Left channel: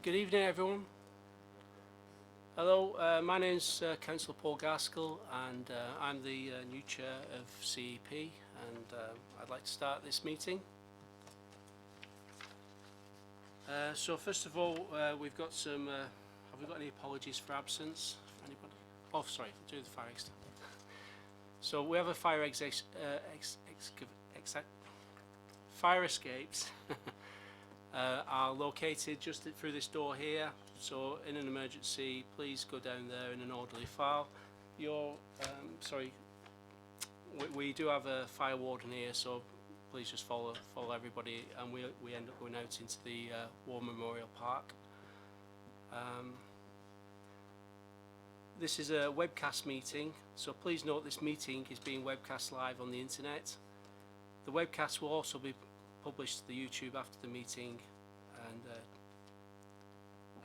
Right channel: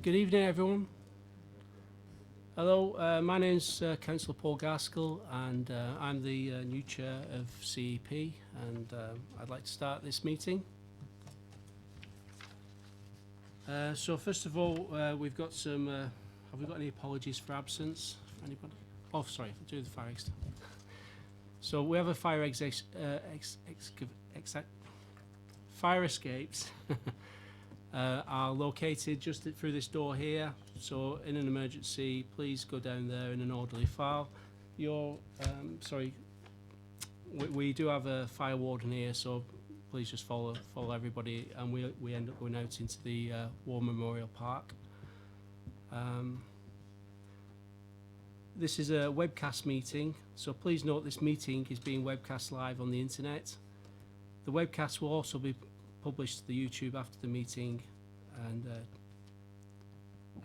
Good evening, everyone. Hello, my name's Councillor Paul Gaskell, and I'm the new chair of CEP, and I'd like to start this meeting. So first of all, we've got some. Have we got any apologies for absence? Anybody? Oh, sorry, do the fire exit. So we have a fire fire escapes. Are located just through this door here, so in an emergency please go down there in an orderly file. We do have a fire warden here, so please just follow everybody, and we end up going out into the War Memorial Park. This is a webcast meeting, so please note this meeting is being webcast live on the internet. The webcast will also be published to the YouTube after the meeting, and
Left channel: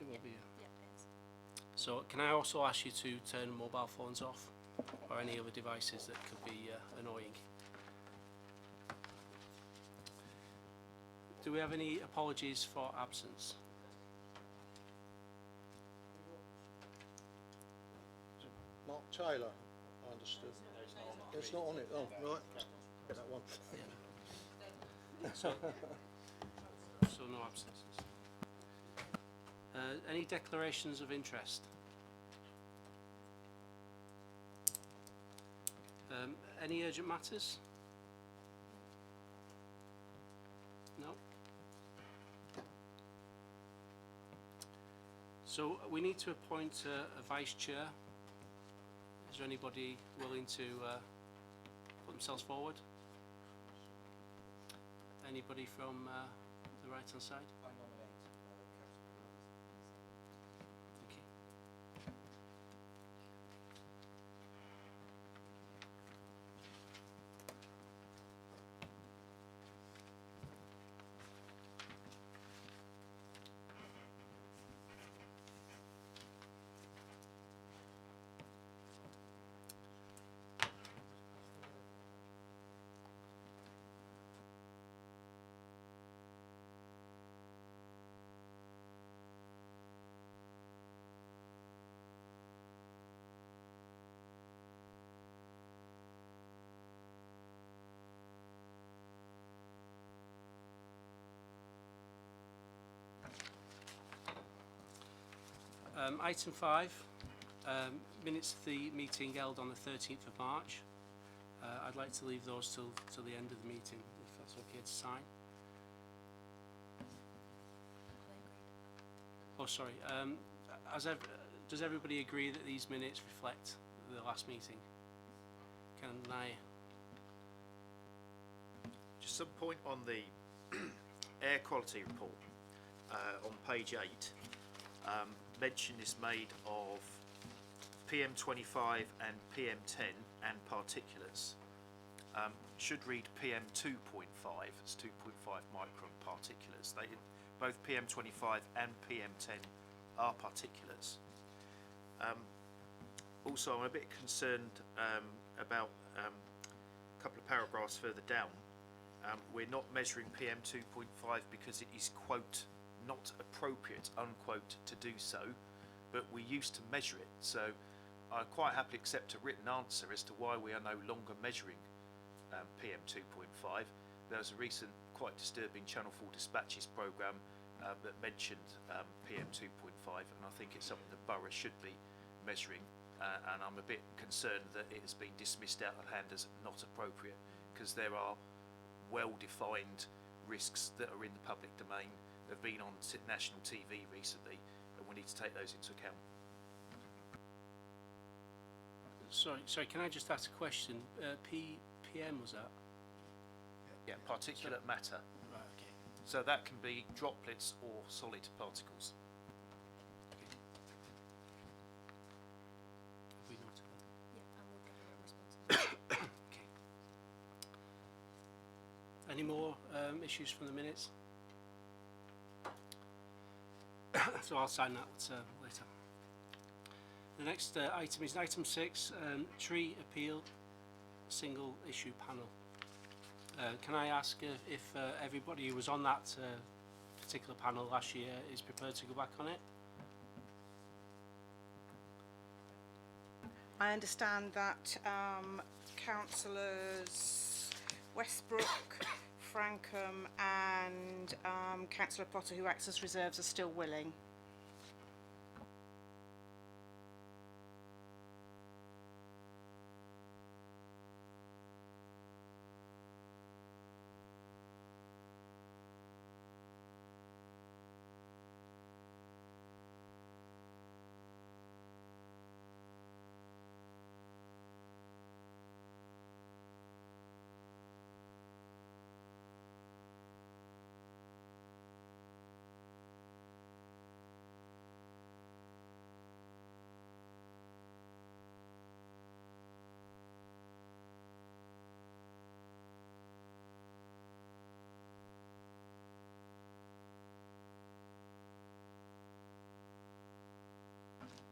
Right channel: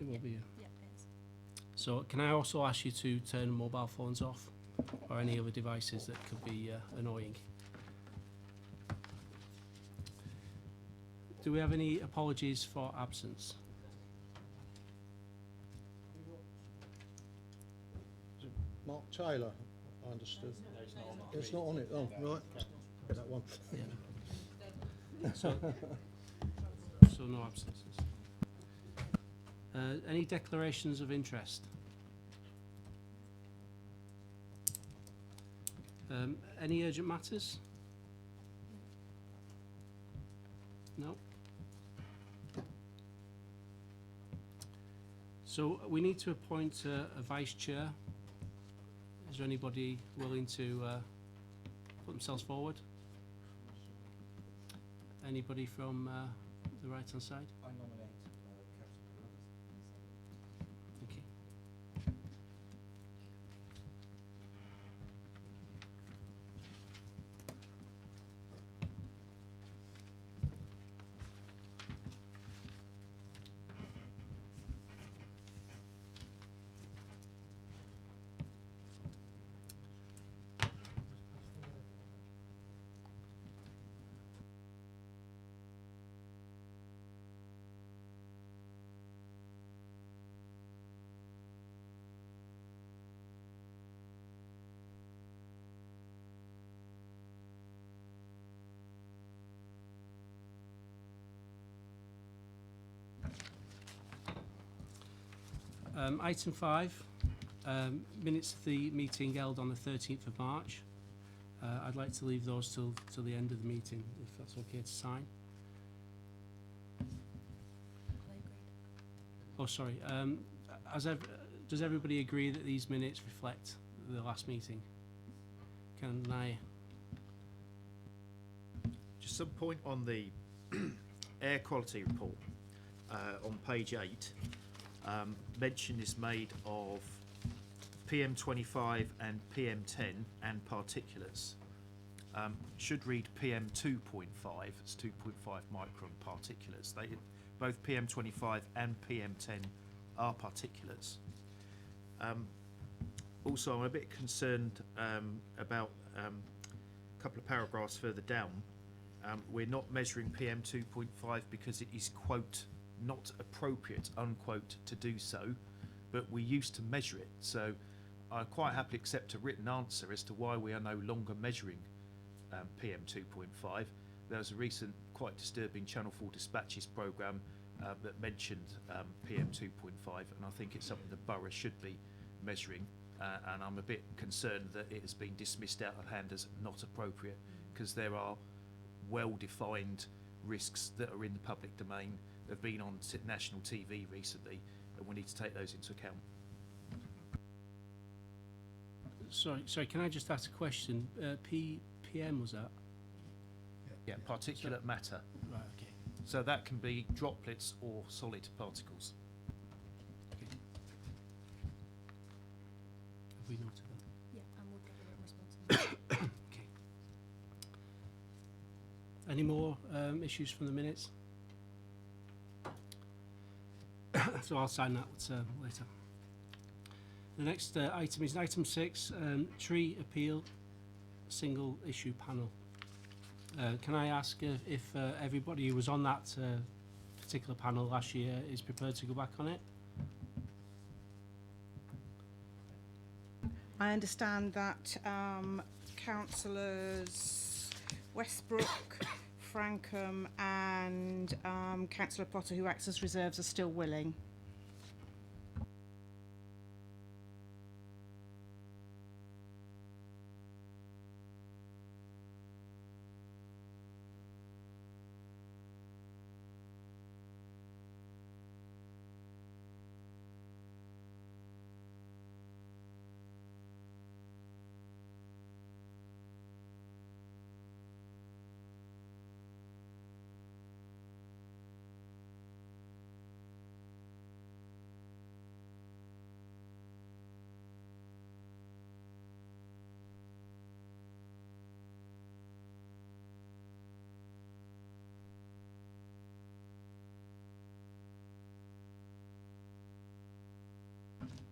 it will be. Yeah, it is. So can I also ask you to turn mobile phones off or any other devices that could be annoying? Do we have any apologies for absence? Mark Taylor, I understood. It's not on it. Oh, right. That one. Yeah. So no absences. Any declarations of interest? Any urgent matters? No. So we need to appoint a vice chair. Is there anybody willing to put themselves forward? Anybody from the right hand side? I nominate Thank you. Item 5, minutes of the meeting held on the 13th of March. I'd like to leave those till the end of the meeting, if that's okay to sign. Oh, sorry. Does everybody agree that these minutes reflect the last meeting? Can I? Just some point on the air quality report on page 8. Mention is made of PM25 and PM10 and particulates. Should read PM2.5. It's 2.5 micron particulates. Both PM25 and PM10 are particulates. Also, I'm a bit concerned about a couple of paragraphs further down. We're not measuring PM2.5 because it is, quote, not appropriate, unquote, to do so, but we used to measure it. So I quite happily accept a written answer as to why we are no longer measuring PM2.5. There was a recent quite disturbing Channel 4 dispatches programme that mentioned PM2.5, and I think it's something the borough should be measuring, and I'm a bit concerned that it has been dismissed out of hand as not appropriate, because there are well-defined risks that are in the public domain, have been on national TV recently, and we need to take those into account. Sorry. Can I just ask a question? PM was that? Yeah, particulate matter. Right. Okay. So that can be droplets or solid particles. Okay. Have we noted that? Yeah, and we'll get a written response. Okay. Any more issues from the minutes? So I'll sign that later. The next item is item 6, tree appeal single issue panel. Can I ask if everybody who was on that particular panel last year is prepared to go back on it. I understand that councillors Westbrook, Frankham and Councillor Potter, who acts as reserves, are still willing.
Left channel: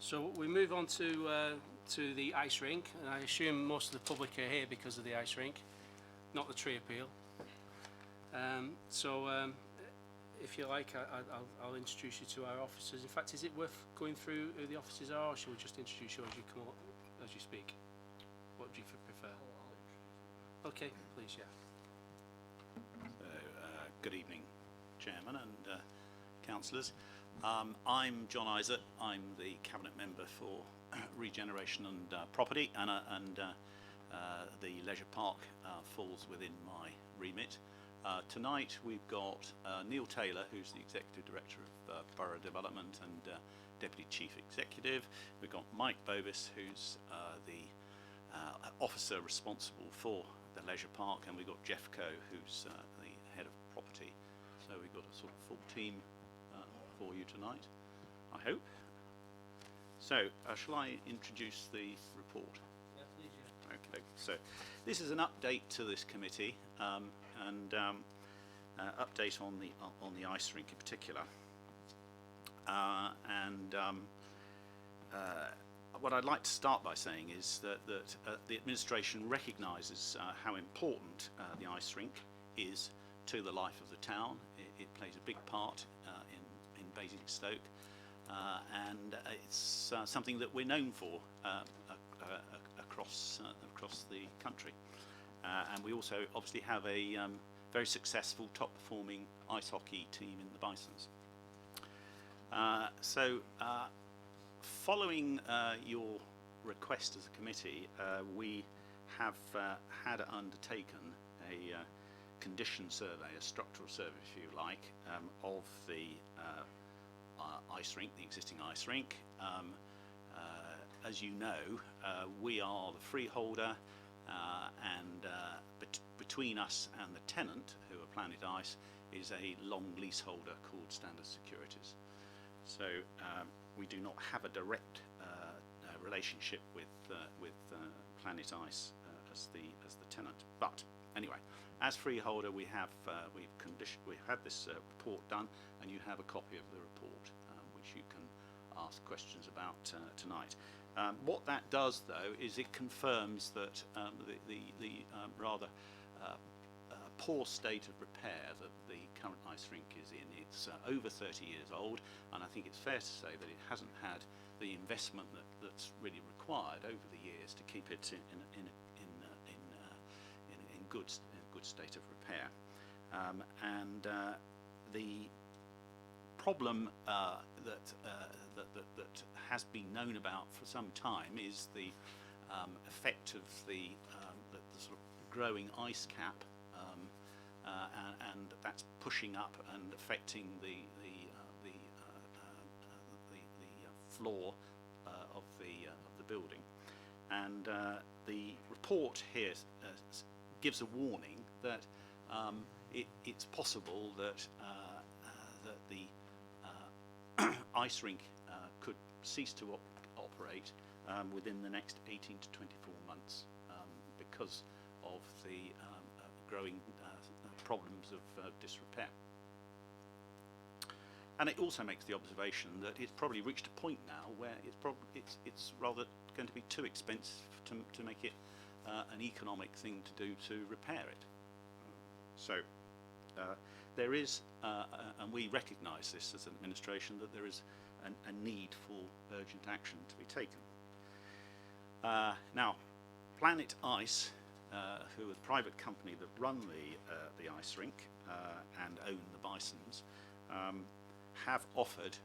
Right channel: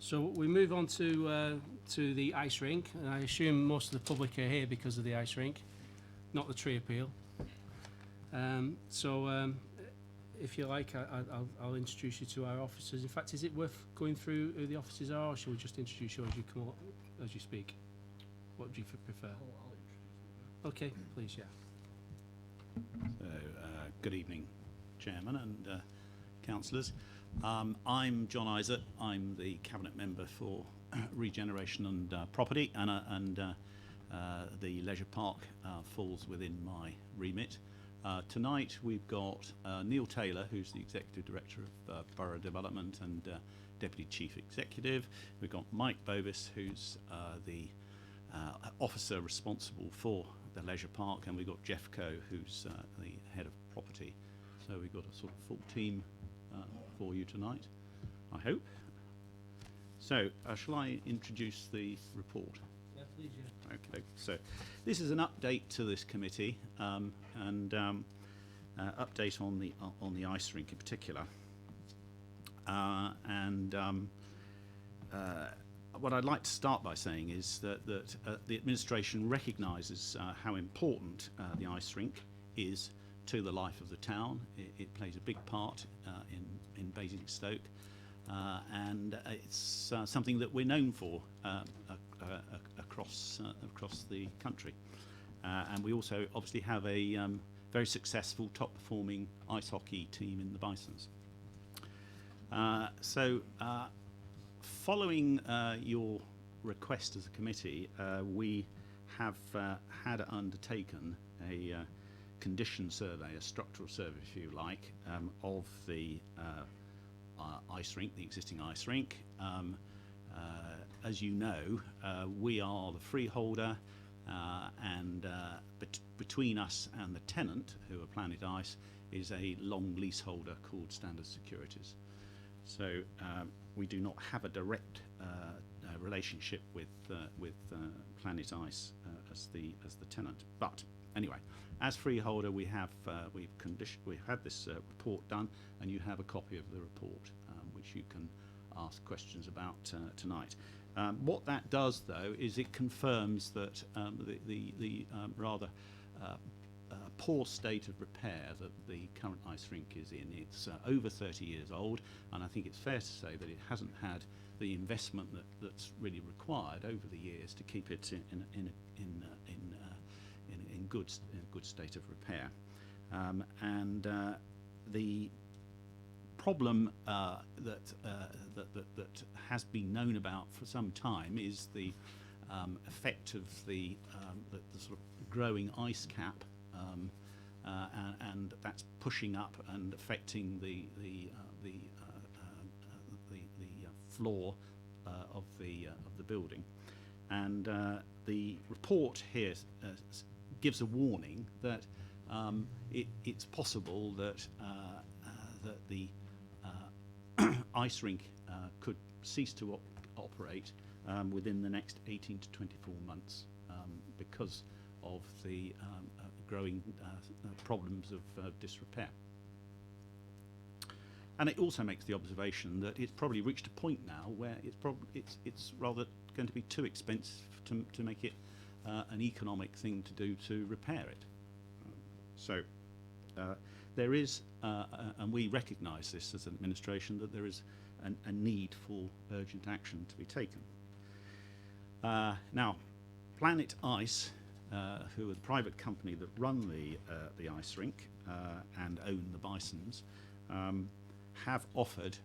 So we move on to the ice rink, and I assume most of the public are here because of the ice rink, not the tree appeal. If you like, I'll introduce you to our officers. In fact, is it worth going through who the officers are, or shall we just introduce you as you come up, as you speak? What would you prefer? Okay, please, yeah. So, good evening, Chairman and councillors. I'm John Isaac. I'm the Cabinet Member for Regeneration and Property, and the Leisure Park falls within my remit. Tonight we've got Neil Taylor, who's the Executive Director of Borough Development and Deputy Chief Executive. We've got Mike Bovis, who's the officer responsible for the Leisure Park, and we've got Jeff Coe, who's the Head of Property. So we've got a sort of full team for you tonight, I hope. So, shall I introduce the report? Yeah, please, yeah. Okay, so this is an update to this committee, and update on the ice rink in particular. What I'd like to start by saying is that the administration recognises how important the ice rink is to the life of the town. It plays a big part in Basingstoke, and it's something that we're known for across the country. And we also obviously have a very successful top-performing ice hockey team in the Bisons. Following your request as a committee, we have had undertaken a condition survey, a structural survey, if you like, of the ice rink, the existing ice rink. As you know, we are the freeholder, and between us and the tenant, who are Planet Ice, is a long leaseholder called Standard Securities. So we do not have a direct relationship with Planet Ice as the tenant. But anyway, as freeholder, we have we've had this report done, and you have a copy of the report, which you can ask questions about tonight. What that does, though, is it confirms that the rather poor state of repair that the current ice rink is in. It's over 30 years old, and I think it's fair to say that it hasn't had the investment that's really required over the years to keep it in good state of repair. The problem that has been known about for some time is the effect of the sort of growing ice cap, and that's pushing up and affecting the floor of the building. And the report here gives a warning that it's possible that that the ice rink could cease to operate within the next 18 to 24 months because of the growing problems of disrepair. And it also makes the observation that it's probably reached a point now where it's rather going to be too expensive to make it an economic thing to do to repair it. So there is, and we recognise this as an administration, that there is a need for urgent action to be taken. Now, Planet Ice, who are the private company that run the ice rink and own the Bisons, have offered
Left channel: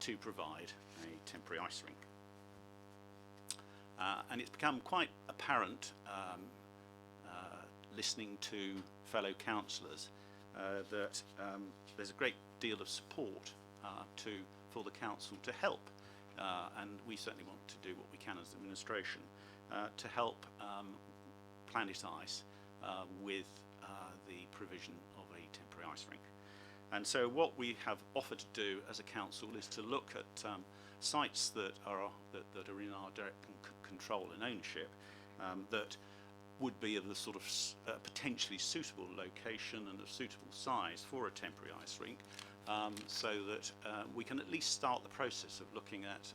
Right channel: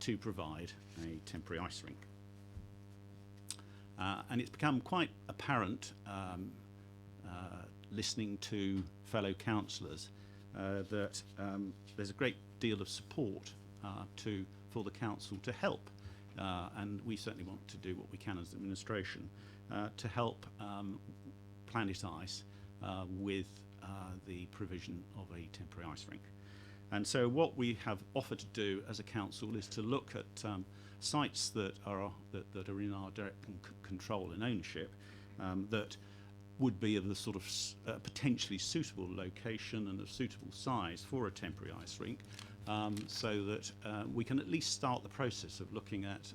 to provide a temporary ice rink. And it's become quite apparent, listening to fellow councillors, that there's a great deal of support for the council to help, and we certainly want to do what we can as administration to help Planet Ice with the provision of a temporary ice rink. And so what we have offered to do as a council is to look at sites that are in our direct control and ownership, that would be of the sort of potentially suitable location and of suitable size for a temporary ice rink, so that we can at least start the process of looking at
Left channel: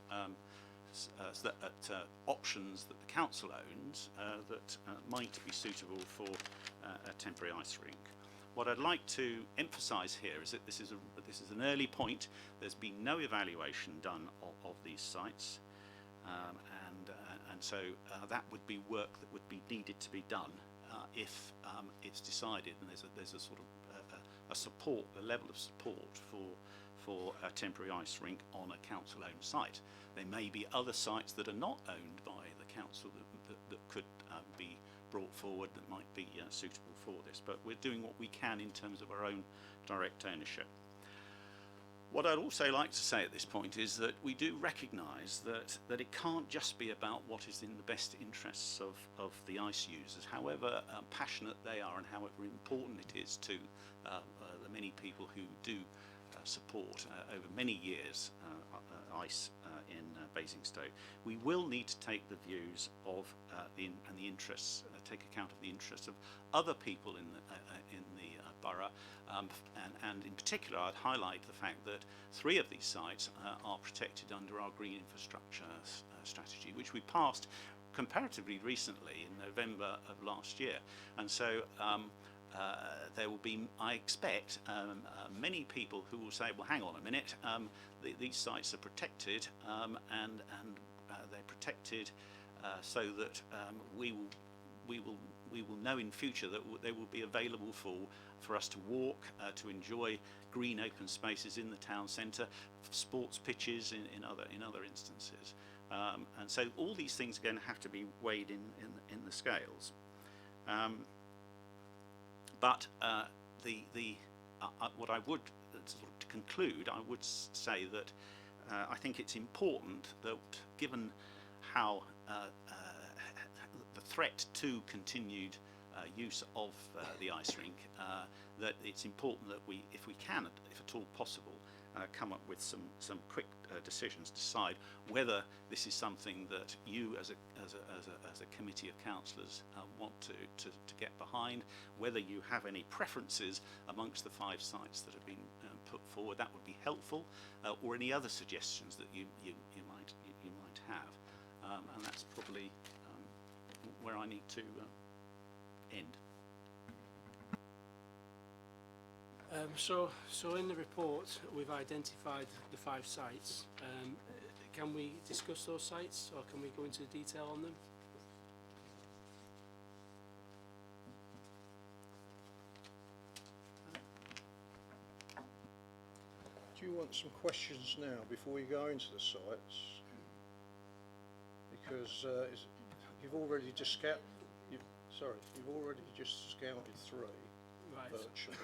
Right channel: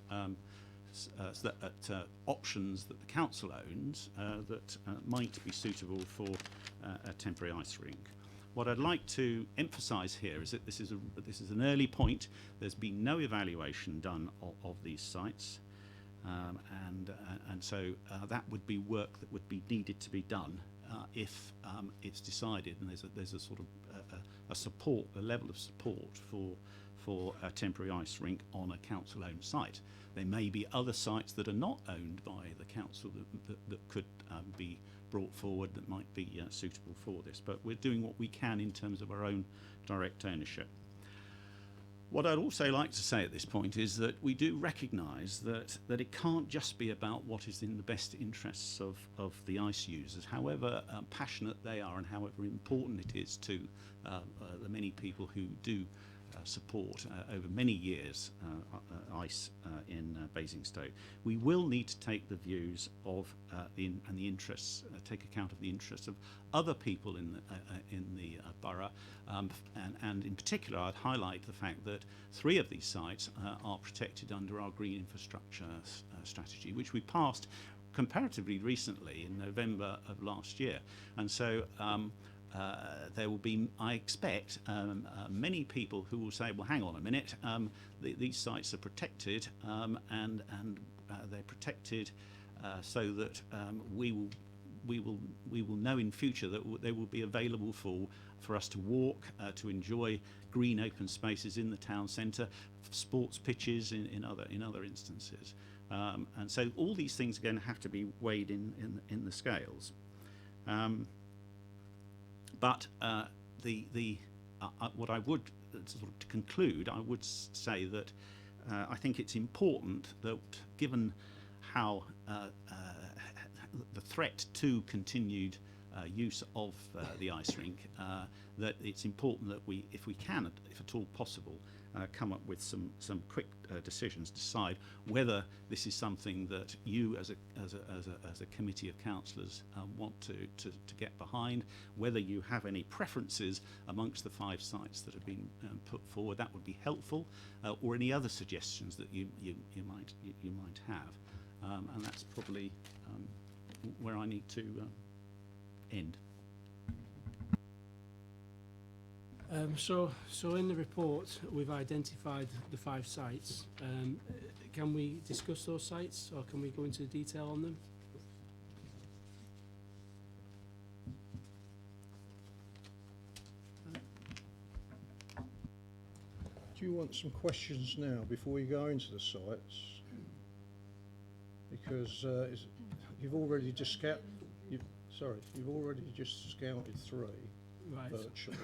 options that the council owns that might be suitable for a temporary ice rink. What I'd like to emphasise here is that this is an early point. There's been no evaluation done of these sites, and so that would be work that would be needed to be done if it's decided, and there's a sort of a level of support for a temporary ice rink on a council-owned site. There may be other sites that are not owned by the council that could be brought forward that might be suitable for this, but we're doing what we can in terms of our own direct ownership. What I'd also like to say at this point is that we do recognise that it can't just be about what is in the best interests of the ice users, however passionate they are and however important it is to the many people who do support over many years ice in Basingstoke. We will need to take the views of and the interests, take account of the interests of other people in the borough, and in particular I'd highlight the fact that 3 of these sites are protected under our green infrastructure strategy, which we passed comparatively recently in November of last year, and so there will be, I expect, many people who will say, well, hang on a minute, these sites are protected, and they're protected so that we will know in future that they will be available for us to walk, to enjoy green open spaces in the town centre, sports pitches in other instances, and so all these things are going to have to be weighed in the scales. But what I would, sort of to conclude, I would say that I think it's important that, given how the threat to continued use of the ice rink, that it's important that we, if we can, if at all possible, come up with some quick decisions, decide whether this is something that you as a committee of councillors want to get behind, whether you have any preferences amongst the 5 sites that have been put forward. That would be helpful, or any other suggestions that you might have, and that's probably where I need to end. So in the report we've identified the 5 sites. Can we discuss those sites, or can we go into detail on them? Do you want some questions now before we go into the sites? Because you've already just scouted 3 Right. virtually.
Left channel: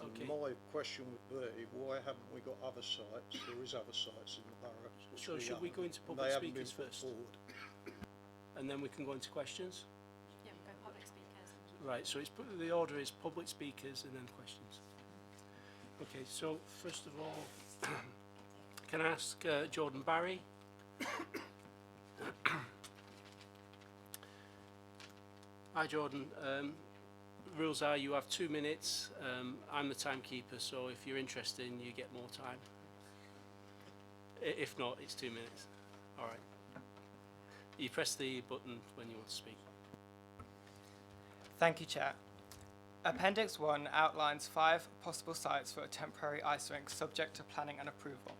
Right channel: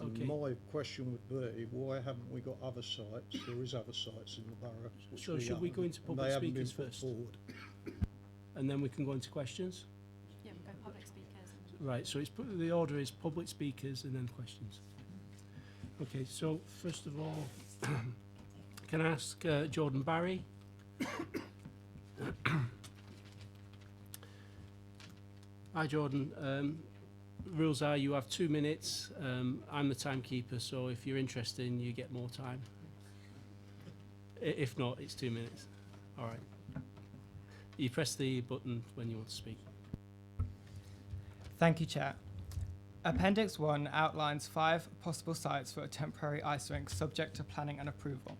And Okay. my question would be, why haven't we got other sites? There is other sites in the borough. which So should we go haven't, into and public they haven't been speakers put first? forward. And then we can go into questions? Yeah, we'll go public speakers. Right, so the order is public speakers and then questions. Okay, so first of all, can I ask Jordan Barry? Hi Jordan, rules are you have 2 minutes. I'm the timekeeper, so if you're interested, you get more time. If not, it's 2 minutes. All right. You press the button when you want to speak. Thank you, Chair. Appendix 1 outlines 5 possible sites for a temporary ice rink subject to planning and approval.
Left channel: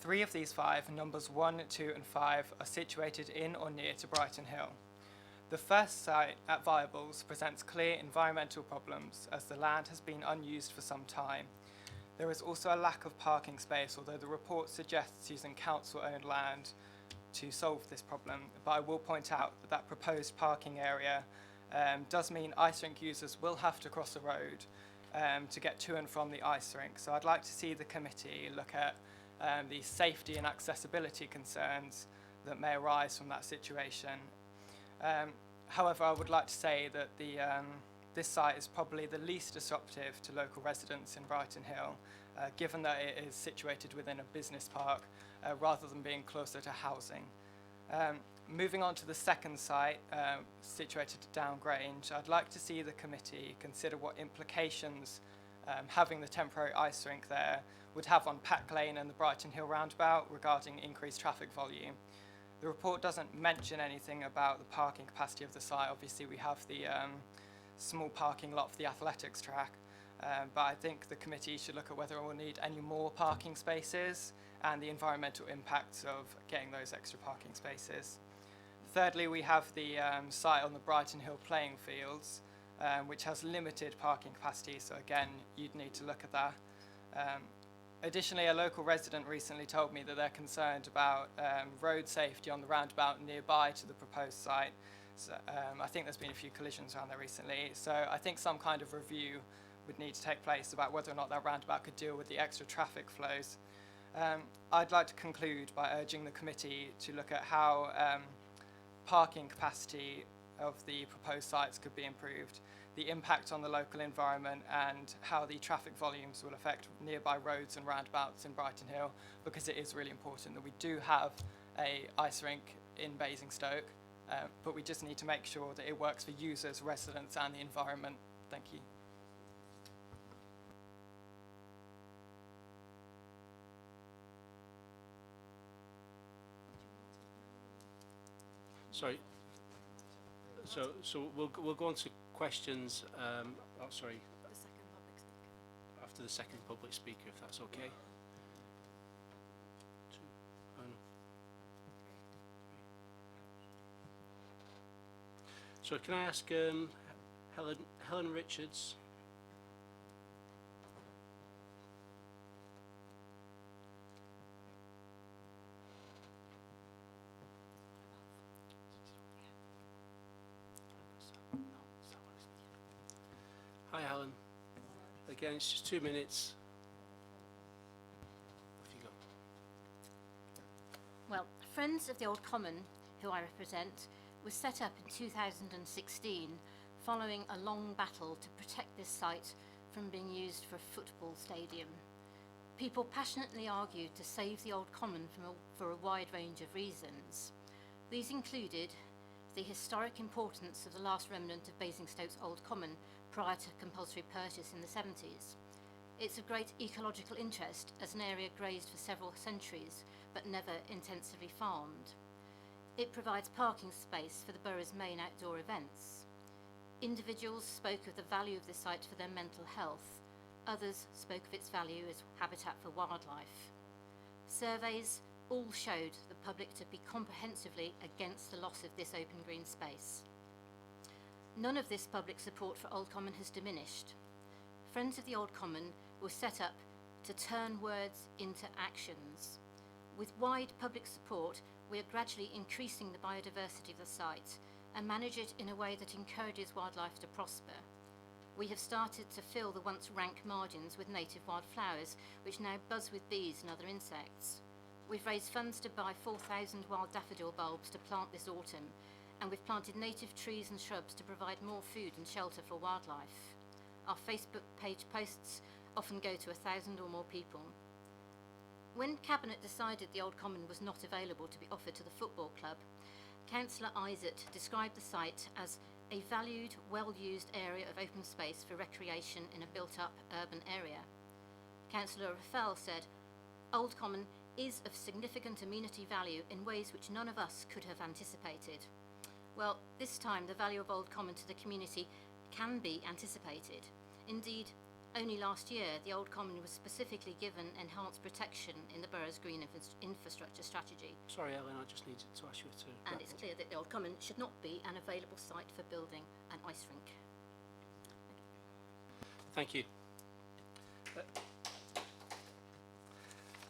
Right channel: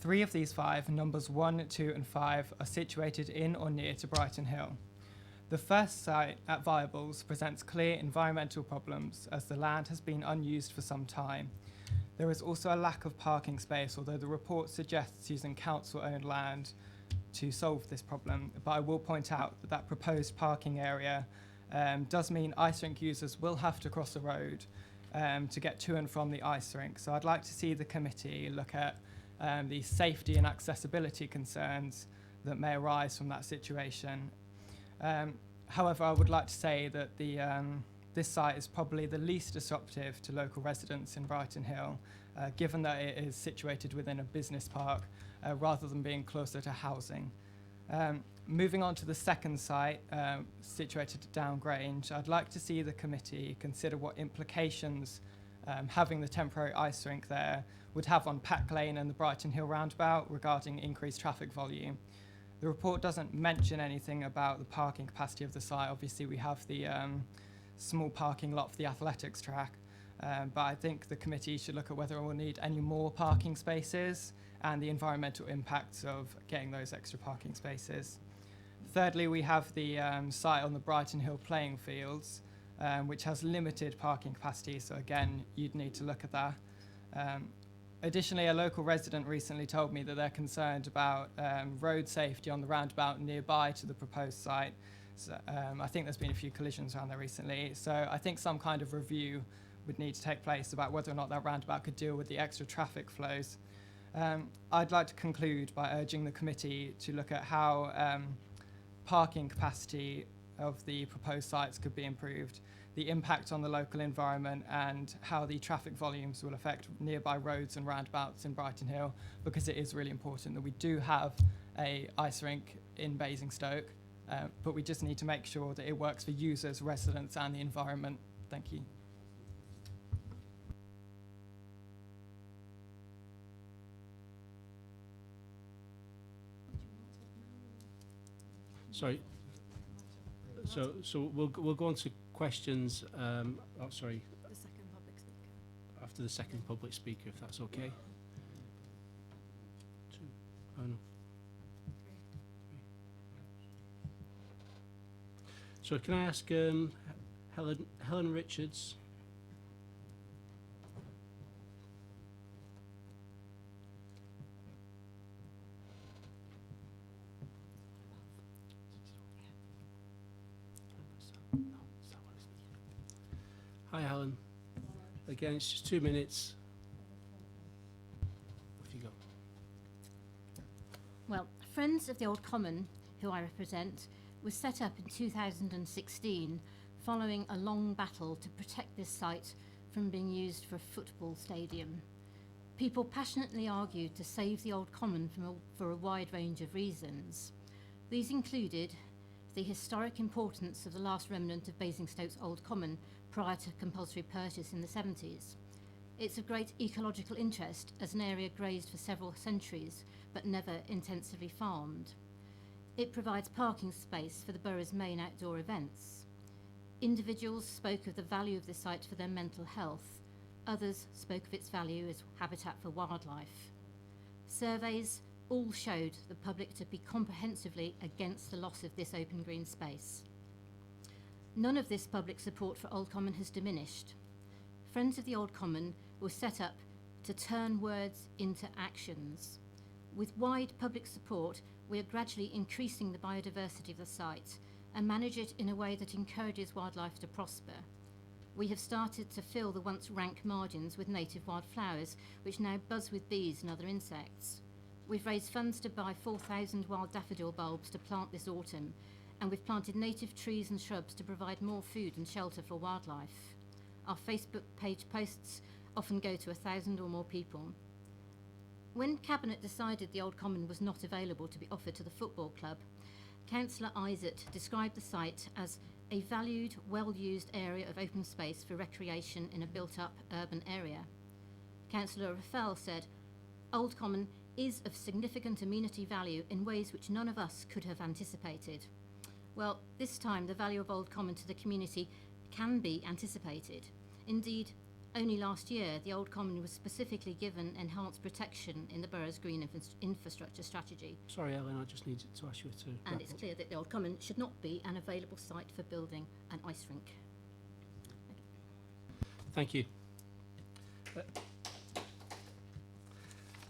3 of these 5, numbers 1, 2 and 5, are situated in or near to Brighton Hill. The first site at Viables presents clear environmental problems as the land has been unused for some time. There is also a lack of parking space, although the report suggests using council-owned land to solve this problem, but I will point out that that proposed parking area does mean ice rink users will have to cross a road to get to and from the ice rink. So I'd like to see the committee look at the safety and accessibility concerns that may arise from that situation. However, I would like to say that this site is probably the least disruptive to local residents in Brighton Hill, given that it is situated within a business park rather than being closer to housing. Moving on to the second site, situated at Down Grange, I'd like to see the committee consider what implications having the temporary ice rink there would have on Pack Lane and the Brighton Hill roundabout regarding increased traffic volume. The report doesn't mention anything about the parking capacity of the site. Obviously, we have the small parking lot for the athletics track, but I think the committee should look at whether we'll need any more parking spaces and the environmental impacts of getting those extra parking spaces. Thirdly, we have the site on the Brighton Hill playing fields, which has limited parking capacity, so again, you'd need to look at that. Additionally, a local resident recently told me that they're concerned about road safety on the roundabout nearby to the proposed site. So, I think there's been a few collisions around there recently, so I think some kind of review would need to take place about whether or not that roundabout could deal with the extra traffic flows. I'd like to conclude by urging the committee to look at how parking capacity of the proposed sites could be improved, the impact on the local environment, and how the traffic volumes will affect nearby roads and roundabouts in Brighton Hill, because it is really important that we do have a ice rink in Basingstoke, but we just need to make sure that it works for users, residents and the environment. Thank you. Sorry. So we'll go on to questions. Sorry, The second public speaker. after the second public speaker, if that's okay. Two. Oh no. So can I ask Helen Richards? Hi, Helen. Again, it's just 2 minutes. Off you go. Well, Friends of the Old Common, who I represent, was set up in 2016 following a long battle to protect this site from being used for a football stadium. People passionately argued to save the Old Common for a wide range of reasons. These included the historic importance of the last remnant of Basingstoke's Old Common prior to compulsory purchase in the 70s. It's of great ecological interest as an area grazed for several centuries but never intensively farmed. It provides parking space for the borough's main outdoor events. Individuals spoke of the value of the site for their mental health. Others spoke of its value as habitat for wildlife. Surveys all showed the public to be comprehensively against the loss of this open green space. None of this public support for Old Common has diminished. Friends of the Old Common was set up to turn words into actions. With wide public support, we are gradually increasing the biodiversity of the site and manage it in a way that encourages wildlife to prosper. We have started to fill the once rank margins with native wildflowers, which now buzz with bees and other insects. We've raised funds to buy 4,000 wild daffodil bulbs to plant this autumn, and we've planted native trees and shrubs to provide more food and shelter for wildlife. Our Facebook page posts often go to 1,000 or more people. When Cabinet decided the Old Common was not available to be offered to the football club, Councillor Isett described the site as a valued, well-used area of open space for recreation in a built-up urban area. Councillor Raffel said, "Old Common is of significant amenity value in ways which none of us could have anticipated." Well, this time the value of Old Common to the community can be anticipated. Indeed, only last year, the Old Common was specifically given enhanced protection in the borough's green infrastructure strategy, Sorry, Ellen, I just needed to ask you to and wrap it's up. clear that the Old Common should not be an available site for building an ice rink. Thank you.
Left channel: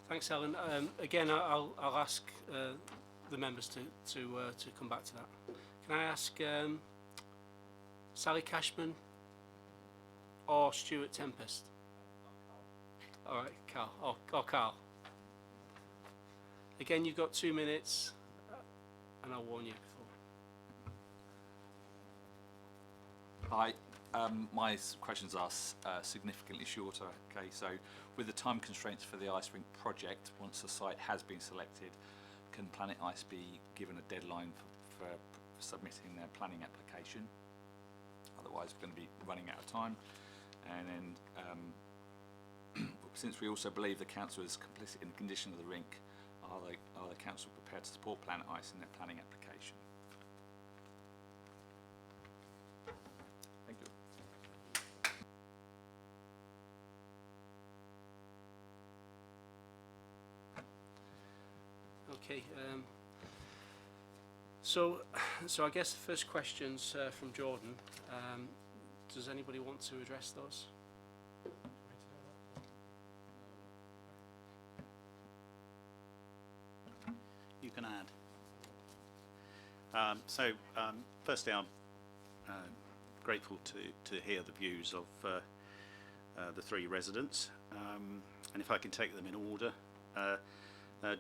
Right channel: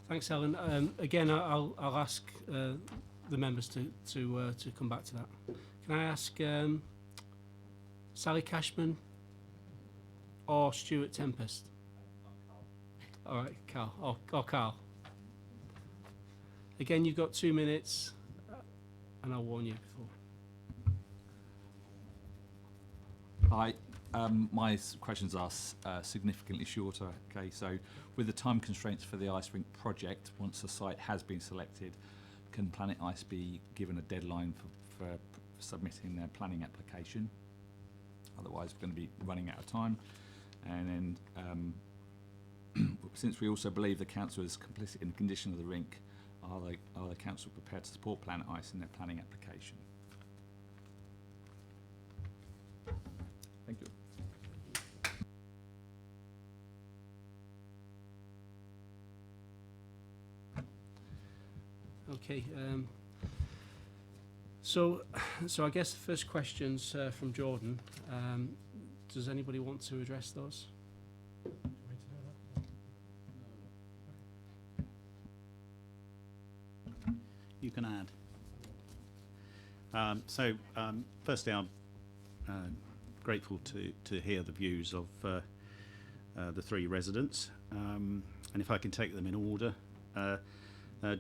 Thanks, Ellen. Again, I'll ask the members to come back to that. Can I ask Sally Cashman or Stuart Tempest? All right, Carl. Or Carl. Again, you've got 2 minutes, and I'll warn you before. Hi. My questions are significantly shorter. Okay, so with the time constraints for the ice rink project, once the site has been selected, can Planet Ice be given a deadline for submitting their planning application? Otherwise, we're going to be running out of time. And then, since we also believe the council is complicit in the condition of the rink, are the council prepared to support Planet Ice in their planning application? Thank you. Okay. So I guess the first question's from Jordan. Does anybody want to address those? You can add. Firstly, I'm grateful to hear the views of the three residents, and if I can take them in order.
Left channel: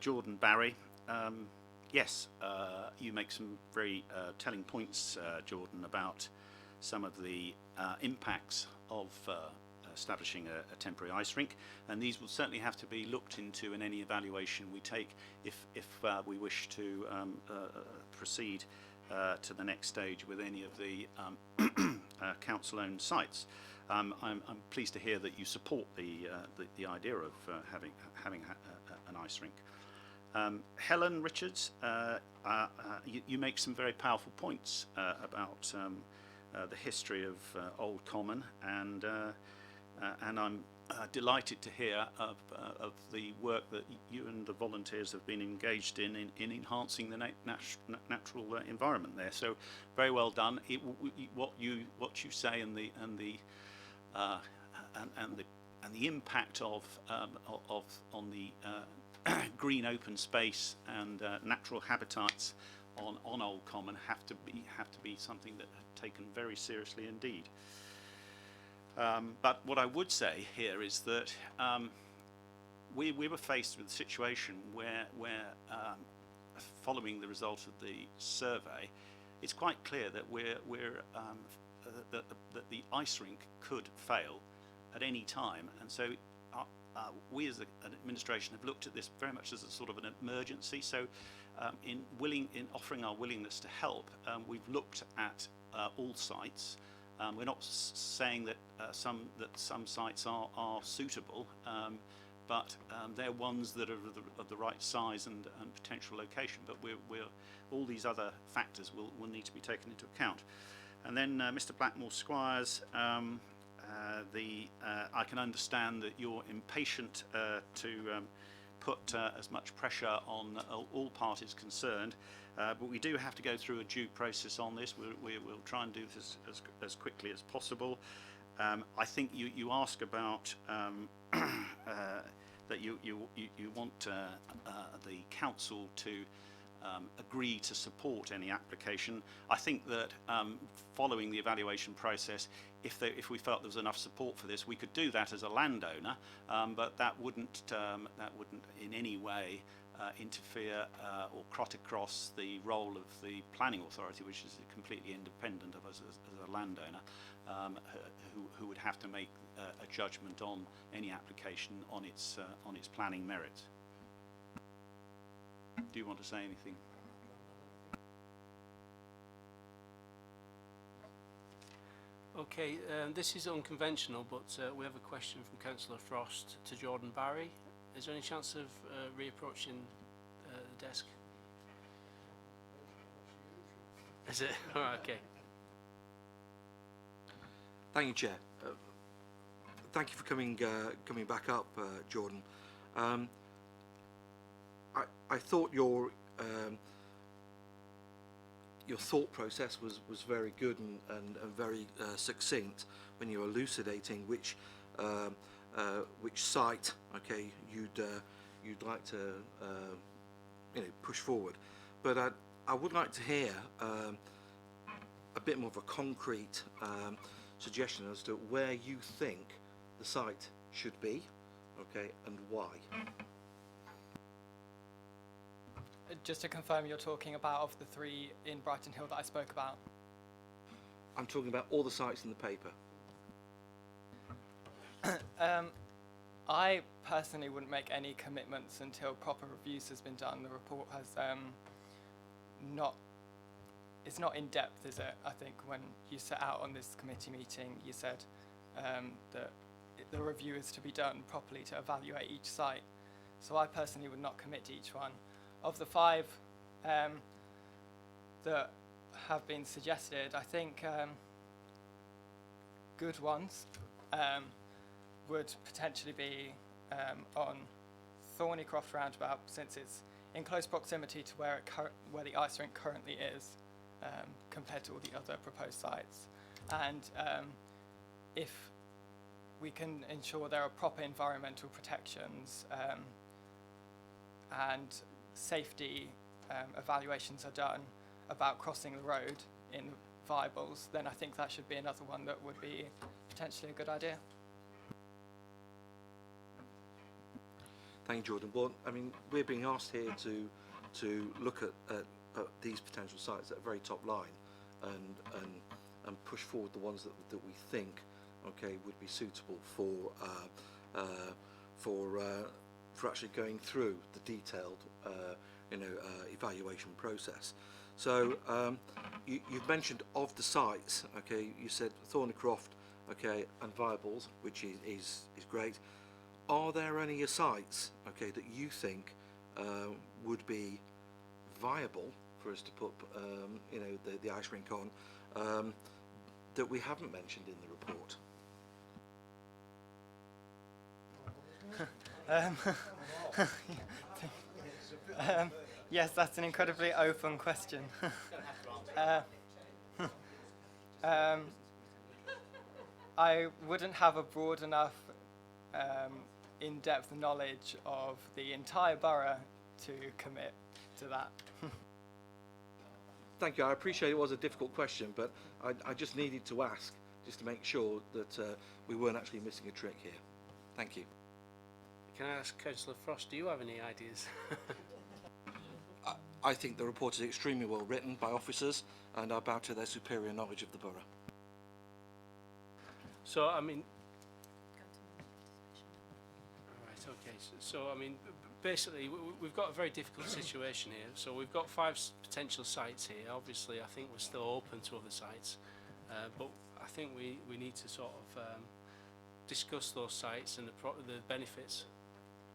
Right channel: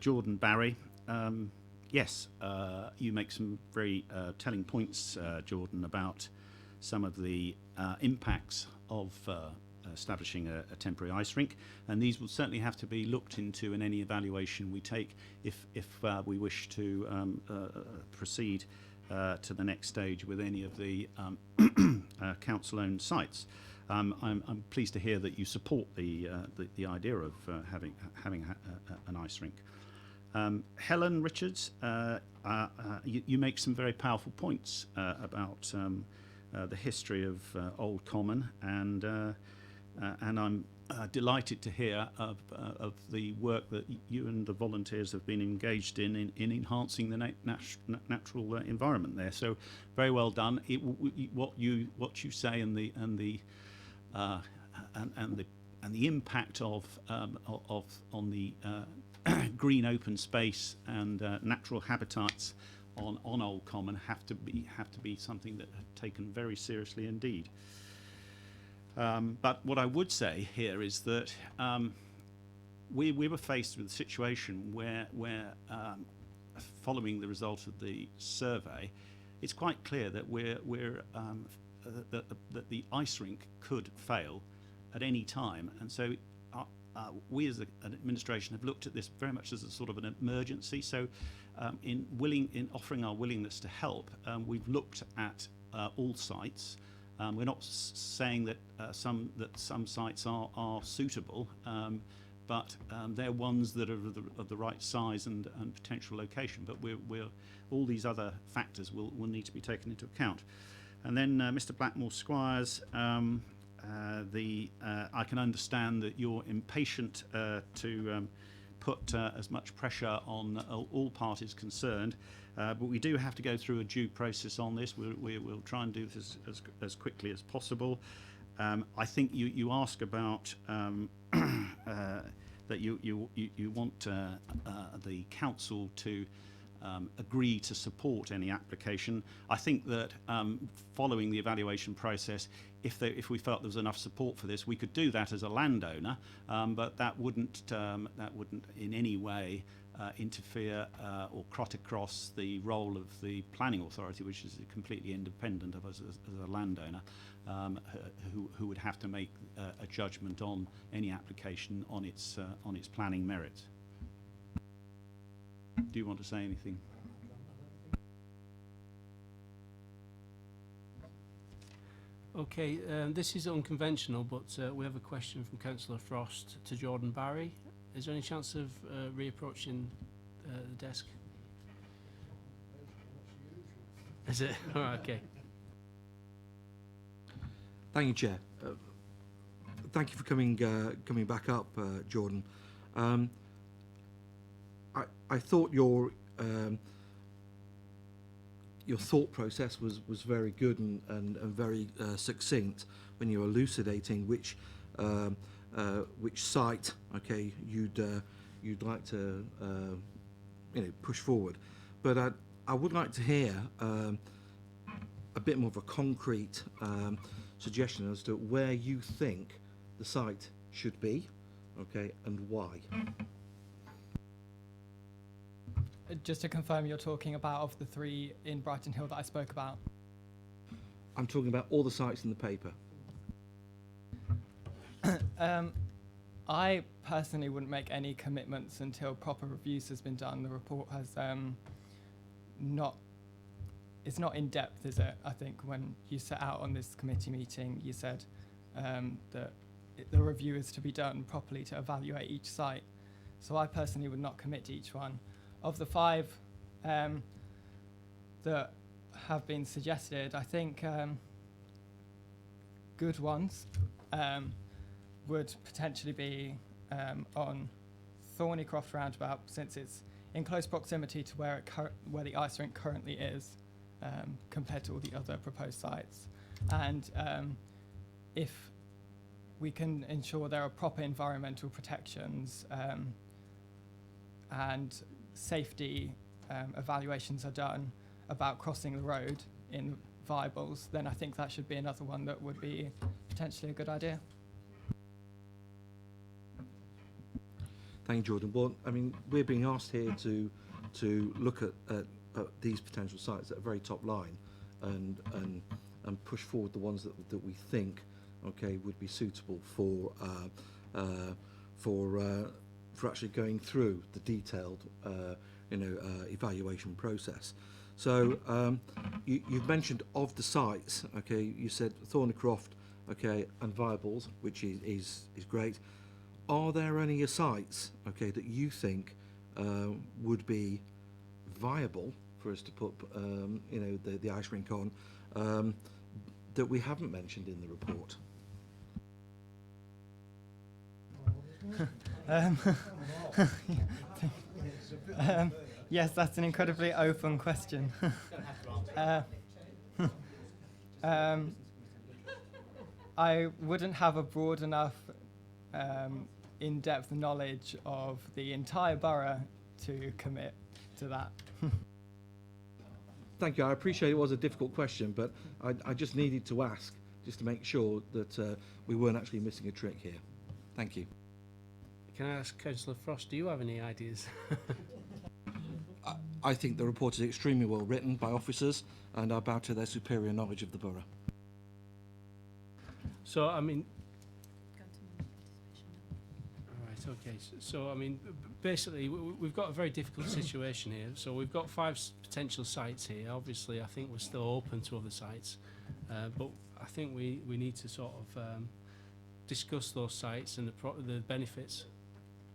Jordan Barry, yes, you make some very telling points, Jordan, about some of the impacts of establishing a temporary ice rink, and these will certainly have to be looked into in any evaluation we take if we wish to proceed to the next stage with any of the council-owned sites. I'm pleased to hear that you support the idea of having an ice rink. Helen Richards, you make some very powerful points about the history of Old Common, and I'm delighted to hear of the work that you and the volunteers have been engaged in enhancing the natural environment there. So very well done. What you say and the impact of on the green open space and natural habitats on Old Common have to be something that are taken very seriously indeed. But what I would say here is that we were faced with a situation where following the result of the survey, it's quite clear that that the ice rink could fail at any time, and so we as an administration have looked at this very much as a sort of an emergency. So in offering our willingness to help, we've looked at all sites. We're not saying that some sites are suitable, but they're ones that are of the right size and potential location. But all these other factors will need to be taken into account. And then Mr. Blackmore Squires, I can understand that you're impatient to put as much pressure on all parties concerned, but we do have to go through a due process on this. We'll try and do this as quickly as possible. I think you ask about that you want the council to agree to support any application. I think that following the evaluation process, if we felt there was enough support for this, we could do that as a landowner, but that wouldn't in any way interfere or cut across the role of the planning authority, which is completely independent of us as a landowner, who would have to make a judgment on any application on its planning merits. Do you want to say anything? Okay, this is unconventional, but we have a question from Councillor Frost to Jordan Barry. Is there any chance of reapproaching the desk? Is it? All right, okay. Thank you, Chair. Thank you for coming back up, Jordan. I thought your thought process was very good and very succinct when you were elucidating which site, okay, you'd like to push forward. But I would like to hear a bit more of a concrete suggestion as to where you think the site should be, okay, and why. Just to confirm, you're talking about of the 3 in Brighton Hill that I spoke about? I'm talking about all the sites in the paper. I personally wouldn't make any commitments until proper reviews has been done. The report has it's not in depth, is it? I think when you set out on this committee meeting, you said that the review is to be done properly to evaluate each site. So I personally would not commit to each one. Of the 5 that have been suggested, I think good ones would potentially be on Thornycroft roundabout, since it's in close proximity to where the ice rink currently is, compared to all the other proposed sites. And if we can ensure there are proper environmental protections and safety evaluations are done about crossing the road in viables, then I think that should be another one that would be potentially a good idea. Thank you, Jordan. Well, I mean, we're being asked here to look at these potential sites at a very top line and push forward the ones that we think, okay, would be suitable for actually going through the detailed evaluation process. So you've mentioned of the sites, okay, you said Thornycroft, okay, and Viables, which is great. Are there any sites, okay, that you think would be viable for us to put the ice rink on that we haven't mentioned in the report? Yes, that's an incredibly open question. I wouldn't have a broad enough in-depth knowledge of the entire borough to commit to that. Thank you. I appreciate it was a difficult question, but I just needed to ask just to make sure that we weren't actually missing a trick here. Thank you. Can I ask Councillor Frost, do you have any ideas? I think the report is extremely well written by officers, and I bow to their superior knowledge of the borough. So, I mean... Right, okay. So, I mean, basically, we've got a very difficult situation here. So we've got 5 potential sites here. Obviously, I think we're still open to other sites. But I think we need to sort of discuss those sites and the benefits.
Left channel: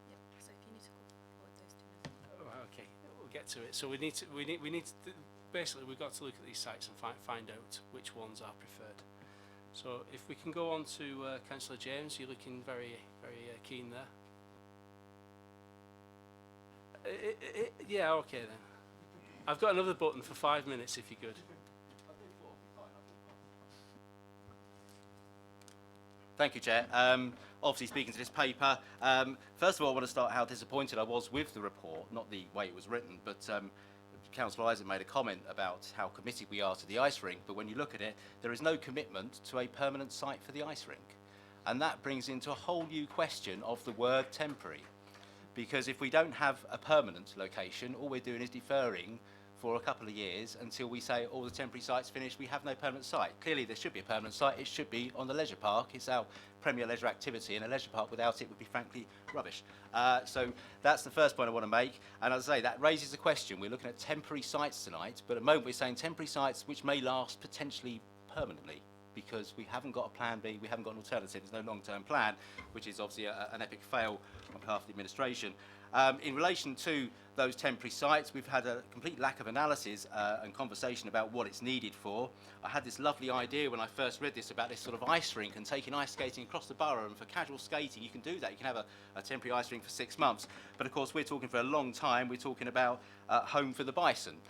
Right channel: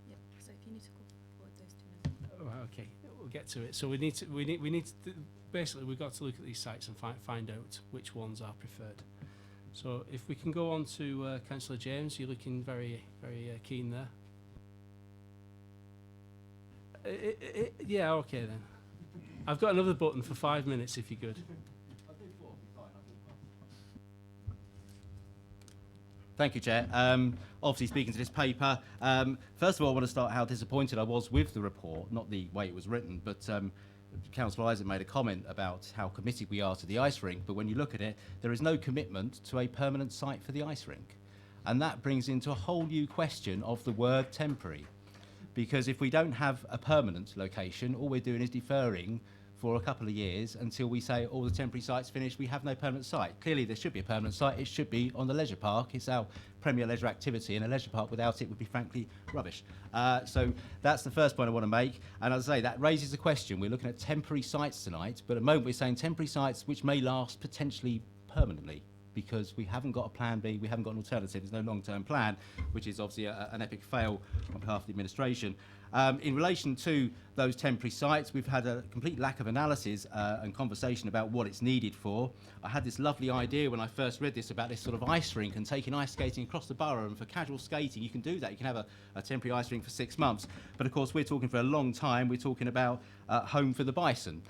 Yeah, so if you need to call forward those 2 now. Right, okay, we'll get to it. So we need to basically we've got to look at these sites and find out which ones are preferred. So if we can go on to Councillor James, you're looking very keen there. Yeah, okay then. I've got another button for 5 minutes if you're good. Thank you, Chair. Obviously, speaking to this paper, first of all, I want to start how disappointed I was with the report, not the way it was written, but Councillor Isaac made a comment about how committed we are to the ice rink, but when you look at it, there is no commitment to a permanent site for the ice rink. And that brings into a whole new question of the word temporary. Because if we don't have a permanent location, all we're doing is deferring for a couple of years until we say all the temporary sites finished, we have no permanent site. Clearly there should be a permanent site, it should be on the leisure park. It's our premier leisure activity, and a leisure park without it would be frankly rubbish. So that's the first point I want to make, and as I say, that raises the question. We're looking at temporary sites tonight, but at the moment we're saying temporary sites which may last potentially permanently, because we haven't got a plan B, we haven't got an alternative, there's no long-term plan, which is obviously an epic fail on behalf of the administration. In relation to those temporary sites. We've had a complete lack of analysis and conversation about what it's needed for. I had this lovely idea when I first read this about this sort of ice rink and taking ice skating across the borough, and for casual skating you can do that. You can have a temporary ice rink for 6 months. But of course we're talking for a long time. We're talking about home for the bison,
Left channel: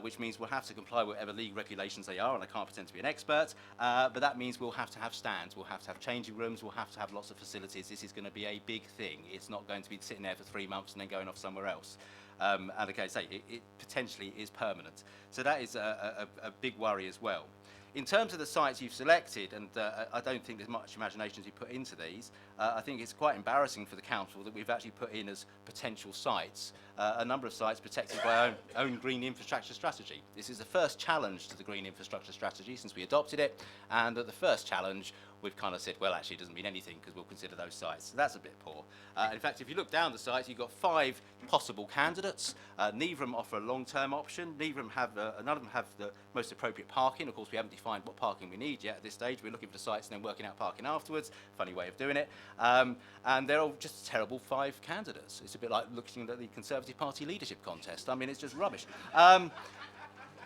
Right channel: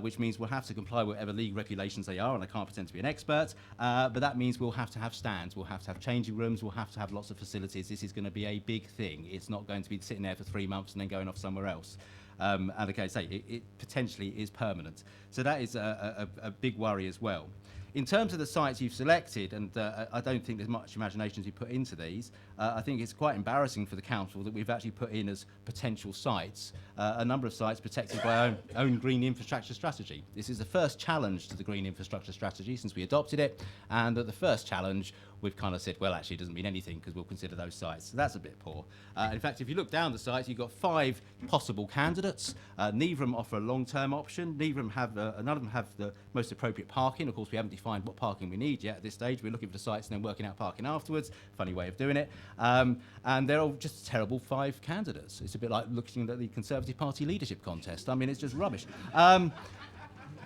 which means we'll have to comply with whatever league regulations they are, and I can't pretend to be an expert, but that means we'll have to have stands, we'll have to have changing rooms, we'll have to have lots of facilities. This is going to be a big thing. It's not going to be sitting there for 3 months and then going off somewhere else. And okay, say it potentially is permanent. So that is a big worry as well. In terms of the sites you've selected, and I don't think there's much imagination to put into these, I think it's quite embarrassing for the council that we've actually put in as potential sites a number of sites protected by our own green infrastructure strategy. This is the first challenge to the green infrastructure strategy since we adopted it, and at the first challenge we've kind of said, well, actually it doesn't mean anything because we'll consider those sites. So that's a bit poor. In fact, if you look down the sites, you've got 5 possible candidates. Neither of them offer a long-term option. None of them have the most appropriate parking. Of course, we haven't defined what parking we need yet at this stage. We're looking for the sites and then working out parking afterwards. Funny way of doing it. And they're all just terrible 5 candidates. It's a bit like looking at the Conservative Party leadership contest. I mean, it's just rubbish.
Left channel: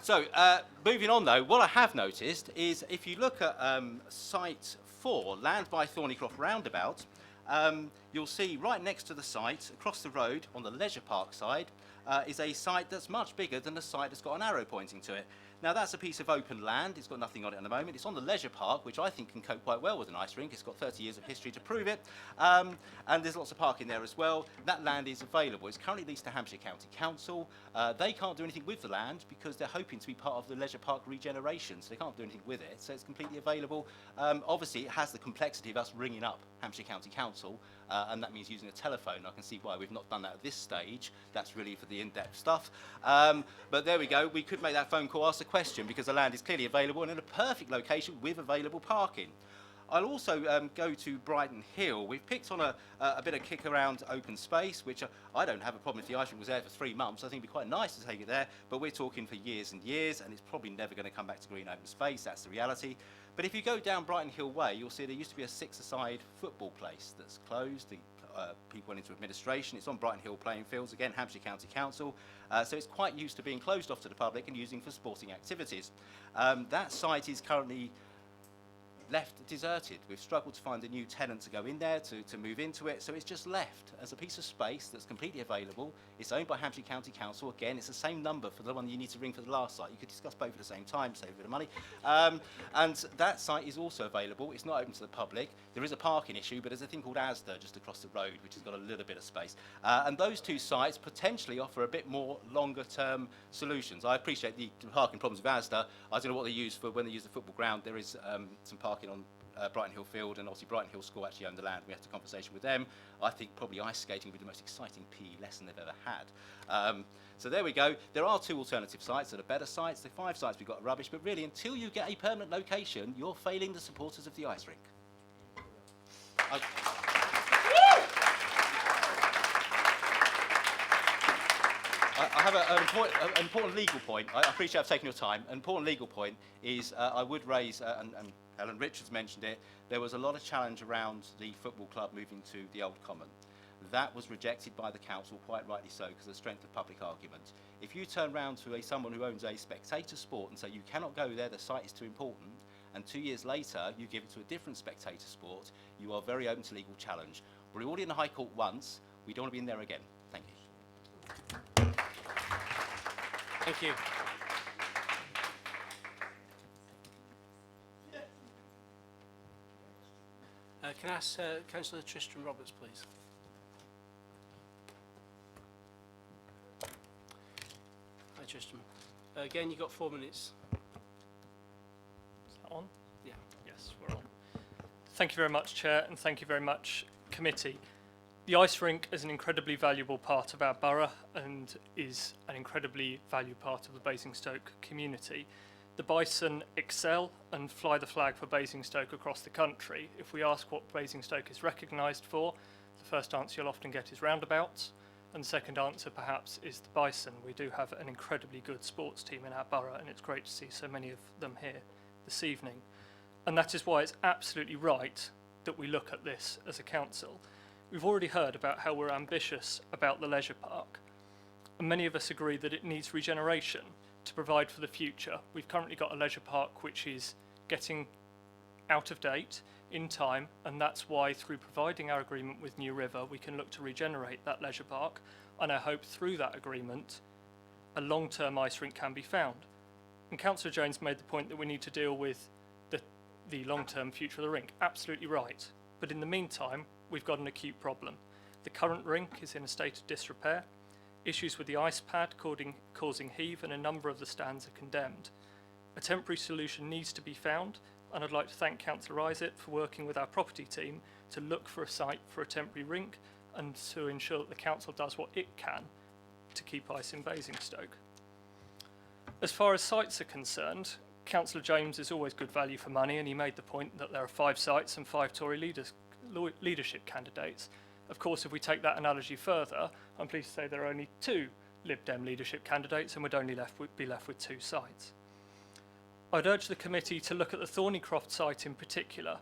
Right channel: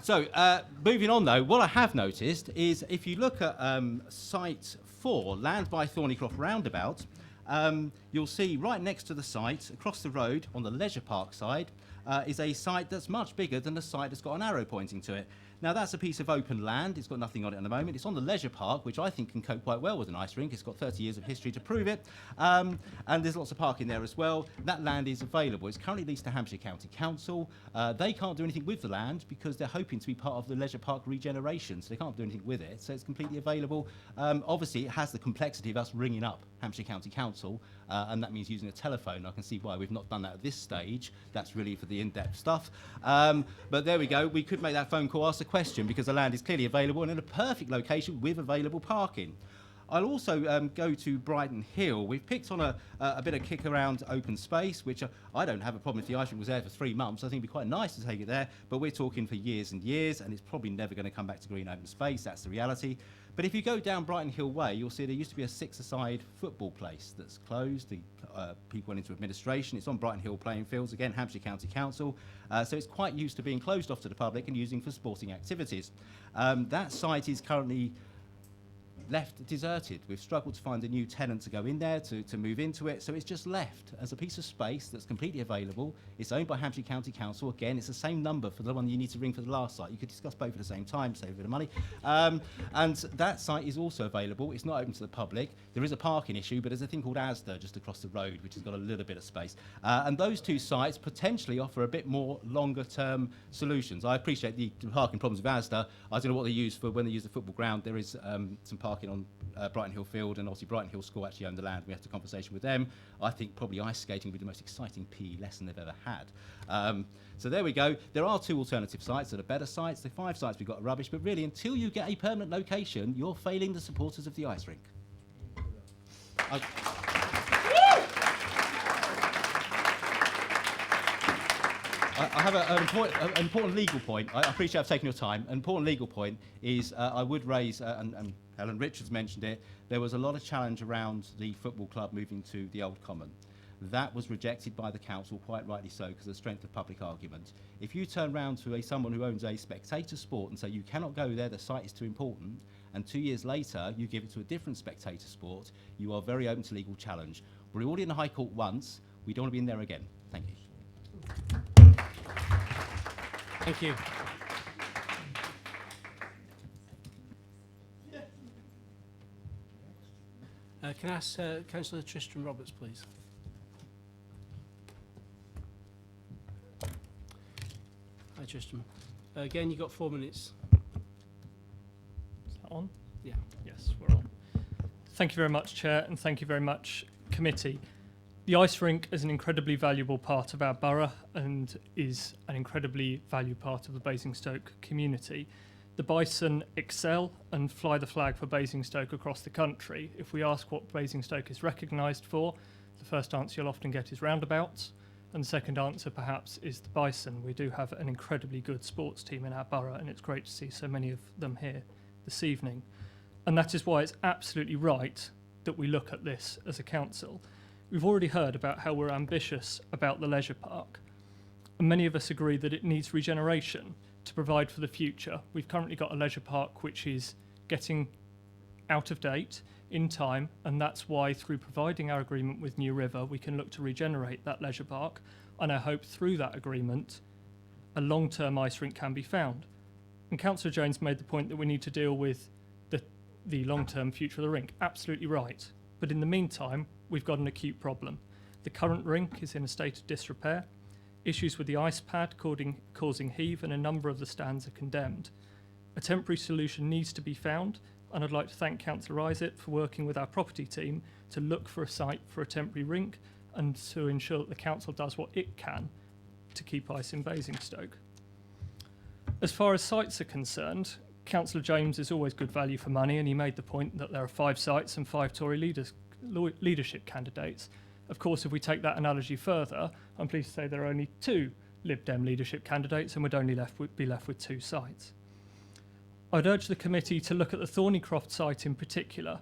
So, moving on though, what I have noticed is if you look at site 4, Land by Thornycroft Roundabout, you'll see right next to the site, across the road on the leisure park side, is a site that's much bigger than the site that's got an arrow pointing to it. Now that's a piece of open land, it's got nothing on it at the moment. It's on the leisure park, which I think can cope quite well with an ice rink. It's got 30 years of history to prove it. And there's lots of parking there as well. That land is available. It's currently leased to Hampshire County Council. They can't do anything with the land because they're hoping to be part of the leisure park regeneration, so they can't do anything with it. So it's completely available. Obviously, it has the complexity of us ringing up Hampshire County Council, and that means using a telephone. I can see why we've not done that at this stage. That's really for the in-depth stuff. But there we go. We could make that phone call, ask a question, because the land is clearly available and in a perfect location with available parking. I'll also go to Brighton Hill. We've picked on a bit of kick around open space, which I don't have a problem if the ice rink was there for 3 months. I think it'd be quite nice to take it there, but we're talking for years and years, and it's probably never going to come back to green open space. That's the reality. But if you go down Brighton Hill Way, you'll see there used to be a 6-a-side football place that's closed. The people went into administration. It's on Brighton Hill playing fields, again, Hampshire County Council. So it's quite used to being closed off to the public and using for sporting activities. That site is currently left deserted. We've struggled to find a new tenant to go in there to move into it, so it's just left as a piece of space that's completely available. It's owned by Hampshire County Council. Again, it's the same number for the one you need to ring for the last site. You could discuss both at the same time, save a bit of money. And that site is also available. It's not open to the public. There is a parking issue, but there's a thing called Asda just across the road, which has got a little bit of space. And those 2 sites potentially offer a bit more longer-term solutions. I appreciate the parking problems with Asda. I don't know what they use for when they use the football ground. There is some parking on Brighton Hill Field, and obviously Brighton Hill School actually own the land. We had a conversation with them. I think probably ice skating would be the most exciting PE lesson they've ever had. So there we go. There are 2 alternative sites that are better sites. The 5 sites we've got are rubbish, but really until you get a permanent location, you're failing the supporters of the ice rink. I have an important legal point. I appreciate I've taken your time. An important legal point is I would raise, and Helen Richards mentioned it, there was a lot of challenge around the football club moving to the Old Common. That was rejected by the council, quite rightly so, because of the strength of public argument. If you turn round to someone who owns a spectator sport and say you cannot go there, the site is too important, and 2 years later you give it to a different spectator sport, you are very open to legal challenge. We're already in the High Court once. We don't want to be in there again. Thank you. Thank you. Can I ask Councillor Tristram Roberts, please? Hi, Tristram. Again, you've got 4 minutes. Is that on? Yeah. Yes, we're on. Thank you very much, Chair, and thank you very much, Committee. The ice rink is an incredibly valuable part of our borough and is an incredibly valued part of the Basingstoke community. The bison excel and fly the flag for Basingstoke across the country. If we ask what Basingstoke is recognised for, the first answer you'll often get is roundabouts, and the second answer perhaps is the bison. We do have an incredibly good sports team in our borough, and it's great to see so many of them here this evening. And that is why it's absolutely right that we look at this as a council. We've already heard about how we're ambitious about the leisure park. And many of us agree that it needs regeneration to provide for the future. We've currently got a leisure park which is getting out of date in time, and that's why through providing our agreement with New River we can look to regenerate that leisure park, and I hope through that agreement a long-term ice rink can be found. And Councillor Jones made the point that we need to deal with the long-term future of the rink. Absolutely right. But in the meantime, we've got an acute problem. The current rink is in a state of disrepair. Issues with the ice pad causing heave, and a number of the stands are condemned. A temporary solution needs to be found, and I'd like to thank Councillor Isaac for working with our property team to look for a site for a temporary rink and to ensure that the council does what it can to keep ice in Basingstoke. As far as sites are concerned, Councillor James is always good value for money, and he made the point that there are 5 sites and 5 Tory leadership candidates. Of course, if we take that analogy further, I'm pleased to say there are only 2 Lib Dem leadership candidates, and we'd only be left with 2 sites. I'd urge the committee to look at the Thornycroft site in particular.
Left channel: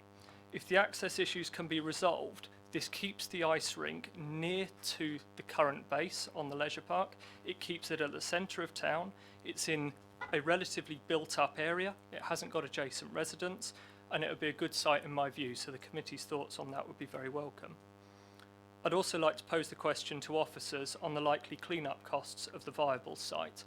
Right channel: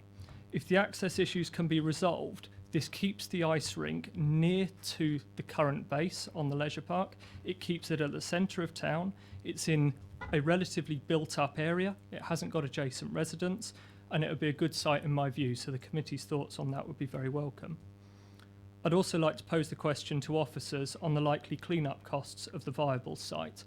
If the access issues can be resolved, this keeps the ice rink near to the current base on the leisure park. It keeps it at the centre of town. It's in a relatively built-up area. It hasn't got adjacent residents, and it would be a good site in my view, so the committee's thoughts on that would be very welcome. I'd also like to pose the question to officers on the likely clean-up costs of the viable site.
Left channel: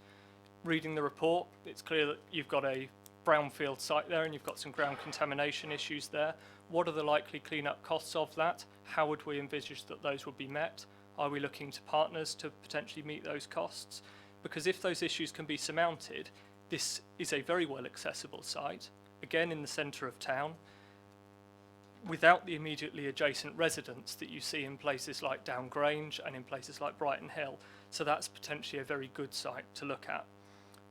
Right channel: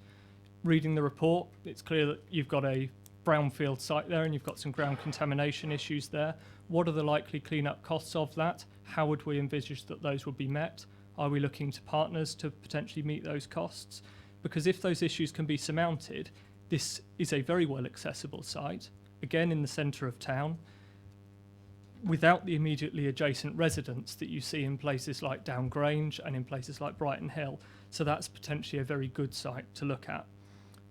Reading the report, it's clear that you've got a brownfield site there and you've got some ground contamination issues there. What are the likely clean-up costs of that? How would we envisage that those would be met? Are we looking to partners to potentially meet those costs? Because if those issues can be surmounted, this is a very well accessible site, again in the centre of town, without the immediately adjacent residents that you see in places like Down Grange and in places like Brighton Hill. So that's potentially a very good site to look at.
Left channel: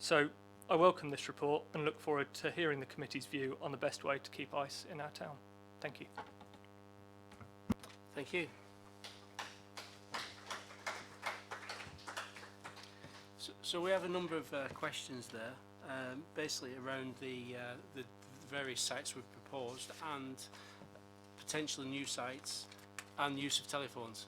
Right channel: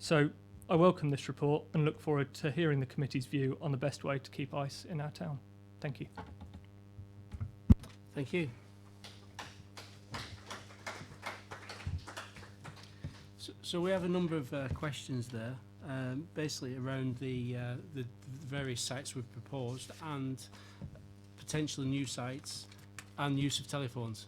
So I welcome this report and look forward to hearing the committee's view on the best way to keep ice in our town. Thank you. Thank you. So we have a number of questions there, basically around the various sites we've proposed and potential new sites and use of telephones.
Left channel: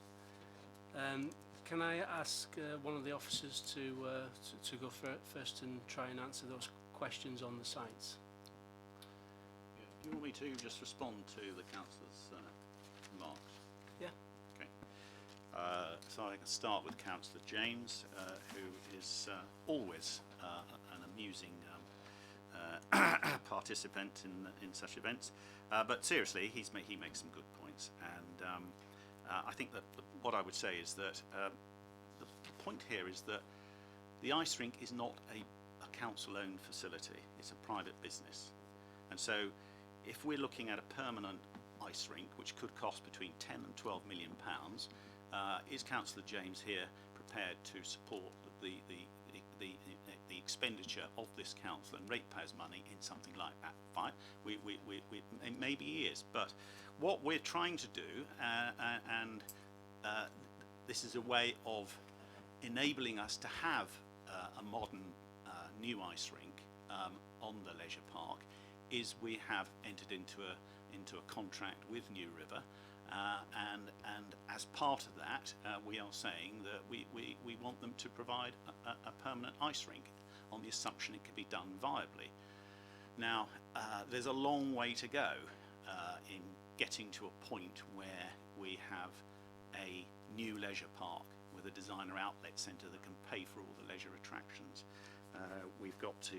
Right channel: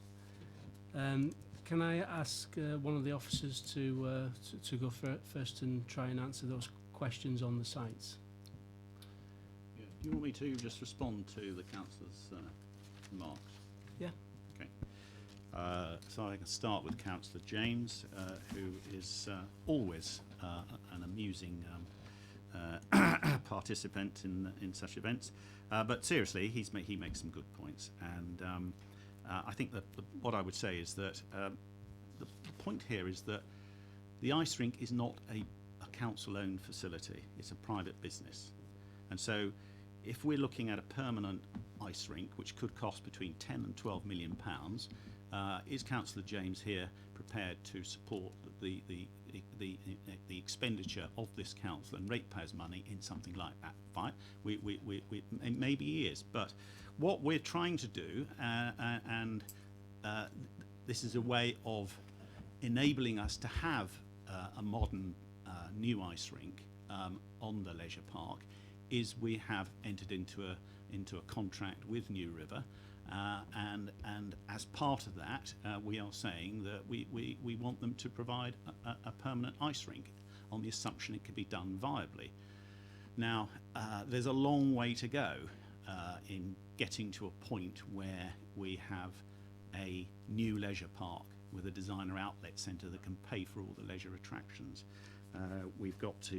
Can I ask one of the officers to go first and try and answer those questions on the sites? Yeah. Do you want me to just respond to the councillor's remarks? Yeah. Okay. So I can start with Councillor James, who is always an amusing participant in such events. But seriously, he makes some good points, and I think that what I would say is that the point here is that the ice rink is not a council-owned facility; it's a private business, and so if we're looking at a permanent ice rink, which could cost between 10 and 12 million pounds, is Councillor James here prepared to support the expenditure of this council and ratepayers' money in something like that? Fine, maybe he is, but what we're trying to do, and this is a way of enabling us to have a modern new ice rink on the leisure park, is we have entered into a contract with New River, and as part of that, we are saying that we want them to provide a permanent ice rink on the assumption it can be done viably. Now, there's a long way to go in getting to a point where we have a new leisure park with a designer outlet centre that can pay for all the leisure attractions. We've got to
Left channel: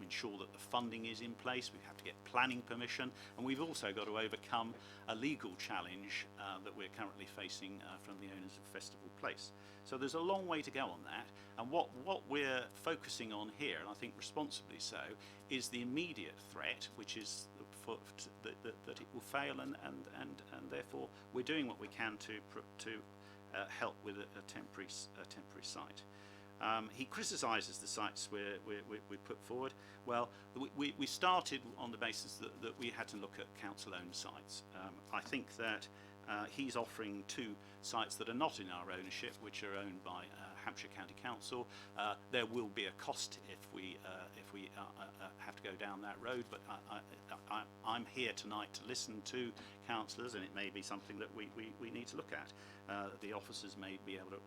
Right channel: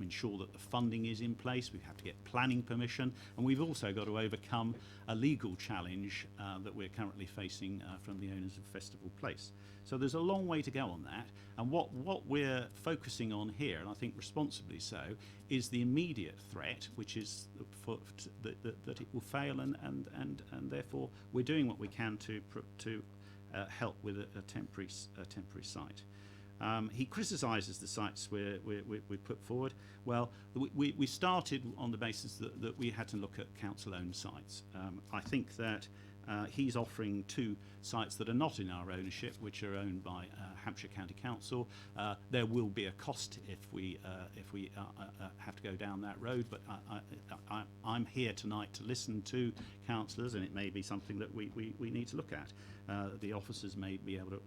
ensure that the funding is in place. We have to get planning permission, and we've also got to overcome a legal challenge that we're currently facing from the owners of Festival Place. So there's a long way to go on that, and what we're focusing on here, and I think responsibly so, is the immediate threat, which is that it will fail, and therefore we're doing what we can to help with a temporary site. He criticises the sites we put forward. Well, we started on the basis that we had to look at council-owned sites. I think that He's offering 2 sites that are not in our ownership, which are owned by Hampshire County Council. There will be a cost if we have to go down that road, but I'm here tonight to listen to councillors, and it may be something that we need to look at. The officers may be able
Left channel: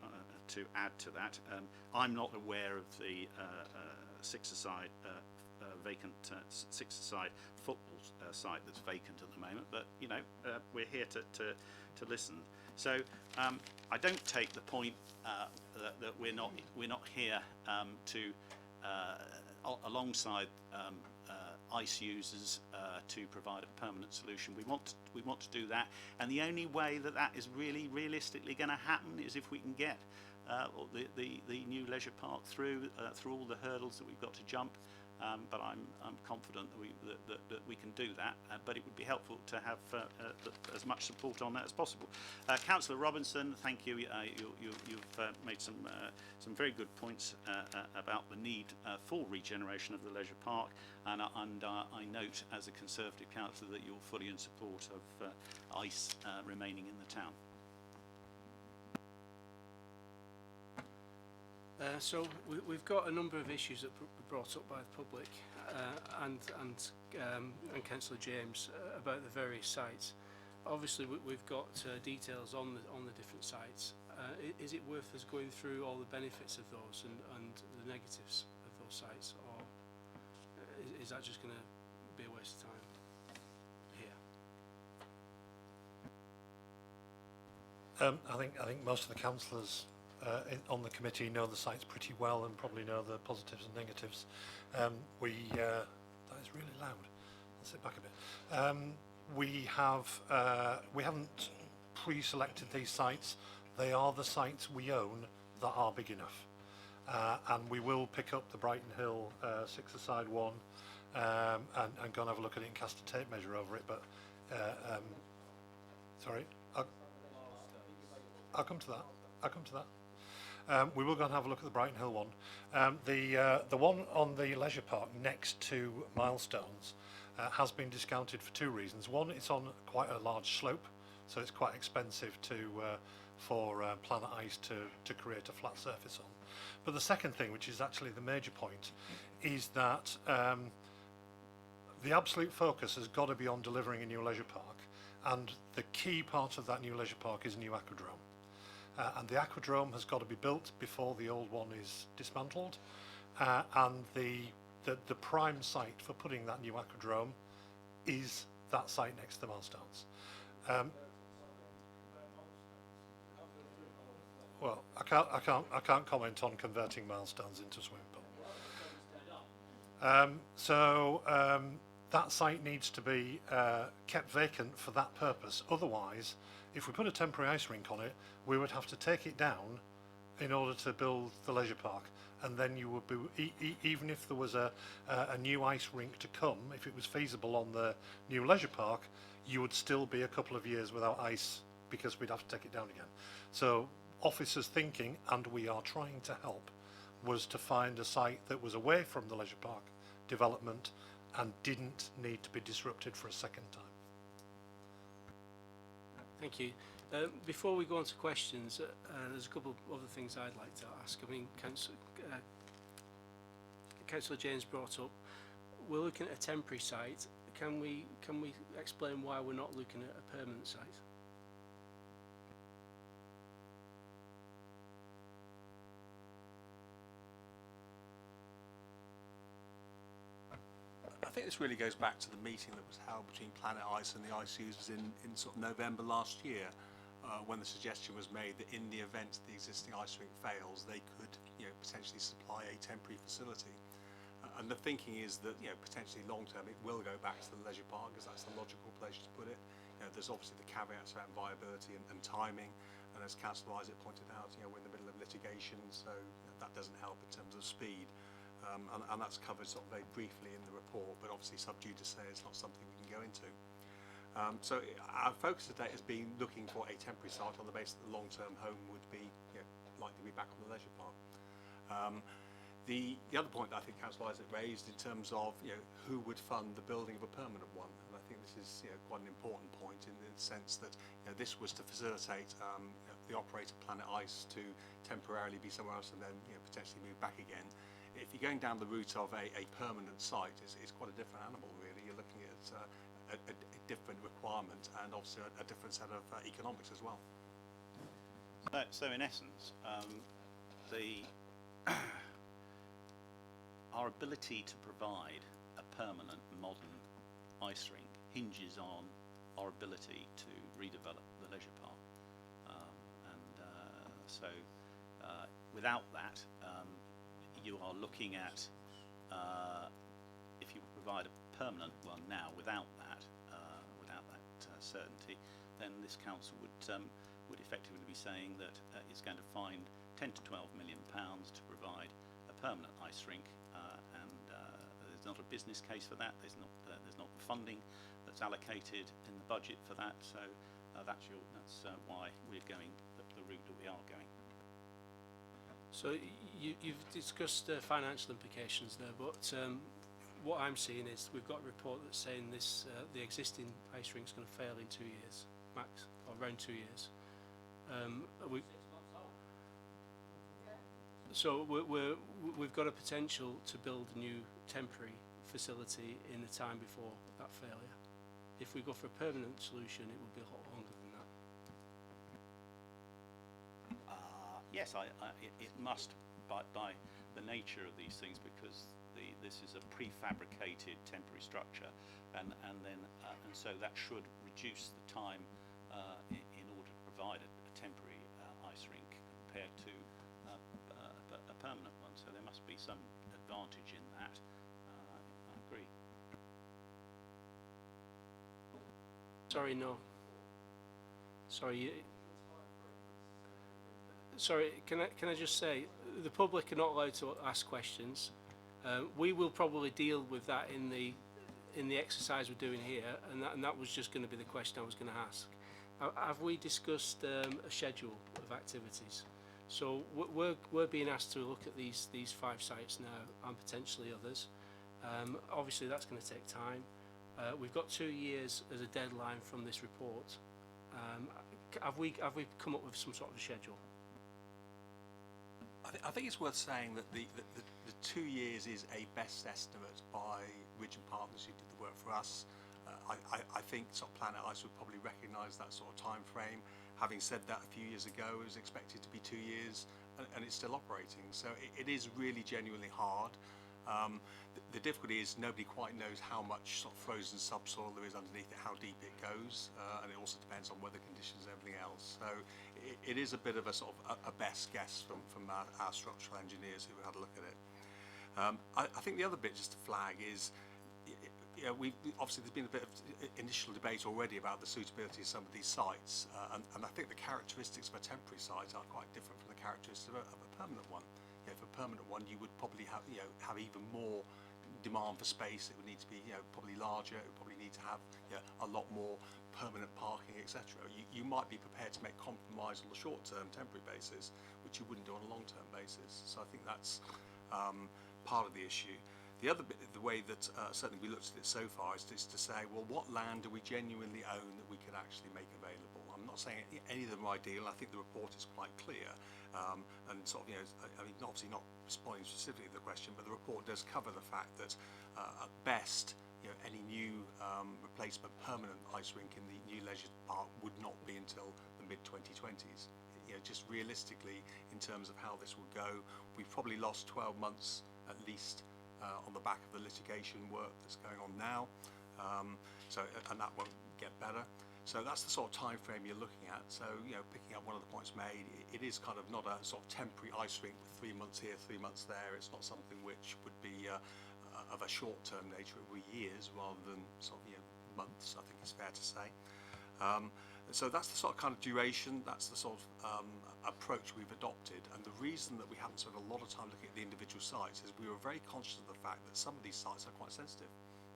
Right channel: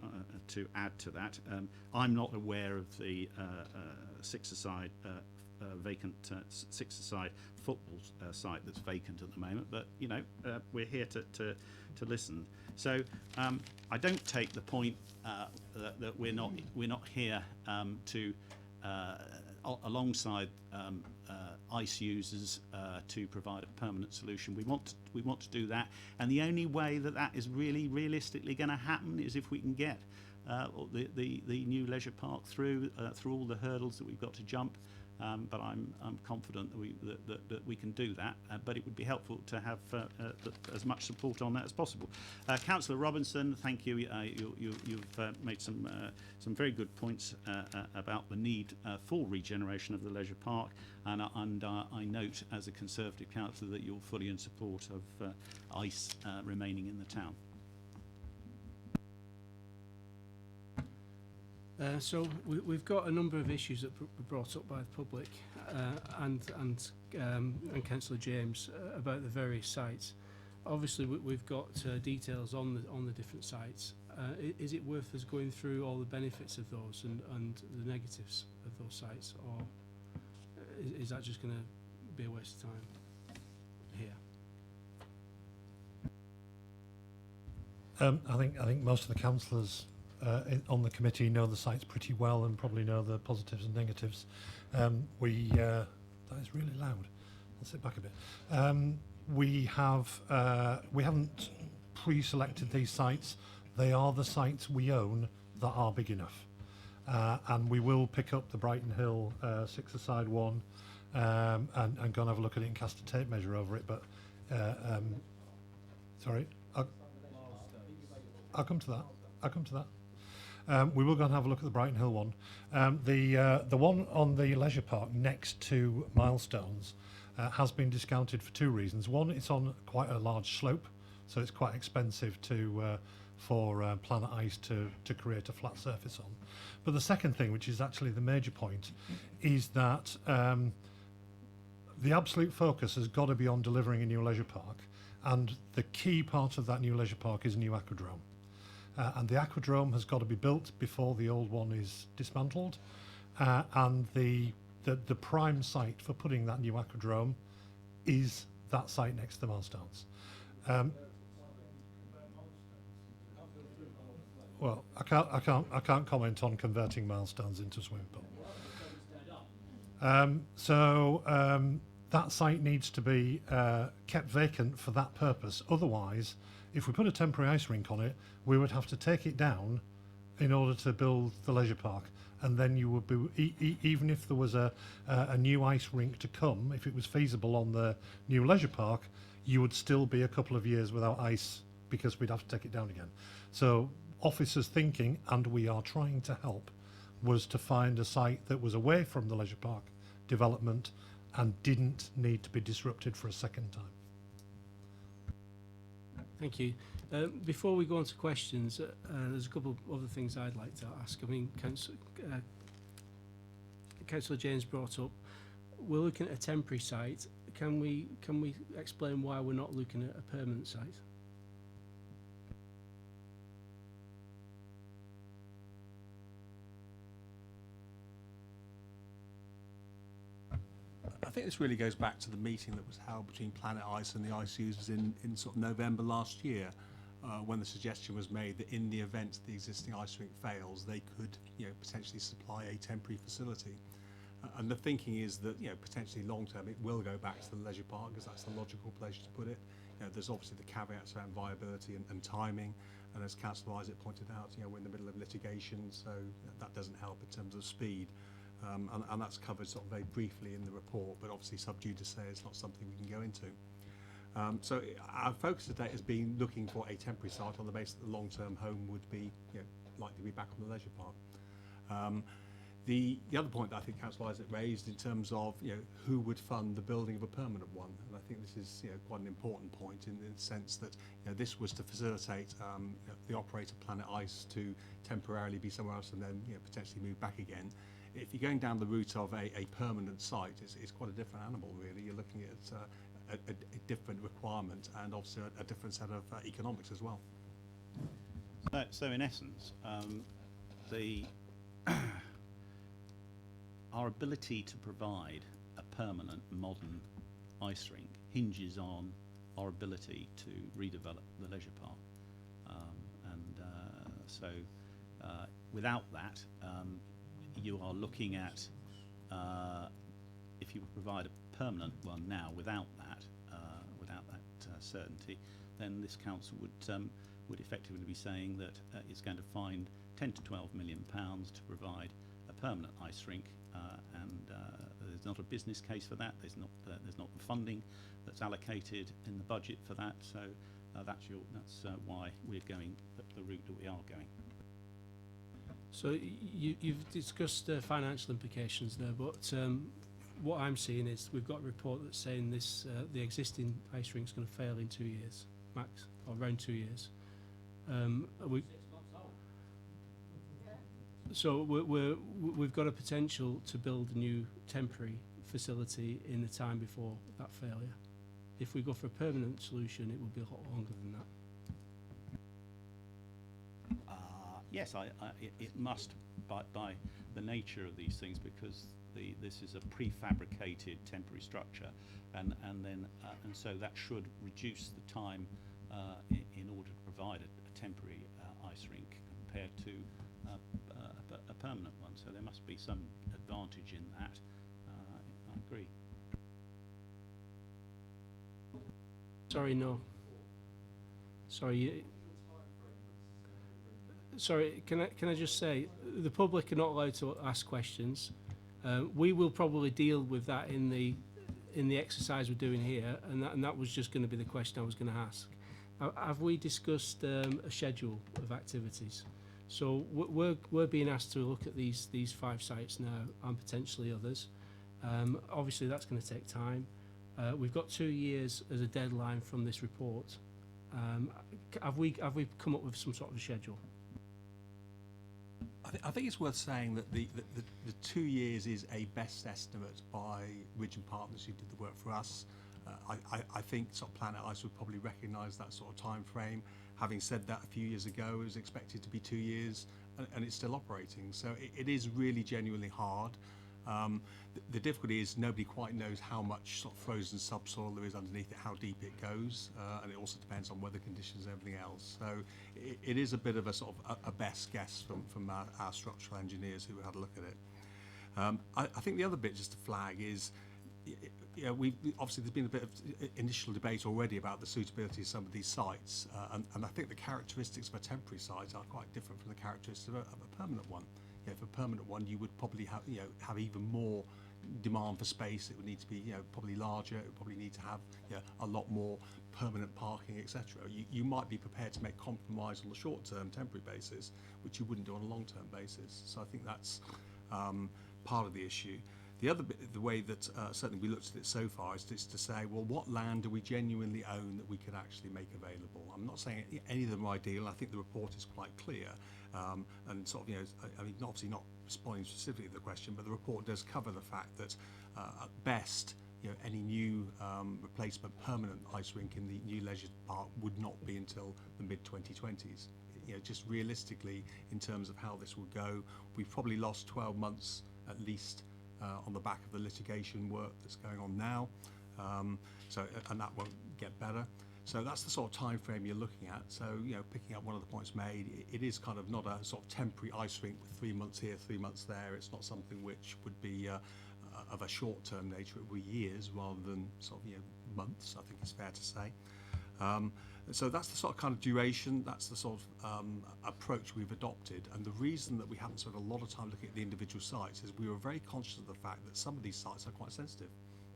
to add to that. I'm not aware of the six-a-side vacant six-a-side football site that's vacant at the moment, but you know, we're here to listen. So I don't take the point that we're not here to alongside ICE users to provide a permanent solution. We want to do that, and the only way that that is really realistically going to happen is if we can get the new leisure park through all the hurdles that we've got to jump. But I'm confident that we can do that. But it would be helpful to have as much support on that as possible. Councillor Robinson, thank you. You've made some very good points about the need for regeneration of the leisure park, and I note as a Conservative councillor that you're fully in support of ICE remaining in the town. So we've got a number of issues that were brought up by the public and Councillor James about the various sites. Obviously, we've got details on the different sites. Is it worth us going through all the benefits of those and the negatives of those sites, or is that just going to be a waste of time here? I think most of the councillors on the committee know the sites pretty well and probably know the positives and negatives. That is really loud. I'll sit back a bit. We haven't pre-selected these sites. They are the sites we own that are big enough, and we will pick up the Brighton Hill six-a-side one and go and have a look at it and cast a tape measure over it. But sorry, I'll come to that. We will go and have a look at the Brighton Hill one. The one on the leisure park next to Milestones has been discounted for 2 reasons. One, it's on quite a large slope, so it's quite expensive for Planet Ice to create a flat surface on. But the second thing, which is actually the major point, is that the absolute focus has got to be on delivering a new leisure park, and the key part of that new leisure park is a new aquadrome. And the aquadrome has got to be built before the old one is dismantled, and the prime site for putting that new aquadrome is that site next to the Milestones. Well, I can't comment on converting Milestones into a swimming pool. That site needs to be kept vacant for that purpose. Otherwise, if we put a temporary ice rink on it, we would have to take it down in order to build the leisure park, and then you would be even if there was a new ice rink to come, if it was feasible on the new leisure park, you would still be a couple of years without ice because we'd have to take it down again. So officers' thinking, and we are trying to help, was to find a site that was away from the leisure park development and didn't need to be disrupted for a second time. Thank you. Before we go on to questions, there's a couple of other things I'd like to ask. I mean, Councillor James brought up, we're looking at a temporary site. Can we explain why we're not looking at a permanent site? I think this really goes back to the meeting that was held between Planet Ice and the ice users in sort of November last year, when the suggestion was made that in the event the existing ice rink fails, they could, potentially supply a temporary facility. And the thinking is that, potentially long term it will go back to the leisure park because that's the logical place to put it. There's obviously the caveats around viability and timing, and as Councillor Isaac pointed out, we're in the middle of litigation, so that doesn't help in terms of speed. And that's covered sort of very briefly in the report, but obviously sub judice it's not something we can go into. So our focus today has been looking for a temporary site on the basis that the long-term home would be likely to be back on the leisure park. The other point that I think Councillor Isaac raised in terms of who would fund the building of a permanent one, and I think this is quite an important point in the sense that this was to facilitate the operator Planet Ice to temporarily be somewhere else and then potentially move back again. If you're going down the route of a permanent site, it's quite a different animal really. You're looking at a different requirement and obviously a different set of economics as well. So in essence, our ability to provide a permanent modern ice rink hinges on our ability to redevelop the leisure park. So without that, you are looking at, if you provide a permanent one now without that certainty, then this council would effectively be saying that it's going to find 10 to 12 million pounds to provide a permanent ice rink, and there's not a business case for that. There's not the funding that's allocated in the budget for that. So that's why we're going the route that we are going. So you've discussed financial implications there, but what I'm seeing is we've got a report that's saying this the existing ice rink's going to fail in 2 years, max, or around 2 years. So we've got a potential to build a new temporary facility in the time before that failure. If we go for a permanent solution, it will be a lot longer than that. Yes, it must, by the nature of these things, because this is a prefabricated temporary structure, and so that should reduce the time in order to provide a temporary ice rink compared to a permanent one. So there must be some advantage in that. I agree. Sorry, no. Sorry. Sorry, can I just say, the public are not allowed to ask questions. We will probably deal with that in the exercise we're doing here, and that was just going to be the question I was going to ask. Have we discussed a schedule of activities? So we're being asked to look at these 5 sites now and potentially others. Obviously, that's going to take time. We've got 2 years as a deadline from this report. Have we come up with some sort of a schedule? I think it's worth saying that the 2 years is a best estimate by Ridge and Partners, who did the work for us. I think sort of Planet Ice would probably recognise that sort of time frame. Having said that, a few years ago it was expected to be 2 years, and it's still operating. So it is really genuinely hard. The difficulty is nobody quite knows how much sort of frozen subsoil there is underneath it, how deep it goes, and it also depends on weather conditions and everything else. So it is a bit of a sort of a best guess from our structural engineers who had a look at it. I think the other bit just to flag is, obviously there's been a bit of initial debate already about the suitability of some of these sites, and I think the characteristics of a temporary site are quite different from the characteristics of a permanent one. For a permanent one, you would probably have even more demand for space. It would need to be probably larger. It would probably need to have a lot more permanent parking, etc. You might be prepared to make compromise on the short-term temporary basis, which you wouldn't do on a long-term basis. So I think that's part of the issue. The other bit, the way that certainly we looked at it so far, is to say, well, what land do we genuinely own that we could actually make available? I'm not saying any of them are ideal. I think the report is quite clear, and sort of, I mean, obviously not responding specifically to the question, but the report does cover the fact that at best, any new replacement permanent ice rink in the new leisure park would not be until the mid-2020s. Just realistically, in terms of how this will go, we've probably lost 12 months at least on the back of the litigation work that's going on now, and that won't get better. So that's the sort of time frame you're looking at. So picking up one of the points made, it is kind of not a sort of temporary ice rink with 3 months here, 3 months there. It's not something which would be of a short-term nature. It would be years rather than sort of months, I think it's fair to say. So that's the sort of kind of duration, that's the sort of approach we've adopted. And the reason that we haven't spent a lot of time looking at the individual sites is we were very conscious of the fact that some of these sites are quite sensitive.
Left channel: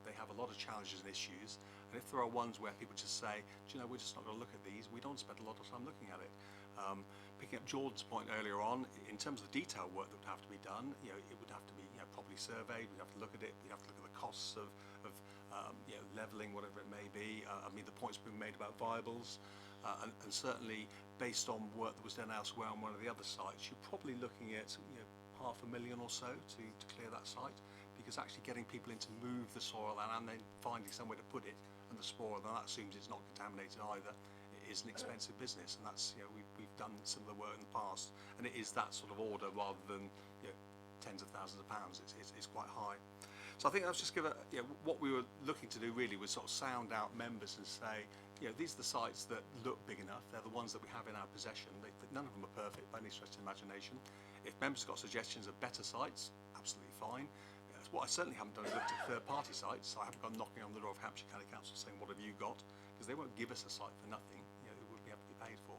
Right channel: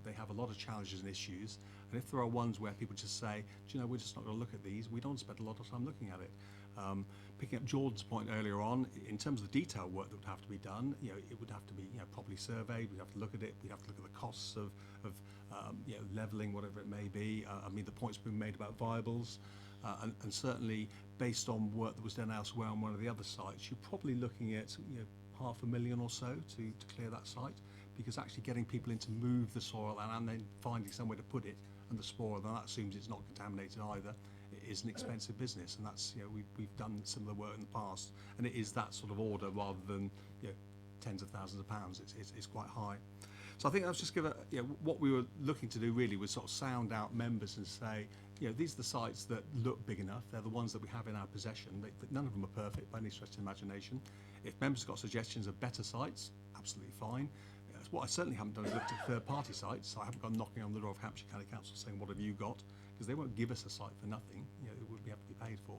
They have a lot of challenges and issues. And if there are ones where people just say, do you know, we're just not going to look at these, we don't spend a lot of time looking at it. picking up Jordan's point earlier on, in terms of the detail work that would have to be done, it would have to be properly surveyed. We'd have to look at it. We'd have to look at the costs of levelling, whatever it may be. I mean, the point's been made about viables, and certainly based on work that was done elsewhere on one of the other sites, you're probably looking at £500,000 or so to clear that site, because actually getting people in to move the soil and then finding somewhere to put it and the spoil, then that assumes it's not contaminated either. It is an expensive business, and that's we've done some of the work in the past, and it is that sort of order rather than tens of thousands of pounds. It's quite high. So I think that's just give what we were looking to do really was sort of sound out members and say, these are the sites that look big enough. They're the ones that we have in our possession. None of them are perfect by any stretch of the imagination. If members have got suggestions of better sites, absolutely fine. What I certainly haven't done is looked at third-party sites. So I haven't gone knocking on the door of Hampshire County Council saying, what have you got? Because they won't give us a site for nothing. It would have to be paid for.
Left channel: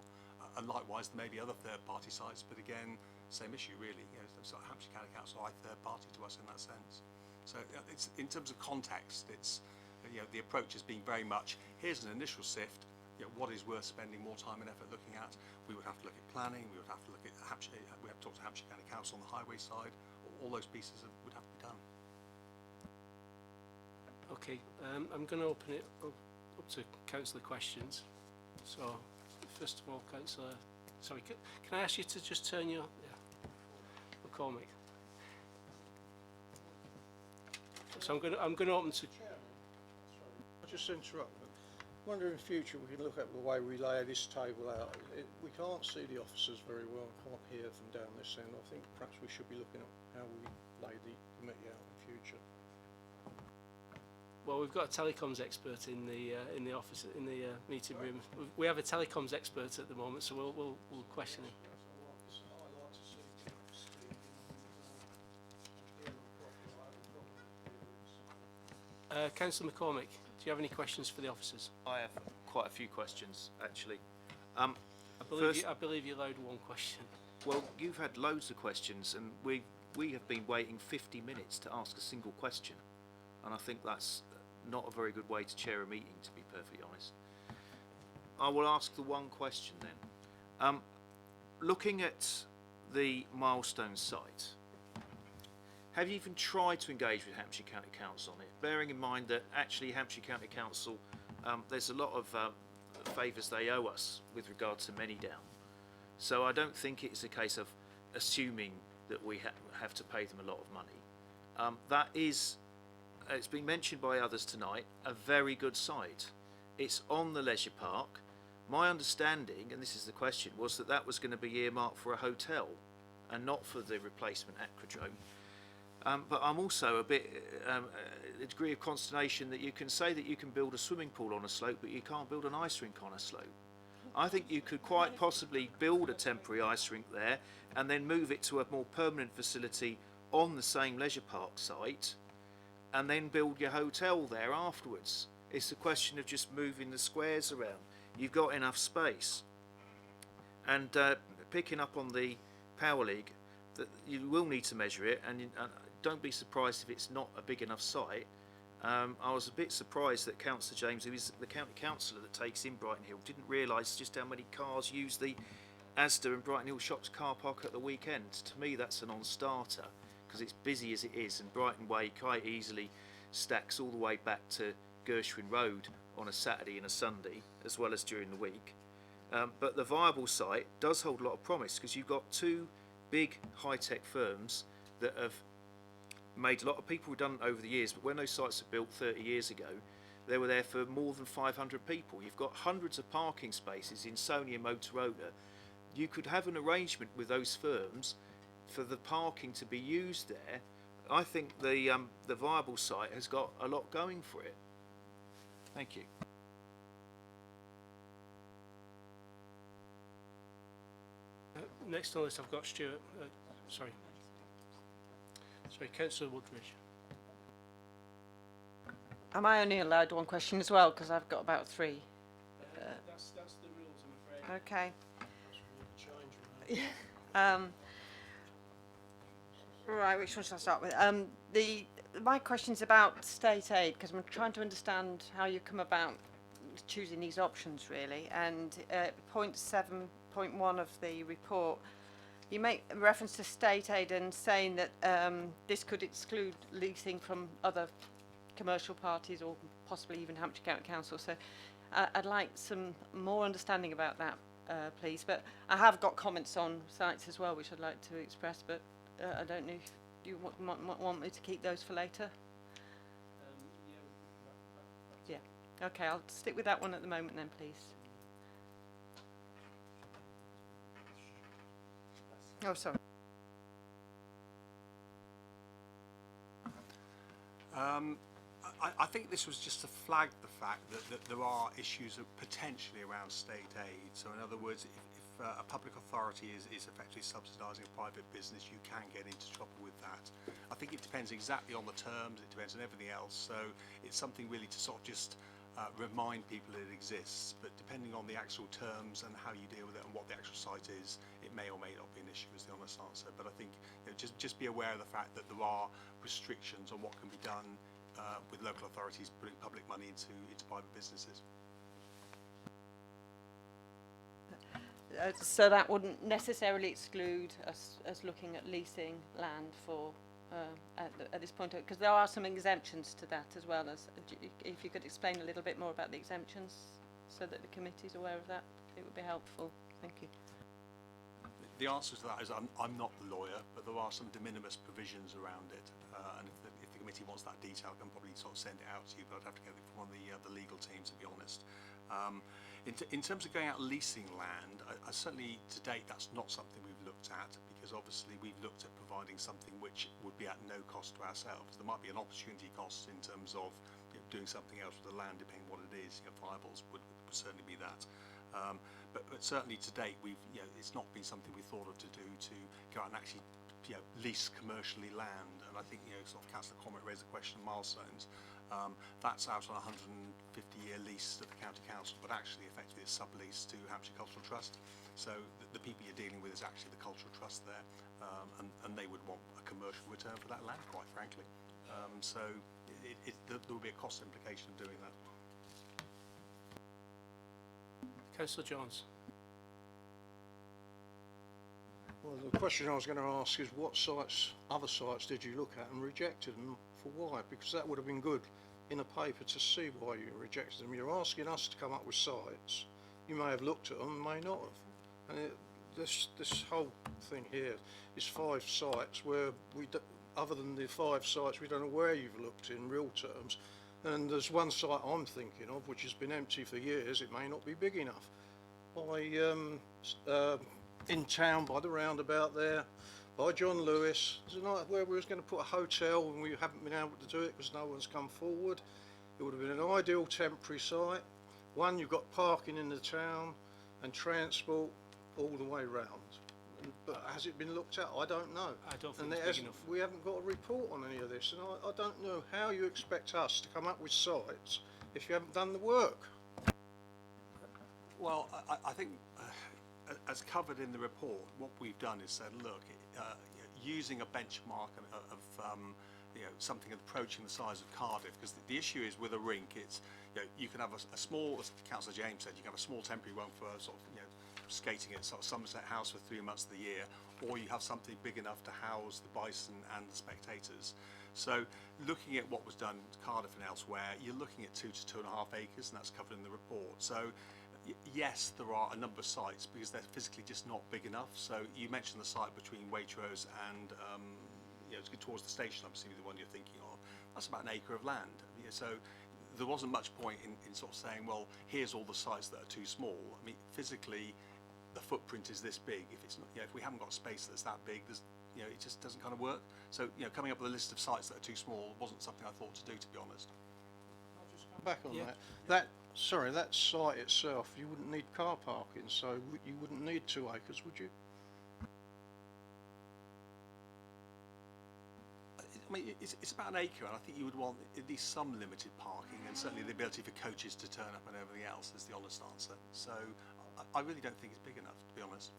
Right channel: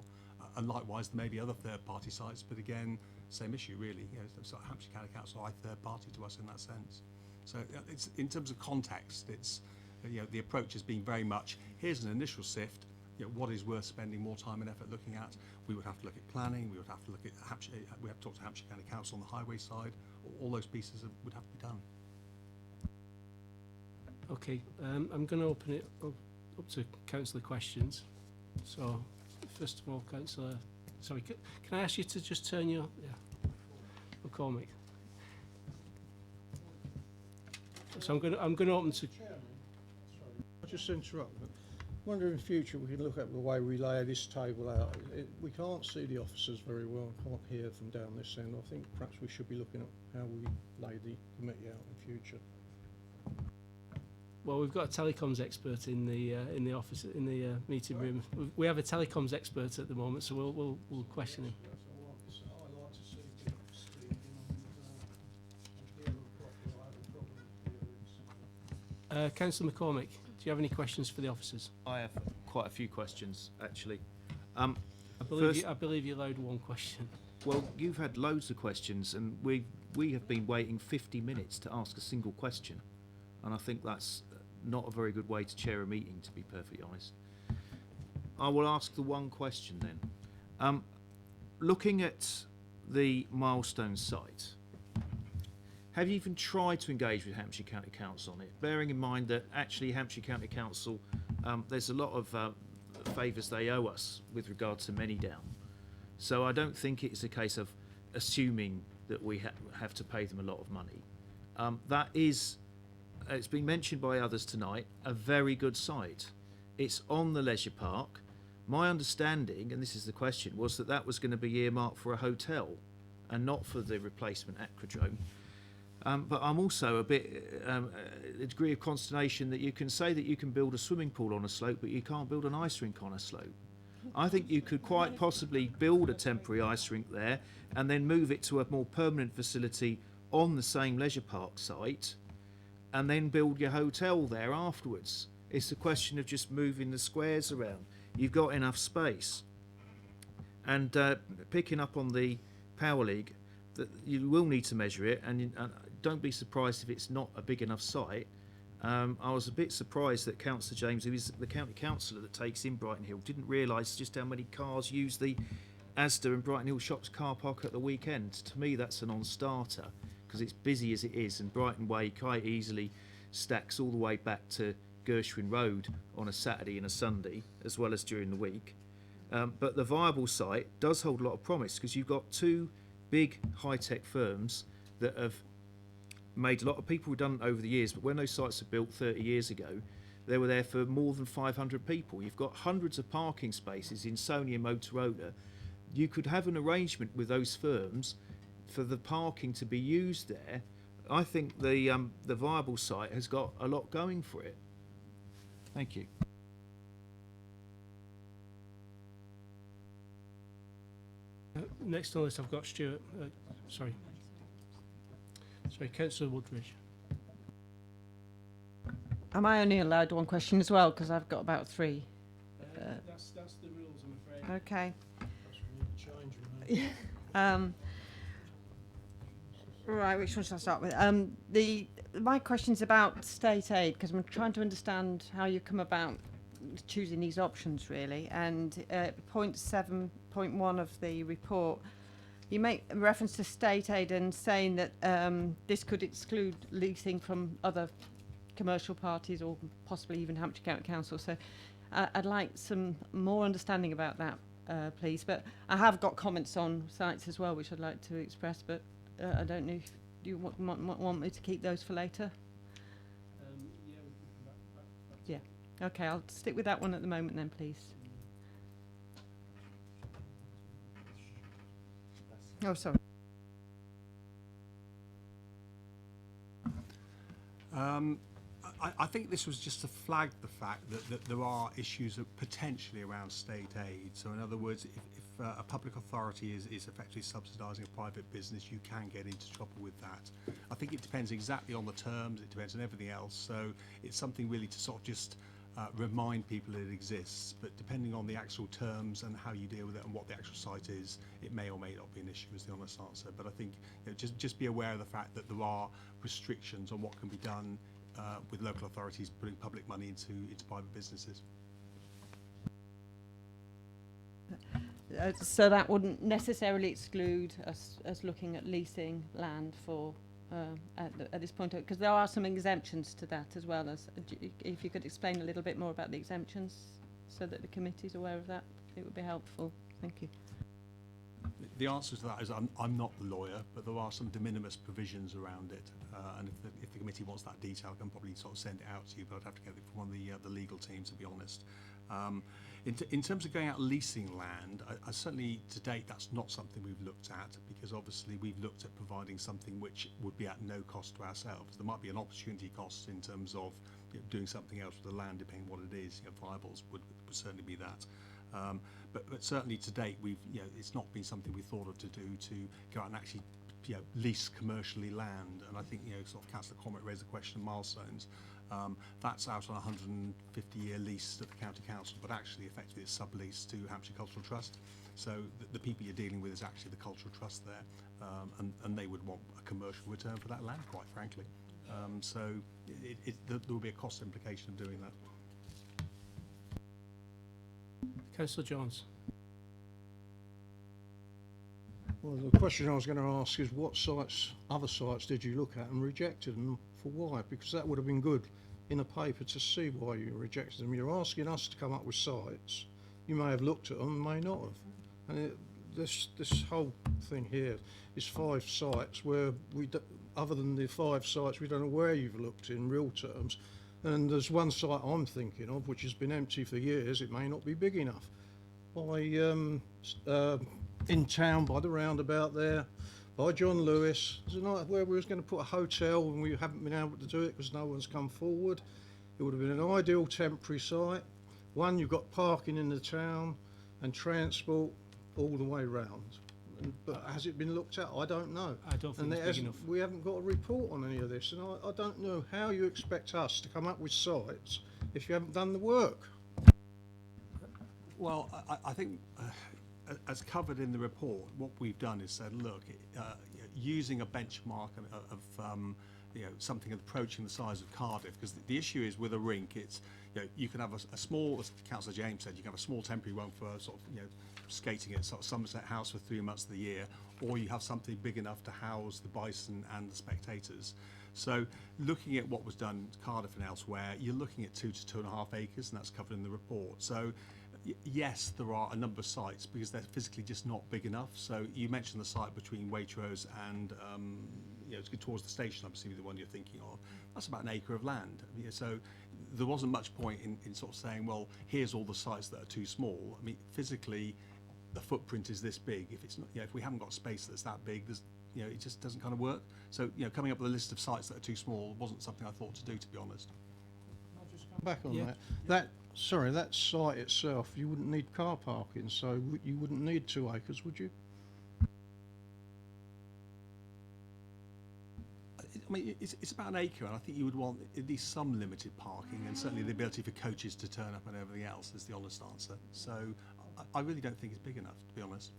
And likewise, there may be other third-party sites, but again, same issue really. So Hampshire County Council are third-party to us in that sense. So it's in terms of context, it's the approach has been very much here's an initial sift. What is worth spending more time and effort looking at? We would have to look at planning. We would have to look at Hampshire. We have to talk to Hampshire County Council on the highway side. All those pieces would have to be done. Okay, I'm going to open it up to councillor questions. So, first of all, councillor, sorry, can I ask you to just turn your, McCormick. So I'm going to open to. Chairman, sorry, I'll just interrupt. But I wonder in future we can look at the way we lay this table out. We can't see the officers very well, can't hear them down this end. I think perhaps we should be looking at how we lay the committee out in future. Well, we've got a telecoms expert in the office in the meeting room. We have a telecoms expert at the moment, so we'll question him. Councillor McCormick, do you have any questions for the officers? I have quite a few questions, actually. I believe you allowed one question. Well, you've had loads of questions, and we have been waiting 50 minutes to ask a single question, and I think that's not a very good way to chair a meeting, to be perfectly honest. I will ask the one question then. Looking at the Milestone site, have you even tried to engage with Hampshire County Council on it? Bearing in mind that actually Hampshire County Council, there's a lot of favours they owe us with regard to Many Down. So I don't think it's a case of assuming that we have to pay them a lot of money. That is, it's been mentioned by others tonight, a very good site. It's on the leisure park. My understanding, and this is the question, was that that was going to be earmarked for a hotel and not for the replacement aquadrome. But I'm also a bit, a degree of consternation that you can say that you can build a swimming pool on a slope, but you can't build an ice rink on a slope. I think you could quite possibly build a temporary ice rink there and then move it to a more permanent facility on the same leisure park site and then build your hotel there afterwards. It's a question of just moving the squares around. You've got enough space. And picking up on the Power League, that you will need to measure it, and don't be surprised if it's not a big enough site. I was a bit surprised that Councillor James, who is the county councillor that takes in Brighton Hill, didn't realise just how many cars use the Asda and Brighton Hill Shops car park at the weekend. To me, that's a non-starter, because it's busy as it is, and Brighton Way quite easily stacks all the way back to Gershwin Road on a Saturday and a Sunday, as well as during the week. But the viable site does hold a lot of promise, because you've got two big high-tech firms that have made a lot of people redundant over the years, but when those sites were built 30 years ago, they were there for more than 500 people. You've got hundreds of parking spaces in Sony and Motorola. You could have an arrangement with those firms for the parking to be used there. I think the viable site has got a lot going for it. Thank you. Next on the list, I've got Stuart. Sorry, Councillor Woodridge. Am I only allowed one question as well? Because I've got about three. That's the rules, I'm afraid. Okay. Change Right, which one should I start with? My question's about state aid, because I'm trying to understand how you come about choosing these options really. And point 7.1 of the report, you make reference to state aid and saying that this could exclude leasing from other commercial parties or possibly even Hampshire County Council. So I'd like some more understanding about that, please. But I have got comments on sites as well, which I'd like to express, but I don't know if you want me to keep those for later. Yeah. Okay, I'll stick with that one at the moment then, please. Oh, sorry. I think this was just to flag the fact that there are issues potentially around state aid. So in other words, if a public authority is effectively subsidising a private business, you can get into trouble with that. I think it depends exactly on the terms, it depends on everything else. So it's something really to sort of just remind people it exists, but depending on the actual terms and how you deal with it and what the actual site is, it may or may not be an issue, is the honest answer. But I think, you know, just be aware of the fact that there are restrictions on what can be done with local authorities putting public money into private businesses. So that wouldn't necessarily exclude us looking at leasing land for at this point, because there are some exemptions to that as well. As if you could explain a little bit more about the exemptions, so that the committee's aware of that, it would be helpful. Thank you. The answer to that is I'm not the lawyer, but there are some de minimis provisions around it, and if the committee wants that detail, I can probably sort of send it out to you, but I'd have to get it from one of the legal team, to be honest. In terms of going out leasing land, I certainly to date that's not something we've looked at, because obviously we've looked at providing something which would be at no cost to ourselves. There might be an opportunity cost in terms of, you know, doing something else with the land, depending on what it is. You know, viables would certainly be that. But certainly to date, it's not been something we thought of to do, to go out and actually, you know, lease commercially land. And I think, you know, sort of Councillor Cormack raised the question of milestones. That's out on a 150-year lease at the County Council, but actually effectively it's subleased to Hampshire Cultural Trust. So the people you're dealing with is actually the Cultural Trust there, and they would want a commercial return for that land, quite frankly. So there will be a cost implication of doing that. Councillor Jones. Well, the question I was going to ask is what sites, other sites, did you look at and rejected, and for why? Because that would have been good in a paper to see why you rejected them. You're asking us to come up with sites. You may have looked at them, may not have. And this whole thing here is 5 sites where other than the 5 sites, we don't know where you've looked in real terms. And there's one site I'm thinking of which has been empty for years. It may not be big enough. In town by the roundabout there, by John Lewis, there's a night where we was going to put a hotel and we haven't been able to do it because no one's come forward. It would have been an ideal temporary site. One, you've got parking in the town and transport all the way round. But has it been looked at? I don't know. I don't think it's big enough. We haven't got a report on any of this, and I don't know how you expect us to come up with sites if you haven't done the work. Well, I think, as covered in the report, what we've done is said, look, using a benchmark of something approaching the size of Cardiff, because the issue is with a rink, it's, you know, you can have a small, as Councillor James said, you can have a small temporary one for sort of, you know, skating at sort of Somerset House for 3 months of the year, or you have something big enough to house the bison and the spectators. So looking at what was done in Cardiff and elsewhere, you're looking at 2 to 2.5 acres, and that's covered in the report. So yes, there are a number of sites because they're physically just not big enough. So you mentioned the site between Waitrose and it's towards the station, I'm assuming the one you're thinking of. That's about an acre of land. Yeah, so there wasn't much point in sort of saying, well, here's all the sites that are too small. I mean, physically, the footprint is this big. If it's not, if we haven't got space that's that big, there's, it just doesn't kind of work. So, coming up with a list of sites that are too small wasn't something I thought to do, to be honest. I'll just come back on that. That site itself, you wouldn't need car parking, so you wouldn't need 2 acres, would you? I mean, it's about an acre, and I think you would want at least some limited parking, and certainly the ability for coaches to turn up and everything else is the honest answer. So I really don't think it's big enough, to be honest.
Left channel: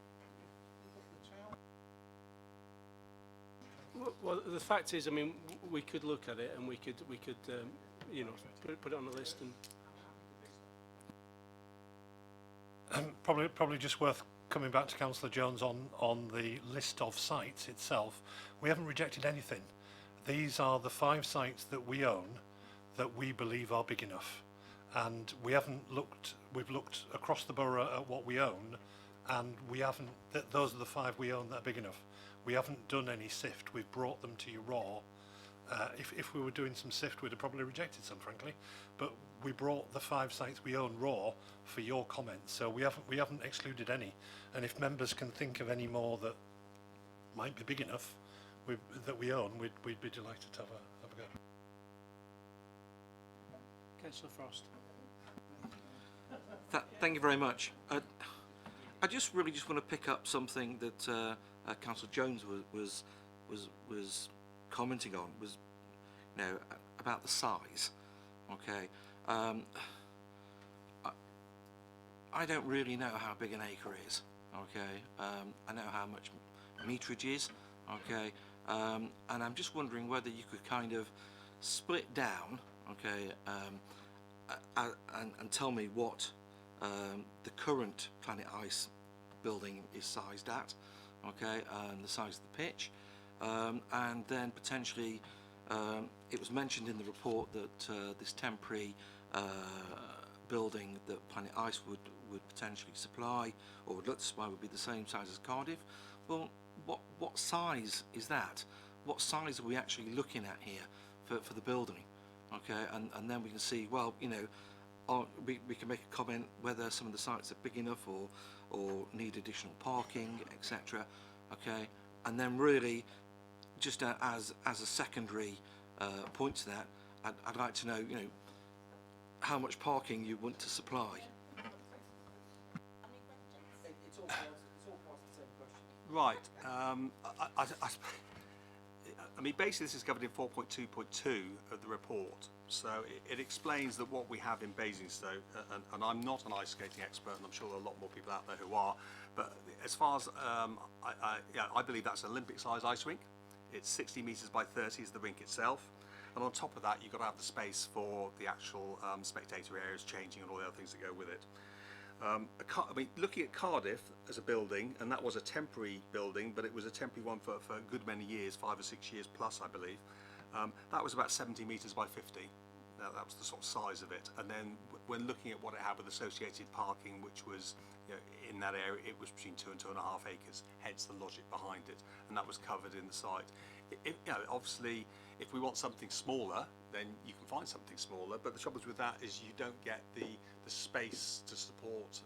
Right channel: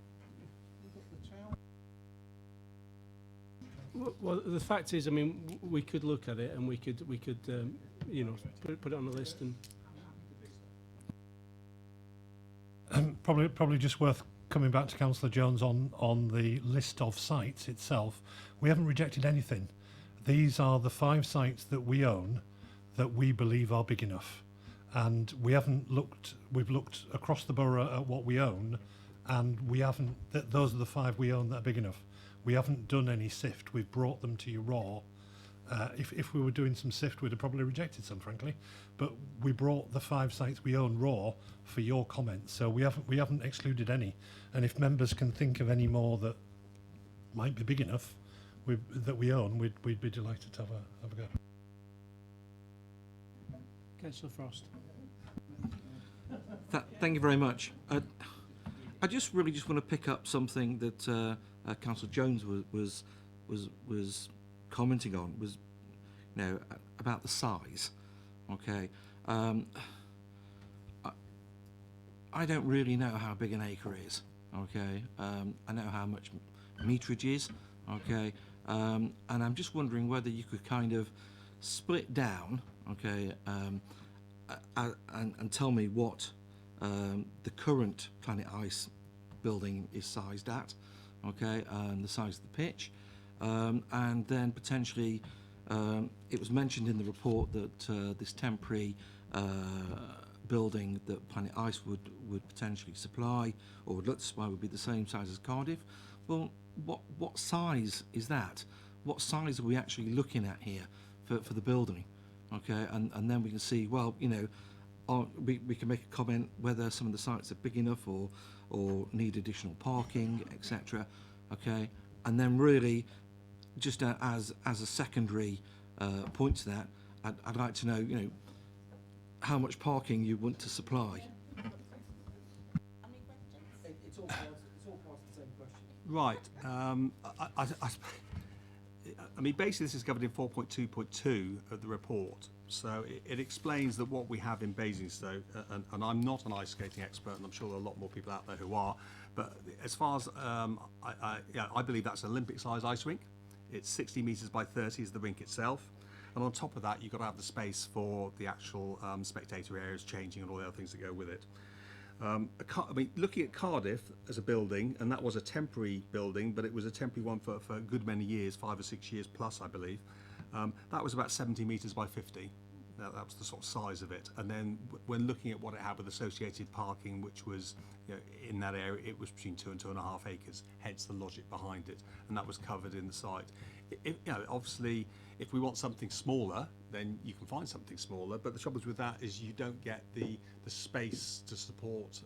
Well, the fact is, I mean, we could look at it and we could put it on the list and. probably just worth coming back to Councillor Jones on the list of sites itself. We haven't rejected anything. These are the 5 sites that we own that we believe are big enough, and we haven't looked. We've looked across the borough at what we own, and we haven't. Those are the 5 we own that are big enough. We haven't done any sift. We've brought them to you raw. If we were doing some sift, we'd have probably rejected some, frankly. But we brought the 5 sites we own raw for your comments, so we haven't excluded any. And if members can think of any more that might be big enough that we own, we'd be delighted to have a go. Councillor Frost. Thank you very much. I just want to pick up something that Councillor Jones was commenting on, was, you know, about the size. Okay, I don't really know how big an acre is. Okay, I know how much meterage is. Okay, and I'm just wondering whether you could kind of split down. Okay, and tell me what the current Planet Ice building is sized at. Okay, and the size of the pitch, and then potentially it was mentioned in the report that this temporary building that Planet Ice would potentially supply, or would look to supply, would be the same size as Cardiff. Well, what size is that? What size are we actually looking at here for the building? Okay, and then we can see, well, you know, we can make a comment whether some of the sites are big enough or need additional parking, etc. Okay, and then really, just as a secondary point to that, I'd like to know, you know, how much parking you want to supply. It's all part of the same question. Right. I mean, basically this is covered in 4.2.2 of the report. So it explains that what we have in Basingstoke, and I'm not an ice skating expert, and I'm sure there are a lot more people out there who are, but as far as, I believe that's an Olympic-sized ice rink. It's 60 metres by 30 is the rink itself. And on top of that, you've got to have the space for the actual spectator areas changing and all the other things that go with it. I mean, looking at Cardiff as a building, and that was a temporary building, but it was a temporary one for a good many years, 5 or 6 years plus, I believe. That was about 70 metres by 50. That was the sort of size of it. And then when looking at what it had with associated parking, which was, you know, in that area, it was between 2 and 2.5 acres, hence the logic behind it. And that was covered in the site. You know, obviously, if we want something smaller, then you can find something smaller. But the trouble with that is you don't get the space to support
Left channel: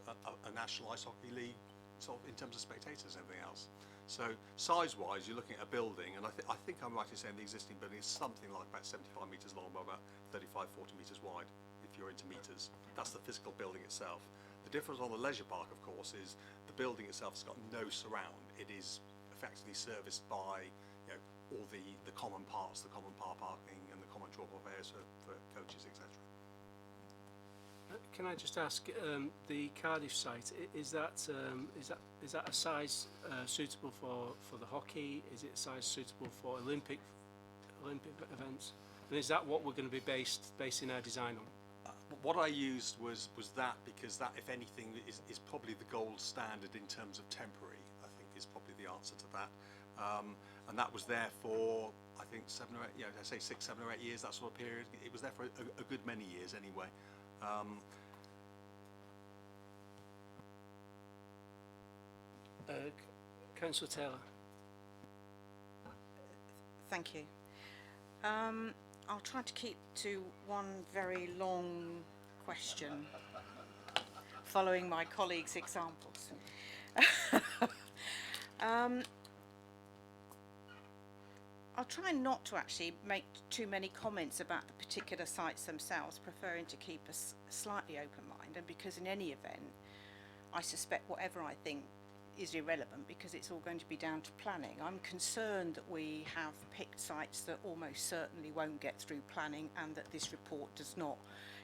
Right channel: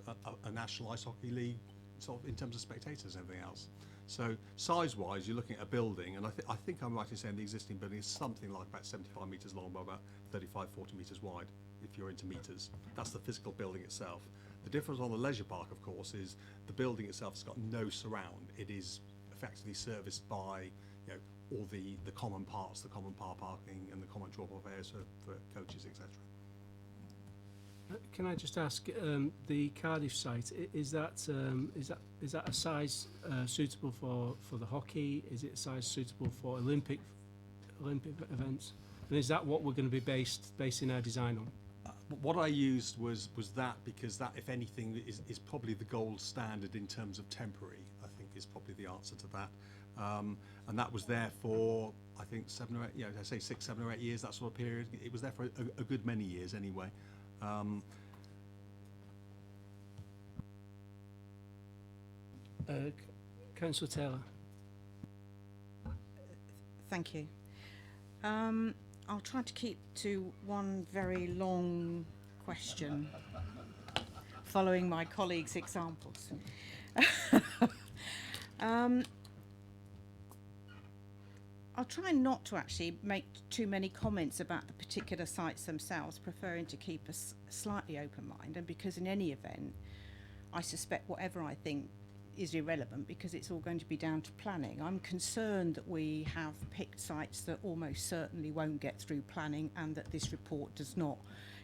a national ice hockey league, sort of in terms of spectators and everything else. So size-wise, you're looking at a building, and I think I'm right in saying the existing building is something like about 75 metres long by about 35, 40 metres wide, if you're into metres. That's the physical building itself. The difference on the leisure park, of course, is the building itself has got no surround. It is effectively serviced by, you know, all the common parts, the common car parking and the common drop-off areas for coaches, etc. Can I just ask, the Cardiff site, is that a size suitable for the hockey? Is it a size suitable for Olympic events? And is that what we're going to be basing our design on? What I used was that, because that, if anything, is probably the gold standard in terms of temporary. I think is probably the answer to that. And that was there for, I think, 7 or 8, you know, I say 6, 7 or 8 years, that sort of period. It was there for a good many years anyway. Councillor Taylor. Thank you. I'll try to keep to one very long question, following my colleagues' examples. I'll try not to actually make too many comments about the particular sites themselves, preferring to keep a slightly open mind, and because in any event, I suspect whatever I think is irrelevant because it's all going to be down to planning. I'm concerned that we have picked sites that almost certainly won't get through planning, and that this report does not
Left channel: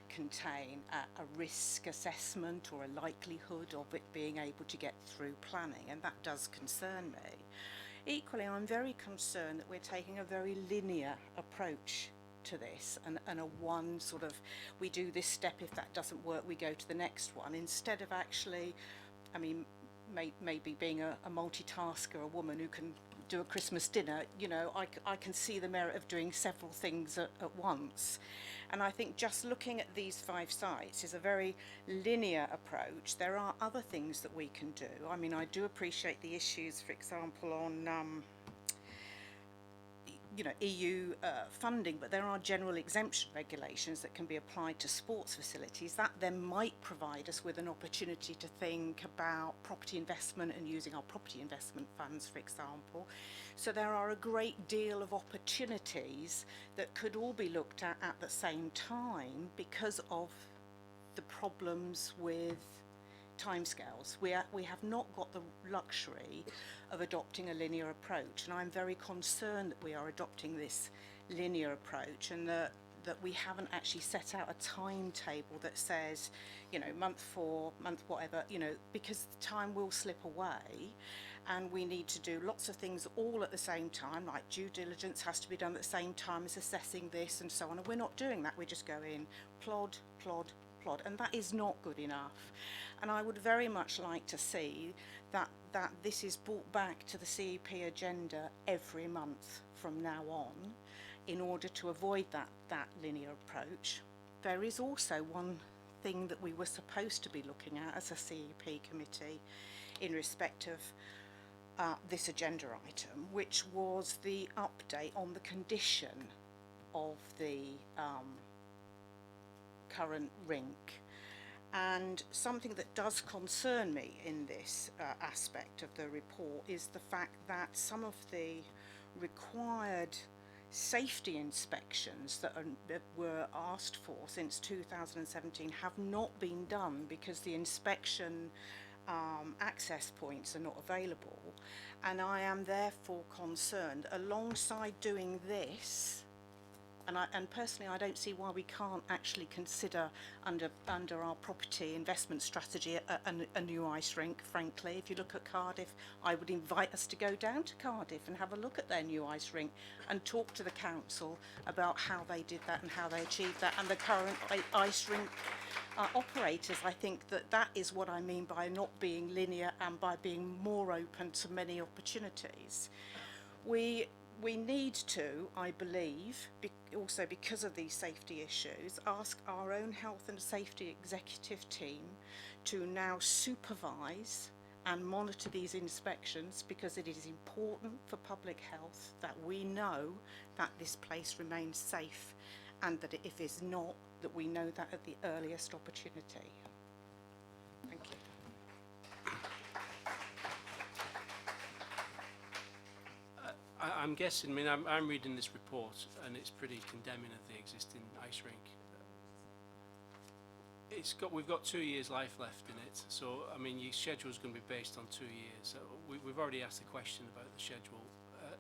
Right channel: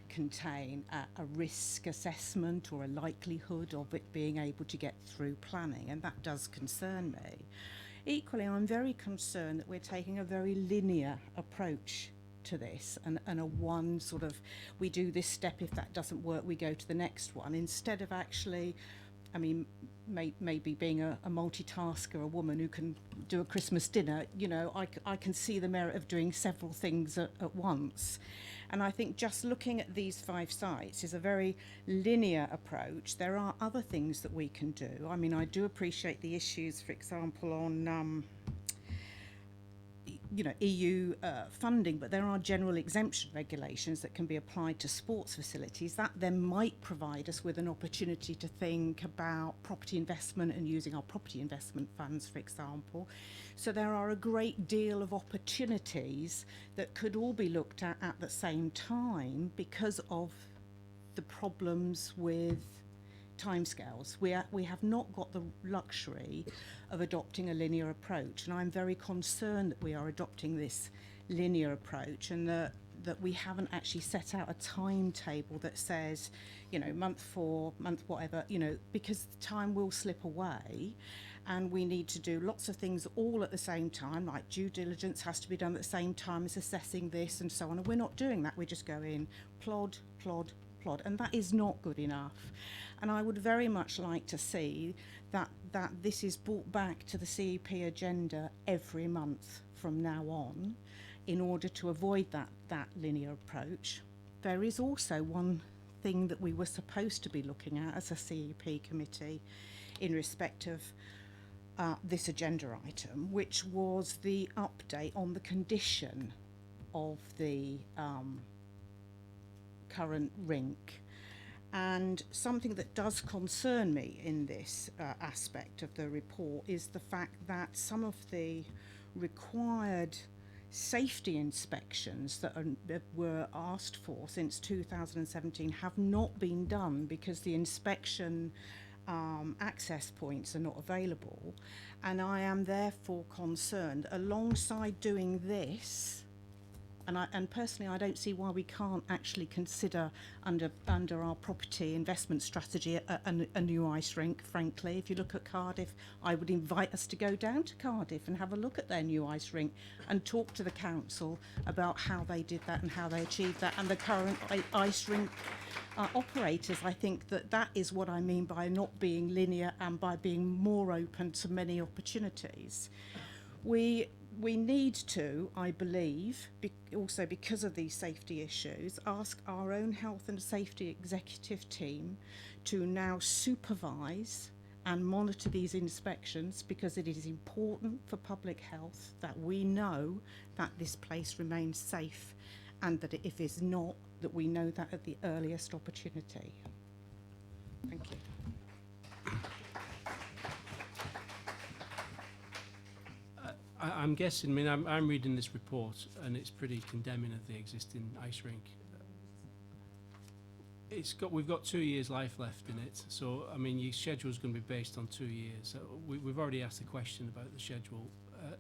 contain a risk assessment or a likelihood of it being able to get through planning, and that does concern me. Equally, I'm very concerned that we're taking a very linear approach to this, and a one sort of, we do this step, if that doesn't work we go to the next one, instead of actually I mean, maybe being a multitasker, a woman who can do a Christmas dinner, you know, I can see the merit of doing several things at once. And I think just looking at these 5 sites is a very linear approach. There are other things that we can do. I mean, I do appreciate the issues, for example, on you know, EU funding, but there are general exemption regulations that can be applied to sports facilities. That then might provide us with an opportunity to think about property investment and using our property investment funds, for example. So there are a great deal of opportunities that could all be looked at the same time because of the problems with timescales. We have not got the luxury of adopting a linear approach, and I'm very concerned that we are adopting this linear approach and that we haven't actually set out a timetable that says, you know, month 4, month whatever, you know, because time will slip away and we need to do lots of things all at the same time, like due diligence has to be done at the same time as assessing this and so on, and we're not doing that. We're just going plod, plod, plod, and that is not good enough. And I would very much like to see that this is brought back to the CEP agenda every month from now on in order to avoid that linear approach. There is also one thing that we were supposed to be looking at as a CEP committee in respect of this agenda item, which was the update on the condition of the current rink. And something that does concern me in this aspect of the report is the fact that some of the required safety inspections that were asked for since 2017 have not been done because the inspection access points are not available. And I am therefore concerned, alongside doing this, and personally I don't see why we can't actually consider under our property investment strategy a new ice rink. Frankly, if you look at Cardiff, I would invite us to go down to Cardiff and have a look at their new ice rink and talk to the council about how they did that and how they achieved that, and the current ice rink operators. I think that is what I mean by not being linear and by being more open to many opportunities. We need to, I believe, also because of these safety issues, ask our own health and safety executive team to now supervise and monitor these inspections, because it is important for public health that we know that this place remains safe, and that if it's not, that we know that at the earliest opportunity. Thank you. I'm guessing, I mean, I'm reading this report and it's pretty condemning of the existing ice rink. We've got 2 years life left in it, so I mean your schedule is going to be based on 2 years. So we've already asked a question about the schedule.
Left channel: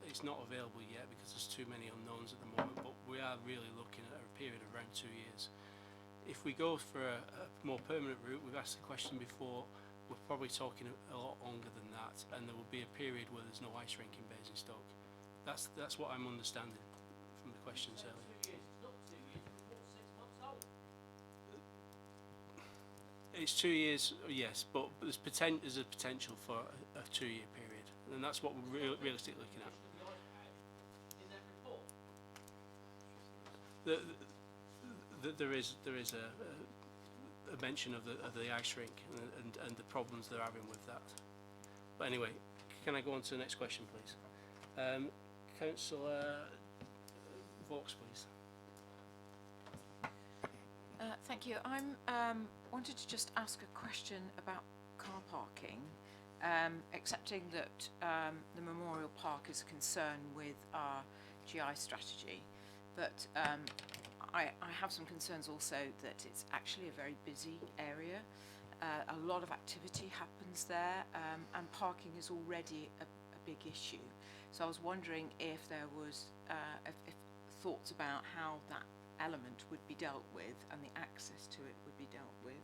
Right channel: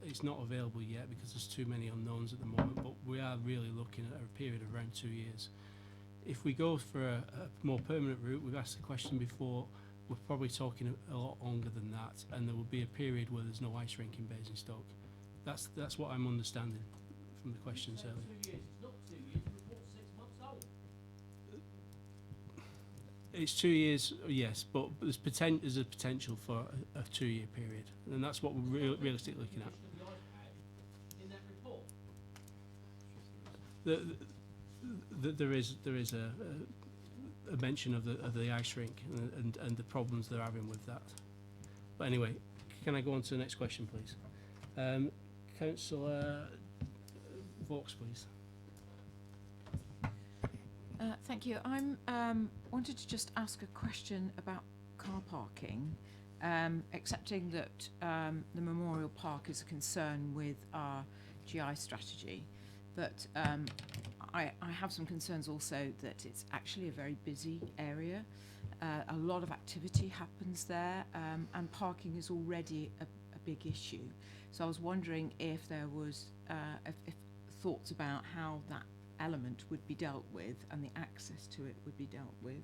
It's not available yet because there's too many unknowns at the moment, but we are really looking at a period of around 2 years. If we go for a more permanent route, we've asked the question before, we're probably talking a lot longer than that, and there will be a period where there's no ice rink in Basingstoke. That's what I'm understanding from the questions earlier. 2 years. It's not 2 years. The report's 6 months old. It's 2 years, yes, but there's a potential for a 2-year period, and that's what we're realistically looking at. In that report. There is a mention of the ice rink and the problems they're having with that. But anyway, can I go on to the next question, please? Councillor Vaux, please. Thank you. I'm wanted to just ask a question about car parking, accepting that the Memorial Park is a concern with our GI strategy, but I have some concerns also that it's actually a very busy area. A lot of activity happens there, and parking is already a big issue. So I was wondering if there was if thoughts about how that element would be dealt with and the access to it would be dealt with.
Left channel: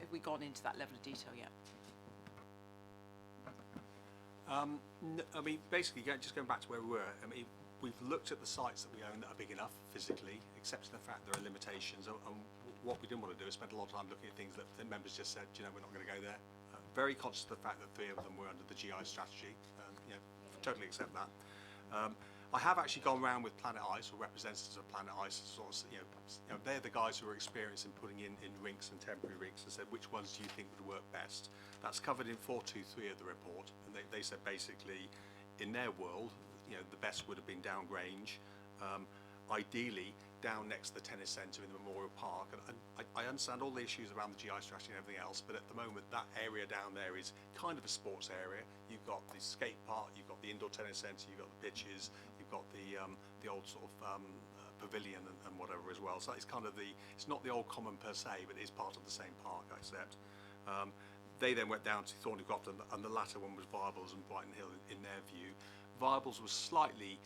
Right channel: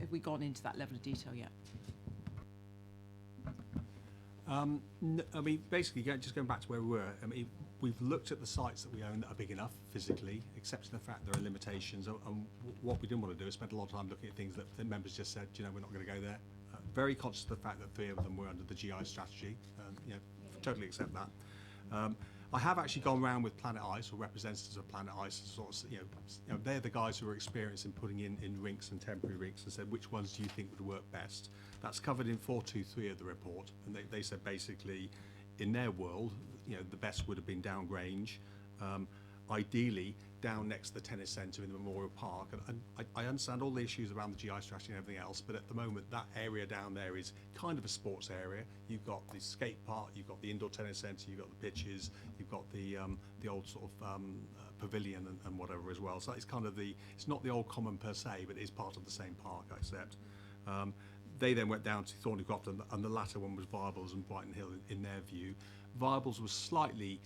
Have we gone into that level of detail yet? No, I mean, basically, just going back to where we were, I mean, we've looked at the sites that we own that are big enough physically, accepting the fact there are limitations, and what we didn't want to do is spend a lot of time looking at things that members just said, you know, we're not going to go there. very conscious of the fact that 3 of them were under the GI strategy. You know, totally accept that. I have actually gone round with Planet Ice, or representatives of Planet Ice, sort of, you know, they're the guys who are experienced in putting in rinks and temporary rinks, and said which ones do you think would work best. That's covered in 423 of the report, and they said basically, in their world, you know, the best would have been down Grange, ideally down next to the tennis centre in the Memorial Park. And I understand all the issues around the GI strategy and everything else, but at the moment that area down there is kind of a sports area. You've got the skate park, you've got the indoor tennis centre, you've got the pitches, you've got the old sort of pavilion and whatever as well. So it's kind of it's not the old common per se, but it is part of the same park, I accept. They then went down to Thornycroft, and the latter one was Viables and Brighton Hill in their view. Viables was slightly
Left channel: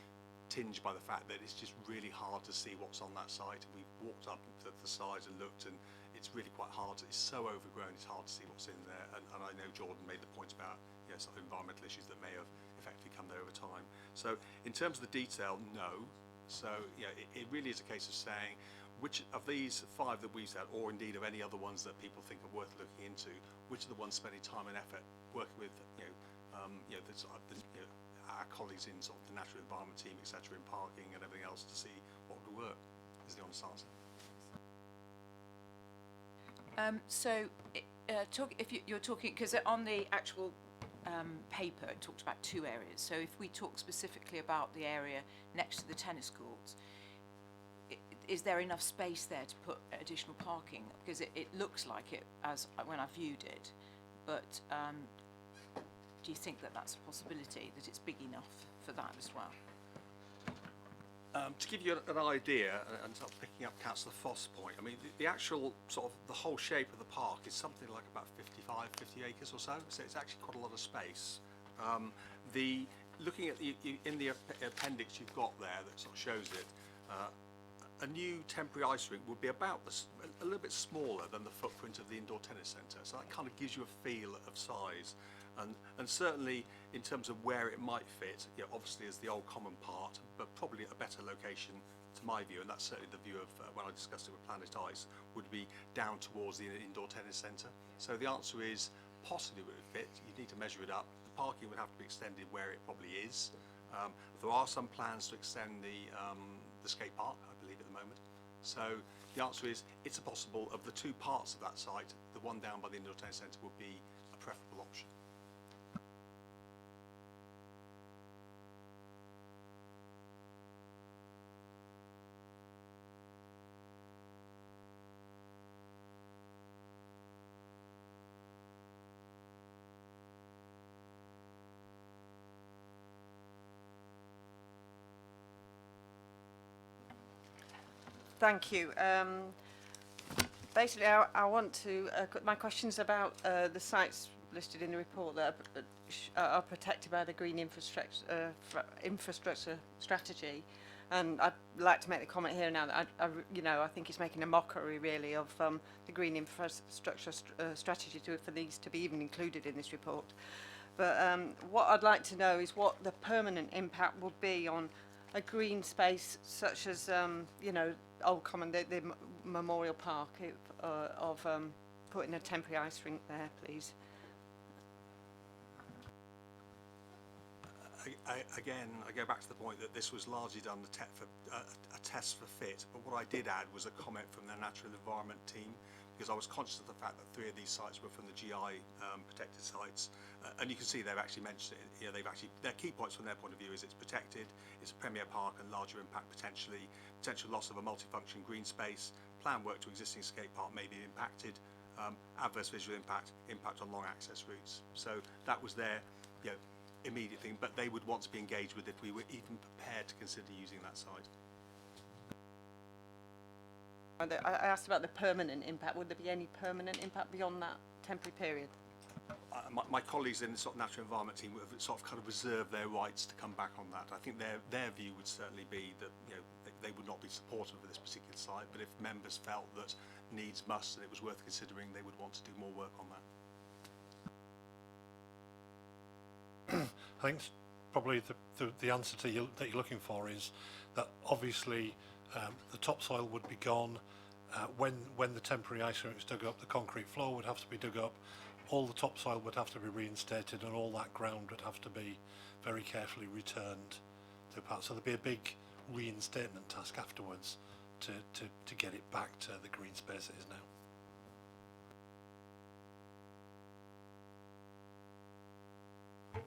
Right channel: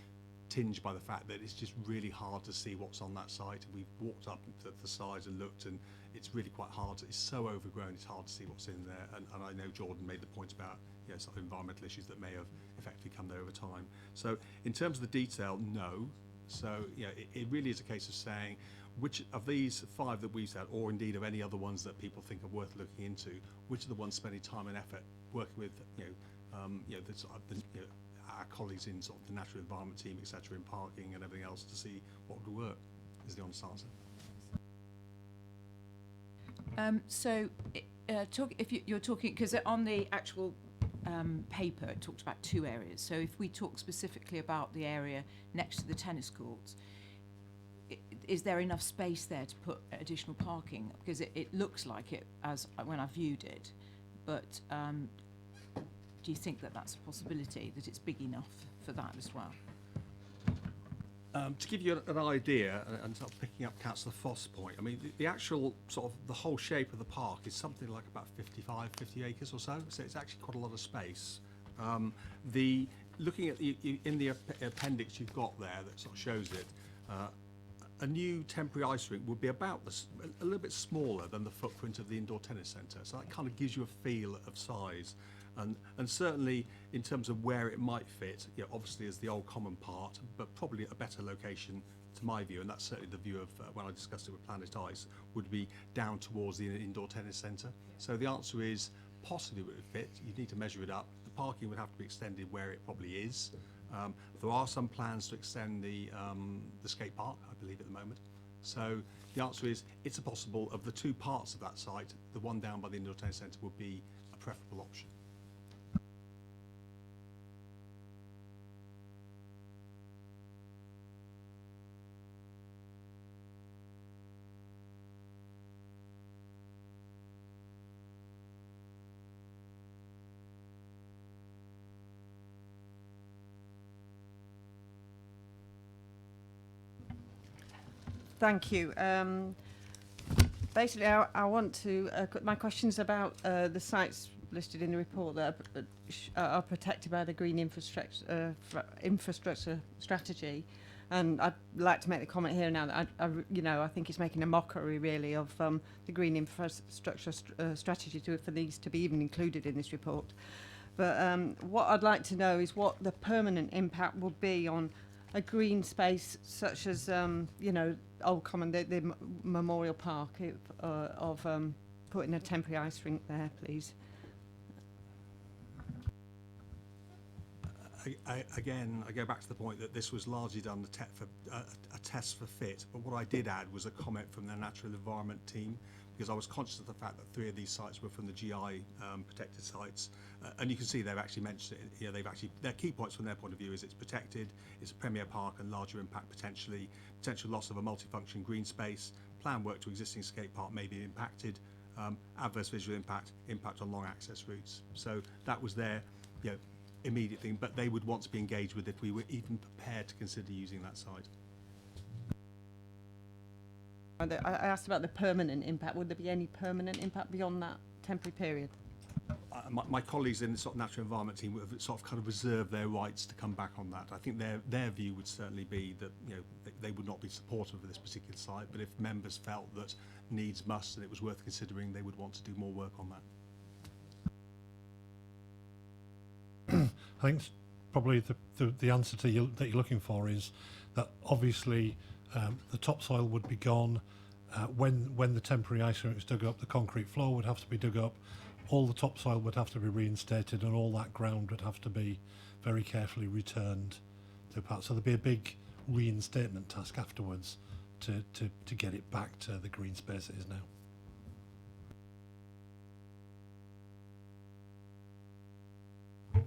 tinged by the fact that it's just really hard to see what's on that site. We've walked up to the sides and looked, and it's really quite hard. It's so overgrown, it's hard to see what's in there. And I know Jordan made the point about, you know, sort of environmental issues that may have effectively come there over time. So in terms of the detail, no. So you know, it really is a case of saying which of these 5 that we've said, or indeed of any other ones that people think are worth looking into, which are the ones spending time and effort working with, you know, the sort of our colleagues in sort of the natural environment team, etc., in parking and everything else, to see what would work, is the honest answer. If you're talking, because on the actual paper it talked about 2 areas. So if we talk specifically about the area next to the tennis courts, is there enough space there to put additional parking? Because it looks like it as when I viewed it, but do you think that that's a possibility, that it's big enough for that as well? To give you an idea, and sort of picking up Councillor Foss' point, I mean, the actual sort of the whole shape of the park is something like about 50 acres or so it's actually quite a lot of space. Looking at in the appendix you've got there that sort of shows it, a new temporary ice rink would be about a little bit smaller than the footprint of the indoor tennis centre, so that kind of gives you a feel of size. And certainly in terms of where it might fit, you know, obviously as the old common part, but probably a better location to my view, and that's certainly the view of when I discussed it with Planet Ice, would be down towards the indoor tennis centre. So the answer is possibly it would fit. You need to measure it up. The parking would have to be extended where it probably is. There are some plans to extend the skate park, I believe, at the moment. So the answer is it's a possible, of the 2 parts of that site, the one down by the indoor tennis centre would be a preferable option. Thank you. Basically, I want to my questions about the sites listed in the report that are protected by the green infrastructure strategy, and I'd like to make the comment here now that I think it's making a mockery really of the green infrastructure strategy for these to be even included in this report. But what I'd like to know is what the permanent impact will be on a green space such as Old Common, the Memorial Park, of putting a temporary ice rink there, please. Again, I go back to the point that this was largely done a test for fit, but what I did add was a comment from the natural environment team, because I was conscious of the fact that 3 of these sites were from the GI protected sites, and you can see they've actually mentioned it. You know, their key points from their point of view is it's protected, it's a premier park and larger impact potential loss of a multifunction green space, planned work to existing skate park may be impacted, adverse visual impact on long access routes. So that was their immediate thing, but they would want to be engaged with if we were even prepared to consider using that site. I asked about the permanent impact. Would there be any permanent impact beyond that temporary period? My colleagues in the sort of natural environment team would have sort of kind of reserved their rights to come back on that. I think their view would certainly be that they would not be supportive of this particular site, but if members felt that needs must and it was worth considering, they would want to do more work on that. I think probably the answer that you're looking for is that obviously the topsoil would be gone when the temporary ice rink is dug up. The concrete floor would have to be dug up. all the topsoil would have to be reinstated and all that ground would have to be very carefully returned to part. So there'd be a big reinstatement task afterwards to get it back to the green space it is now.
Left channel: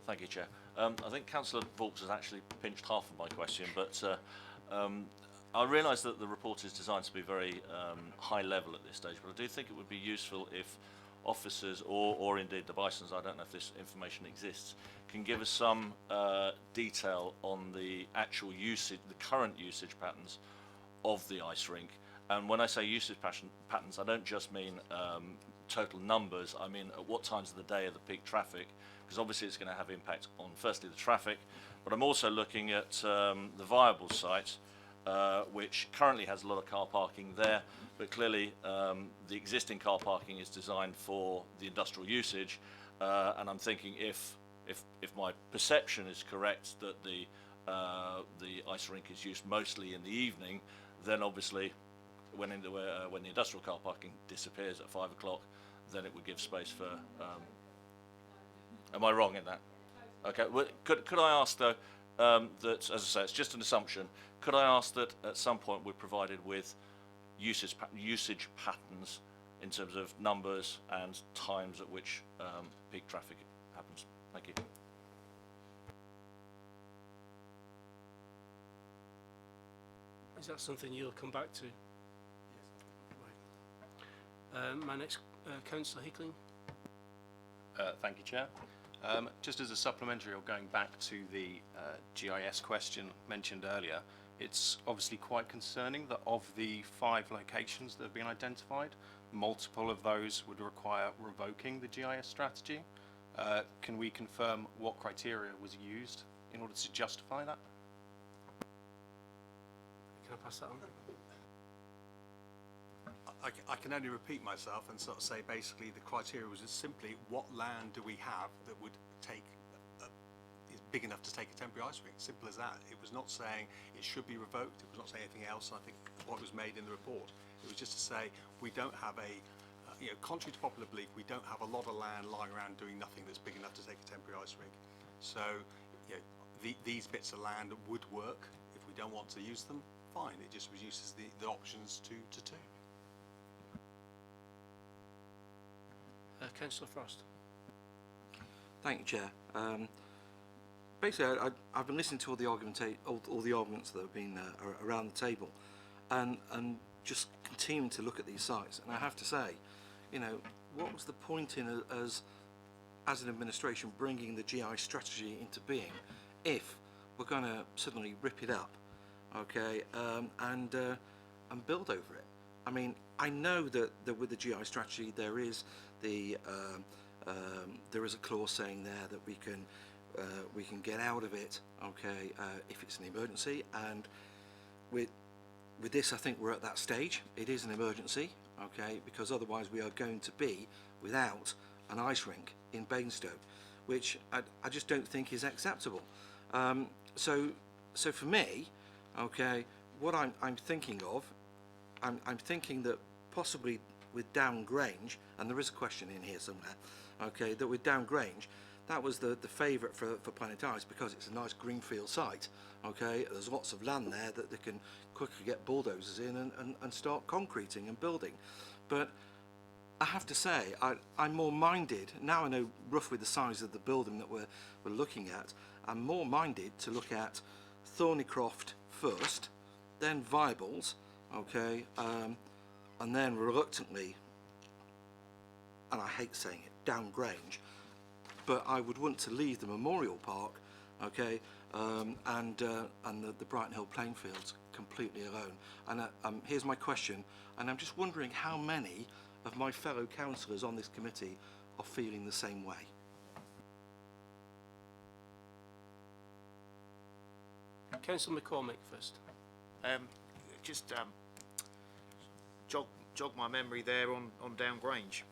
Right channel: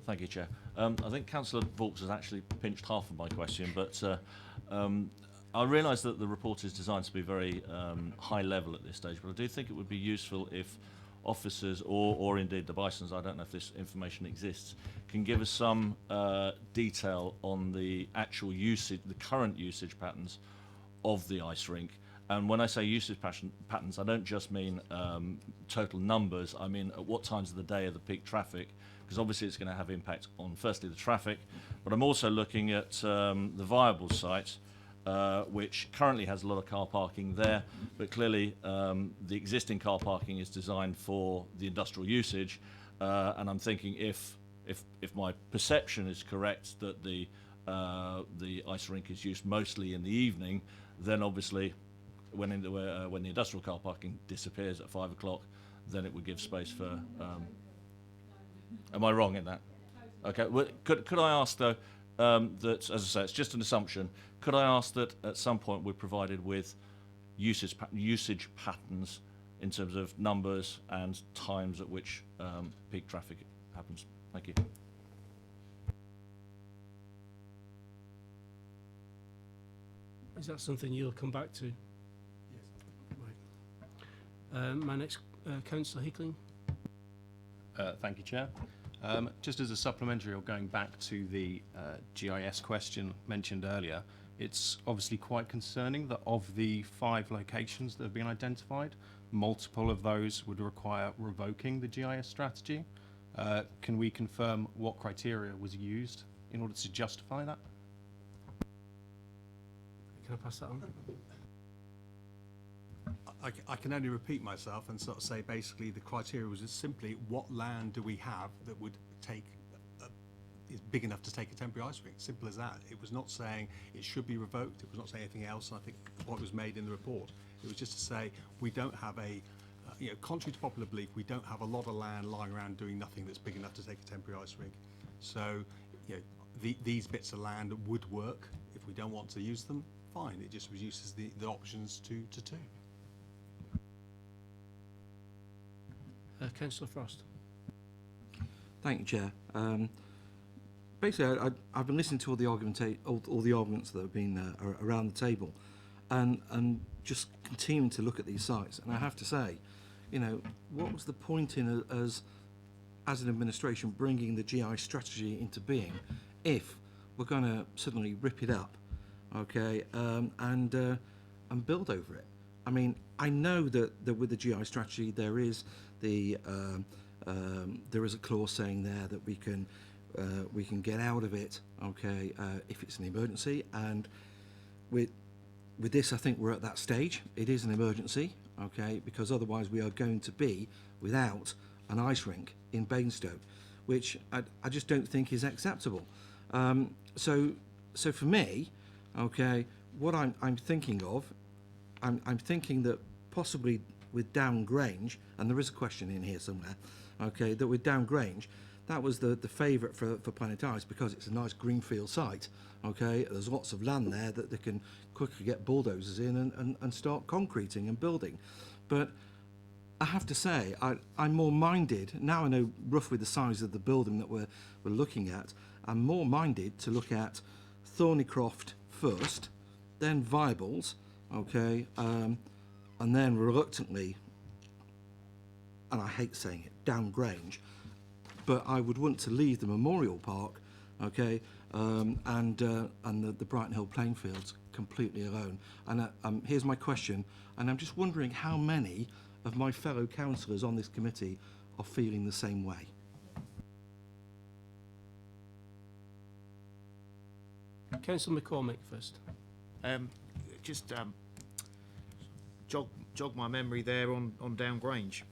Thank you, Chair. I think Councillor Vaux has actually pinched half of my question, but I realise that the report is designed to be very high level at this stage, but I do think it would be useful if officers or indeed the bisons, I don't know if this information exists, can give us some detail on the actual usage, the current usage patterns of the ice rink. And when I say usage patterns, I don't just mean total numbers, I mean at what times of the day are the peak traffic, because obviously it's going to have impact on firstly the traffic, but I'm also looking at the viable site, which currently has a lot of car parking there, but clearly the existing car parking is designed for the industrial usage, and I'm thinking if my perception is correct that the ice rink is used mostly in the evening, then obviously when the industrial car parking disappears at 5 o'clock, then it would give space for. Am I wrong in that? Okay. Well, could I ask though that, as I say, it's just an assumption. Could I ask that at some point we're provided with usage patterns in terms of numbers and times at which peak traffic happens? Thank you. Is that something you'll come back to? Yes. Right. My next, Councillor Hickling. Thank you, Chair. Just as a supplementary, or going back to the GIS question mentioned earlier, it's obviously quite concerning that of the 5 locations that have been identified, multiple of those would require revoking the GIS strategy. Can we confirm what criteria was used in order to justify that? Can I pass that on? I can only repeat myself and sort of say basically the criteria was just simply what land do we have that would take is big enough to take a temporary ice rink. Simple as that. It was not saying it should be revoked. It was not saying anything else. I think what was made in the report, it was just to say we don't have a contrary to popular belief, we don't have a lot of land lying around doing nothing that's big enough to take a temporary ice rink. So these bits of land would work. If we don't want to use them, fine. It just reduces the options to 2. Councillor Frost. Thank you, Chair. Basically, I've been listening to all the arguments that have been around the table, and just continuing to look at these sites. And I have to say, what was the point in us, as an administration, bringing the GI strategy into being, if we're going to suddenly rip it up, okay, and build over it? I mean, I know that with the GI strategy there is there is a clause saying there that we can get out of it, okay, if it's an emergency. And with this, I think we're at that stage. It is an emergency, okay, because otherwise we are going to be without an ice rink in Basingstoke, which I just don't think is acceptable. So for me, okay, what I'm thinking of, I'm thinking that possibly with Down Grange, and there is a question in here somewhere, okay, that with Down Grange, that was the favourite for Planet Ice because it's a nice greenfield site, okay. There's lots of land there that they can quickly get bulldozers in and start concreting and building. But I have to say, I'm more minded, now I know roughly the size of the building that we're looking at, I'm more minded to look at Thornycroft first, then Viables, okay, and then reluctantly, and I hate saying it, Down Grange, but I would want to leave the Memorial Park, okay, and the Brighton Hill playing fields completely alone. And here's my question, and I'm just wondering how many of my fellow councillors on this committee are feeling the same way. Councillor McCormick first. Just jog my memory there on Down Grange.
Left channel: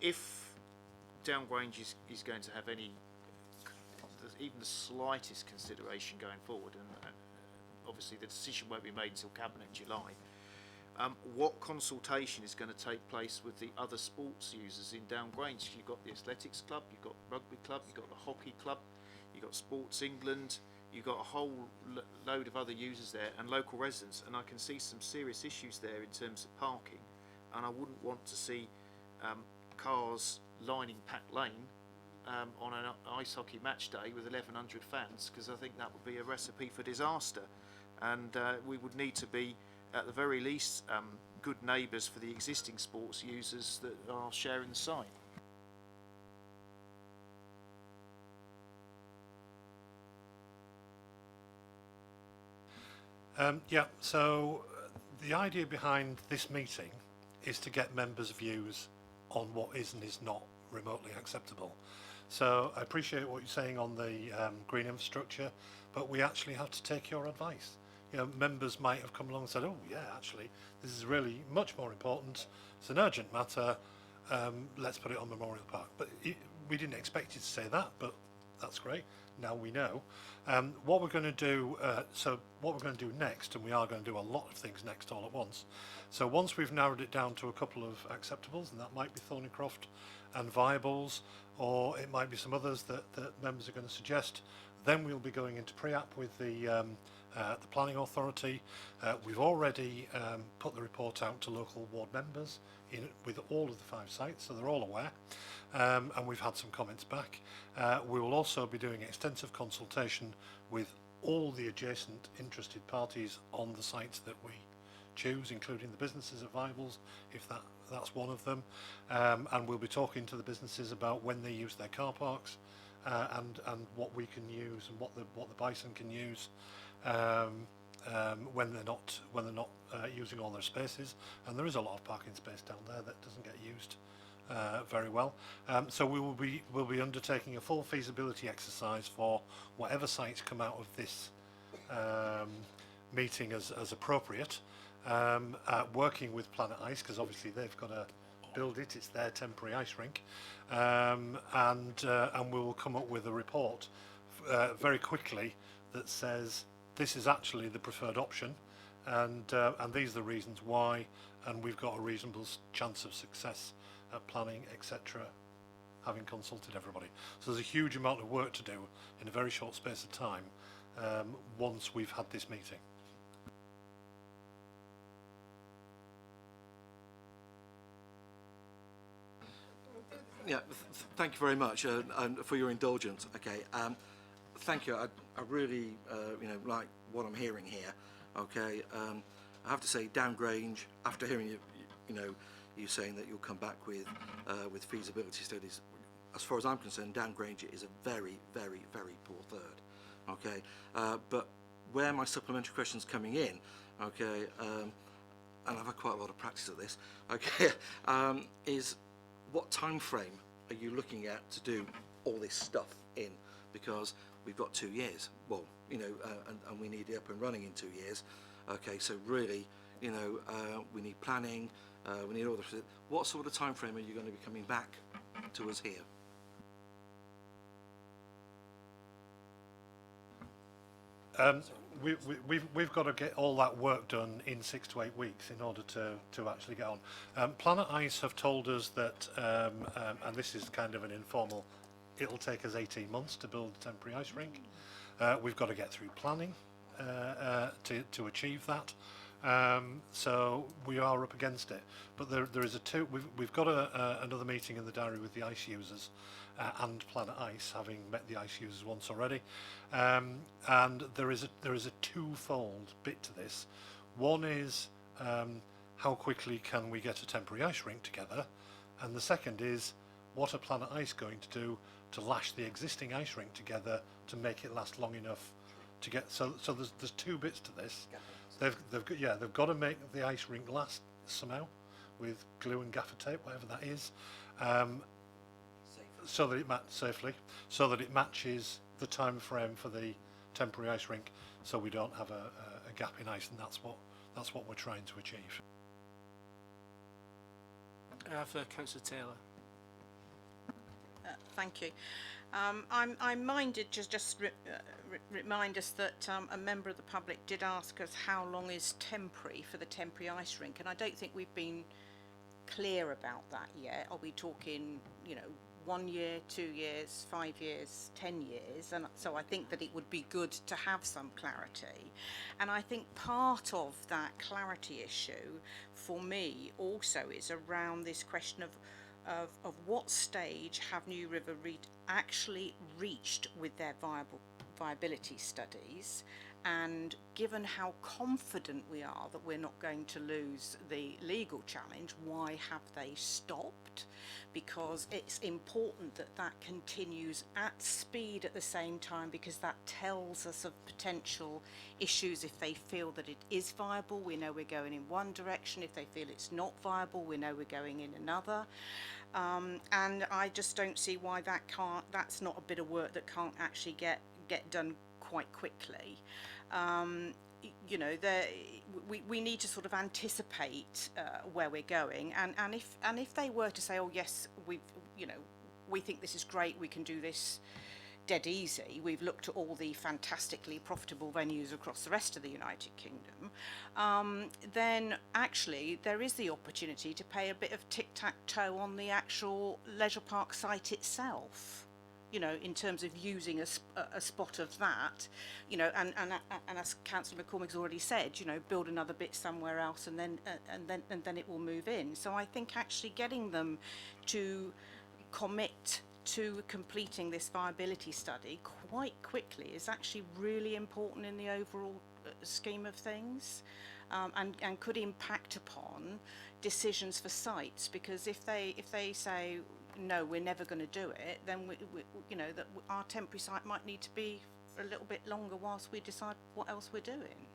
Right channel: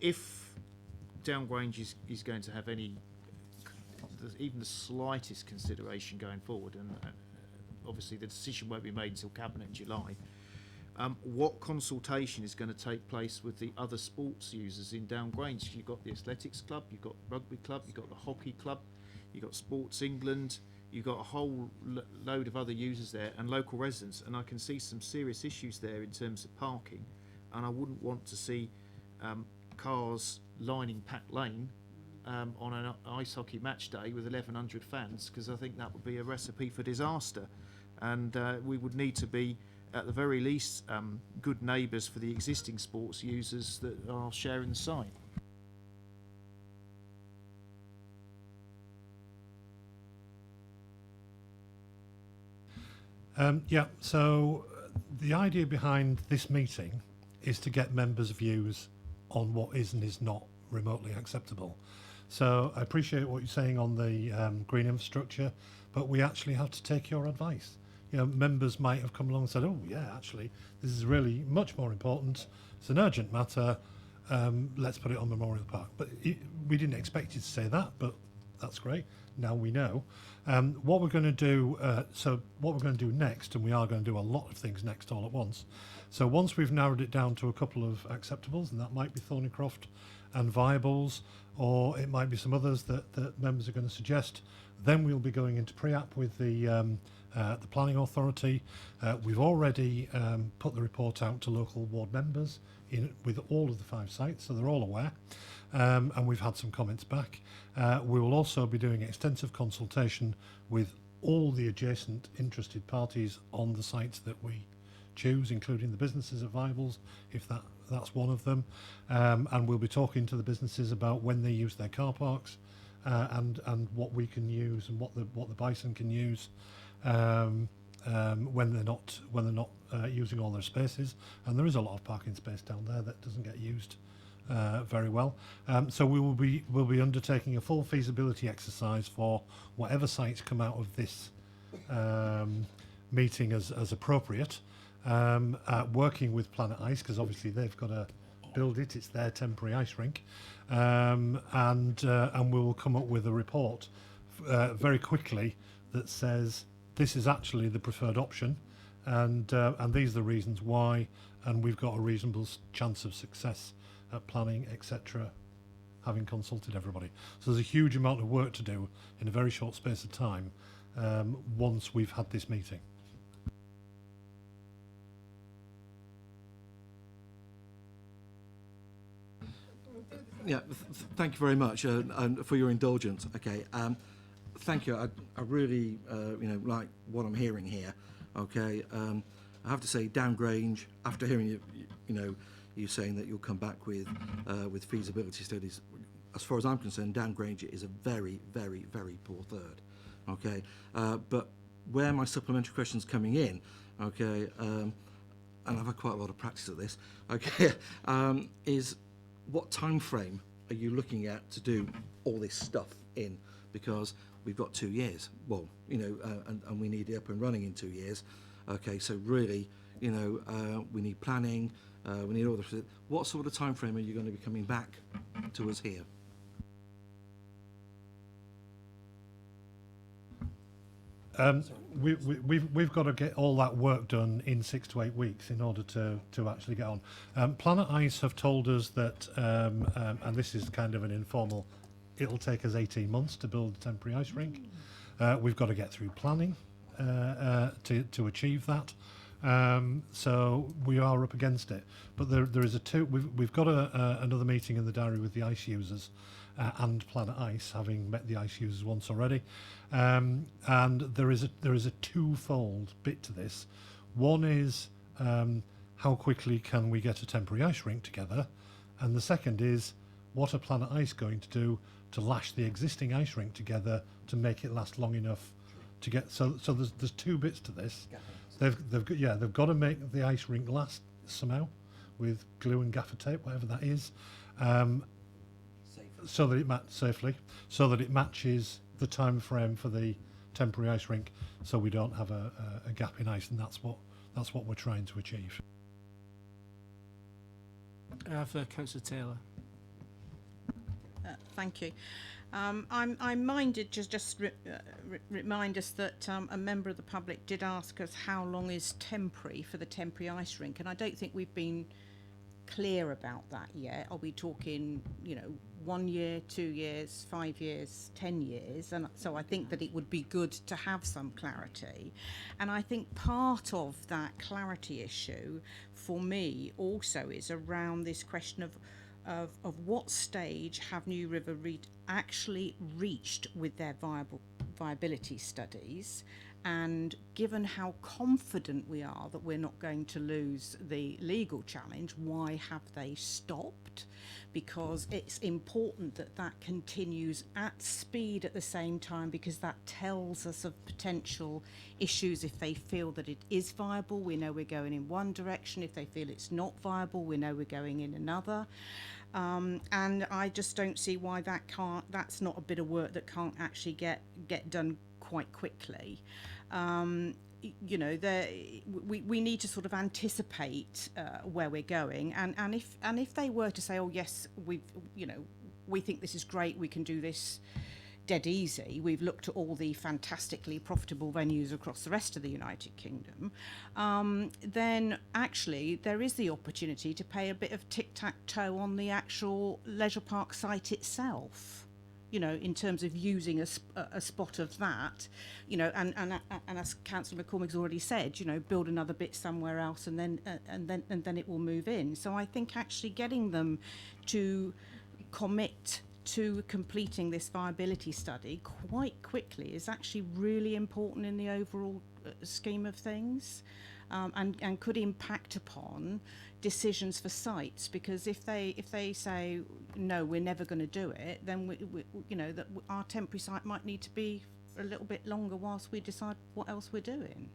If Down Grange is going to have even the slightest consideration going forward, and obviously the decision won't be made until Cabinet in July, what consultation is going to take place with the other sports users in Downgrange? You've got the athletics club, you've got rugby club, you've got the hockey club, you've got Sports England, you've got a whole load of other users there and local residents, and I can see some serious issues there in terms of parking, and I wouldn't want to see cars lining Pack Lane on an ice hockey match day with 1,100 fans, because I think that would be a recipe for disaster, and we would need to be at the very least good neighbours for the existing sports users that are sharing the site. Yeah, so the idea behind this meeting is to get members' views on what is and is not remotely acceptable. So I appreciate what you're saying on the green infrastructure, but we actually have to take your advice. You know, members might have come along and said, oh yeah, actually, this is really much more important. It's an urgent matter. Let's put it on Memorial Park. But we didn't expect you to say that, but that's great. Now we know. What we're going to do, what we're going to do next, and we are going to do a lot of things next all at once. So once we've narrowed it down to a couple of acceptables, and that might be Thornycroft and Viables, or it might be some others that members are going to suggest, then we'll be going into pre-app with the planning authority. We've already put the report out to local ward members with all of the 5 sites, so they're all aware, and we've had some comments back. We will also be doing extensive consultation with all the adjacent interested parties on the sites that we choose, including the businesses at Viables, if that's one of them, and we'll be talking to the businesses about when they use their car parks, and what we can use and what the bison can use when they're not using all their spaces. And there is a lot of parking space down there that doesn't get used very well. So we'll be undertaking a full feasibility exercise for whatever sites come out of this meeting as appropriate, working with Planet Ice, because obviously they've got to build it. It's their temporary ice rink, and we will come up with a report very quickly that says this is actually the preferred option, and these are the reasons why, and we've got a reasonable chance of success at planning, etc., having consulted everybody. So there's a huge amount of work to do in a very short space of time once we've had this meeting. Yeah, thank you very much and for your indulgence. Okay, thank you. I really, like what I'm hearing here. Okay, I have to say, Downgrange, after hearing you saying that you'll come back with feasibility studies, as far as I'm concerned, Downgrange is a very, very, very poor third. Okay, but where my supplementary questions coming in, okay, and I've had quite a lot of practice at this. Okay, is what time frame are you looking at to do all this stuff in? Because we've got 2 years. Well, and we need it up and running in 2 years. Okay, so really, we need planning. We need all the. What sort of time frame are you going to be coming back to us here? We've got to get all that work done in 6 to 8 weeks in order to actually get on. Planet Ice have told us that, and this is kind of an informal, it'll take us 18 months to build a temporary ice rink. We've got to get through planning to achieve that. So we are up against it. But there is we've got another meeting in the diary with the ice users and Planet Ice, having met the ice users once already. And there is a twofold bit to this. One is how quickly can we get a temporary ice rink together, and the second is what are Planet Ice going to do to lash the existing ice rink together to make it last long enough to get. So there's 2 bits to this. They've got to make the ice rink last somehow with glue and gaffer tape, whatever that is, so that it safely, so that it matches the time frame for the temporary ice rink, so we don't have a gap in ice, and that's what we're trying to achieve. For Councillor Taylor. Thank you. I'm minded just remind us that a member of the public did ask us how long is temporary for the temporary ice rink, and I don't think we've been clear about that yet. Are we talking, 1 year, 2 years, 5 years, 10 years? And so I think that it would be good to have some clarity. And I think part of that clarity issue for me also is around this question of what stage have New River actually reached with their viability studies, and given how confident we are that we're not going to lose the legal challenge, why have they stopped? Because it's important that that continues at speed at the same time, because that tells us of potential issues. If they feel that it is viable, we know we're going in one direction. If they feel it's not viable, we know we're going in another. And I just don't see why that's not a bit of work that can't actually get done quite quickly. We need to sort of anticipate where we're going, and if they were to say, oh yes, we think this is great, we can do this dead easy, we've looked at all the fantastically profitable venues across the rest of the United Kingdom, then actually there is the opportunity to play a bit of tic-tac-toe on the actual leisure park site itself, in terms of using a spot of that, and as Councillor McCormick's already said, build another bit somewhere else, and then it will move in. So I think actually getting them to commit to completing this viability study quite quickly is actually really important in the overall scheme of things, and could impact upon decisions for sites, because if they say no, we're never going to do it, then that our temporary site might need to be a little bit longer whilst we decide what else we're doing.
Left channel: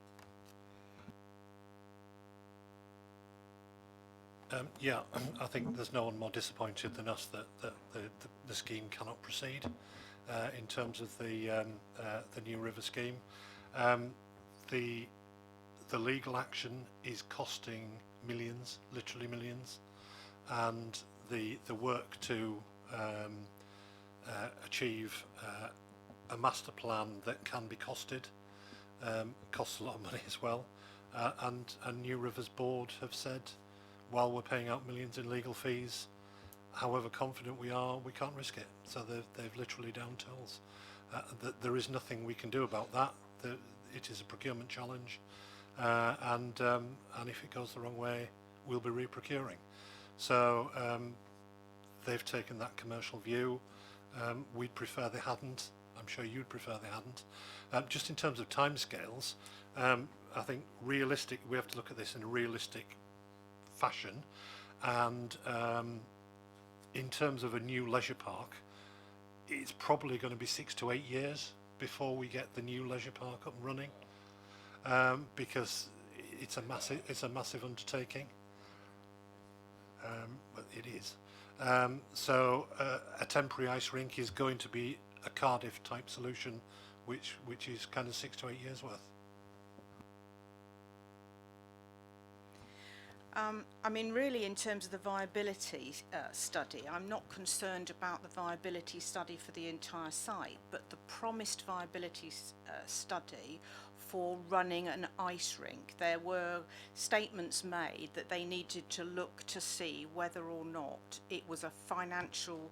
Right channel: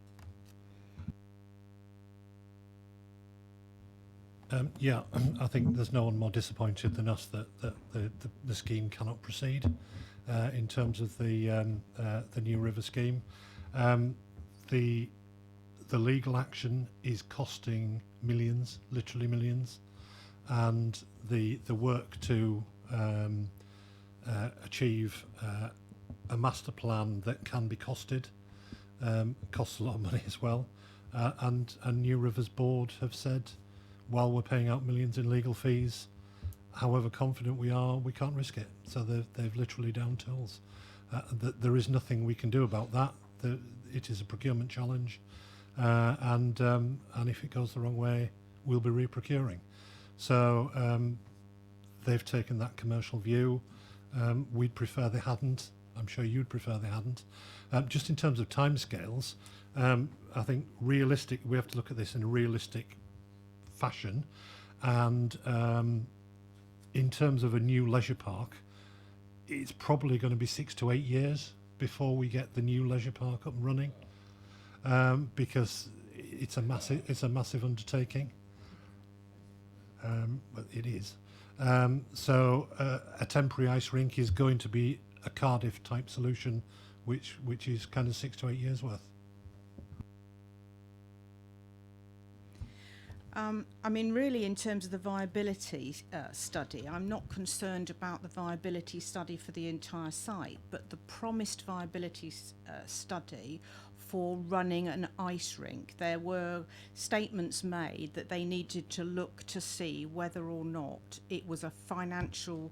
Yeah, I think there's no one more disappointed than us that the scheme cannot proceed in terms of the New River scheme. The legal action is costing millions, literally millions, and the work to achieve a master plan that can be costed costs a lot of money as well. And New River's board have said, while we're paying out millions in legal fees, however confident we are, we can't risk it. So they've literally down tools. There is nothing we can do about that. It is a procurement challenge, and if it goes the wrong way, we'll be re-procuring. So they've taken that commercial view. We'd prefer they hadn't. I'm sure you'd prefer they hadn't. Just in terms of timescales, I think we have to look at this in a realistic fashion, and in terms of a new leisure park, it's probably going to be 6 to 8 years before we get the new leisure park up and running, because it's a massive undertaking. But it is. So a temporary ice rink is going to be a Cardiff type solution, which is kind of 6 to 8 years worth. I mean, really, in terms of the viability study, I'm not concerned about the viability study for the entire site, but the promised viability study for running an ice rink. There were statements made that they needed to look to see whether or not it was a financial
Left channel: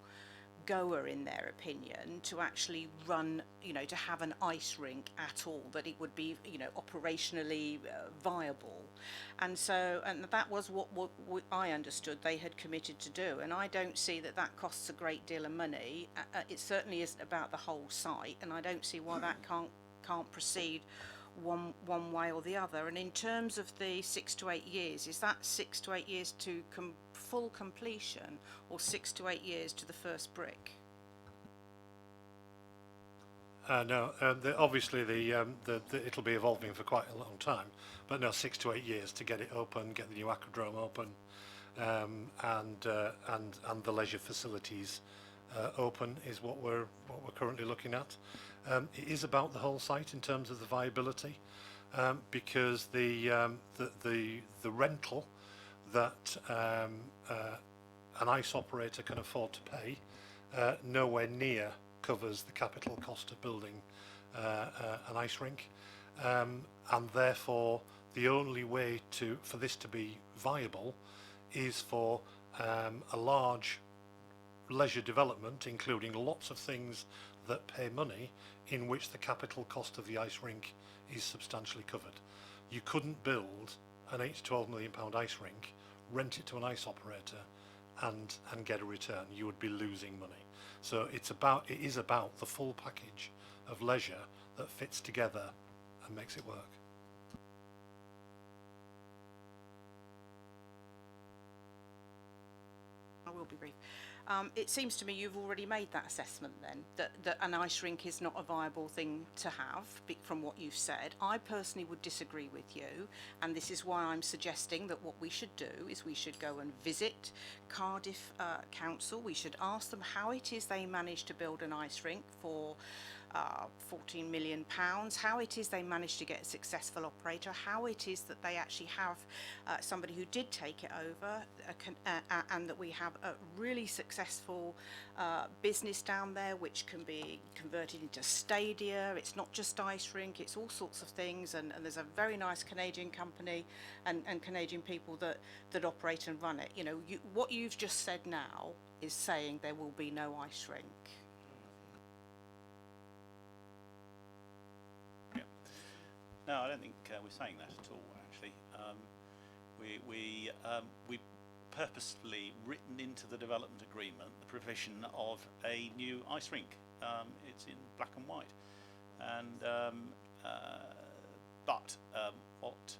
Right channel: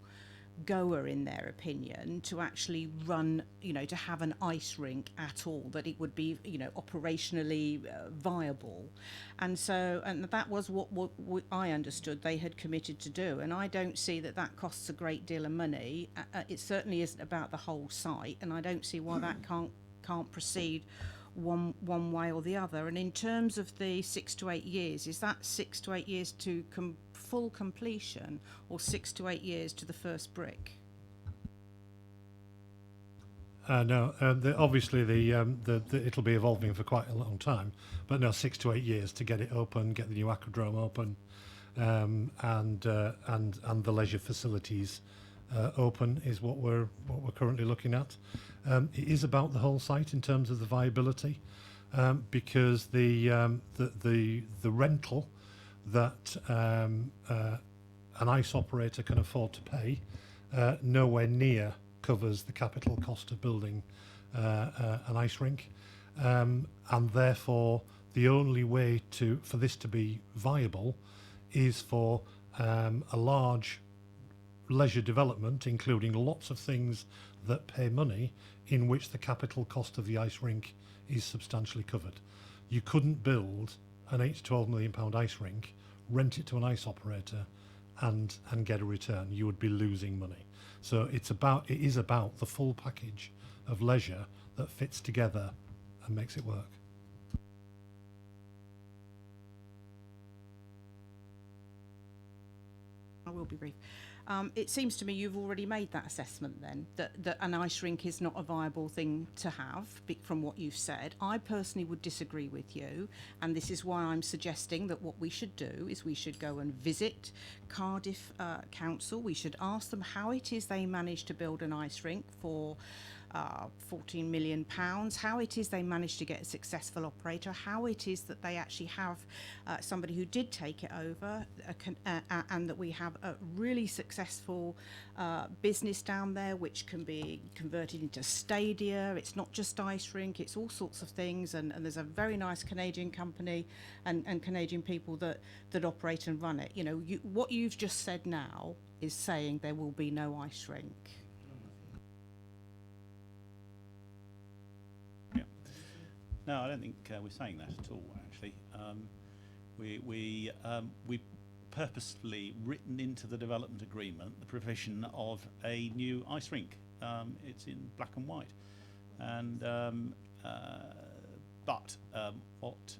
goer, in their opinion, to actually run, to have an ice rink at all, that it would be, operationally viable. And that was what I understood they had committed to do. And I don't see that costs a great deal of money. It certainly isn't about the whole site, and I don't see why that can't proceed one way or the other. And in terms of the 6 to 8 years, is that 6 to 8 years to full completion, or 6 to 8 years to the first brick? No, obviously it'll be evolving for quite a long time, but no, 6 to 8 years to get it open, get the new aquadrome open, and the leisure facilities open is what we're currently looking at. It is about the whole site in terms of the viability, because the rental that an ice operator can afford to pay nowhere near covers the capital cost of building an ice rink, and therefore the only way for this to be viable is for a large leisure development, including lots of things that pay money, in which the capital cost of the ice rink is substantially covered. You couldn't build an 8 to 12 million pound ice rink, rent it to an ice operator, and get a return. You would be losing money. So it is about the full package of leisure that fits together and makes it work. I will be brief. It seems to me you've already made that assessment then, that an ice rink is not a viable thing to have, from what you've said. I personally would disagree with you, and this is why I'm suggesting that what we should do is we should go and visit Cardiff Council. We should ask them how it is they managed to build an ice rink for £14 million, how it is they managed to get a successful operator, how it is that they actually have somebody who did take it over, and that we have a really successful business down there which can be converted into stadia. It's not just ice rink, it's all sorts of things, and there's a very nice Canadian company and Canadian people that operate and run it. You know, what you've just said now is saying there will be no ice rink. No, I don't think we're saying that at all, actually. We purposefully written into the development agreement the provision of a new ice rink. It's in black and white. And but what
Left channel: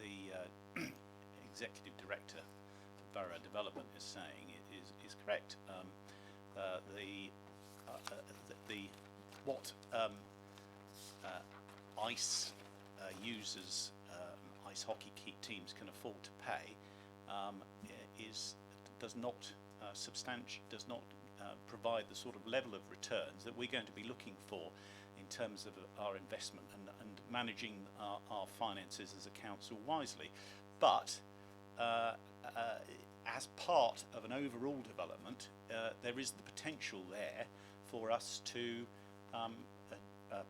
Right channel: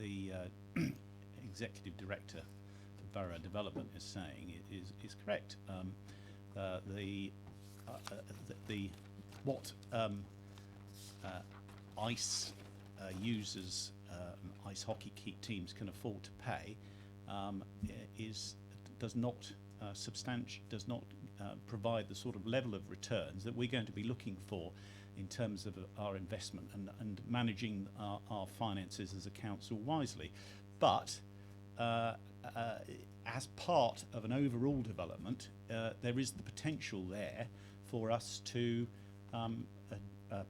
the executive director for borough development is saying is correct. What ice users, ice hockey teams can afford to pay does not provide the sort of level of returns that we're going to be looking for in terms of our investment and managing our finances as a council wisely. But as part of an overall development, there is the potential there for us to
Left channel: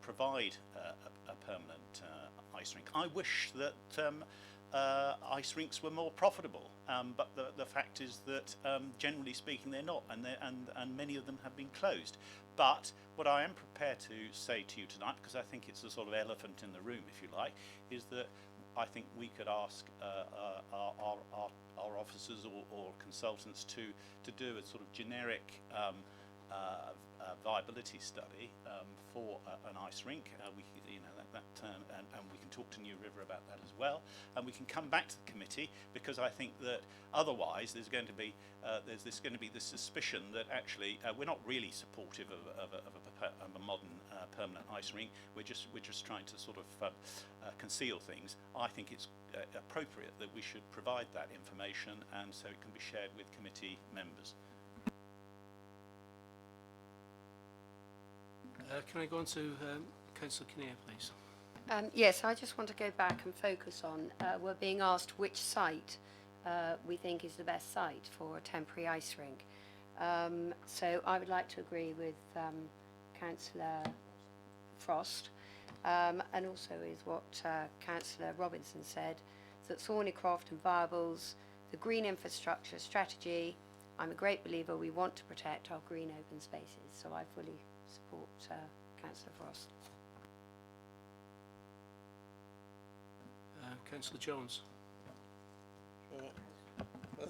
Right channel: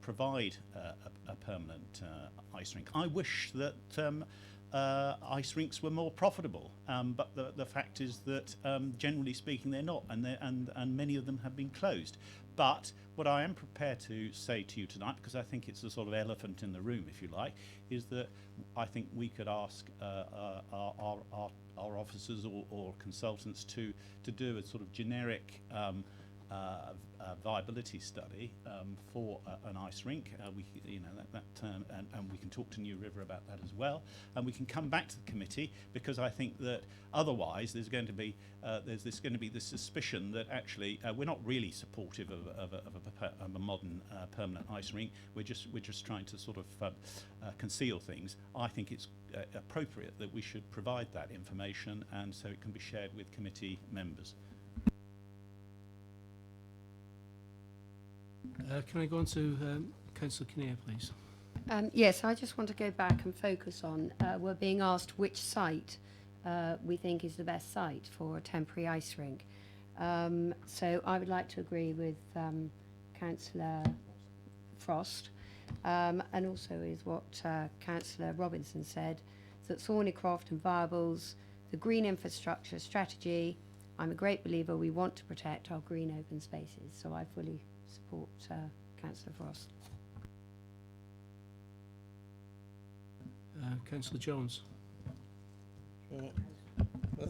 provide a permanent ice rink. I wish that ice rinks were more profitable, but the fact is that generally speaking they're not, and many of them have been closed. But what I am prepared to say to you tonight, because I think it's a sort of elephant in the room, if you like, is that I think we could ask our officers or consultants to do a sort of generic viability study for an ice rink. And we can talk to New River about that as well, and we can come back to the committee, because I think that otherwise there's going to be this suspicion that actually we're not really supportive of a modern permanent ice rink. We're just trying to sort of conceal things. I think it's appropriate that we should provide that information, and so it can be shared with committee members. Can I go on to Councillor Kinnear, please? Yes, I just want to go back and focus on, we're being asked which site we think is the best site for a temporary ice rink. So I would like to agree with Councillor Frost, and also with what Councillor Robinson said, that Thornycroft and Viables, the green infrastructure strategy, I'm a great believer we want to protect our green open spaces, so I fully support Councillor Frost. Councillor Jones.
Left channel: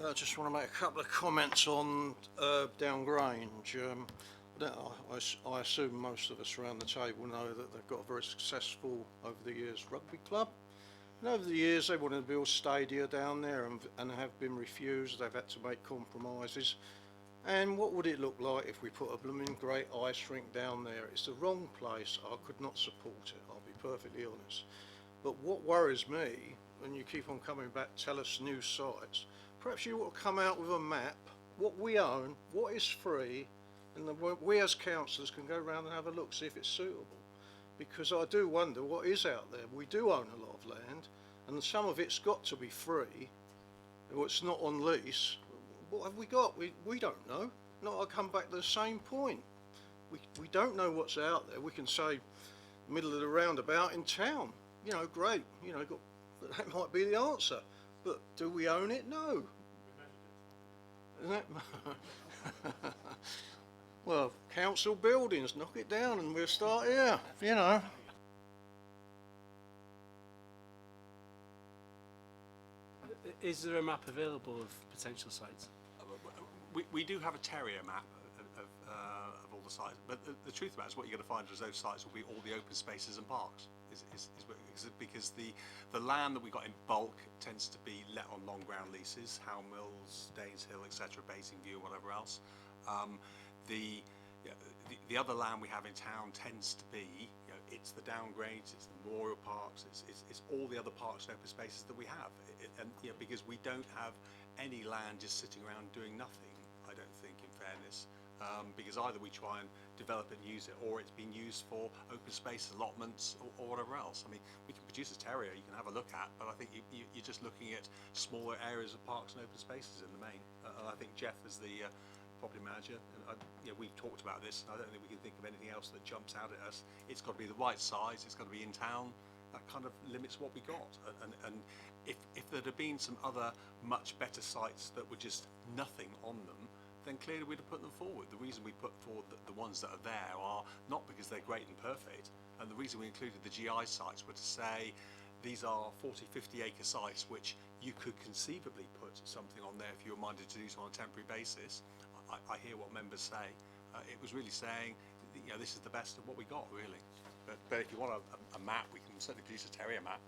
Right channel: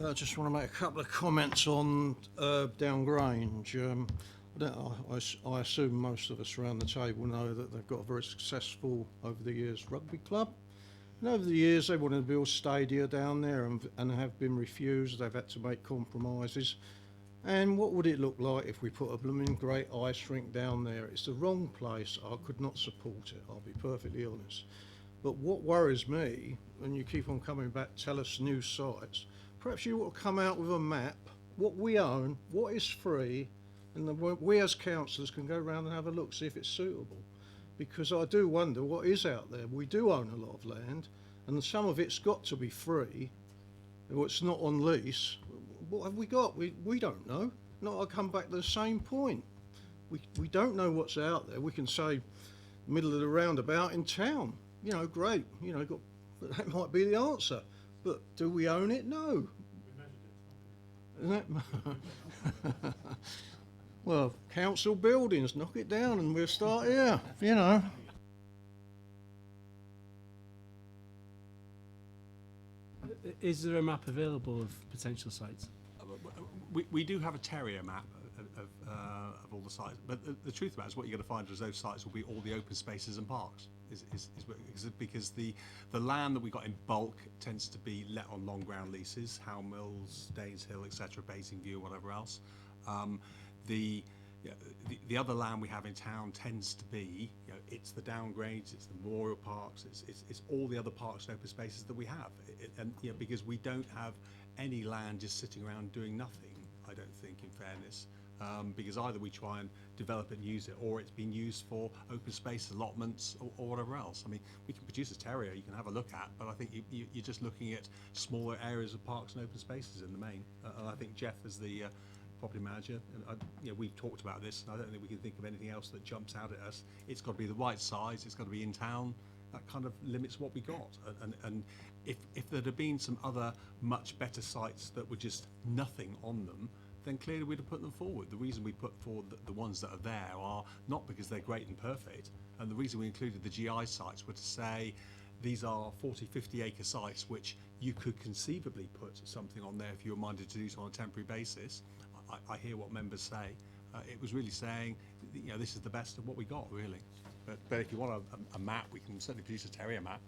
I just want to make a couple of comments on Downgrange. I assume most of us around the table know that they've got a very successful, over the years, rugby club. And over the years they wanted to build stadia down there and have been refused. They've had to make compromises. And what would it look like if we put a blooming great ice rink down there? It's the wrong place. I could not support it, I'll be perfectly honest. But what worries me, and you keep on coming back, tell us new sites, perhaps you ought to come out with a map, what we own, what is free, and then we as councillors can go around and have a look, see if it's suitable. Because I do wonder what is out there. We do own a lot of land, and some of it's got to be free, or it's not on lease. what have we got? We don't know. Not I come back to the same point. We don't know what's out there. We can say middle of the roundabout in town. You know, great. You know, but that might be the answer. But do we own it? No. Well, council buildings, knock it down and we'll start here, you know. Is there a map available of potential sites? We do have a terrier map of all the sites, but the truth about it is what you're going to find is those sites will be all the open spaces and parks. Because the land that we got in bulk tends to be let on long ground leases, Howe Mills, Danes Hill, etc., Basingview, whatever else. The other land we have in town tends to be, it's the downgrades, it's the memorial parks, it's all the other parks and open spaces that we have, and because we don't have any land just sitting around doing nothing. I don't think, in fairness, because either we try and develop it and use it, or it's been used for open space allotments or whatever else. I mean, we can produce a terrier you can have a look at, but I think you're just looking at smaller areas of parks and open spaces in the main. And I think Jeff, as the property manager, and we've talked about this, and I don't think we can think of anything else that jumps out at us. It's got to be the right size, it's got to be in town. That kind of limits what we got. And if there'd have been some other much better sites that were just nothing on them, then clearly we'd have put them forward. The reason we put forward the ones that are there are not because they're great and perfect, and the reason we included the GI sites were to say these are 40, 50 acre sites which you could conceivably put something on there if you were minded to do so on a temporary basis. I hear what members say. It was really saying, this is the best of what we got, really. But if you want a map, we can certainly produce a terrier map.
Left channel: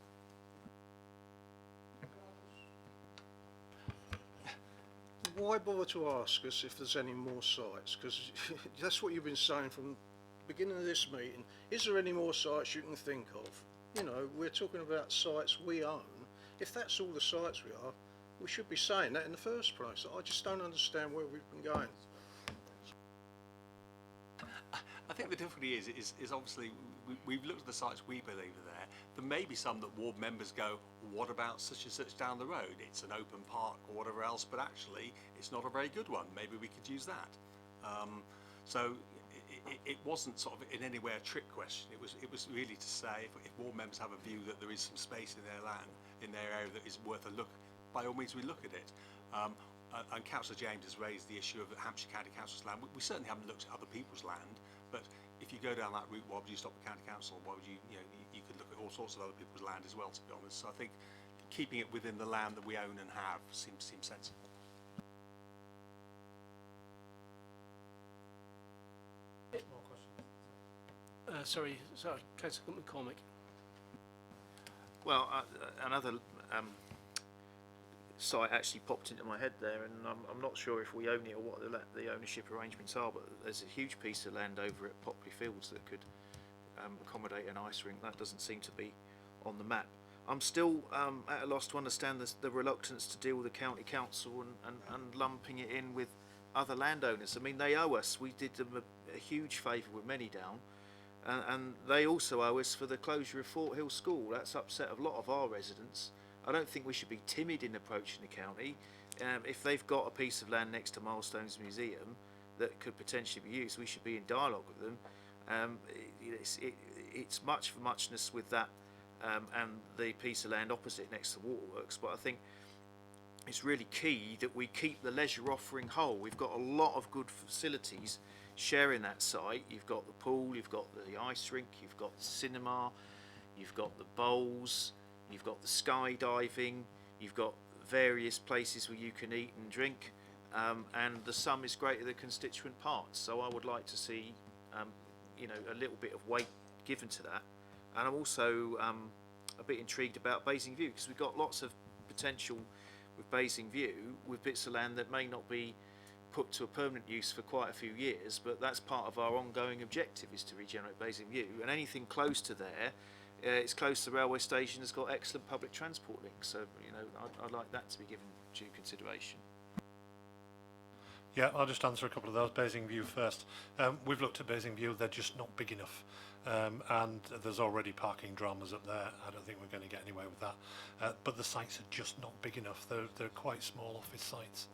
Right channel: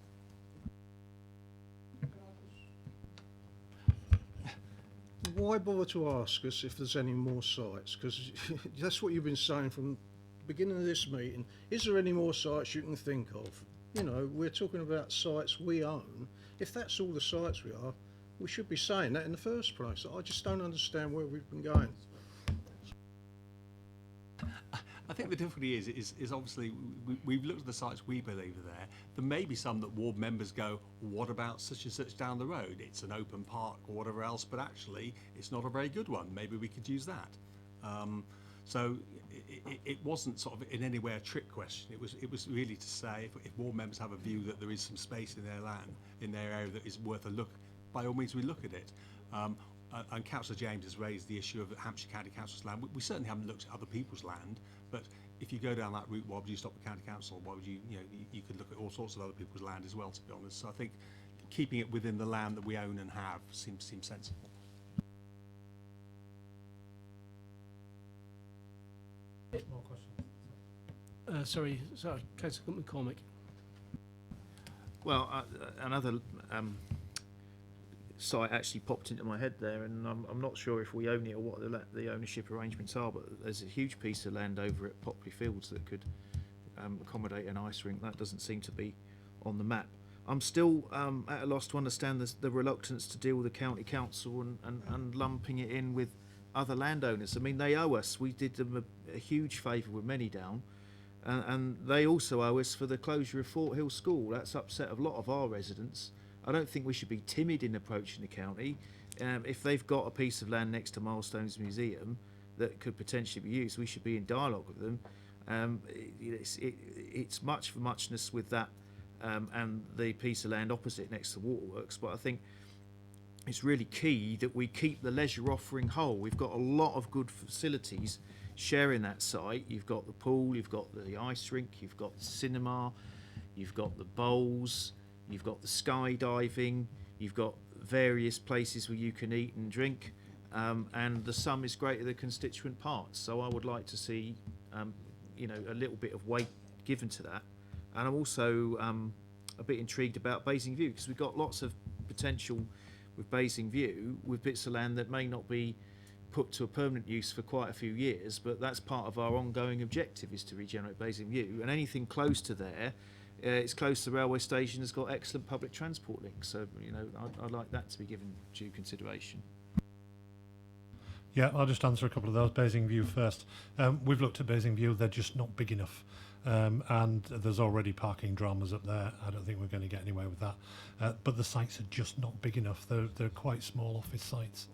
Why bother to ask us if there's any more sites? Because that's what you've been saying from the beginning of this meeting. Is there any more sites you can think of? We're talking about sites we own. If that's all the sites we are, we should be saying that in the first place. I just don't understand where we've been going. I think the difficulty is obviously we've looked at the sites we believe are there. There may be some that ward members go, what about such and such down the road? It's an open park or whatever else, but actually it's not a very good one. Maybe we could use that. So it wasn't sort of in any way a trick question. It was really to say if ward members have a view that there is some space in their land, in their area that is worth a look, by all means we look at it. And Councillor James has raised the issue of Hampshire County Council's land. We certainly haven't looked at other people's land, but if you go down that route, why would you stop at County Council? Why would you could look at all sorts of other people's land as well, to be honest. So I think keeping it within the land that we own and have seems sensible. More questions? Sorry, Councillor McCormick. Well, another site actually popped into my head there, and I'm not sure if we own it or what the ownership arrangements are, but there's a huge piece of land over at Popley Fields that could accommodate an ice rink. That doesn't seem to be on the map. I'm still at a loss to understand the reluctance to deal with the county council and lumping it in with other landowners. I mean, they owe us. We did them a huge favour with Manydown, and they also owe us for the closure of Fort Hill School. That's upset a lot of our residents. I don't think we should be timid in approaching the county. If they've got a piece of land next to Milestones Museum that could potentially be used, we should be in dialogue with them. It's much for muchness with that and the piece of land opposite next to Waterworks, but I think it's really key that we keep the leisure offering whole. We've got a lot of good facilities sharing that site. You've got the pool, you've got the ice rink, you've got the cinema, you've got the bowls, you've got the skydiving, you've got various places where you can eat and drink, and the sum is greater than constituent parts. So I would like to see, a little bit of weight given to that. And I'm also a bit intrigued about Basingview, because we've got lots of potential with Basingview, with bits of land that may not be put to a permanent use for quite a few years, but that's part of our ongoing objective, is to regenerate Basingview. And anything close to there, it's close to the railway station, has got excellent public transport links, so I'd like that to be given due consideration. Yeah, I'll just answer a couple of those. Basingview first. We've looked at Basingview, they're just not big enough. And there's already parking dramas up there. I don't think we're going to get anywhere with that. But the sites are just not big enough. They're quite small office sites.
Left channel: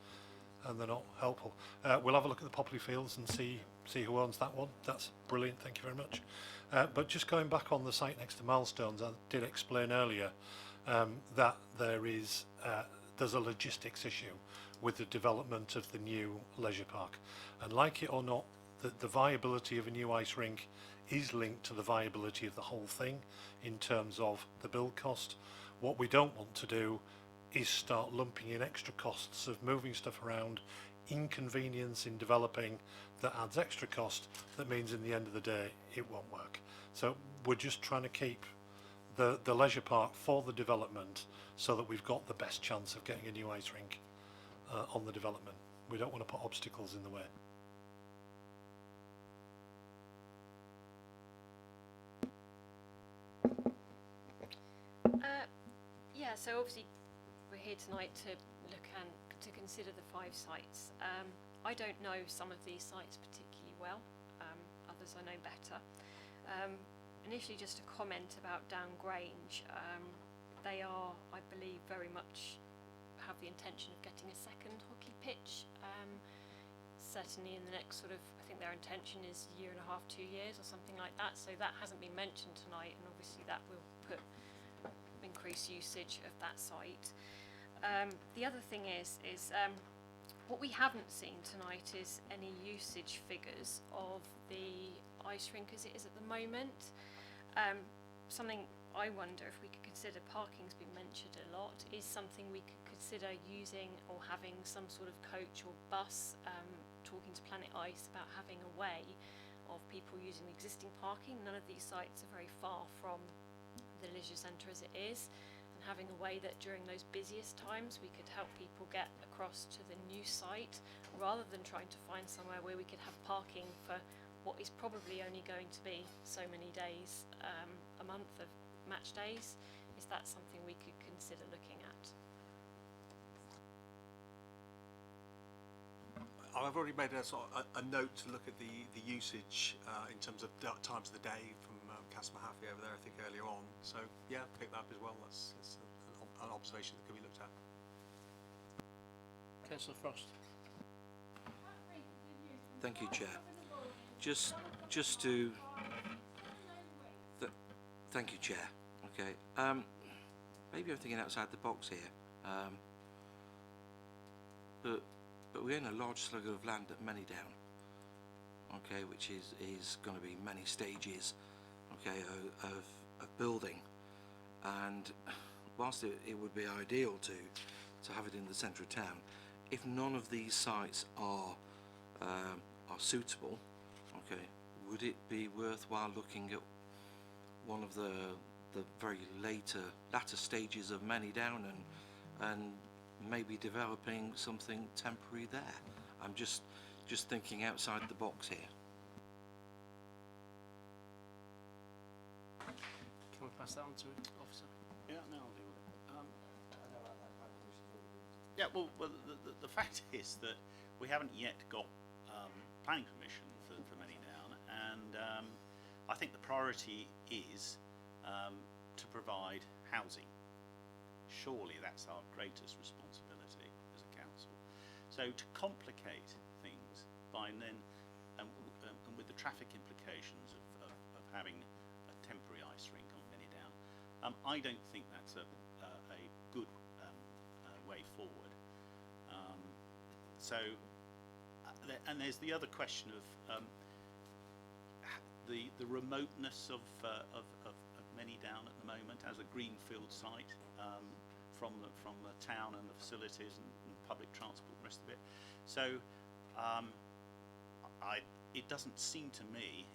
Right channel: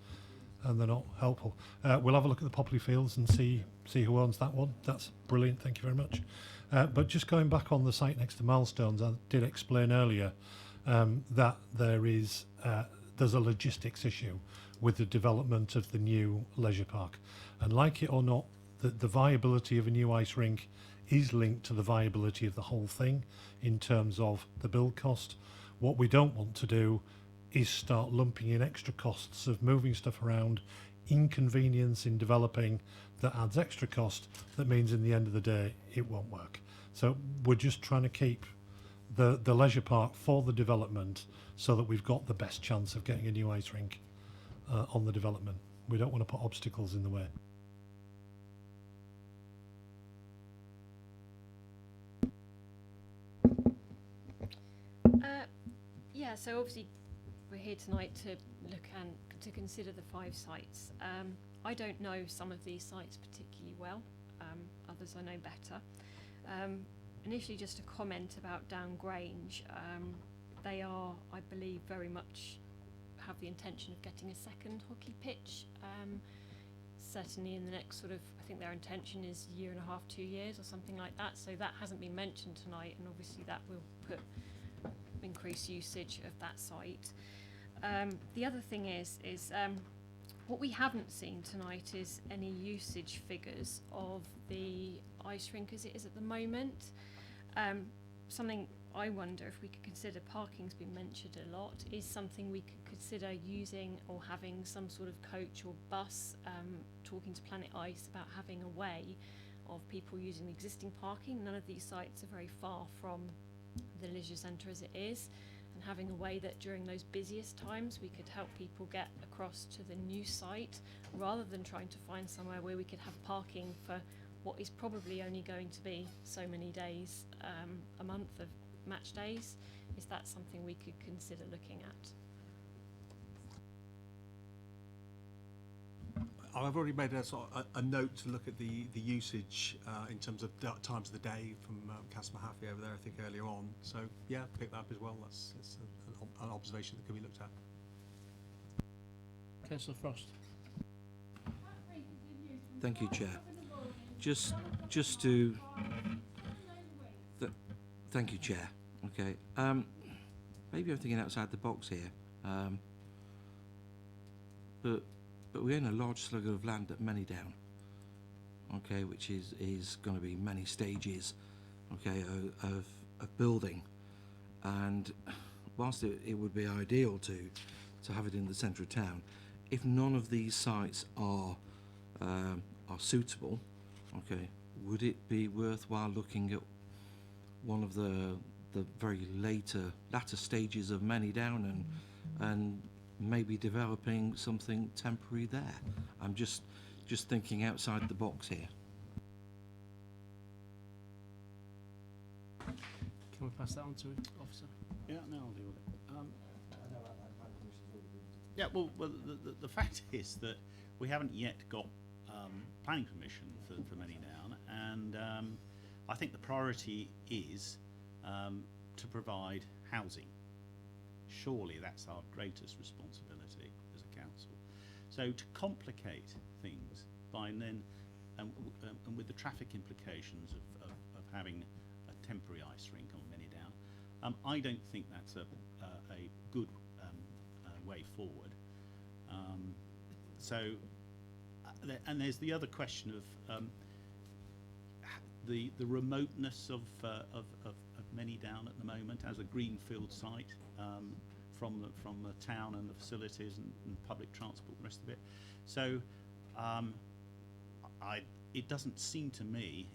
and they're not helpful. We'll have a look at the Popley Fields and see who owns that one. That's brilliant, thank you very much. But just going back on the site next to Milestones, I did explain earlier that there's a logistics issue with the development of the new leisure park. And like it or not, the viability of a new ice rink is linked to the viability of the whole thing in terms of the build cost. What we don't want to do is start lumping in extra costs of moving stuff around, inconvenience in developing that adds extra cost, that means in the end of the day it won't work. So we're just trying to keep the leisure park for the development so that we've got the best chance of getting a new ice rink on the development. We don't want to put obstacles in the way. Yeah, so obviously we're here tonight to look and to consider the 5 sites. I don't know some of these sites particularly well, others I know better. Initially just a comment about Down Grange. They are, I believe, very much have the intention of getting a second hockey pitch. Certainly in the next sort of, I think their intention is 1.5 to 2 years or something like that, so that hasn't been mentioned tonight, and obviously that will put increased usage of that site. The other thing is what we haven't seen tonight is any usage figures of the ice rink as it is at the moment. Something I wonder if we could consider, parking's been mentioned a lot, is something we could consider using or having some sort of coach or bus, talking to Planet Ice about having a way of people using the existing parking. None of these sites are very far from the leisure centre as it is, and having a way that during those busiest times we could help people get across to the new site rather than trying to find somewhere where we could have parking for what is probably only going to be so many days a month of match days. Is that something we could consider looking at? I've already made a sort of a note to look at the usage in terms of times of the day from Councillor Mahaffey over there, I think earlier on. So yeah, pick that up as well. That's an observation that can be looked at. Councillor Frost. Thank you, Chair. Just to thank you, Chair. Okay. Maybe I'm thinking outside the box here. But we own a large slug of land at Manydown, okay, which is going to be many stages, okay, of building. And whilst it would be ideal to have it in the centre of town, if none of these sites are suitable, okay, would it be worthwhile looking at one of the very latter stages of Manydown and maybe developing something temporary there? I'm just thinking outside the box here. Can we pass that on to Officer? Yeah, no, I'll deal with it. Yeah, well, the fact is that we haven't yet got planning permission for Manydown, and I think the priority is to provide housing. Surely that's our greatest responsibility as a council. So to complicate things by then, and with the traffic implications of having a temporary ice rink on Manydown, I don't think that's a good way forward. And there's the other question of the remoteness of Manydown at the moment as a greenfield site from the town and the facilities and public transport and the rest of it. So it doesn't seem to me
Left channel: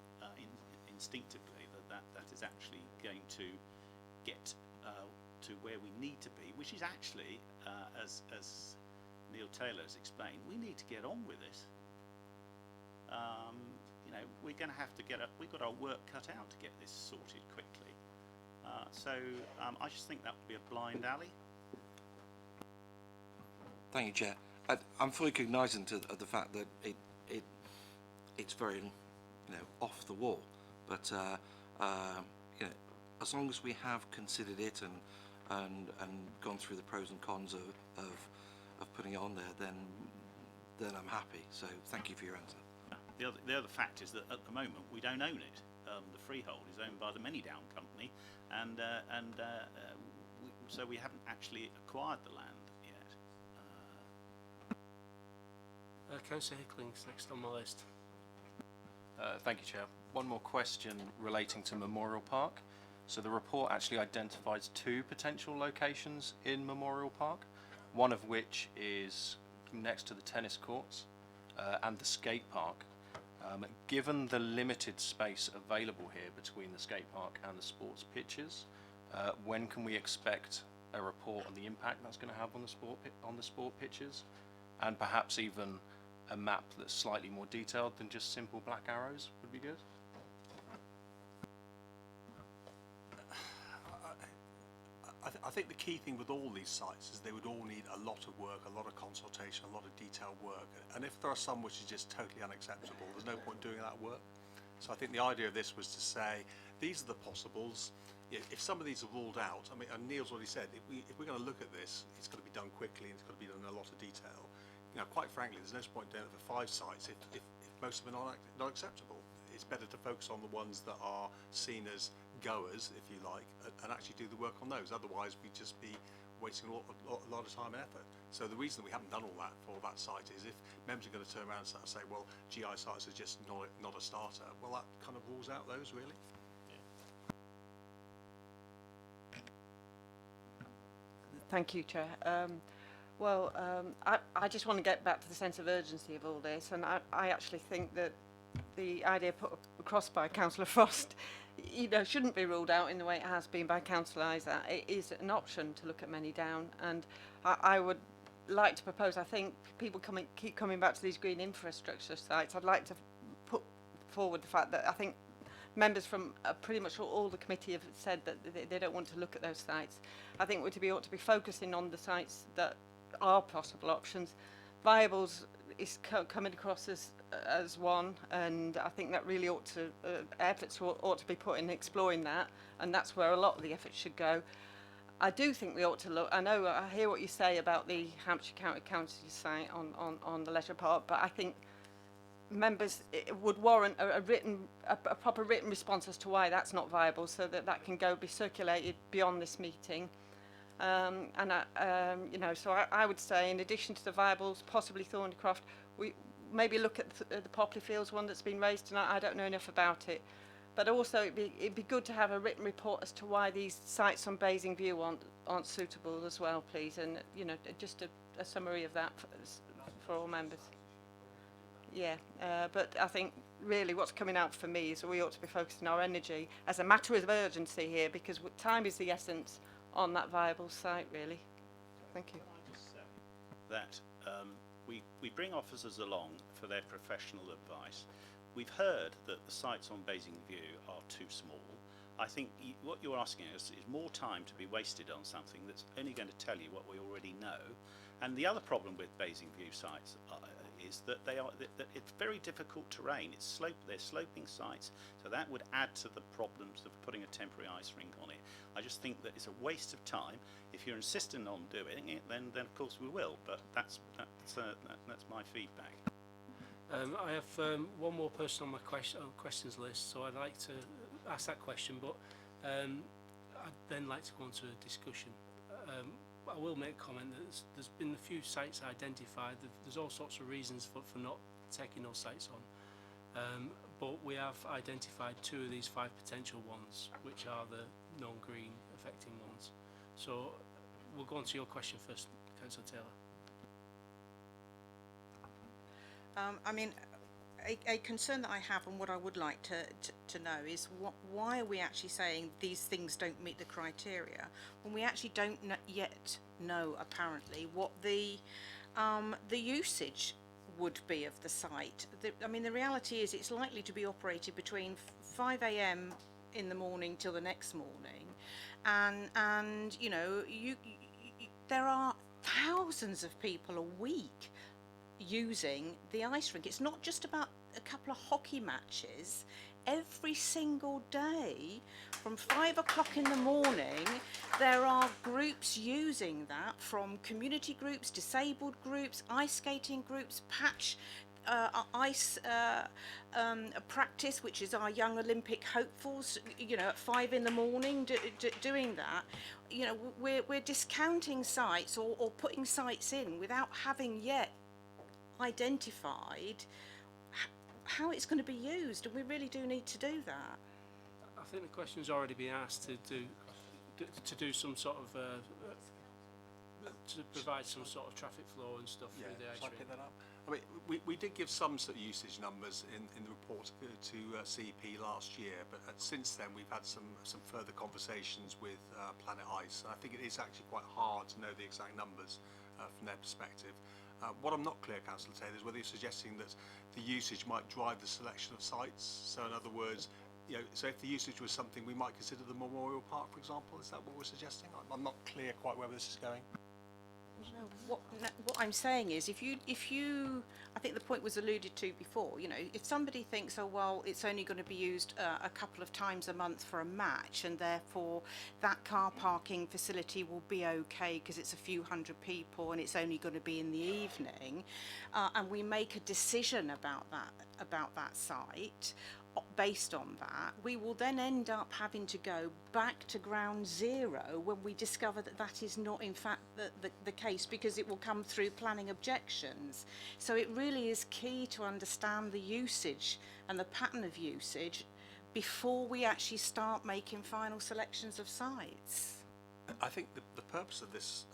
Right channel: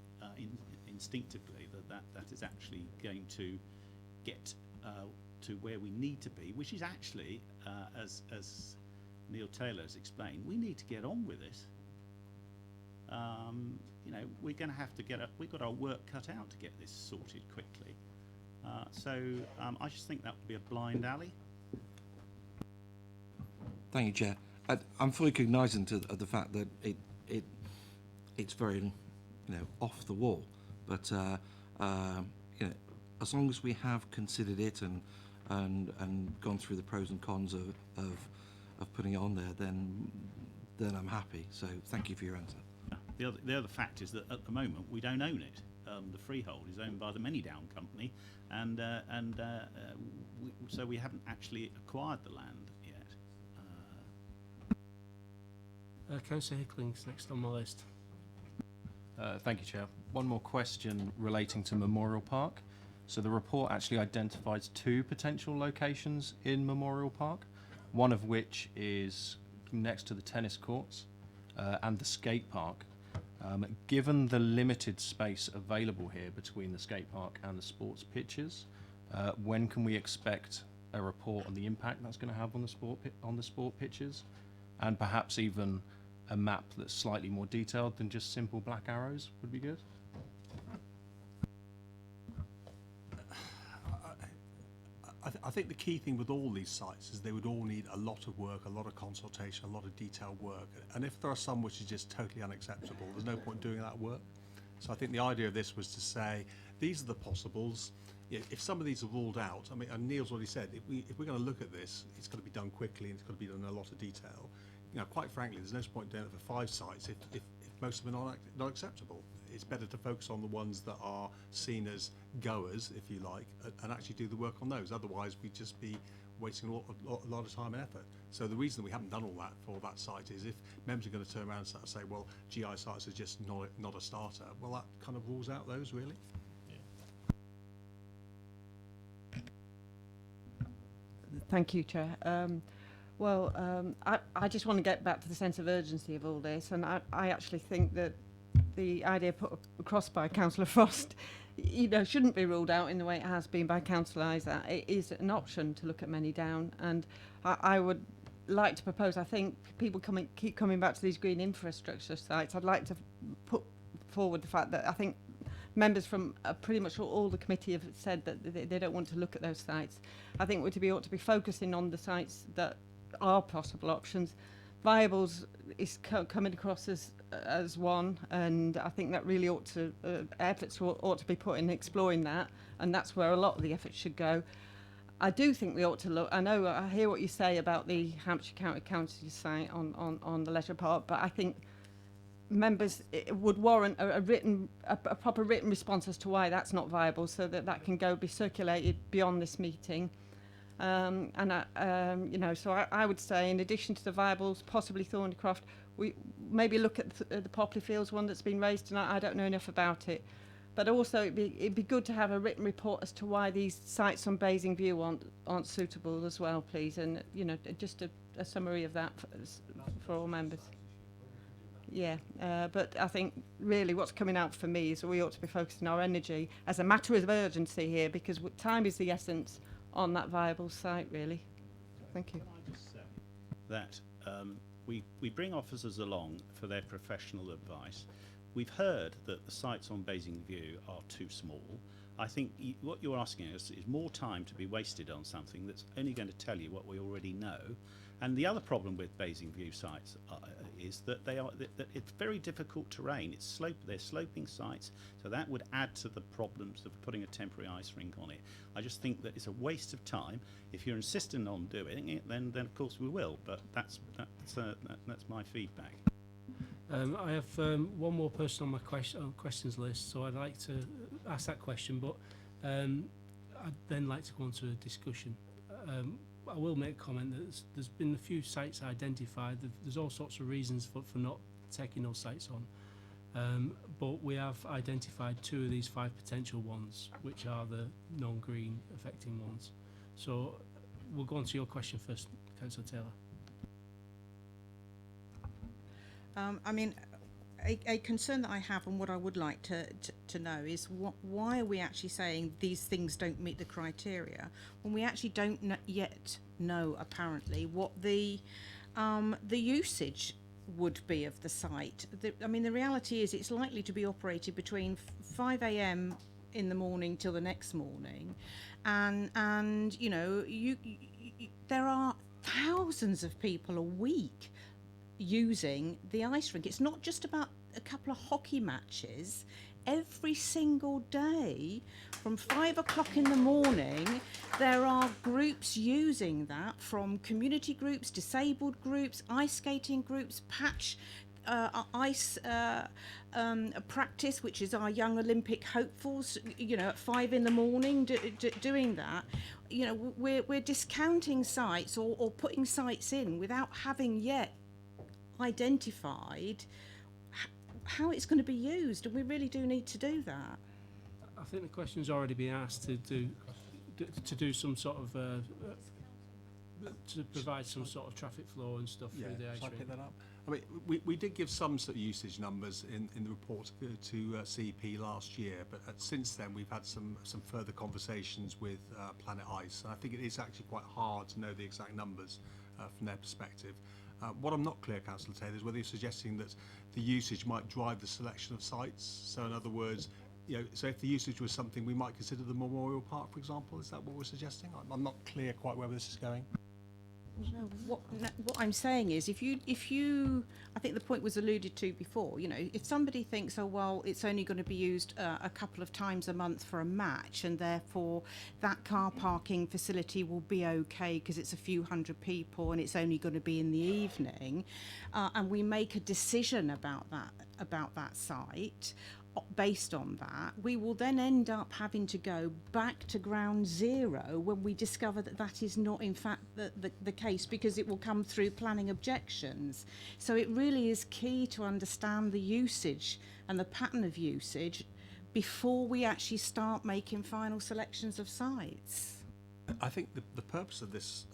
instinctively that is actually going to get to where we need to be, which is actually, as Neil Taylor has explained, we need to get on with this. You know, we're going to have to we've got our work cut out to get this sorted quickly. I just think that would be a blind alley. Thank you, Chair. I'm fully cognizant of the fact that it's very, off the wall. But as long as we have considered it and gone through the pros and cons of putting it on there, then then I'm happy. So thank you for your answer. The other fact is that at the moment we don't own it. The freehold is owned by the Manydown company, so we haven't actually acquired the land yet. Councillor Hickling's next on my list. Thank you, Chair. One more question relating to Memorial Park. So the report actually identifies 2 potential locations in Memorial Park, one of which is next to the tennis courts and the skate park. Given the limited space available here between the skate park and the sports pitches, when can we expect a report on the impact that's going to have on the sport pitches, and perhaps even a map that's slightly more detailed than just simple black arrows would be good? I think the key thing with all these sites is they would all need a lot of work, a lot of consultation, a lot of detailed work. And if there are some which is just totally unacceptable, there's no point doing that work. So I think the idea of this was to say, these are the possibles. If some of these are ruled out, I mean, and Neil's already said, if we're going to look at this, it's got to be done quickly and it's got to be done in a lot of detail. You know, quite frankly, there's no point doing it for 5 sites if most of them are not acceptable. It's better to focus on the ones that are seen as goers, if you like, and actually do the work on those. Otherwise, we'd just be wasting a lot of time and effort. So the reason we haven't done all that for that site is if members are going to turn around and say, well, GI sites are just not a starter, well, that kind of rules out those, really. Thank you, Chair. I just want to get back to the sense of urgency of all this, and I actually think that the idea put across by Councillor Frost, shouldn't be ruled out in the way it has been by Councillor Isaac. It is an option to look at Manydown, and I would like to propose, I think people keep coming back to these green infrastructure sites. I'd like to put forward the fact that I think members from pretty much all the committee have said that they don't want to look at those sites. I think we ought to be focusing on the sites that are possible options. Viables is coming across as one, and I think that really ought to efforts ought to be put in exploring that, and that's where a lot of the effort should go. I do think we ought to look. I hear what you say about the Hampshire County Council site on the leisure park, but I think members it would warrant a proper written response as to why that's not viable, so that can be circulated beyond this meeting. So I would say, in addition to the viables, possibly Thornycroft, we maybe look at the Popley Fields one that's been raised tonight. I don't know enough about it, but also it'd be good to have a written report as to why these sites on Basing View aren't suitable as well, please, and just a summary of that for all members. Yeah, but I think really what's coming out for me is that we ought to be focusing our energy as a matter of urgency here, because time is the essence on that viable site, really. Thank you. That we bring officers along for their professional advice. We've heard that the sites on Basing View are too small. I think what you're asking us is more time to be wasted on something that's only going to tell you what we already know. And the other problem with Basing View sites is that that it's very difficult terrain. They're sloping sites, so that would add to the problems of putting a temporary ice rink on it. I just think that it's a waste of time. If you're insisting on doing it, then of course we will. But that's my feedback. I have one more person on my questions list, so I'd like to ask that question, but I'd then like to go on to a discussion. I will make a comment that there's been a few sites identified. There's all sorts of reasons for not taking those sites on, but we have identified 2 of these 5 potential ones, which are the non-green affecting ones. So we'll go on to your question first, Councillor Taylor. A concern that I have, and what I would like to know, is why are we actually saying these things don't meet the criteria when we actually don't yet know, apparently, what the usage would be of the site. The reality is it's likely to be operated between 5 a.m. in the morning till the next morning, and there are thousands of people a week using the ice rink. It's not just about a couple of hockey matches. Every single day from 5 o'clock in the morning There are groups using that, from community groups, disabled groups, ice skating groups, patch ice practice, which is our young Olympic hopefuls, at 5 in the morning doing that. We're discounting sites or putting sites in without having yet identified how it's going to be used, and we really do need to do that. I think the question's already been asked to do some sort of to provide some sort of traffic flow and stuff through the ice shall I rink. pick that up? I mean, we did give some sort of usage numbers in the report to CEP last year, but since then we've had some further conversations with Planet Ice, and I think it is actually quite hard to know the exact numbers from their perspective. What I'm not clear, Councillor Taylor, is whether you're suggesting that the usage might drive the selection of sites. So in other words, so if the usage was something we might consider the Memorial Park, for example, is that what we're suggesting? I'm not clear quite where this is going. What I'm saying is, if you, I think the point was alluded to before, if somebody thinks, oh, well, it's only going to be used a couple of times a month for a match, and therefore that car parking facility will be okay because it's a few hundred people and it's only going to be in the evening, and we make a decision about that site, based on that, we will then end up having to go back to ground zero when we discover that that is not in fact the case, because it will come through planning objections. So it really is key to understand the usage and the pattern of usage before we actually start making final selections of sites. I think the purpose of this,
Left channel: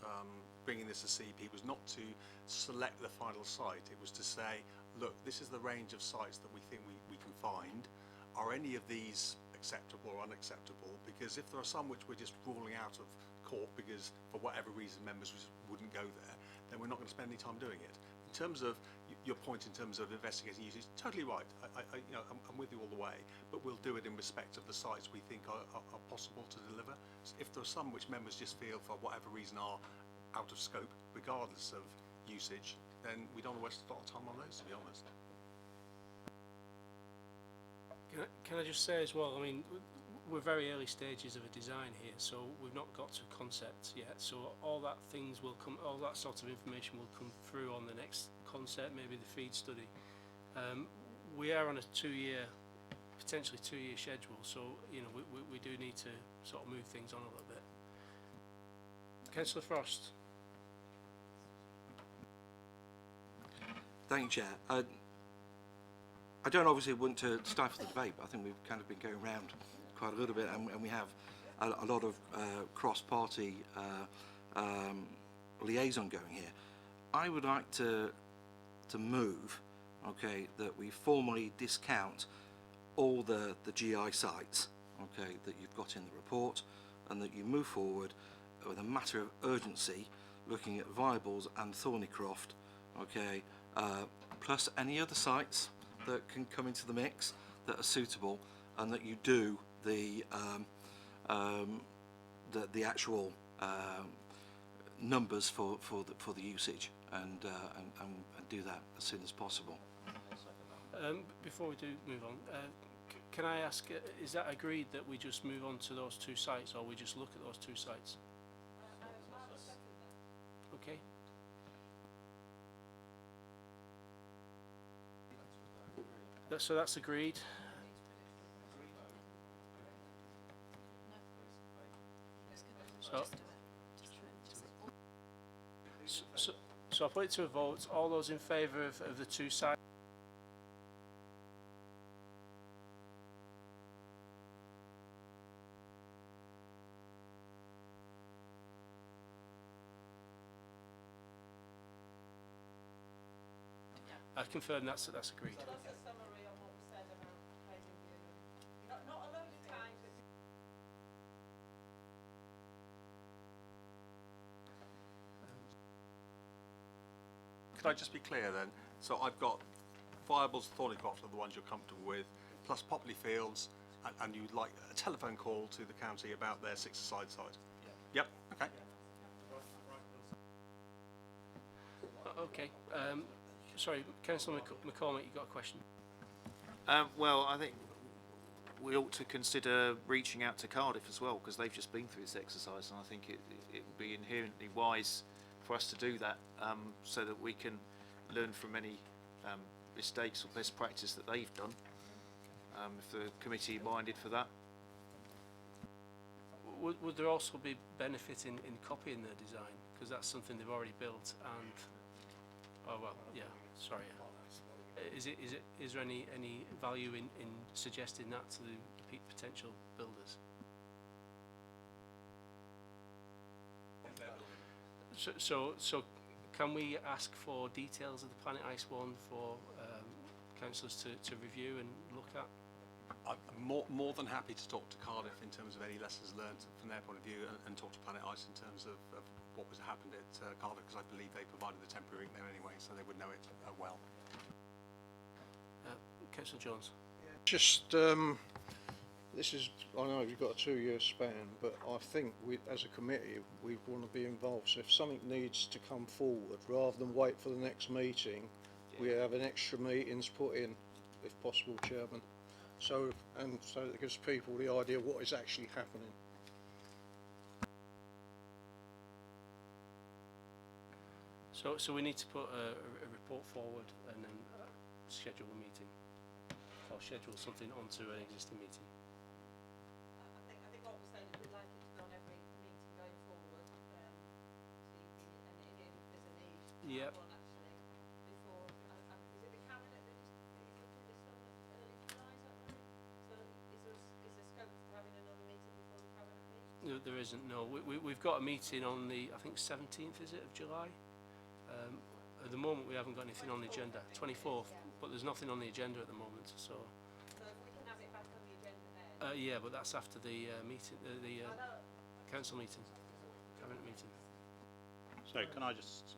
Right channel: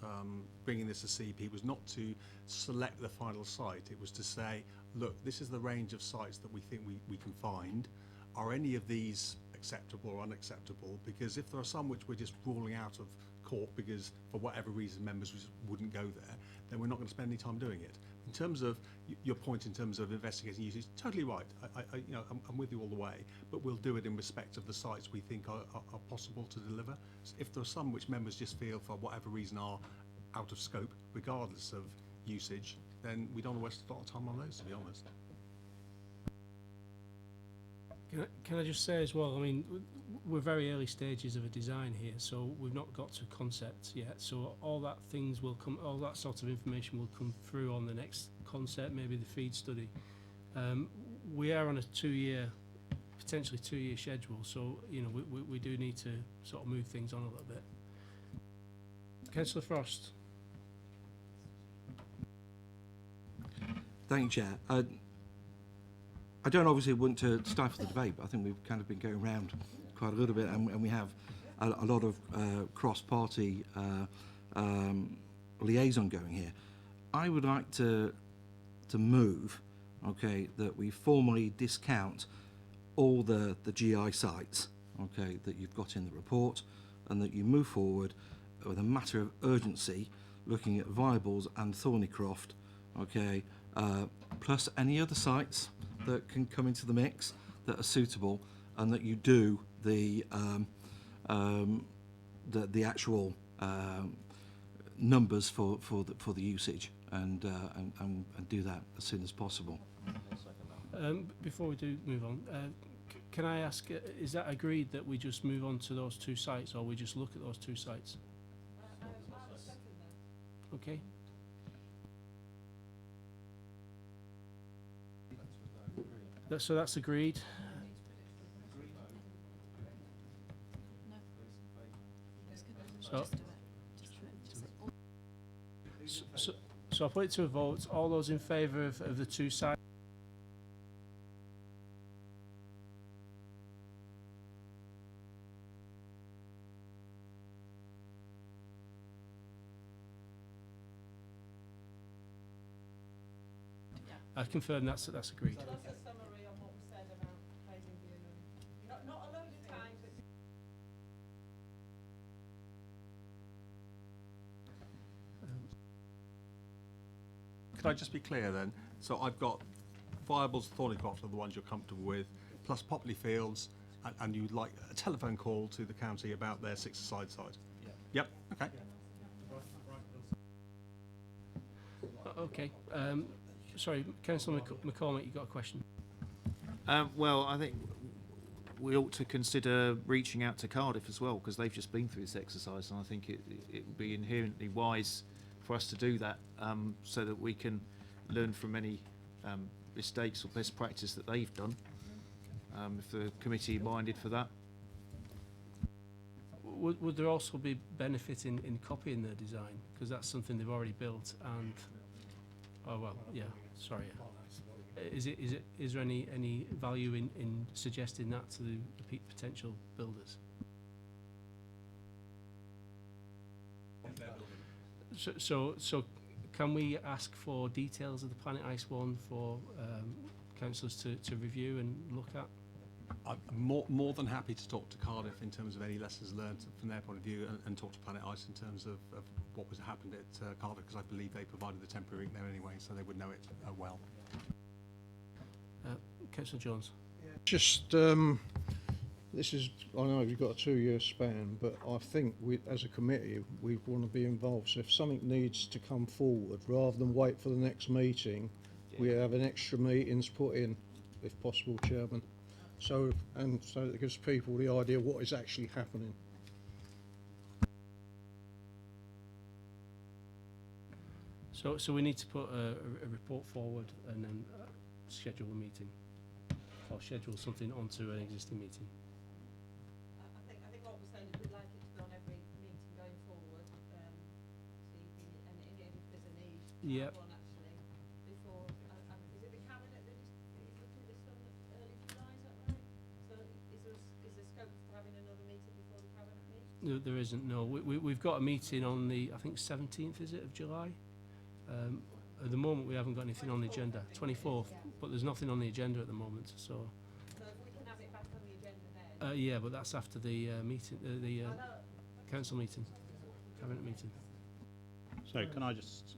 bringing this to CEP, was not to select the final site. It was to say, look, this is the range of sites that we think we can find. Are any of these acceptable or unacceptable? Because if there are some which we're just ruling out of court because for whatever reason members just wouldn't go there, then we're not going to spend any time doing it. In terms of your point in terms of investigating usage, totally right. I'm with you all the way, but we'll do it in respect of the sites we think are possible to deliver. So if there are some which members just feel for whatever reason are out of scope, regardless of usage, then we don't waste a lot of time on those, to be honest. Can I just say as well, I mean, we're very early stages of a design here, so we've not got to concept yet. So all that sort of information will come through on the next concept, maybe the feed study. We are on a potentially two-year schedule, so we do need to sort of move things on a little bit. Councillor Frost. Thank you, Chair. I don't obviously want to stifle the debate, but I think we've kind of been going around quite a little bit, and we have a lot of cross-party liaison going here. I would like to move, okay, that we formally discount all the GI sites, okay, that you've got in the report, and that you move forward with a matter of urgency, looking at Viables and Thornycroft, okay, plus any other sites that can come into the mix that are suitable, and that you do the actual numbers for the usage, and do that as soon as possible. Before we do move on, can I ask, is that agreed that we just move on to those two sites, or we just look at those two sites? Okay. So that's agreed. So I'll put it to a vote. All those in favour of the two sides? I confirm that's agreed. Could I just be clear then? So I've got Viables, Thornycroft are the ones you're comfortable with, plus Popley Fields, and you'd like a telephone call to the county about their six-a-side site? Yep, okay. Okay. Sorry, Councillor McCormick, you got a question? Well, I think we ought to consider reaching out to Cardiff as well, because they've just been through this exercise, and I think it would be inherently wise for us to do that, so that we can learn from any mistakes or best practice that they've done. If the committee minded for that. Would there also be benefit in copying their design? Because that's something they've already built and... Oh, well, yeah, sorry. Is there any value in suggesting that to the potential builders? So can we ask for details of the Planet Ice one for councillors to review and look at? I'm more than happy to talk to Cardiff in terms of any lessons learned from their point of view, and talk to Planet Ice in terms of what was happened at Cardiff, because I believe they provided the temporary rink there anyway, so they would know it well. Councillor Jones. Just, this is, I know you've got a 2-year span, but I think we, as a committee, we want to be involved. So if something needs to come forward, rather than wait for the next meeting, we have an extra meetings put in, if possible, Chairman. So that gives people the idea what is actually happening. So we need to put a report forward and then schedule a meeting, or schedule something onto an existing meeting. I think what we're saying is we'd like it to be on every meeting going forward, so you can, and if there's a need, Yep. one actually before. Is it the cabinet that is looking at this one early July? Is that right? So is there scope for having another meeting before the cabinet meets? No, there isn't. No, we've got a meeting on the, I think 17th, is it, of July? At the moment, we haven't got anything on the agenda. 24th, but there's nothing on the agenda at the moment. So. So if we can have it back on the agenda then. Yeah, but that's after the meeting, the council meeting, cabinet meeting. So can I just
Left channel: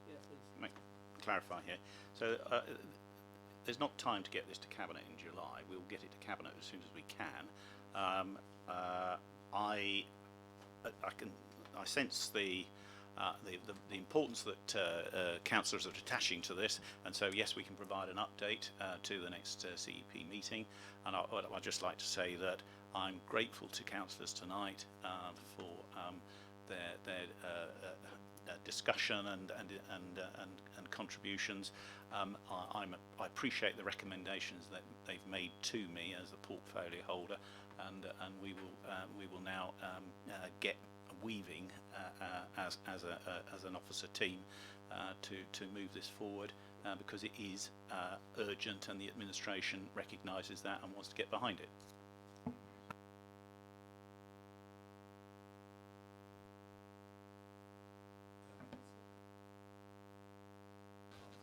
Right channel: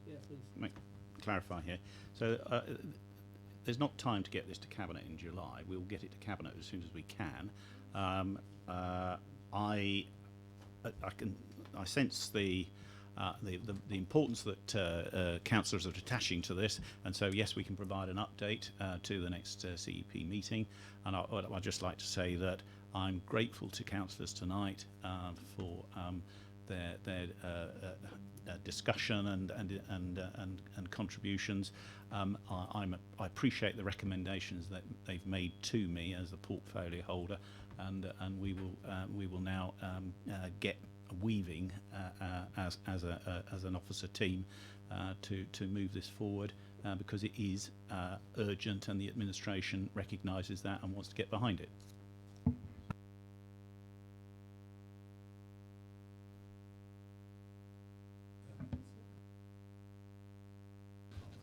clarify here? So there's not time to get this to cabinet in July. We'll get it to cabinet as soon as we can. I sense the importance that councillors are attaching to this, and so yes, we can provide an update to the next CEP meeting. And I'd just like to say that I'm grateful to councillors tonight for their discussion and contributions. I appreciate the recommendations that they've made to me as the portfolio holder, and we will now get weaving as an officer team to move this forward, because it is urgent, and the administration recognises that and wants to get behind it.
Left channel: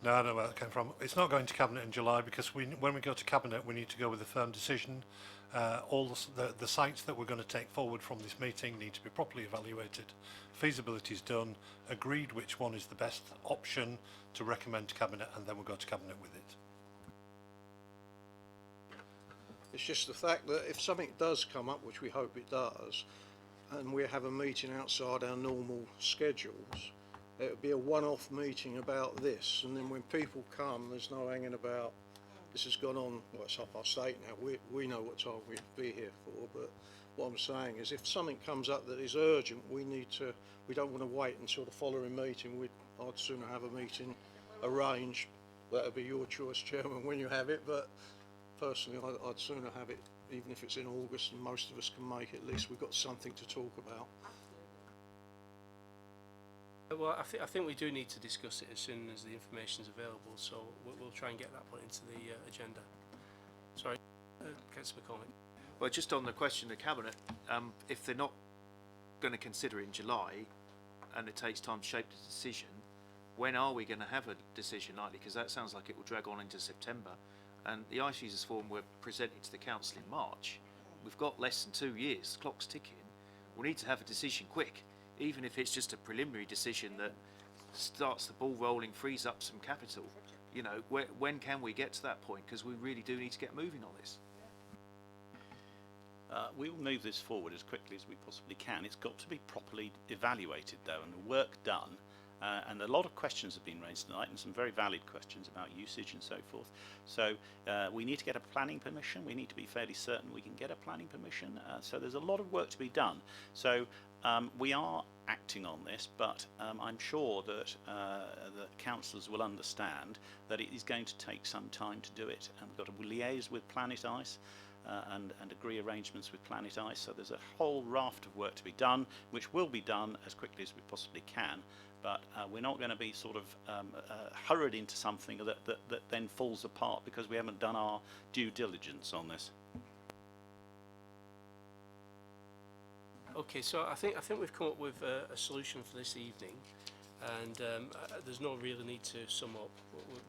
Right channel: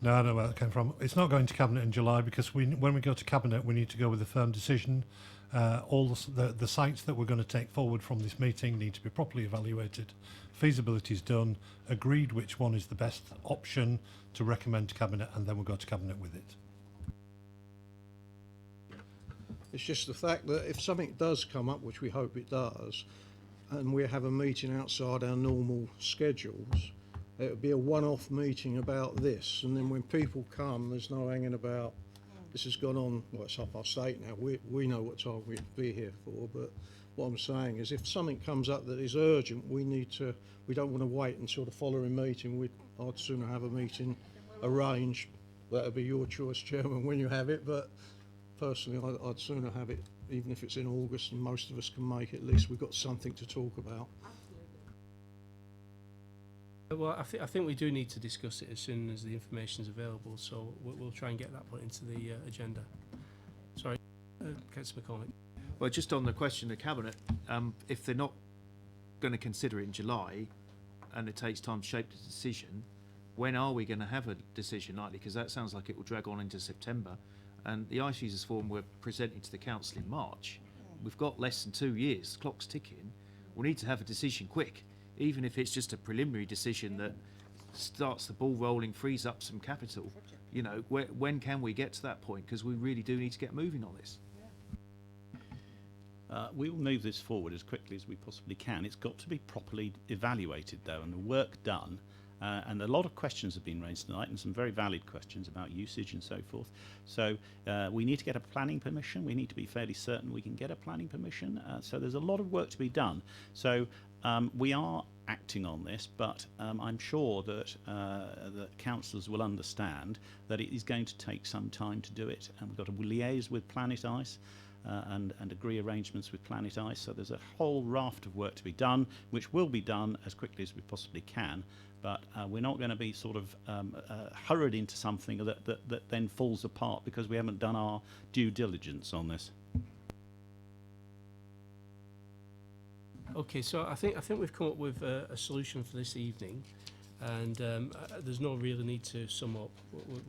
No, I know where that came from. It's not going to cabinet in July because when we go to cabinet, we need to go with a firm decision. All the sites that we're going to take forward from this meeting need to be properly evaluated. Feasibility is done, agreed which one is the best option to recommend to cabinet, and then we'll go to cabinet with it. It's just the fact that if something does come up, which we hope it does, and we have a meeting outside our normal schedules, it would be a one-off meeting about this, and then when people come, there's no hanging about. This has gone on, well, it's 8:30 now. We know what time we'd be here for, but what I'm saying is if something comes up that is urgent, we don't want to wait until the following meeting. I'd sooner have a meeting arranged. That'll be your choice, Chairman, when you have it, but personally, I'd sooner have it, even if it's in August and most of us can make it, at least we've got something to talk about. Well, I think we do need to discuss it as soon as the information is available, so we'll try and get that put into the agenda. Sorry, Councillor McCormick. Well, just on the question of cabinet, if they're not going to consider it in July, and it takes time to shape the decision, when are we going to have a decision likely? Because that sounds like it will drag on into September, and the Ice Users Forum were presented to the council in March. We've got less than 2 years. The clock's ticking. We need to have a decision quick. Even if it's just a preliminary decision that starts the ball rolling, frees up some capital, you know, when can we get to that point? Because we really do need to get moving on this. We will move this forward as quickly as we possibly can. It's got to be properly evaluated, though, and the work done And a lot of questions have been raised tonight, and some very valid questions about usage and so forth. So we need to get a planning permission. We need to be fairly certain we can get a planning permission. So there's a lot of work to be done. So we are acting on this, but I'm sure that that councillors will understand that it is going to take some time to do it, and we've got to liaise with Planet Ice and agree arrangements with Planet Ice. So there's a whole raft of work to be done, which will be done as quickly as we possibly can. But we're not going to be sort of hurried into something that then falls apart because we haven't done our due diligence on this. Okay, so I think we've come up with a solution for this evening, and there's no real need to sum up.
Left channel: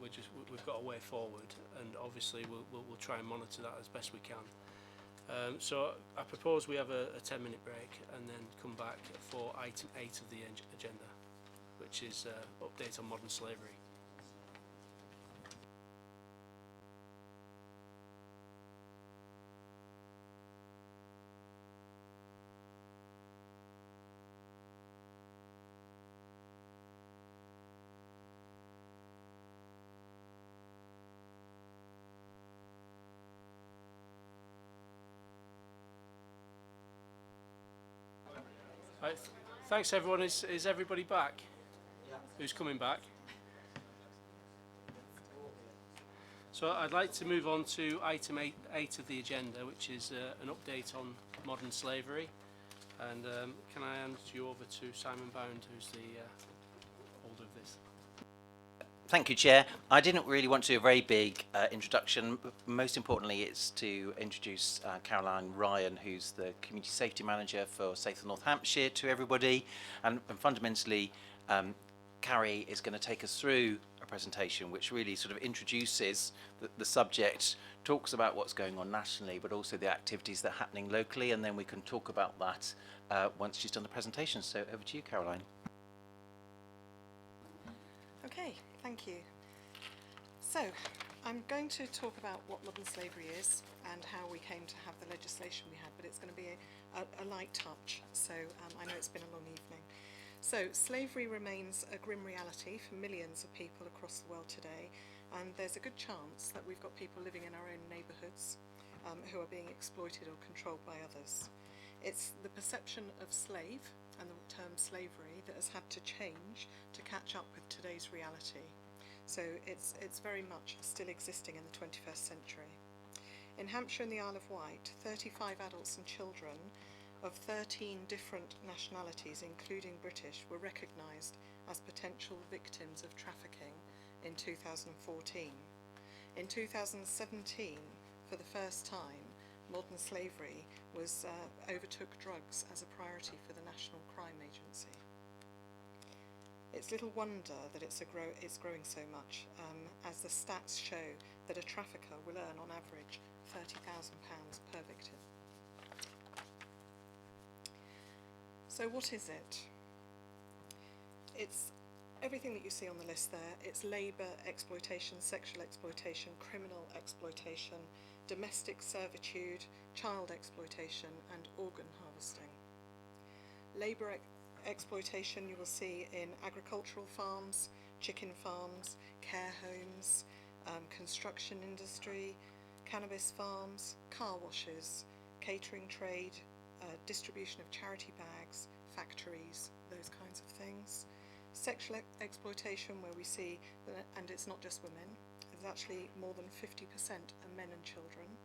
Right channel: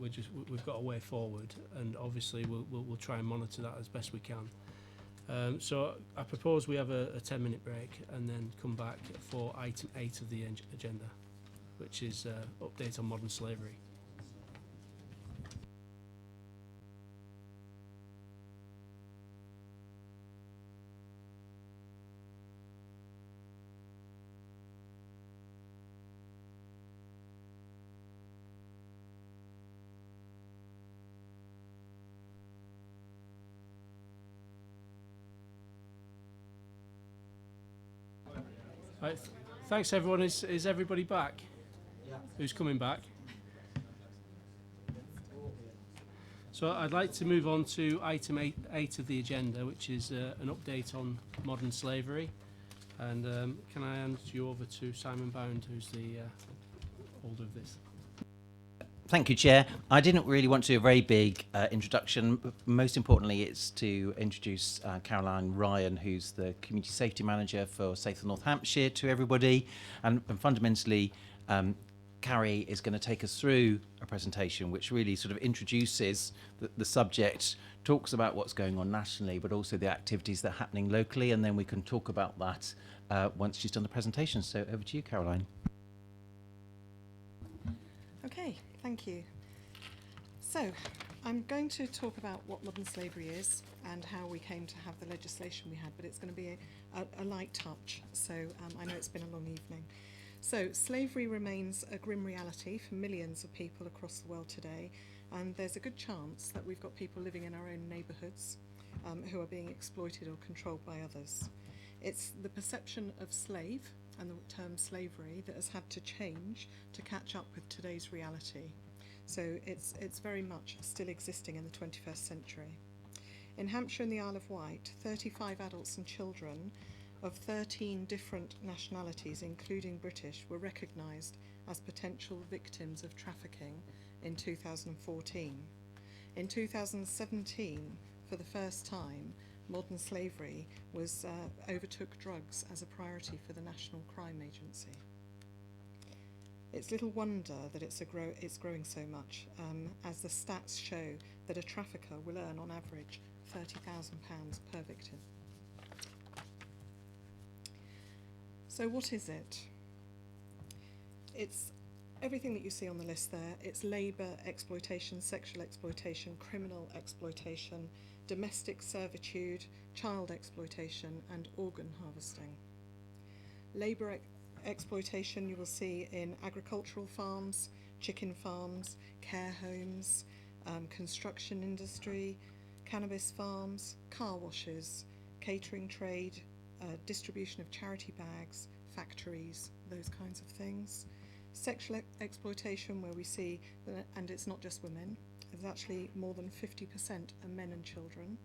We've got a way forward, and obviously we'll try and monitor that as best we can. So I propose we have a 10-minute break and then come back for item 8 of the agenda, which is update on modern slavery. Right, thanks everyone. Is everybody back? Yeah. Who's coming back? So I'd like to move on to item 8 of the agenda, which is an update on modern slavery. And can I hand you over to Simon Bound, who's the holder of this? Thank you, Chair. I didn't really want to do a very big introduction. Most importantly, it's to introduce Caroline Ryan, who's the Community Safety Manager for Safe North Hampshire, to everybody. And fundamentally, Carrie is going to take us through a presentation which really sort of introduces the subject, talks about what's going on nationally, but also the activities that are happening locally, and then we can talk about that once she's done the presentation. So over to you, Caroline. Okay, thank you. So, I'm going to talk about what modern slavery is and how we came to have the legislation we had, but it's going to be a light touch, so I know it's been a long evening. So, slavery remains a grim reality for millions of people across the world today, and there's a good chance that we've got people living in our own neighbourhoods who are being exploited or controlled by others. It's the perception of slave and the term slavery that has had to change to catch up with today's reality. So it's very much still existing in the 21st century. In Hampshire and the Isle of Wight, 35 adults and children of 13 different nationalities, including British, were recognised as potential victims of trafficking in 2014. In 2017, for the first time, modern slavery was overtook drugs as a priority for the National Crime Agency. It's little wonder that it's growing so much, as the stats show that a trafficker will earn on average £30,000 per victim. So what is it? It's everything that you see on the list there. It's labour exploitation, sexual exploitation, criminal exploitation, domestic servitude, child exploitation, and organ harvesting. Labour exploitation you will see in agricultural farms, chicken farms, care homes, construction industry, cannabis farms, car washes, catering trade, distribution of charity bags, factories, those kinds of things. Sexual exploitation, where we see, and it's not just women, it's actually more than 50% are men and children.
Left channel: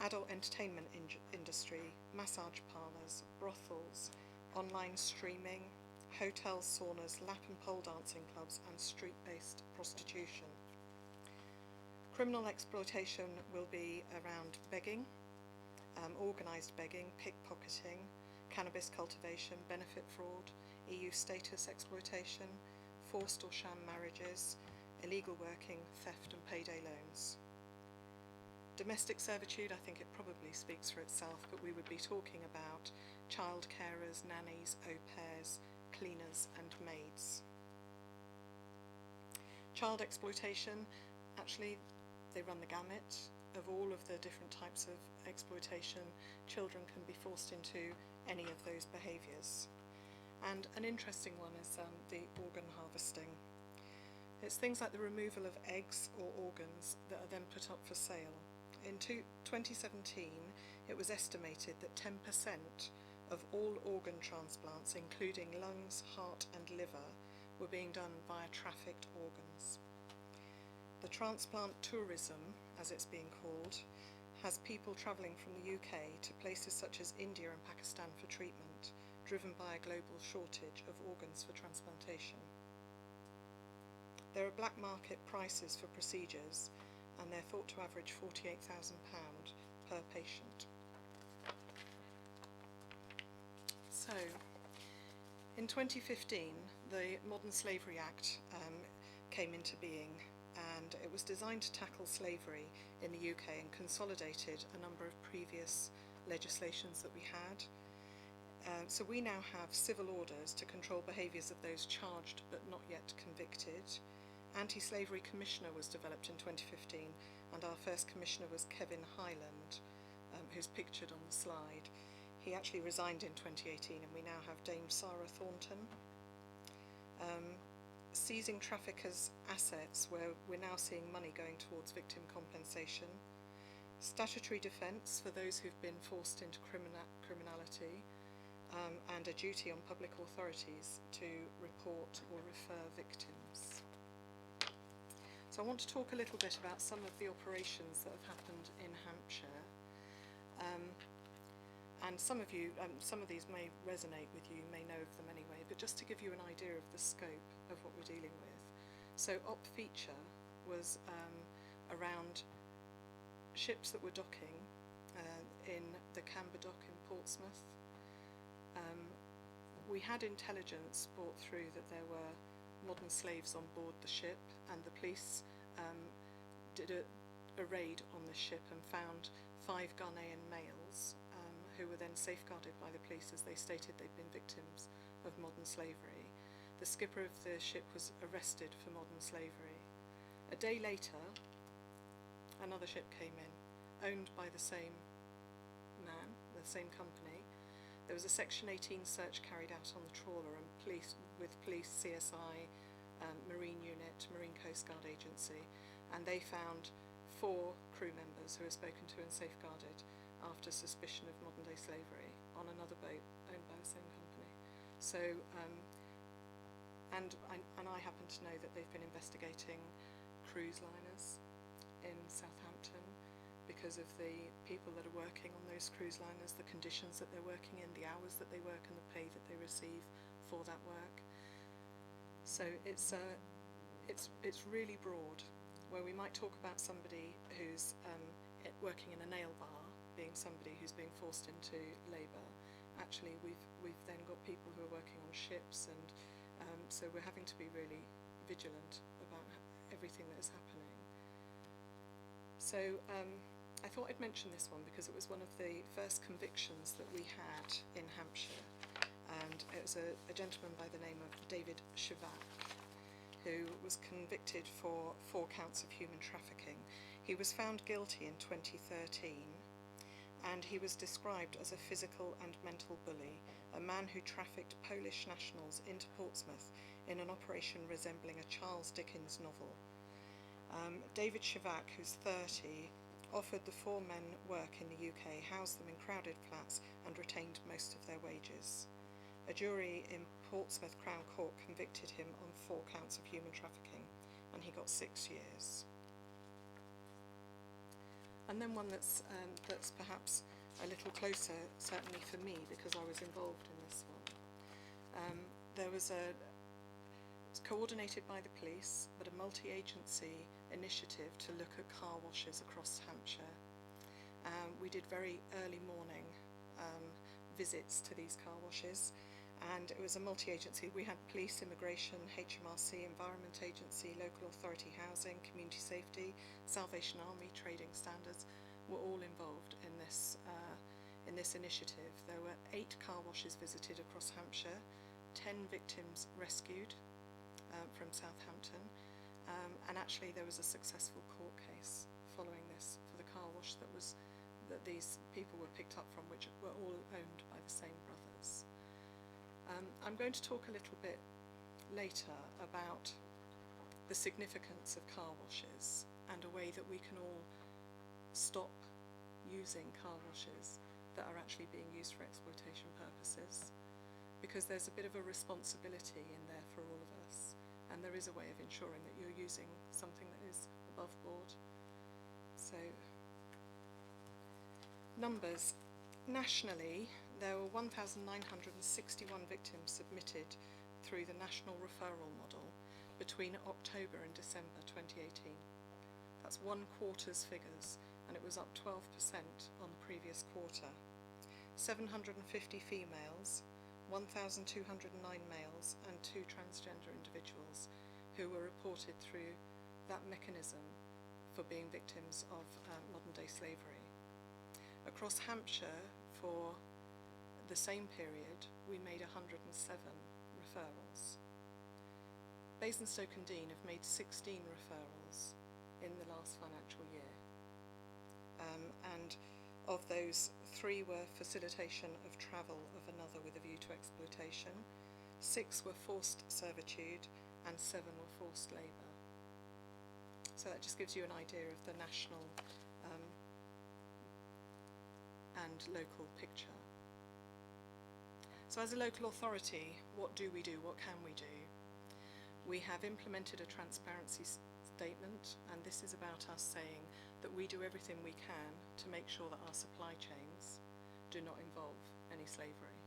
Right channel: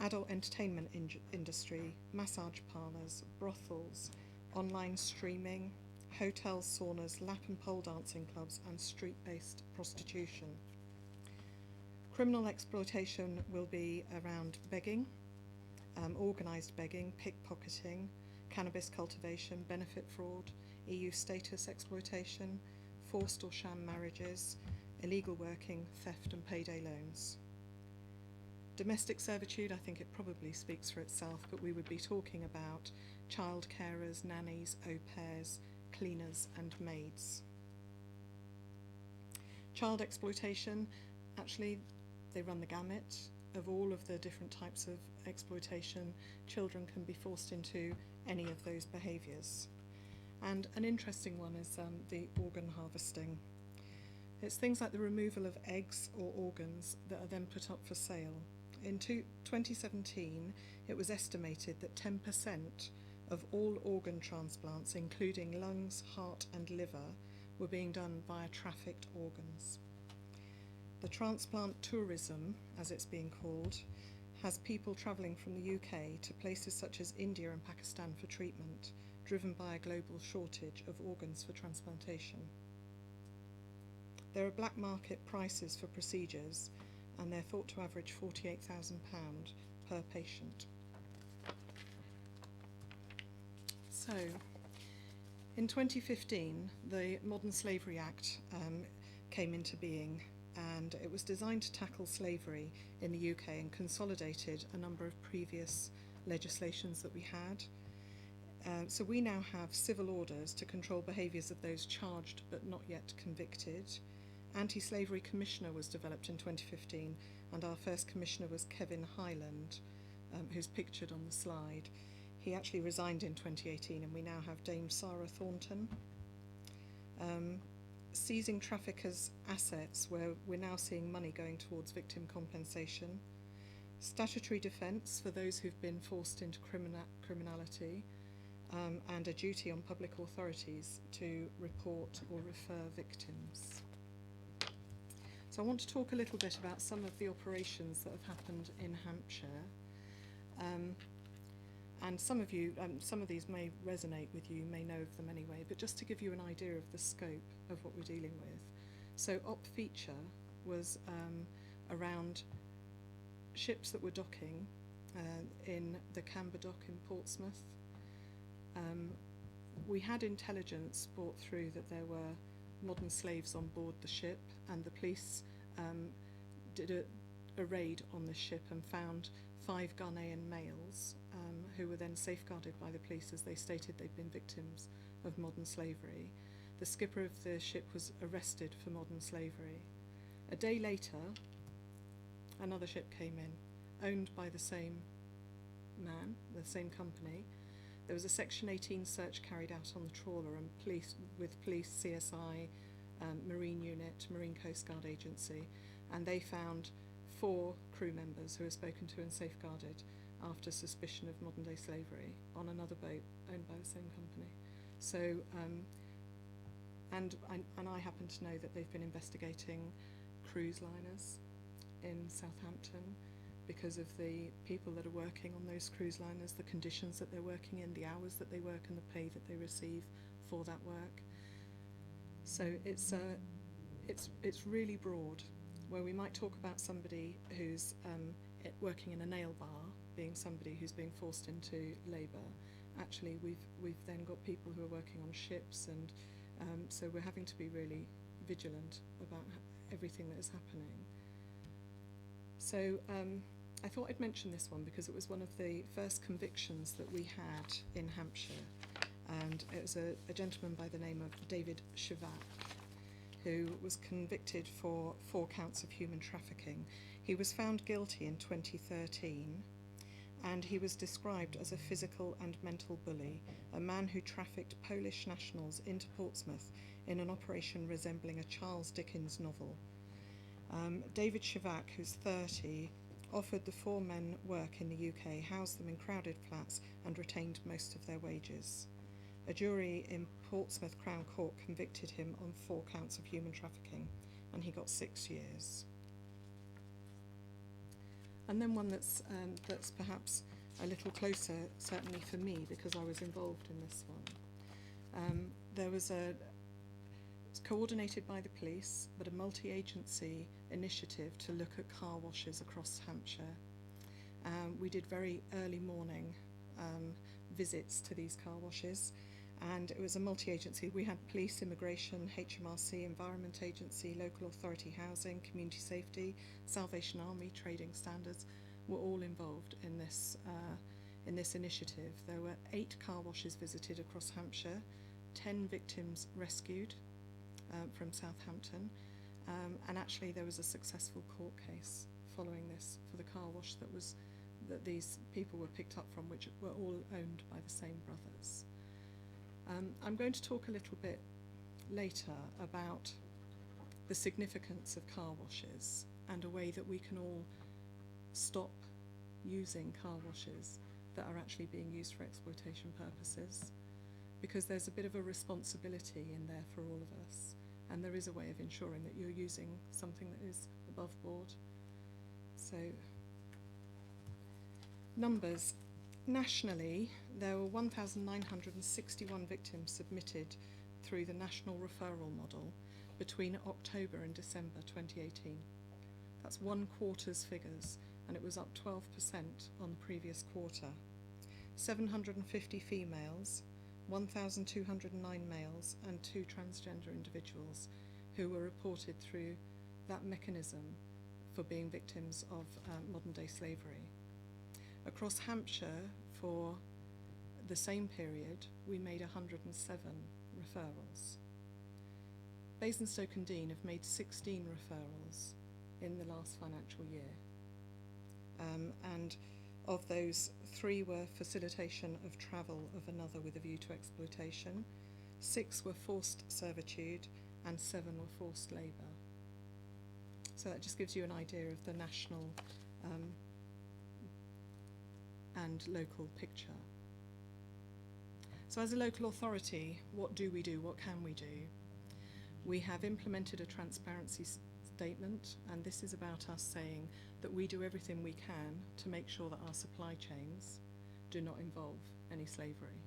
Adult entertainment industry, massage parlours, brothels, online streaming, hotels, saunas, lap and pole dancing clubs, and street-based prostitution. Criminal exploitation will be around begging, organised begging, pickpocketing, cannabis cultivation, benefit fraud, EU status exploitation, forced or sham marriages, illegal working, theft and payday loans. Domestic servitude, I think it probably speaks for itself, but we would be talking about child carers, nannies, au pairs, cleaners and maids. Child exploitation, actually they run the gamut of all of the different types of exploitation. Children can be forced into any of those behaviours. And an interesting one is the organ harvesting. It's things like the removal of eggs or organs that are then put up for sale. In 2017, it was estimated that 10% of all organ transplants, including lungs, heart and liver, were being done via trafficked organs. The transplant tourism, as it's being called, has people travelling from the UK to places such as India and Pakistan for treatment, driven by a global shortage of organs for transplantation. There are black market prices for procedures, and they're thought to average £48,000 per patient. So, in 2015, the Modern Slavery Act came into being, and it was designed to tackle slavery in the UK and consolidated a number of previous legislations that we had. So we now have civil orders to control behaviours of those charged but not yet convicted. Anti-Slavery Commissioner was developed in 2015, and our first commissioner was Kevin Highland, who's pictured on the slide. He actually resigned in 2018, and we now have Dame Sarah Thornton. Seizing traffickers' assets, where we're now seeing money going towards victim compensation. Statutory defence for those who've been forced into criminality, and a duty on public authorities to report or refer victims. So I want to talk a little bit about some of the operations that have happened in Hampshire. And some of these may resonate with you, may know of them anyway, but just to give you an idea of the scope of what we're dealing with. So Op Feature was around ships that were docking in the Camber Dock in Portsmouth. We had intelligence brought through that there were modern slaves on board the ship, and the police did a raid on the ship and found 5 Ghanaian males who were then safeguarded by the police as they stated they'd been victims of modern slavery. The skipper of the ship was arrested for modern slavery. A day later, another ship came in, owned by the same man, the same company. There was a Section 18 search carried out on the trawler, and police, CSI, Marine Unit, Marine Coast Guard Agency, and they found 4 crew members who were spoken to and safeguarded after suspicion of modern day slavery on another boat owned by the same company. So, and I happen to know that they've been investigating cruise liners in Southampton because of the people that are working on those cruise liners, the conditions that they're working in, the hours that they work and the pay that they receive for that work. So it's really broad, where we might talk about somebody who's working in a nail bar being somebody who's being forced into labour. Actually, we've then got people who are working on ships, and so we're having to be really vigilant about everything that is happening. So I thought I'd mention this one because it was one of the first convictions that we had in Hampshire, and it was a gentleman by the name of David Shivak, who was convicted for 4 counts of human trafficking. He was found guilty in 2013, and he was described as a physical and mental bully, a man who trafficked Polish nationals into Portsmouth in an operation resembling a Charles Dickens novel. David Shivak, who's 30, offered the 4 men work in the UK, housed them in crowded flats, and retained most of their wages. A jury in Portsmouth Crown Court convicted him on 4 counts of human trafficking, and he got 6 years. And then one that's perhaps a little closer, certainly for me, because I was involved in this one. There was it's coordinated by the police, but a multi-agency initiative to look at car washes across Hampshire. We did very early morning visits to these car washes, and it was a multi-agency. We had police, immigration, HMRC, Environment Agency, local authority housing, community safety, Salvation Army, trading standards were all involved in this initiative. There were 8 car washes visited across Hampshire, 10 victims rescued from Southampton, and actually there was a successful court case following this for the car wash that these people were picked up from, which were all owned by the same brothers. I'm going to talk a little bit later about the significance of car washes and a way that we can all stop using car washes that are actually being used for exploitation purposes, because there's a bit of a responsibility in there for all of us, and there is a way of ensuring that you're using something that is above board. So, numbers. Nationally, there were 1,961 victims submitted through the National Referral Model between October and December 2018. That's 1 quarter's figures, and it was up 12% on the previous quarter. 750 females, 1,209 males, and 2 transgender individuals who were reported through that mechanism for being victims of modern-day slavery. Across Hampshire, for the same period, we made 107 referrals. Basingstoke and Deane have made 16 referrals in the last financial year. And of those, 3 were facilitation of travel of another with a view to exploitation, 6 were forced servitude, and 7 were forced labour. So that just gives you an idea of the national and local picture. So as a local authority, what do we do? What can we do? We have implemented a transparency statement, and this is about us saying that we do everything we can to make sure that our supply chains do not involve any slavery.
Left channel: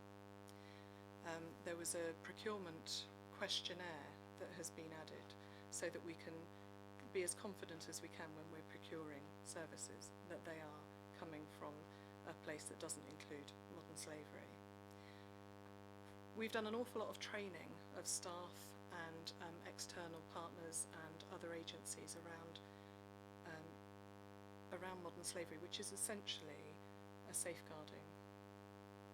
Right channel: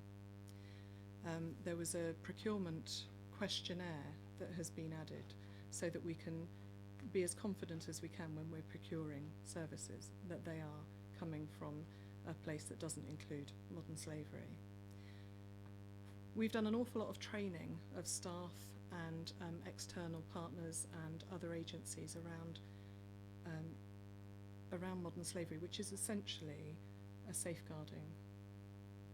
There was a procurement questionnaire that has been added so that we can be as confident as we can when we're procuring services that they are coming from a place that doesn't include modern slavery. We've done an awful lot of training of staff and external partners and other agencies around modern slavery, which is essentially a safeguarding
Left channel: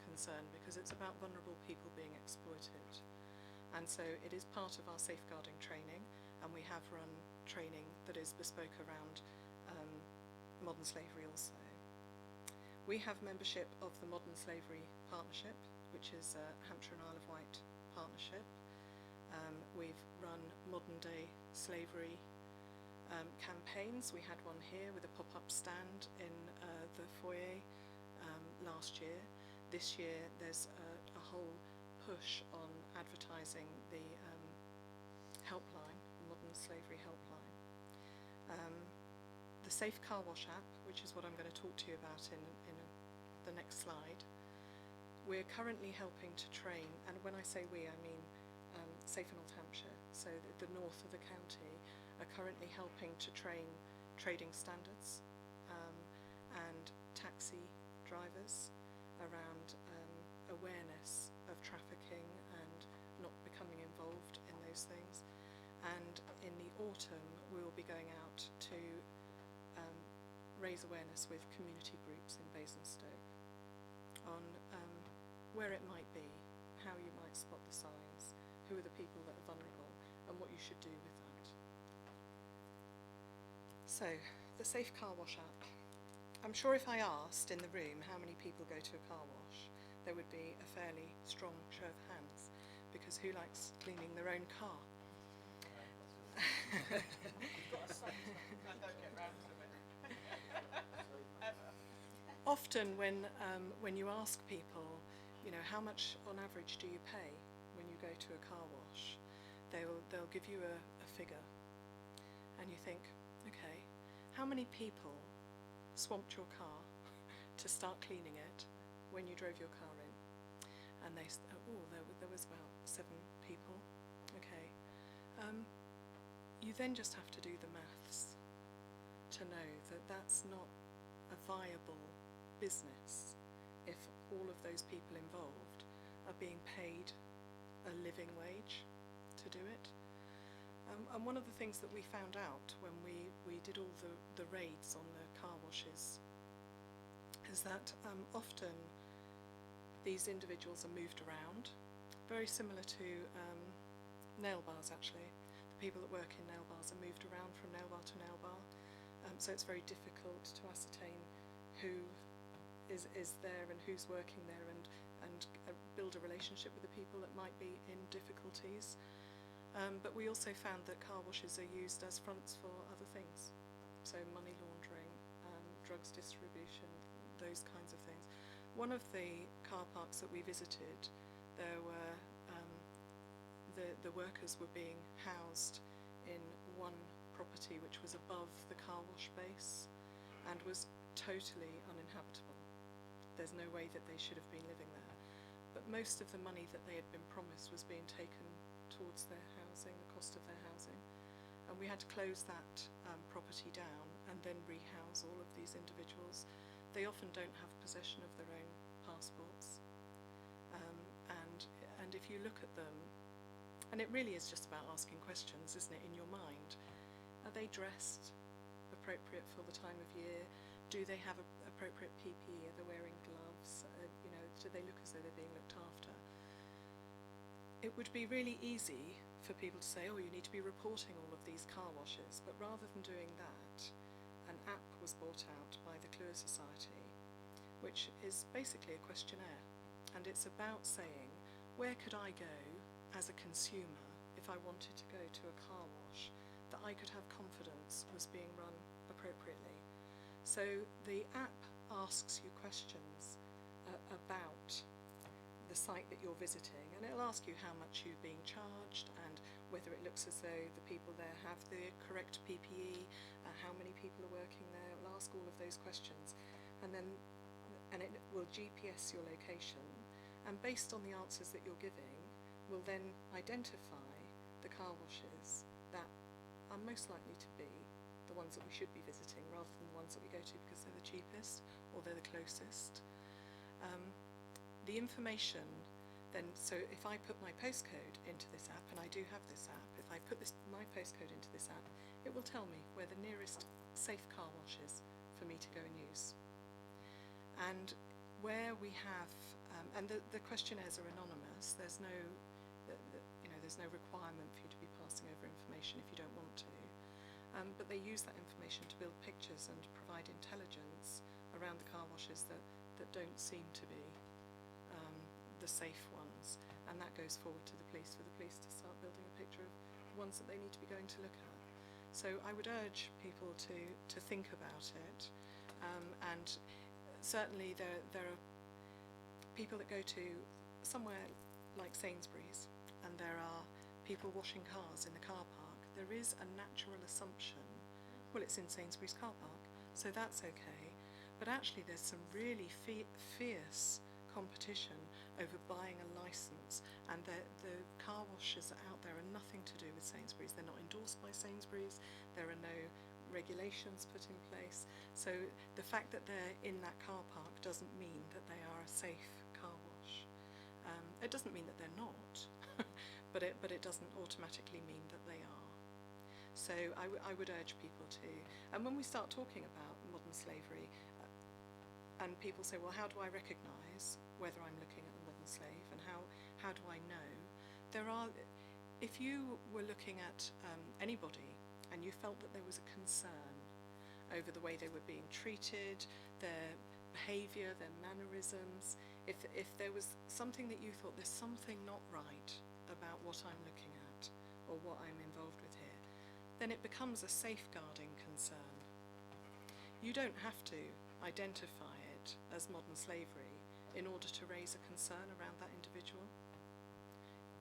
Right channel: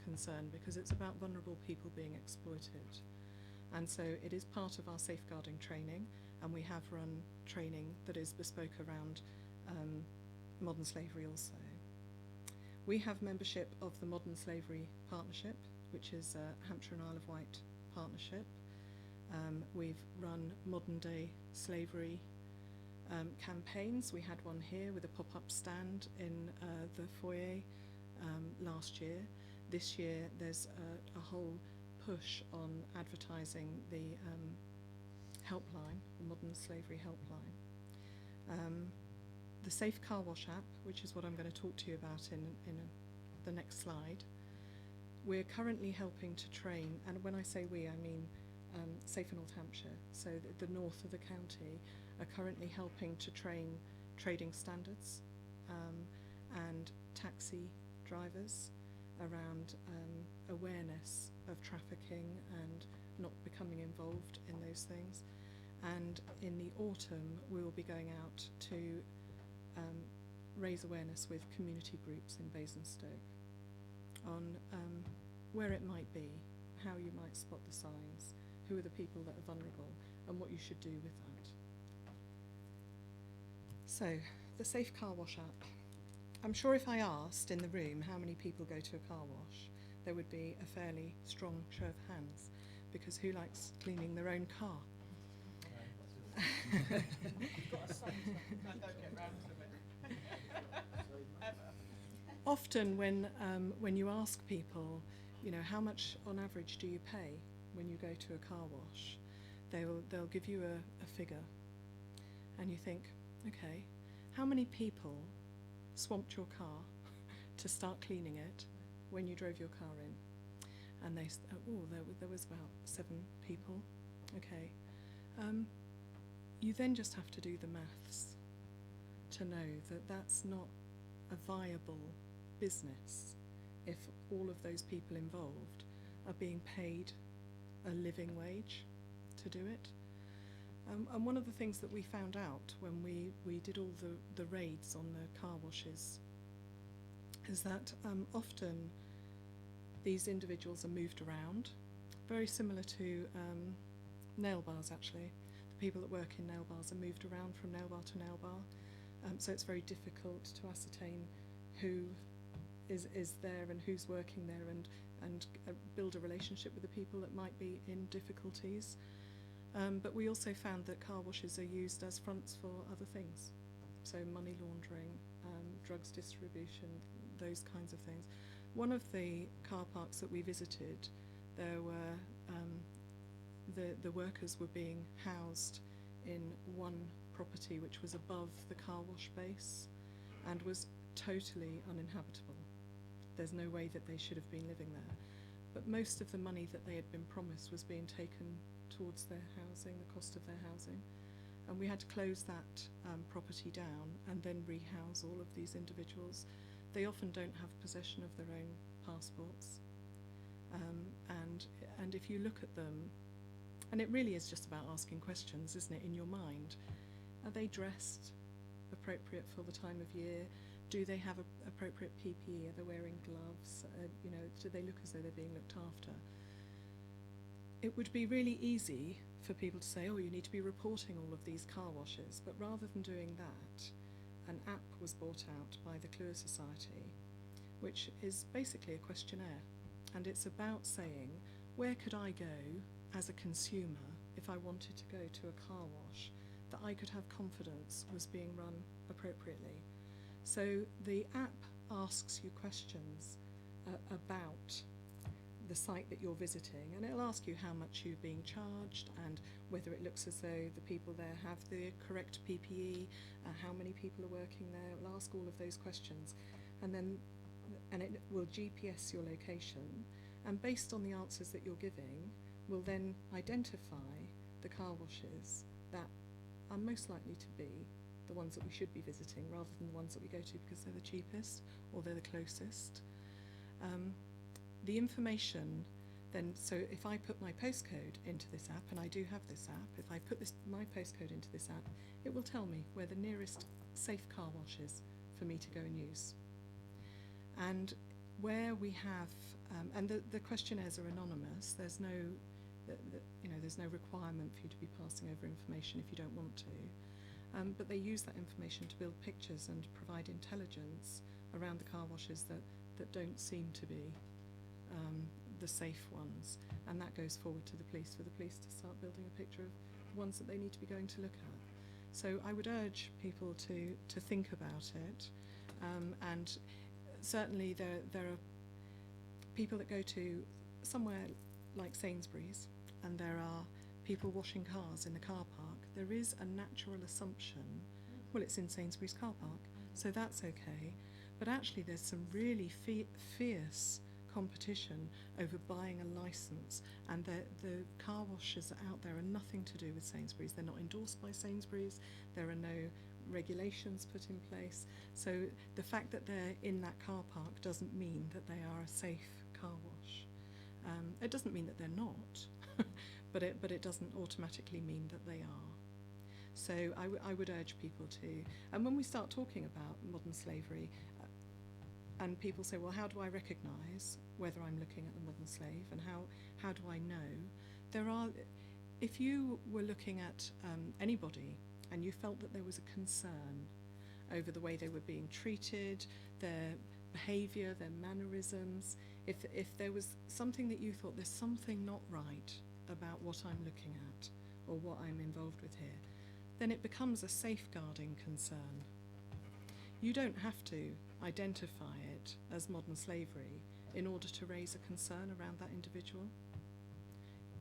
concern because it's about vulnerable people being exploited. And so it is part of our safeguarding training, and we have run training that is bespoke around modern slavery also. We have membership of the Modern Slavery Partnership, which is a Hampshire and Isle of Wight partnership. We've run modern day slavery campaigns. We had one here with a pop-up stand in the foyer last year. This year there's a whole push on advertising the helpline, the Modern Slavery Helpline. The Safe Car Wash app, which is what I'm going to talk to you about in the next slide. We're currently helping to train, and when I say we, I mean Safe North Hampshire, so the north of the county, are currently helping to train trading standards and taxi drivers around awareness of trafficking and not becoming involved in those things. And in the autumn, we will be going out to raise awareness with community groups in Basingstoke on where it might be, how you might spot the signs, who are the people that are vulnerable, and what you should do with that. So, the Safe Car Wash app. I'm sure if I asked in the room how many people go to a car wash, there would be a fairly strong show of hands, because who likes cleaning their own car? Often when you ask people, you know, how much on average do you pay when you go to a car wash, they'll give you a figure, and you think, okay, how many people swamped your car to start cleaning it when you drove your car in? And they there was about 7 people. Okay. You then just have to do the maths to know that that's not a viable business if all of those people involved are being paid a living wage to do it. And one of the things that we found out when we did all the raids on the car washes is that often these individuals are moved around, very similar to nail bars actually. The people that work in nail bars are moved around from nail bar to nail bar, so it's very difficult to ascertain who is there and who's working there, and and build a relationship with the people that might be in difficulties. But we also found that car washes are used as fronts for other things, so money laundering, drugs distribution, those kinds of things. One of the car parks that we visited, there were the workers were being housed in one property which was above the car wash base and was totally uninhabitable. There's no way that they should have been living there. But most of the money that they had been promised was being taken towards their housing, the cost of their housing. And we had to close that property down and then rehouse all of these individuals. They often don't have possession of their own passports. And if you look at them, and it really is just about asking questions, isn't it, in your mind? Are they dressed appropriate for the time of year? Do they have appropriate PPE? Are they wearing gloves? You know, do they look as though they're being looked after? It would be really easy for people to say, oh, you need to be reporting all of these car washes, but rather than doing that, an app was brought out by the Cluer Society, which is basically a questionnaire, and it's about saying, where could I go as a consumer if I wanted to go to a car wash that I could have confidence was being run appropriately? So the app asks you questions about the site that you're visiting, and it'll ask you how much you're being charged and whether it looks as though the people there have the correct PPE, how many people are working there. It'll ask all of those questions, and it will GPS your location, and based on the answers that you're giving, will then identify the car washes that are most likely to be the ones that we should be visiting rather than the ones that we go to because they're the cheapest or they're the closest. The information then, so if I put my postcode into this app, and I do have this app, if I put my postcode into this app, it will tell me where the nearest safe car wash is for me to go and use. And where we have, and the questionnaires are anonymous, there's no, there's no requirement for you to be passing over information if you don't want to. But they use that information to build pictures and provide intelligence around the car washes that don't seem to be the safe ones, and that goes forward to the police for the police to start building a picture of ones that they need to be going to look at. So I would urge people to think about it, and certainly there are people that go to somewhere like Sainsbury's and there are people washing cars in the car park. There is a natural assumption, well, it's in Sainsbury's car park, so that's okay, but actually there's some really fierce competition over buying a licence, and the car washes out there are nothing to do with Sainsbury's. They're not endorsed by Sainsbury's, there are no regulations put in place, so the fact that they're in that car park doesn't mean that they are a safe car wash. It doesn't mean that they're not, but it doesn't automatically mean that they are. So I would urge people to, and when we start talking about modern slavery, and people say, well, how do I recognise whether I'm looking at a modern slave, and how do I know? If you were looking at anybody and you felt that there was a concern over the way they were being treated, their behaviour, their mannerisms, if there was something that you thought there's something not right about what I'm looking at or what I'm involved with here, then it becomes a safeguarding concern. You don't have to identify it as modern slavery in order to raise a concern around that individual.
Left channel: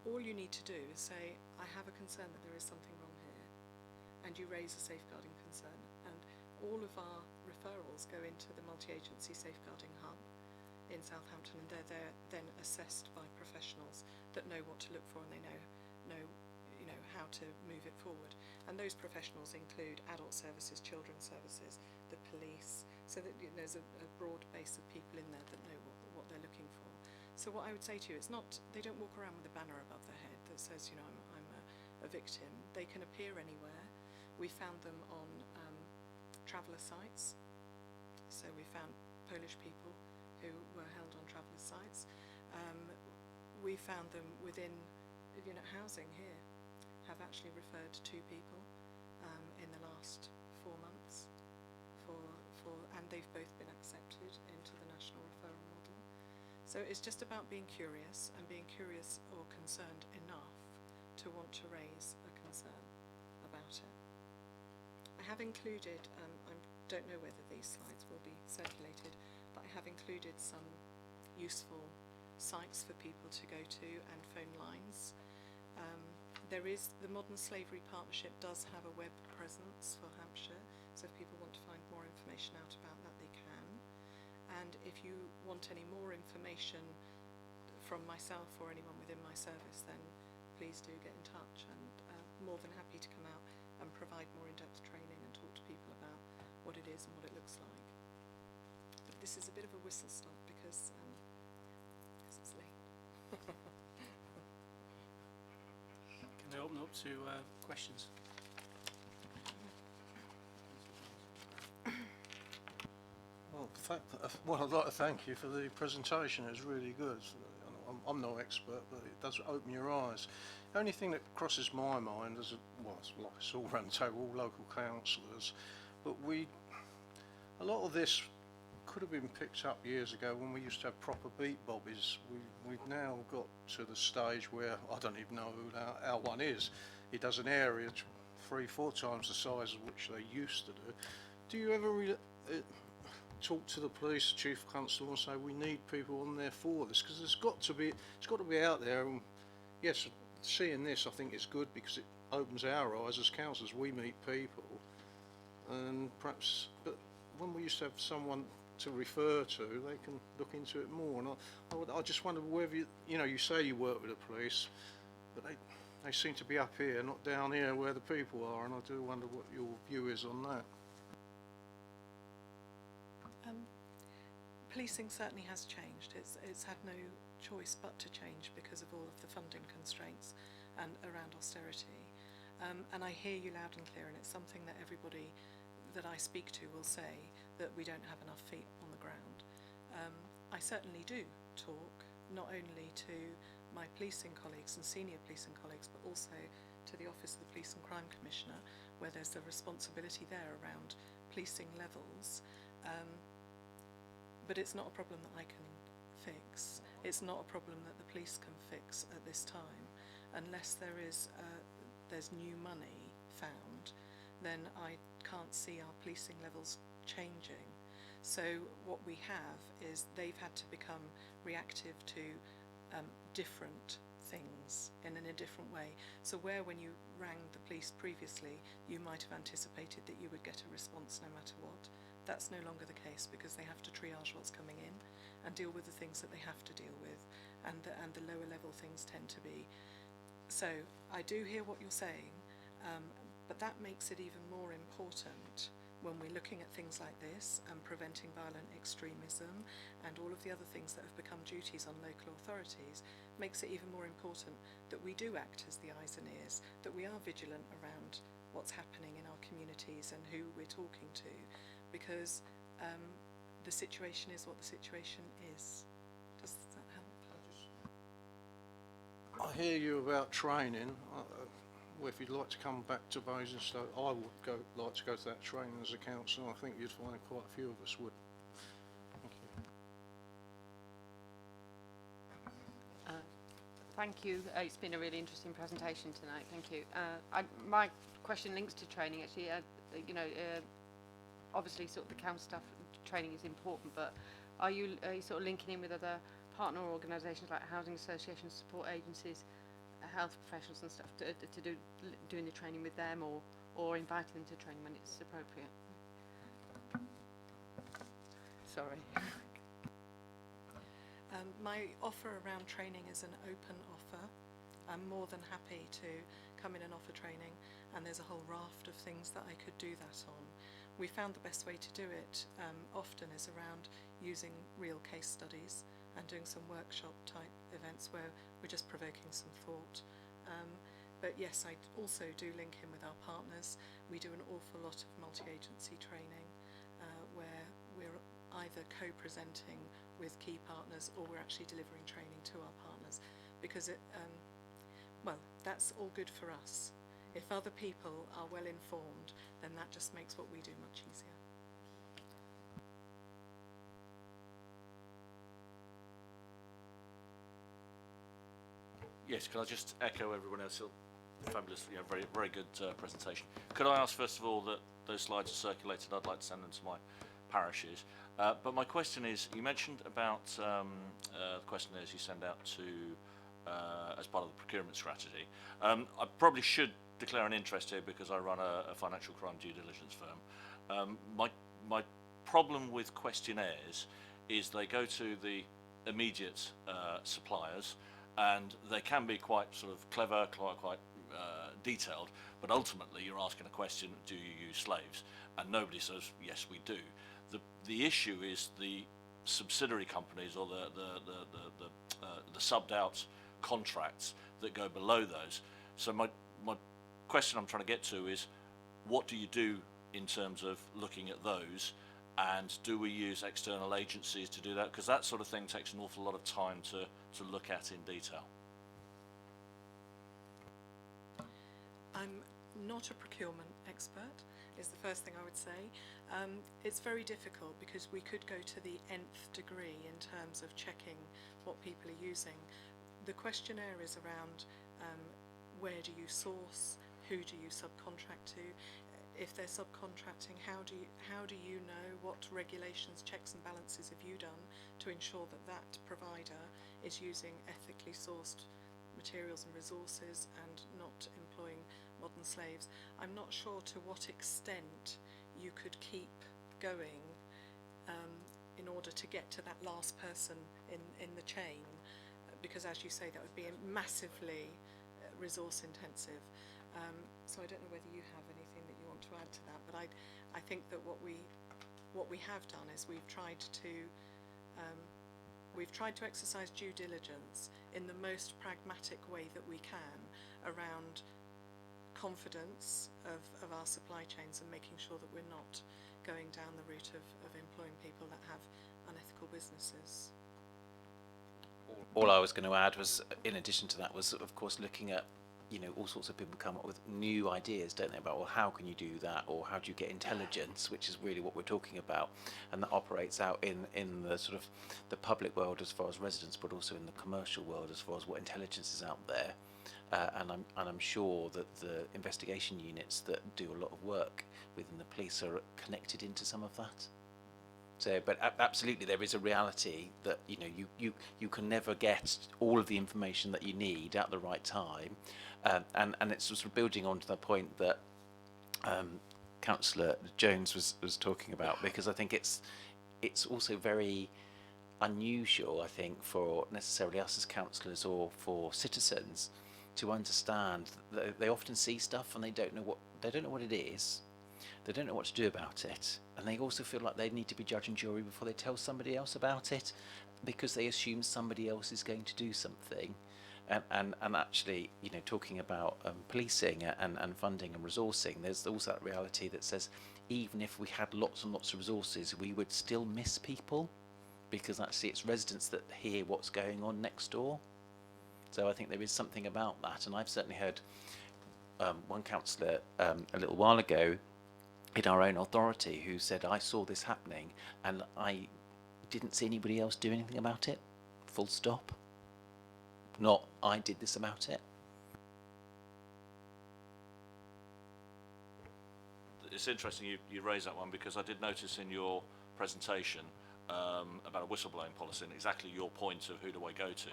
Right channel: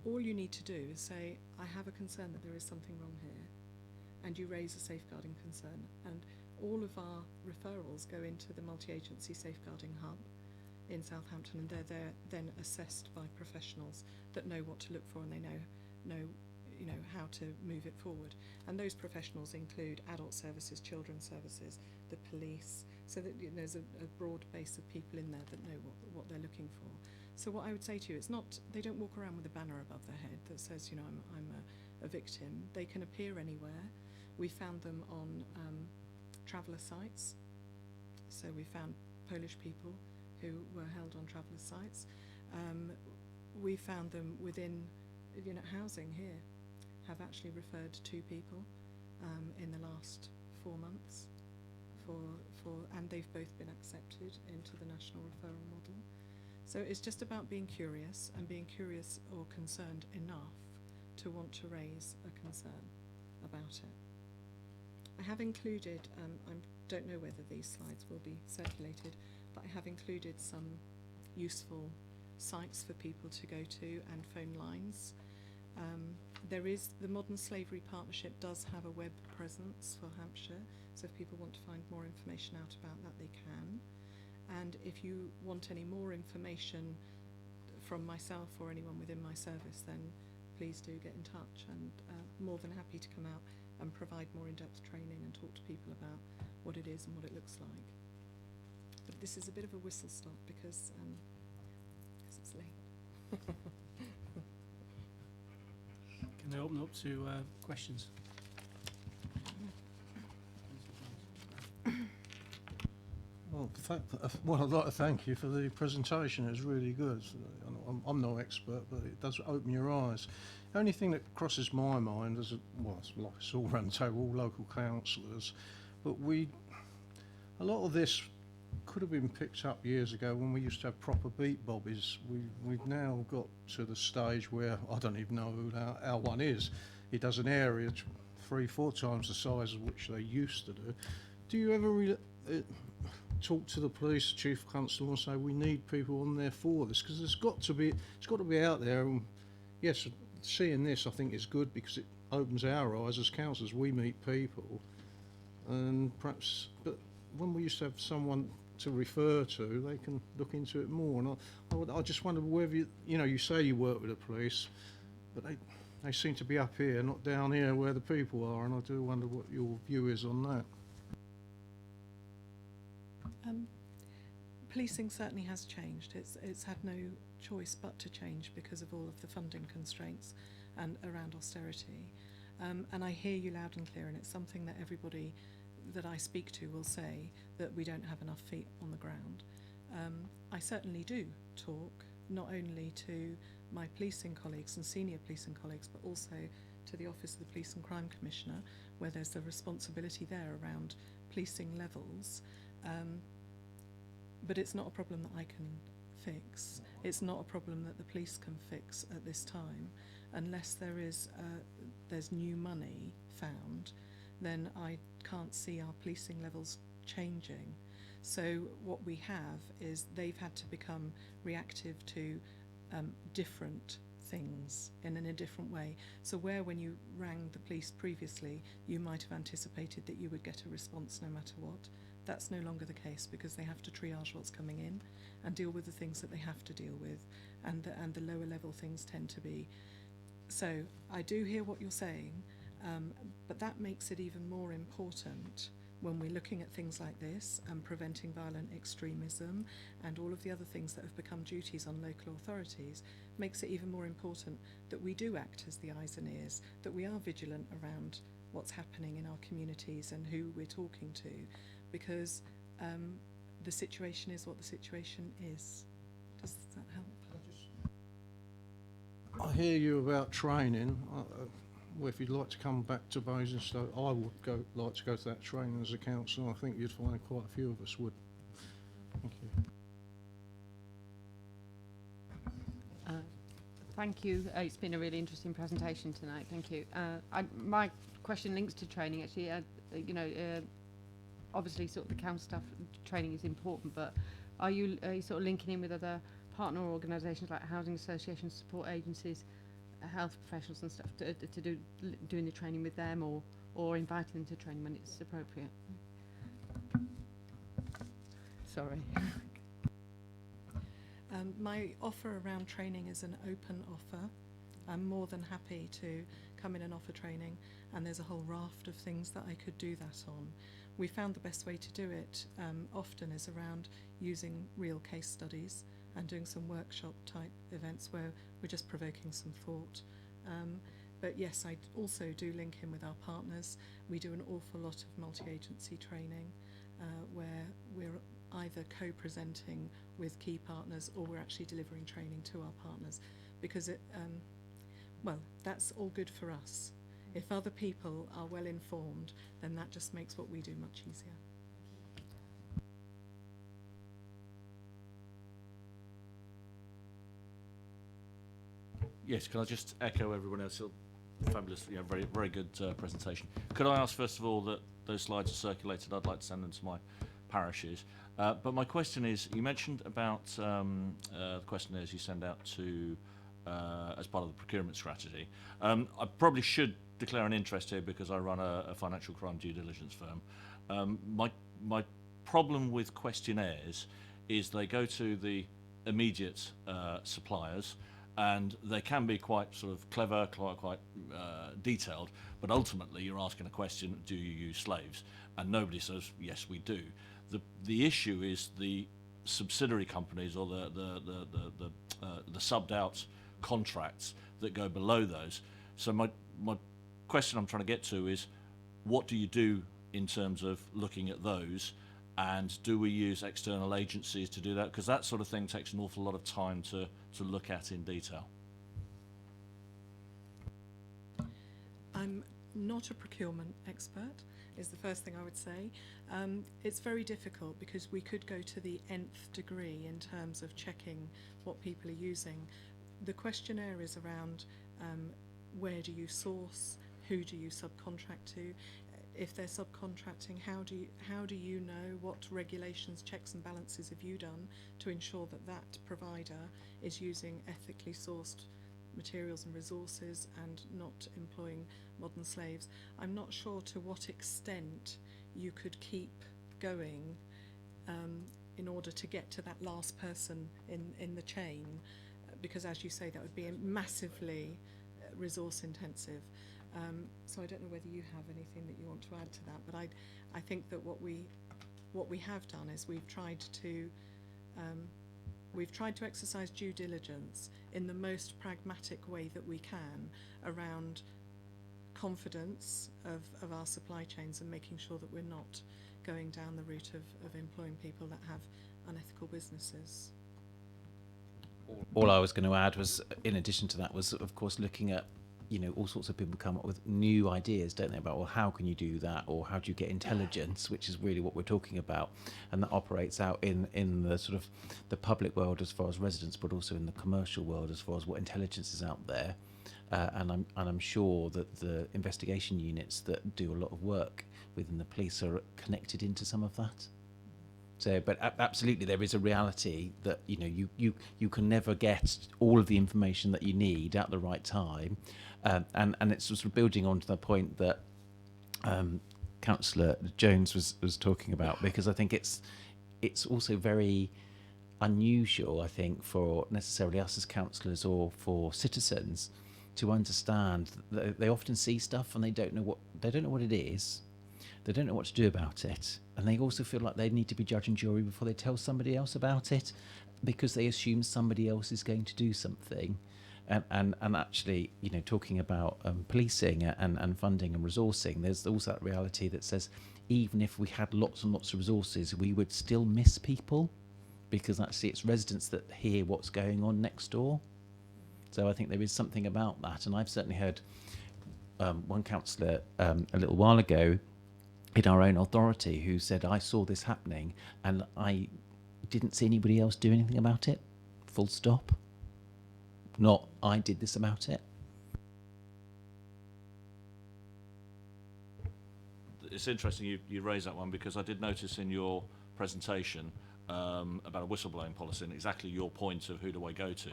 All you need to do is say, I have a concern that there is something wrong here, and you raise a safeguarding concern, and all of our referrals go into the multi-agency safeguarding hub in Southampton, and they're then assessed by professionals that know what to look for, and they know how to move it forward. And those professionals include adult services, children's services, the police, so that there's a broad base of people in there that know what they're looking for. So what I would say to you, it's not, they don't walk around with a banner above their head that says, I'm a victim. They can appear anywhere. We found them on traveller sites. So we found Polish people who were held on traveller sites. We found them within housing here, have actually referred 2 people in the last 4 months and they've both been accepted into the national referral model. So it's just about being curious and being curious or concerned enough to want to raise a concern about it. I have included, I don't know whether these slides will be circulated, but I have included some useful sites for people to go to and phone lines. There is, the Modern Slavery Partnership does have a web presence for Hampshire, so if people want to find more information out about that, they can. And if you want any more information from myself or anyone within my service, then please do get in touch, and more than happy to come out and provide more in-depth training and talk to people about what it is and what it looks like. But this is a bit of a whistle stop because it's late. Can I open up to questions? Well, I'd like to thank you for the presentation. It was really good. I'm no expert, but it does open your eyes. The only thing that crosses my mind is, well, it's like it's all around the table, all local councillors, but a lot of this could have been picked up years ago when we used to have proper beat bobbies. We've now got to the stage where I don't even know who our one is. He does an area 3-4 times the size of which they used to do. Do you ever talk to the police chief constable and say we need people on there for this? Because it's got to be out there. And yes, seeing this I think is good because it opens our eyes as councillors. We meet people, and perhaps, but when we used to have someone to refer to, they can look into it more. And I just wonder whether you say you work with the police, but they seem to be up here, not down here where the people are, and I do wonder what your view is on that. Policing certainly has changed. It's had no choice but to change because of all of the funding constraints and around austerity. And I hear you loud and clear, and it's something that everybody that I speak to will say, that we don't have enough feet on the ground. I certainly do talk not only to my policing colleagues and senior policing colleagues, but also to the Office of the Police and Crime Commissioner, where there's a responsibility there around policing levels. But it's not a problem that I can fix. It's not a problem that the police can fix at this time. Unless there's new money found, then I can't see our policing levels changing. So what we have is they've had to become reactive to different things in a different way. So where when you rang the police previously, you might have anticipated that you would get a response no matter what. That's no longer the case because they have to triage what's coming in and deal with the things that they have to deal with, and the lower level things tend to be. So I do hear what you're saying, but that makes it even more important when we're looking at things like this and preventing violent extremism and all of the other things that have become duties on local authorities. Makes it even more important that we do act as the eyes and ears, that we are vigilant around what's happening in our communities and who we're talking to, because the situation is what the situation is. Does that help? I hear you about training. Well, if you'd like to come back to Basingstoke, I would like to go to that training as a councillor. I think you'd find quite a few of us would. Thank you. Thank you. It's been a really interesting presentation tonight. Thank you. My question links to training actually. Obviously, sort of the council staff training is important, but are you sort of linking in with other partner organisations like housing associations, support agencies, health professionals and stuff to doing the training with them, or inviting them to training when it's appropriate? Sorry. My offer around training is an open offer. I'm more than happy to come in and offer training, and there's a whole raft of things that I could do that on. We found the best way to do it often is around using real case studies and doing some workshop type events where we're just provoking some thought. But yes, I also do link in with our partners. We do an awful lot of multi-agency training where we're either co-presenting with key partners or we're actually delivering training to our partners, because that's all good for us. If other people are well informed, then that just makes what we do much easier. . Yes, can I just echo everyone else? Fabulous, very, very good presentation. Could I ask first of all that those slides are circulated? I'd like to send them to my parishes. But my question is, you mentioned about the questionnaires you send out to as part of the procurement strategy. I probably should declare an interest here because I run a financial crime due diligence firm. My problem with questionnaires is they go to the immediate suppliers, and they can be quite sort of clever, quite detailed, but ultimately you're asking a question: do you use slaves? And nobody says yes, we do. The issue is the subsidiary companies or the subbed out contracts that go below those. So my question I'm trying to get to is, what do you do in terms of looking at those, and do we use external agencies to do that? Because that sort of thing takes an awful lot of time to look at in detail. I'm not a procurement expert, is the first thing I would say. It's very difficult because we could go to the nth degree in terms of checking what people are using. The questionnaire is around where do you source, who do you subcontract to, if they're subcontracting, how do you know, what regulations, checks and balances have you done to ensure that that provider is using ethically sourced materials and resources and not employing modern slaves. I'm not sure to what extent you could keep going in order to get to that last person in the chain, because as you say, that would be massively resource intensive. So I don't know whether you have anything that you want to add to that, but I think that what we have done is we've tried to exercise due diligence in the most pragmatic way that we can around confidence of our supply chains and making sure that we're not going down the route of employing people that have unethical businesses. All I was going to add was, in addition to that, was of course looking at, all sorts of people come up with new ideas, don't they, about, well, how can you do that, or how do you get intelligence, which is really what we're talking about, and that operates out in the sort of the public world as far as residents, but also in the commercial world as far as what intelligence is out there. And I'm sure that the investigation units that do a lot of work within the police are connected into some of that. So, but absolutely, there is a reality that you can never get all of the information that you need at the right time, and it's sort of building on to the point that Councillor Jones was talking about, because I think it's also very unusual, I think, for necessarily us as councillors or for citizens to understand that they often see stuff and they don't know what it is. They don't know what to do about it, and they also feel like they need to be judge and jury before they tell somebody else about it, because they assume somebody else is going to do something. And actually, talking about policing and funding and resourcing, there's also that reality that says even if we had lots and lots of resources, we would still miss people, because actually it's residents that hear what's going on next door. So I think there is something about that, and I've certainly heard one councillor a little while ago in our own authority who said, I saw this happening and I didn't see anybody else do anything about it, full stop. Not, I did this about it. It's interesting you raise that one, because I did notice in your presentation about a whistleblowing policy and exactly your point of who do I go to.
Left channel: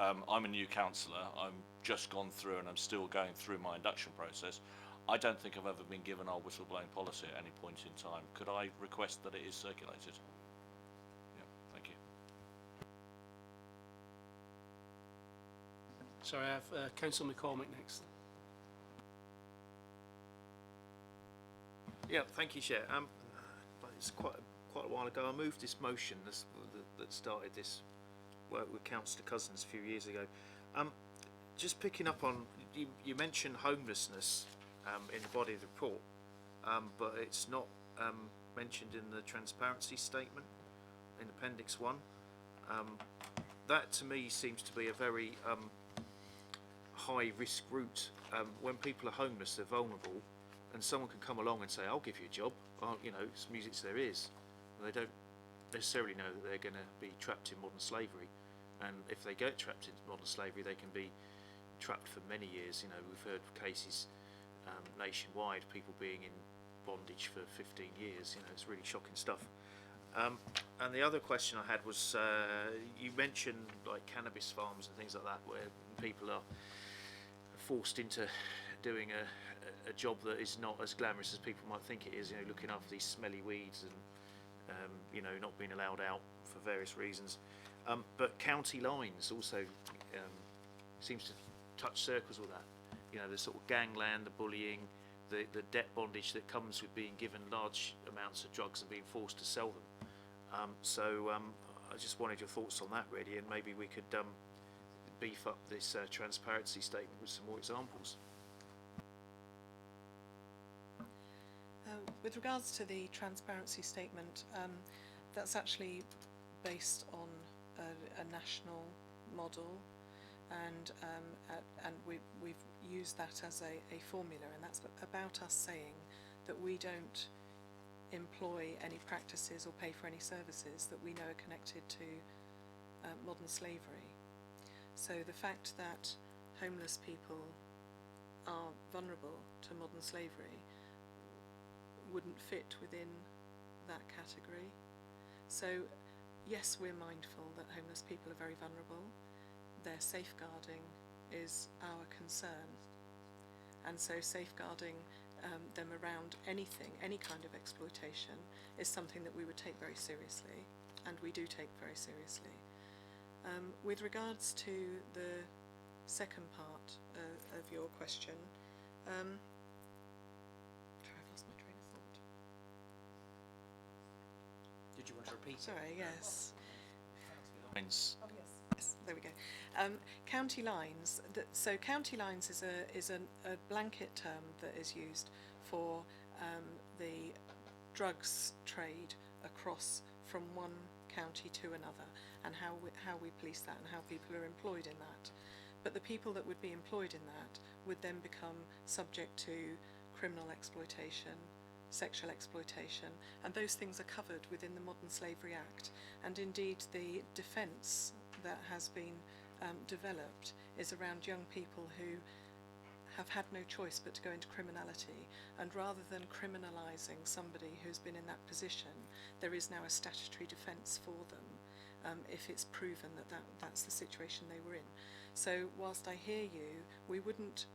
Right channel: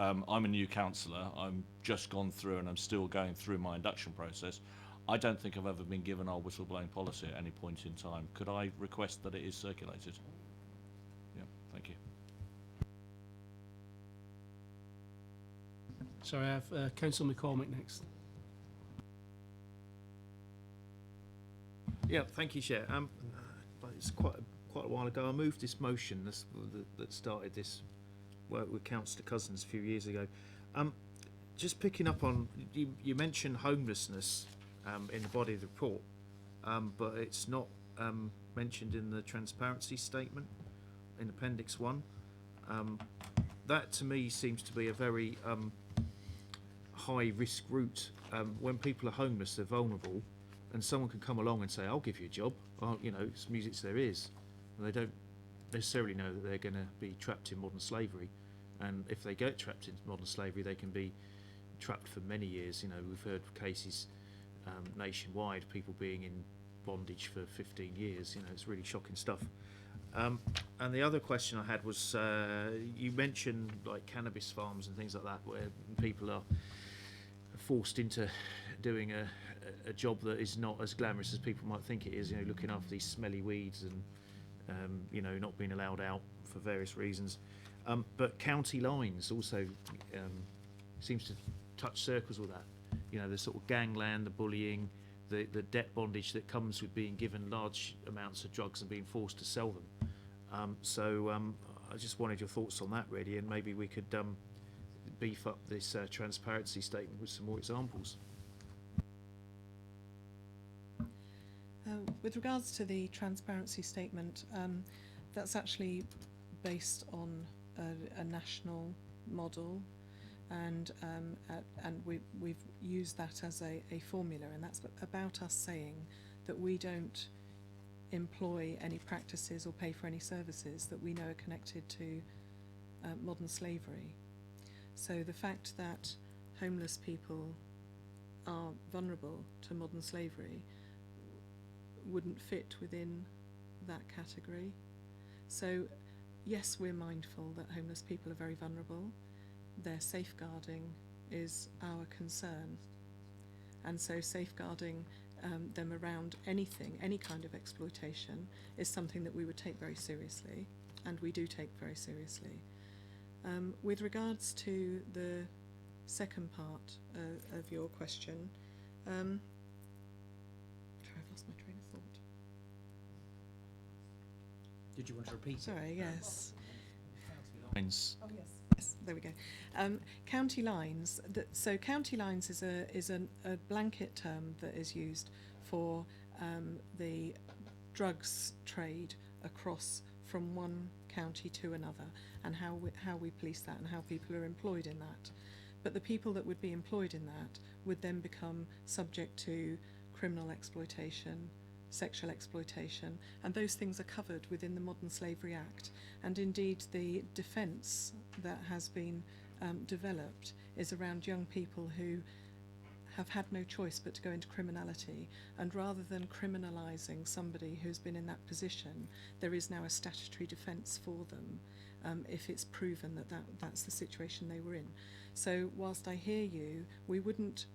I'm a new councillor. I'm just gone through and I'm still going through my induction process. I don't think I've ever been given our whistleblowing policy at any point in time. Could I request that it is circulated? Yeah, thank you. Sorry, I have Councillor McCormick next. Yeah, thank you, Chair. It's quite a while ago I moved this motion that started this work with Councillor Cousins a few years ago. Just picking up on, you mentioned homelessness in the body of the report, but it's not mentioned in the transparency statement in Appendix 1. That to me seems to be a very high risk route. When people are homeless, they're vulnerable, and someone can come along and say, I'll give you a job, it's music to their ears. And they don't necessarily know that they're going to be trapped in modern slavery, and if they get trapped in modern slavery, they can be trapped for many years. You know, we've heard of cases nationwide, people being in bondage for 15 years. You know, it's really shocking stuff. And the other question I had was, you mentioned like cannabis farms and things like that, where people are forced into doing a job that is not as glamorous as people might think it is. You know, looking after these smelly weeds and you know, not being allowed out for various reasons. But county lines also seems to touch circles with that. You know, the sort of gangland, the bullying, the debt bondage that comes with being given large amounts of drugs and being forced to sell them. So I just wanted your thoughts on that, really, and maybe we could beef up this transparency statement with some more examples. With regards to the transparency statement, that's actually based on a national model, and we've used that as a formula, and that's about us saying that we don't employ any practices or pay for any services that we know are connected to modern slavery. So the fact that homeless people are vulnerable to modern slavery wouldn't fit within that category. So yes, we're mindful that homeless people are very vulnerable. Their safeguarding is our concern, and so safeguarding them around anything, any kind of exploitation, is something that we would take very seriously, and we do take very seriously. With regards to the second part of your question, I've lost my train of thought. Did you want to repeat? Sorry, yes. Lines. Oh yes. Yes, there we go. County lines. So county lines is a blanket term that is used for the drugs trade across from one county to another, and how we police that and how people are employed in that. But the people that would be employed in that would then become subject to criminal exploitation, sexual exploitation, and those things are covered within the Modern Slavery Act. And indeed the defence that has been developed is around young people who have had no choice but to go into criminality, and rather than criminalising somebody who's been in that position, there is now a statutory defence for them if it's proven that that's the situation they were in. So whilst I hear you, we wouldn't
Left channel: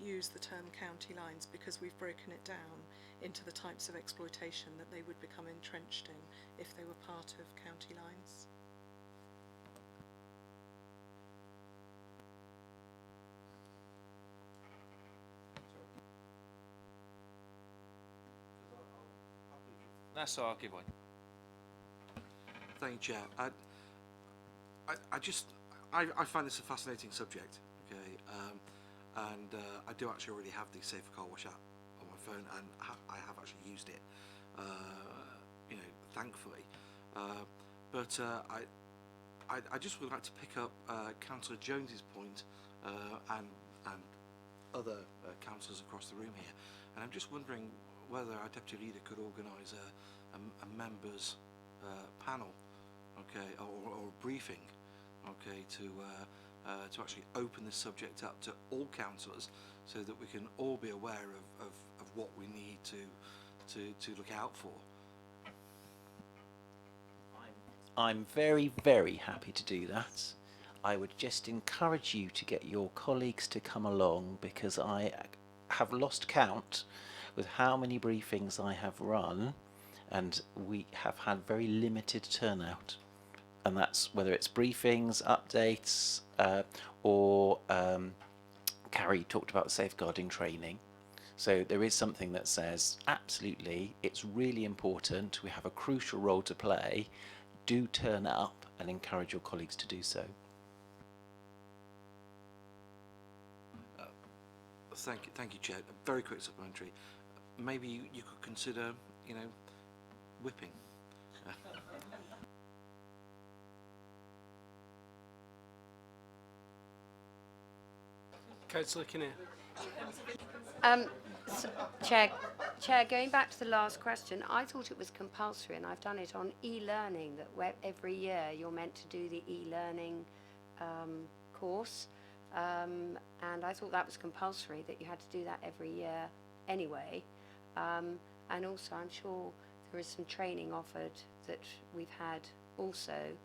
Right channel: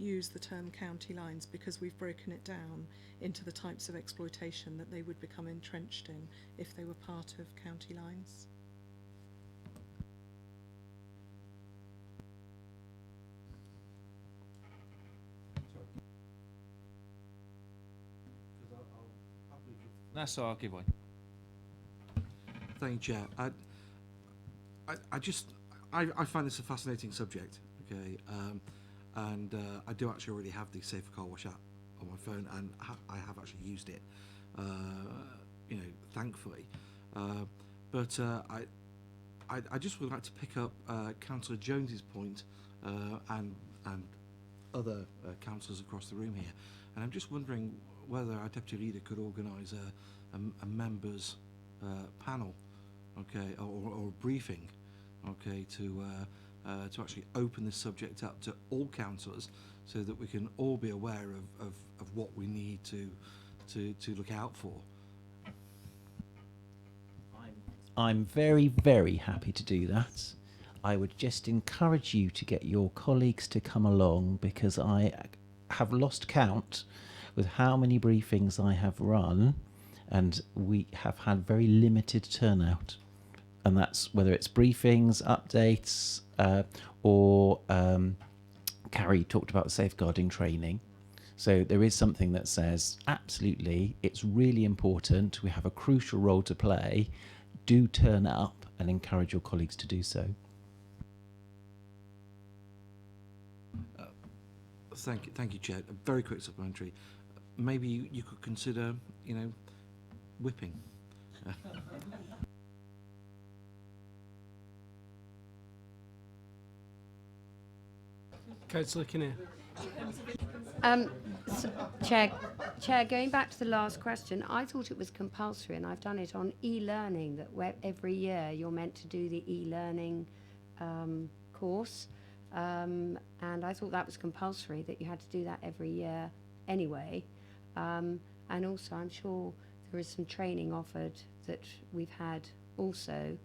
use the term county lines, because we've broken it down into the types of exploitation that they would become entrenched in if they were part of county lines. That's all, I'll give way. Thank you, Chair. I find this a fascinating subject, okay, and I do actually already have the Safer Car Wash app on my phone, and I have actually used it, you know, thankfully. But I just would like to pick up Councillor Jones's point and other councillors across the room here, and I'm just wondering whether our Deputy Leader could organise a members panel, okay, or a briefing, okay, to actually open this subject up to all councillors, so that we can all be aware of what we need to look out for. I'm very, very happy to do that. I would just encourage you to get your colleagues to come along, because I have lost count with how many briefings I have run, and we have had very limited turnout. And that's whether it's briefings, updates, or Carrie talked about safeguarding training. So there is something that says, absolutely, it's really important, we have a crucial role to play, do turn up and encourage your colleagues to do so. Thank you, Chair. A very quick supplementary. Maybe you could consider, you know, whipping. Councillor Kinnear. Chair, going back to the last question, I thought it was compulsory, and I've done it on e-learning, that every year you're meant to do the e-learning course And I thought that was compulsory, that you had to do that every year anyway. And also, I'm sure there is some training offered that we've had also.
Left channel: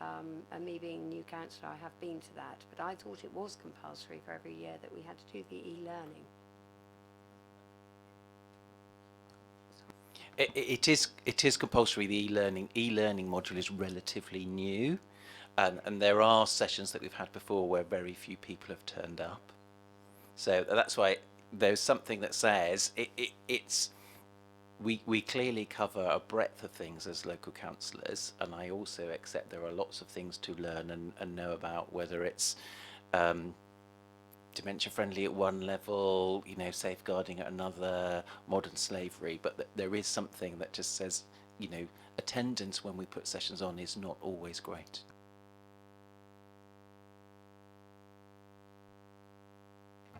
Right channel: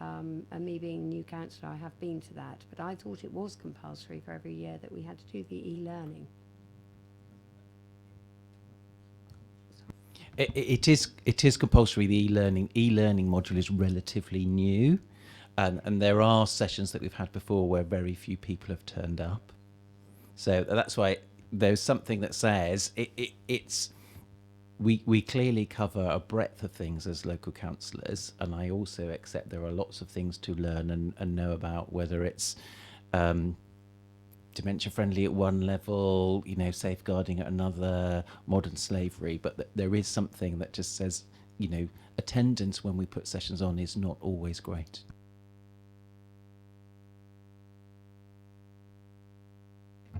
And me being new councillor, I have been to that. But I thought it was compulsory for every year that we had to do the e-learning. It is compulsory. The e-learning module is relatively new, and there are sessions that we've had before where very few people have turned up. So that's why there's something that says it's we clearly cover a breadth of things as local councillors, and I also accept there are lots of things to learn and know about, whether it's dementia friendly at one level, you know, safeguarding at another, modern slavery, but there is something that just says, you know, attendance when we put sessions on is not always great.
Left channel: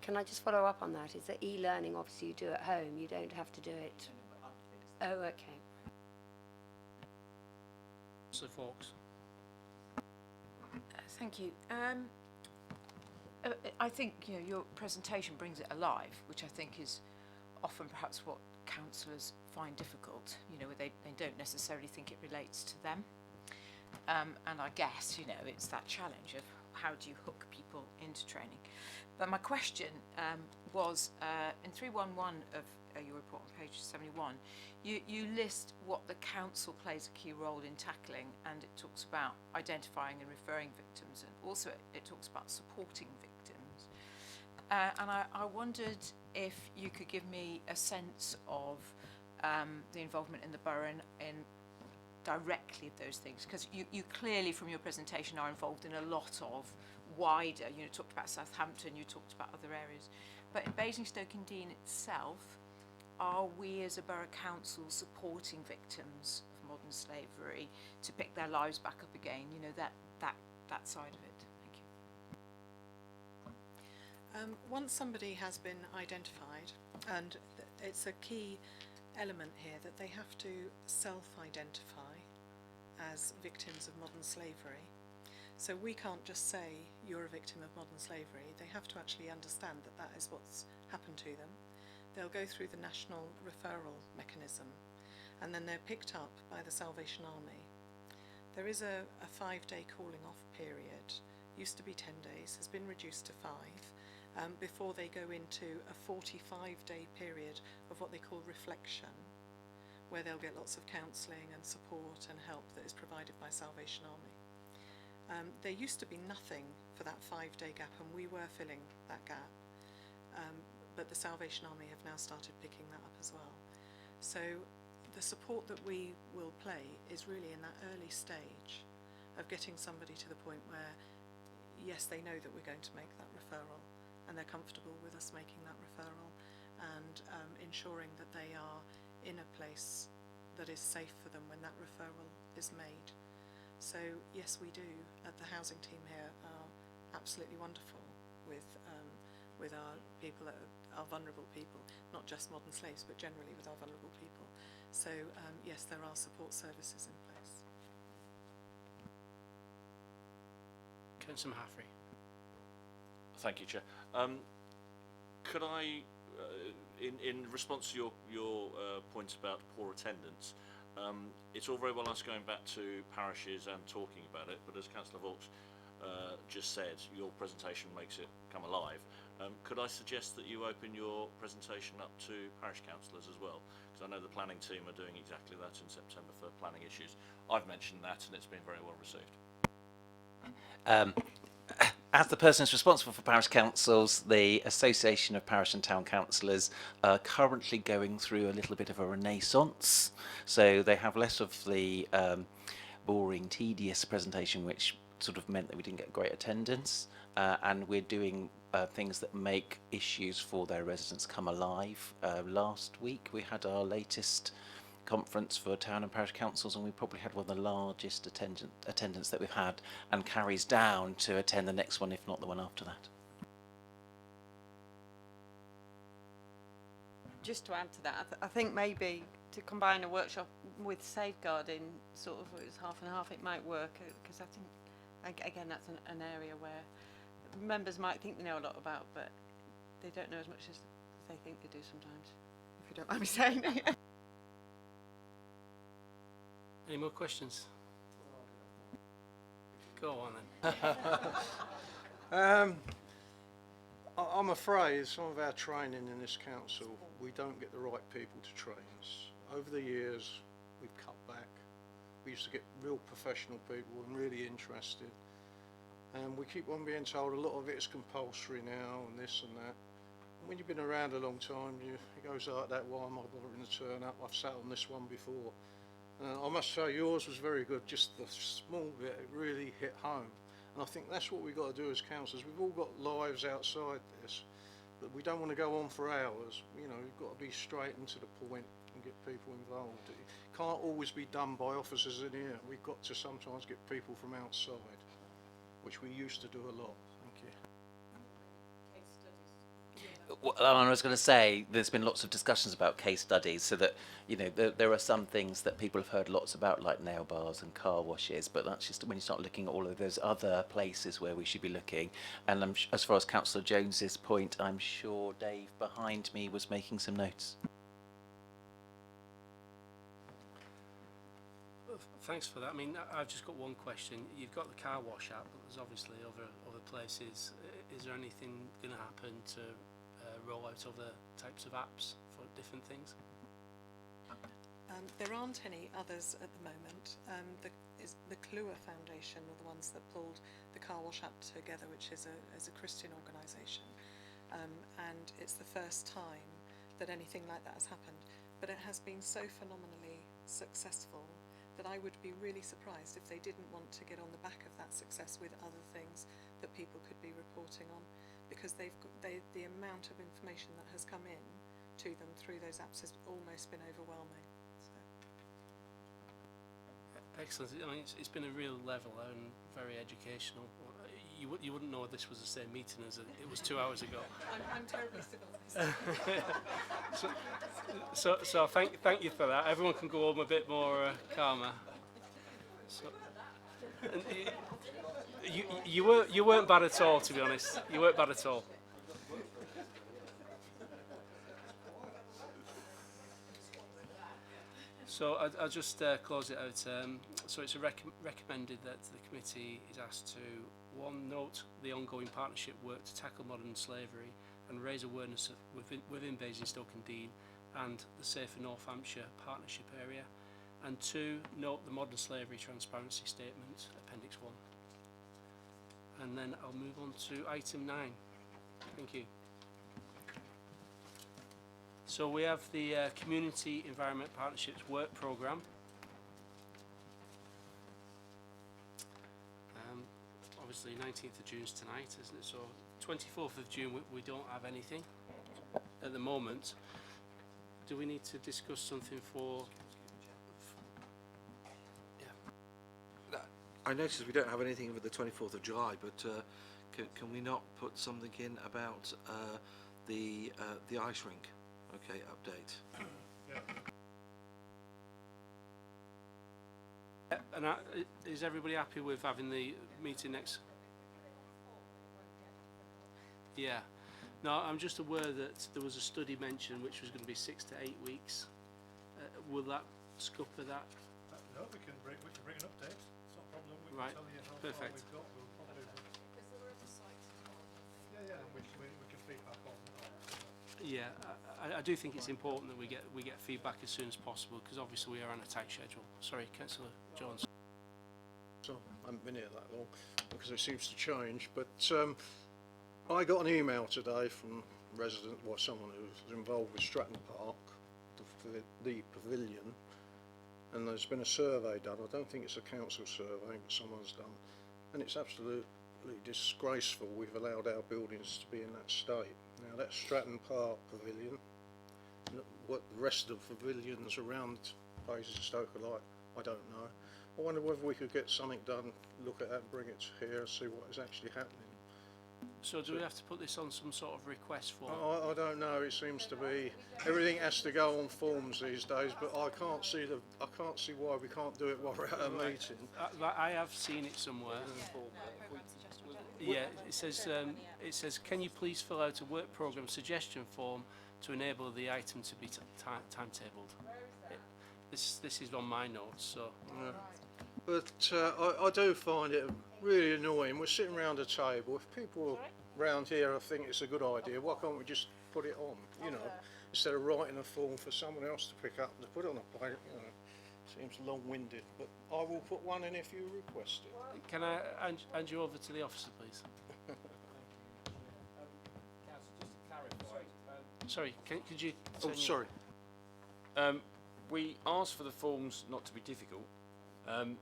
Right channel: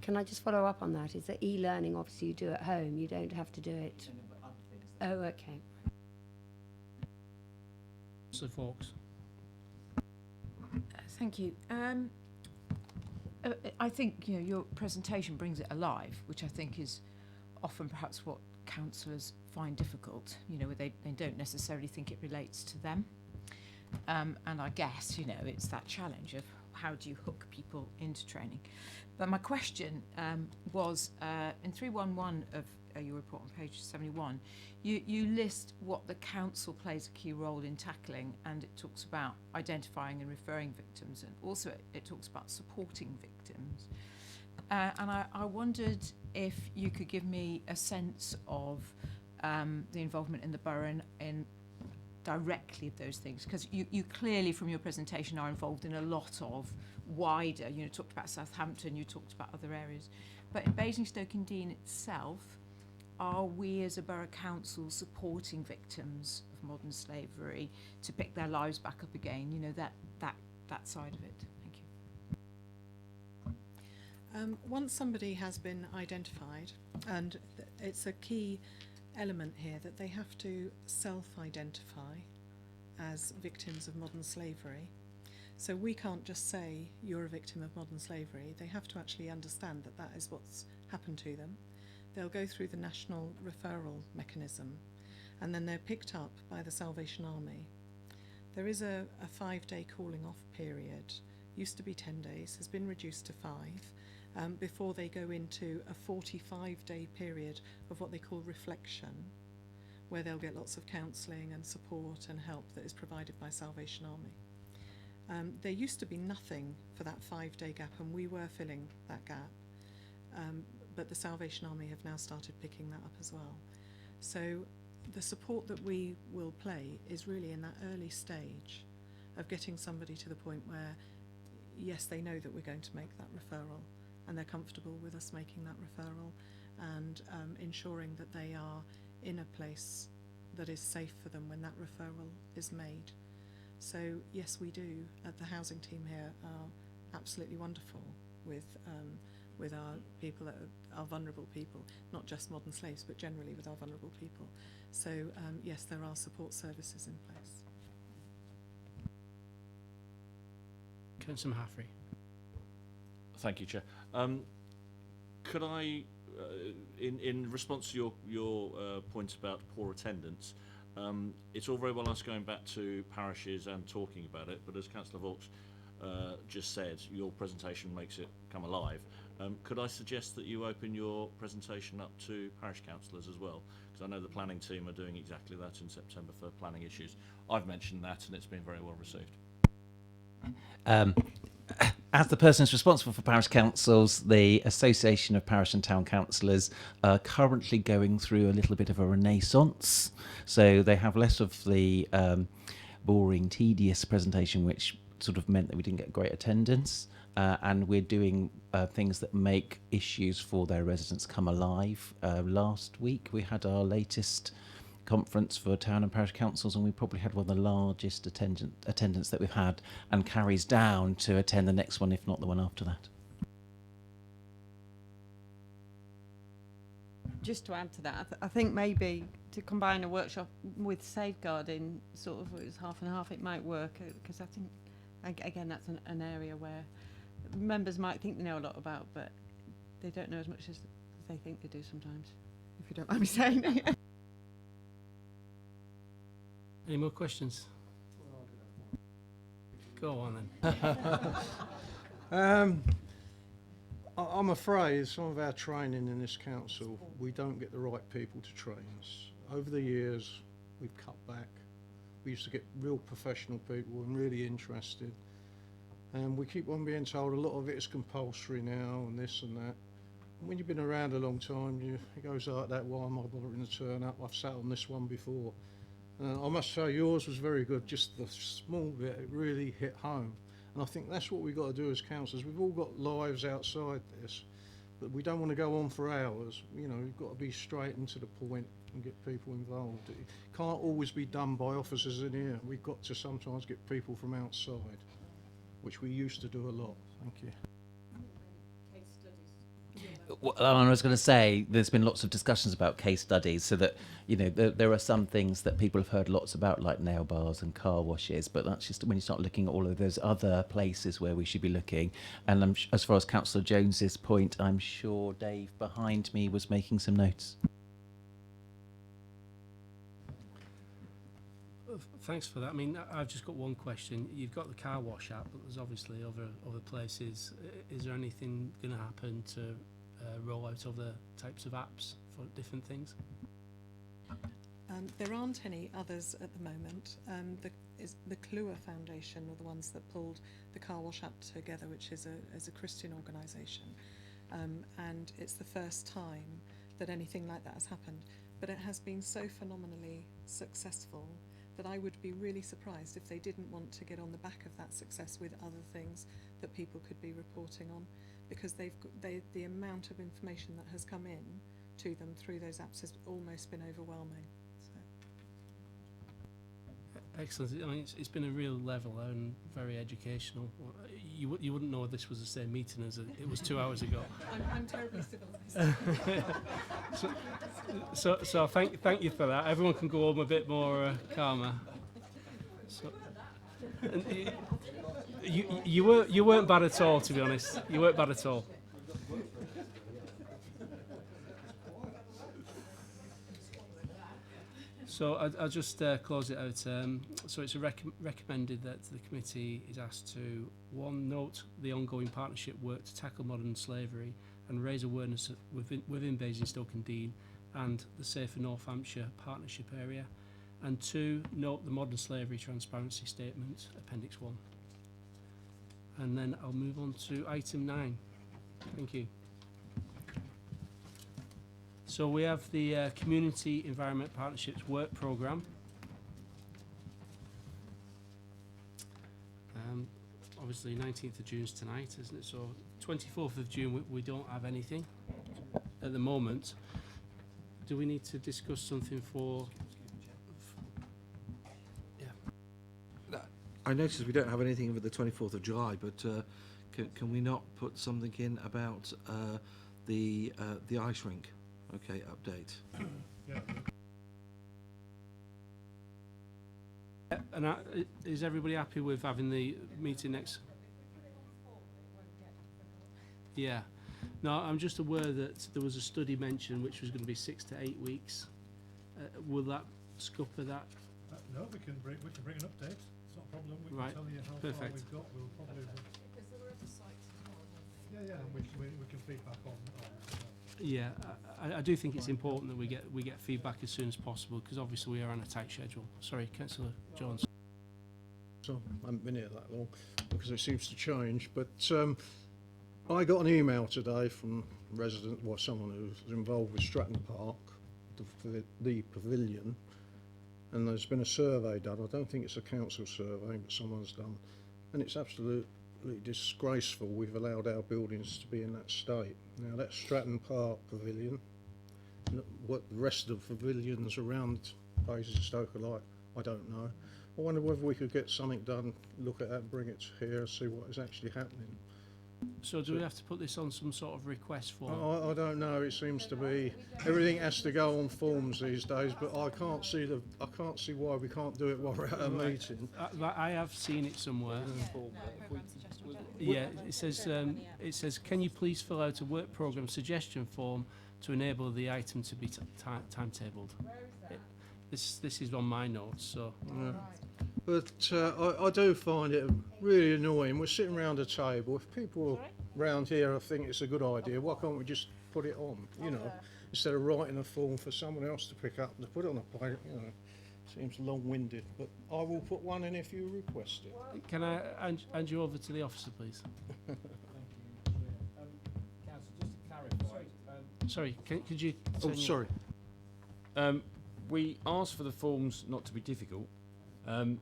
Can I just follow up on that? Is that e-learning obviously you do at home, you don't have to do it? Oh, okay. So, folks. Thank you. I think your presentation brings it alive, which I think is often perhaps what councillors find difficult. Where they don't necessarily think it relates to them, and I guess it's that challenge of how do you hook people into training. But my question was in 311 of your report on page 71, you list what the council plays a key role in tackling, and it talks about identifying and referring victims, and also it talks about supporting victims. And I wondered if you could give me a sense of the involvement in the borough in directly of those things, because you clearly from your presentation are involved in a lot of wider, talked about Southampton, you talked about other areas, but in Basingstoke-in-Deane itself, are we as a borough council supporting victims of modern slavery to pick their lives back up again, that side of it? Thank you. Once somebody has been identified, and it's a key element here that they have to self-identify as victims of modern slavery. So we can't just say you're a victim of modern slavery. They have to actually understand that that is what's happened to them. They'll go through the national referral mechanism, and then they're picked up by the Salvation Army. There is a 5-day calling off period, used to be 10 days, has been reduced to 5, before they go into a 45-day period of what they call reflection, where they'll get lots of counselling and support and help that is provided by Salvation Army. There used to be nothing for that 5-day gap, and we were filling that gap. But the Salvation Army have now started picking that up as well. So the support that we will play is really in that early stage of getting somebody to the point where, yes, they know that we're going to make that referral, and they're comfortable with us making that referral, and ensuring that they are in a place that is safe for them when that referral is made. So yes, we do, at the housing team here, are absolutely wonderful with our people, our vulnerable people, not just modern slaves, but generally with our vulnerable people. So yes, there are support services in place. Councillor Mahaffrey. Thank you, Chair. Could I, in response to your point about poor attendance, it's all very well us going back to parishes and talking about it, but as Councillor Vaux just said, your presentation makes it come alive. Could I suggest that you open your presentation up to parish councillors as well? Because I know the planning team are doing exactly that in September for planning issues. I've mentioned that and it's been very well received. As the person who's responsible for parish councils, the Association of Parish and Town Councillors are currently going through a little bit of a renaissance. So they have less of the boring, tedious presentation, which sort of meant that we didn't get great attendance. And we're doing things that make issues for their residents come alive. Last week we had our latest conference for town and parish councils, and we probably had one of the largest attendance that we've had, and carries down to attend the next one, if not the one after that. Just to add to that, I think maybe to combine a workshop with safeguarding, sort of, it's half and half, it might work, because I think, again, that's an area where members might think they know a lot about, but they don't know as much as they think they do sometimes, if you don't mind me saying. Any more questions? Go on then. I'm afraid some of our training in this council, we don't get the right people to train us. Over the years, we've cut back. We used to get real professional people and really interested. And we keep on being told a lot of it is compulsory now and this and that. When you've been around a long time, it goes like that, why am I bothering to turn up? I've sat on this one before. I must say yours was very good, just the small bit, it really hit home. And I think that's what we've got to do as councillors. We've all got lives outside this, but we don't want to go on for hours. You know, we've got to be straight and to the point and get people involved. It can't always be done by officers in here. We've got to sometimes get people from outside, which we used to do a lot. Thank you. Well, I was going to say there's been lots of discussions about case studies, so that there are some things that people have heard lots about, like nail bars and car washes, but that's just when you start looking at all of those other places where we should be looking. And as far as Councillor Jones's point, I'm sure Dave behind me was making some notes. Thanks for that. I mean, I've just got one question. You've got the car wash app, but there's obviously other places. Is there anything going to happen to roll out other types of apps for different things? There aren't any others at the moment. The Clua Foundation are the ones that pulled the car wash app together, which is a Christian organisation, and it's the first time that anything like that has happened. But it has been so phenomenally successful that I would be really surprised if they didn't want to get on the back of that success with other things that people could be reporting on, because the amount of information that has come in to them through those apps has almost been overwhelming. Excellent. I mean, it's been a real level and very educational. You wouldn't know this was the same meeting as it was 2 hours ago. I'm terribly civilised. So thank you for that. Everyone can go home a bit more calmer. So, and you weren't bad at all, to be honest. You weren't bad at all. So I'll just close it out. So it's recommended that the committee is asked to, 1, note the ongoing partnership work to tackle modern slavery and raise awareness within Basingstoke and Dean and the Safer North Hampshire Partnership Area, and 2, note the modern slavery transparency statement, Appendix 1. And then I'll move on to item 9. Thank you. So we have the Community Environment Partnerships Work Programme. Obviously 19th of June's tonight, isn't it? So 24th of June we don't have anything at the moment. Do we need to discuss something for... Yeah. I noticed we don't have anything for the 24th of July, but can we not put something in about the ice rink? Okay, update. Yeah. And is everybody happy with having the meeting next? Yeah. No, I'm just aware that there was a study mentioned which was going to be 6 to 8 weeks. Will that scupper that? No, we can bring an update. It's not a problem. We Right. can tell you how Perfect. far we've got. We'll probably. Because there were other sites as well, weren't there? Yeah, and we can feedback on. Yeah, I do think it's important that we get feedback as soon as possible, because obviously we are on a tight schedule. Sorry, Councillor Jones. So I haven't been here that long because it seems to change, but I got an email today from a resident, well, someone who's involved with Stratton Park, the pavilion, and there's been a survey done. I don't think it's a council survey, but someone's done, and it's absolutely disgraceful we've allowed our buildings to be in that state. Now that's Stratton Park Pavilion. What the rest of the pavilions around Basingstoke are like, I don't know. I wonder whether we could get something done, look at that and bring it here, see what is actually happening. So do we have to put this on some sort of request form? I don't know, it seems to be, everything has to go on forms these days, but I can't see why we can't do it while we're at a meeting. I have seen it somewhere. Yeah, it says, can you please fill out a work programme suggestion form to enable the item to be timetabled? This is on my notes, so. Yeah. But I do find it really annoying. We're sitting round a table. If people round here think it's a good idea, why can't we just put it on, you know, instead of writing a form for someone else to pick up and to put it on a plate, you know. Seems long-winded, but I will put one in if you request it. Can I hand you over to the officer, please? Sorry, could you... Oh, sorry. We asked for the forms not to be difficult,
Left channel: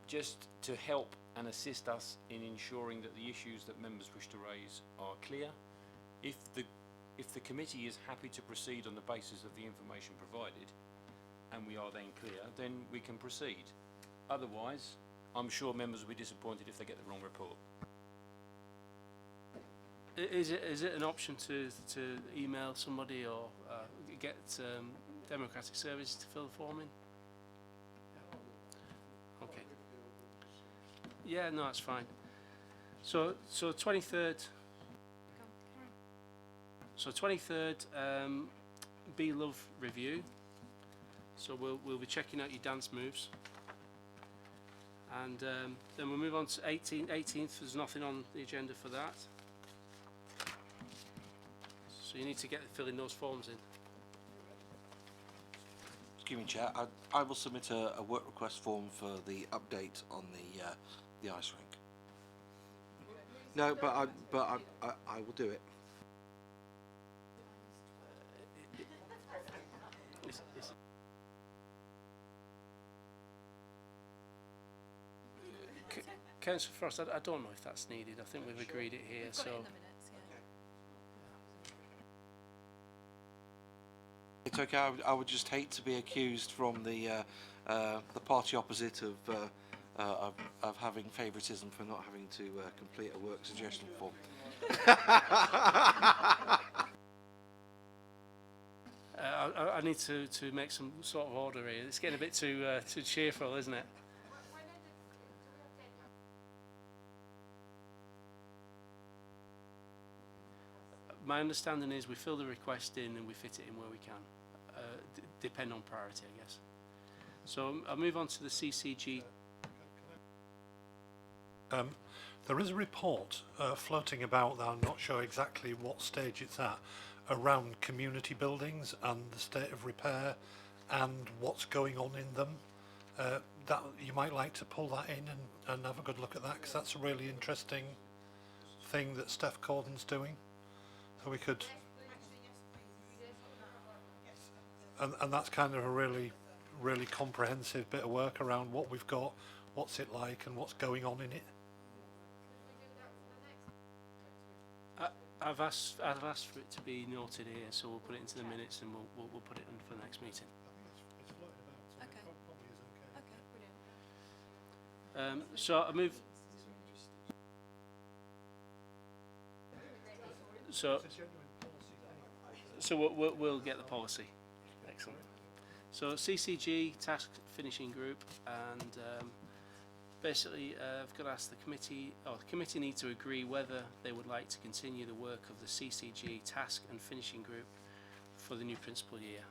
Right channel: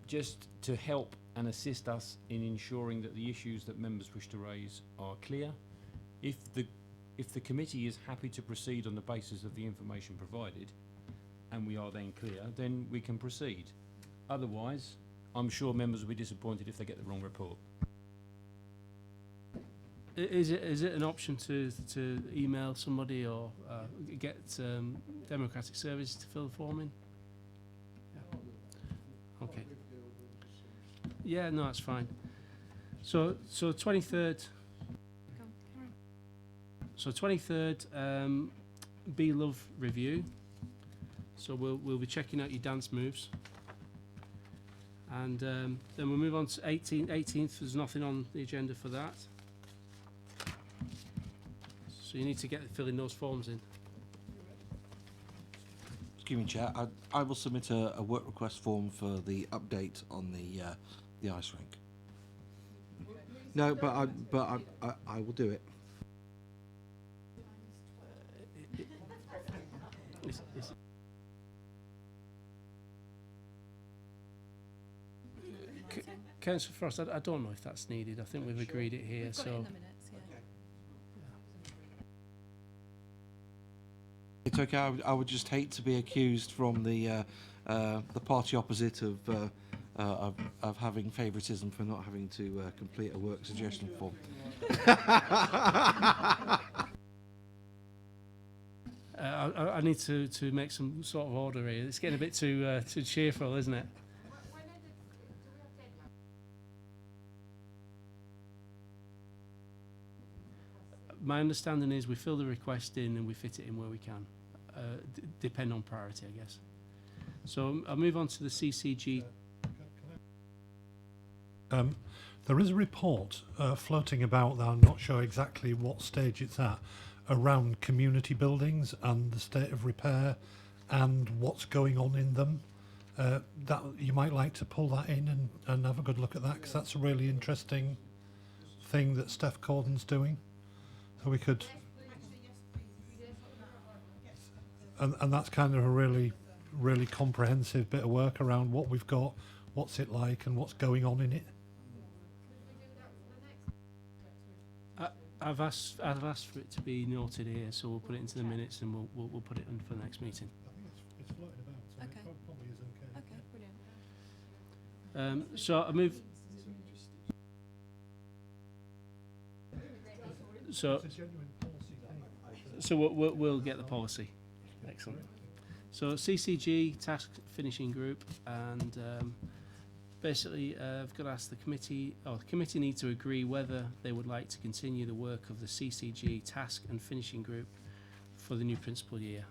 just to help and assist us in ensuring that the issues that members wish to raise are clear. If the committee is happy to proceed on the basis of the information provided, and we are then clear, then we can proceed. Otherwise, I'm sure members will be disappointed if they get the wrong report. Is it an option to email somebody or get Democratic Services to fill the form in? Yeah. Okay. Yeah, no, that's fine. So 23rd. So 23rd, Be Love review. So we'll be checking out your dance moves. And then we'll move on to 18th. There's nothing on the agenda for that. So you need to get filling those forms in. Excuse me, Chair. I will submit a work request form for the update on the ice rink. No, but I will do it. Councillor Frost, I don't know if that's needed. I think we've agreed it here. We've got so it in the minutes, yeah. It's okay. I would just hate to be accused from the party opposite of having favouritism for not having to complete a work suggestion form. I need to make some sort of order here. It's getting a bit too cheerful, isn't it? My understanding is we fill the request in and we fit it in where we can, depend on priority, I guess. So I'll move on to the CCG. There is a report floating about that I'm not sure exactly what stage it's at, around community buildings and the state of repair and what's going on in them. That you might like to pull that in and have a good look at that, because that's a really interesting thing that Steph Corden's doing. So we could, and that's kind of a really comprehensive bit of work around what we've got, what's it like, and what's going on in it. I've asked for it to be noted here, so we'll put it into the minutes and we'll put it in for the next meeting. It's floating about, so Okay. it probably isn't okay. Okay, brilliant. So I move. So we'll get the policy. Excellent. So CCG task finishing group, and basically I've got to ask the committee, or the committee need to agree whether they would like to continue the work of the CCG task and finishing group for the new principal year.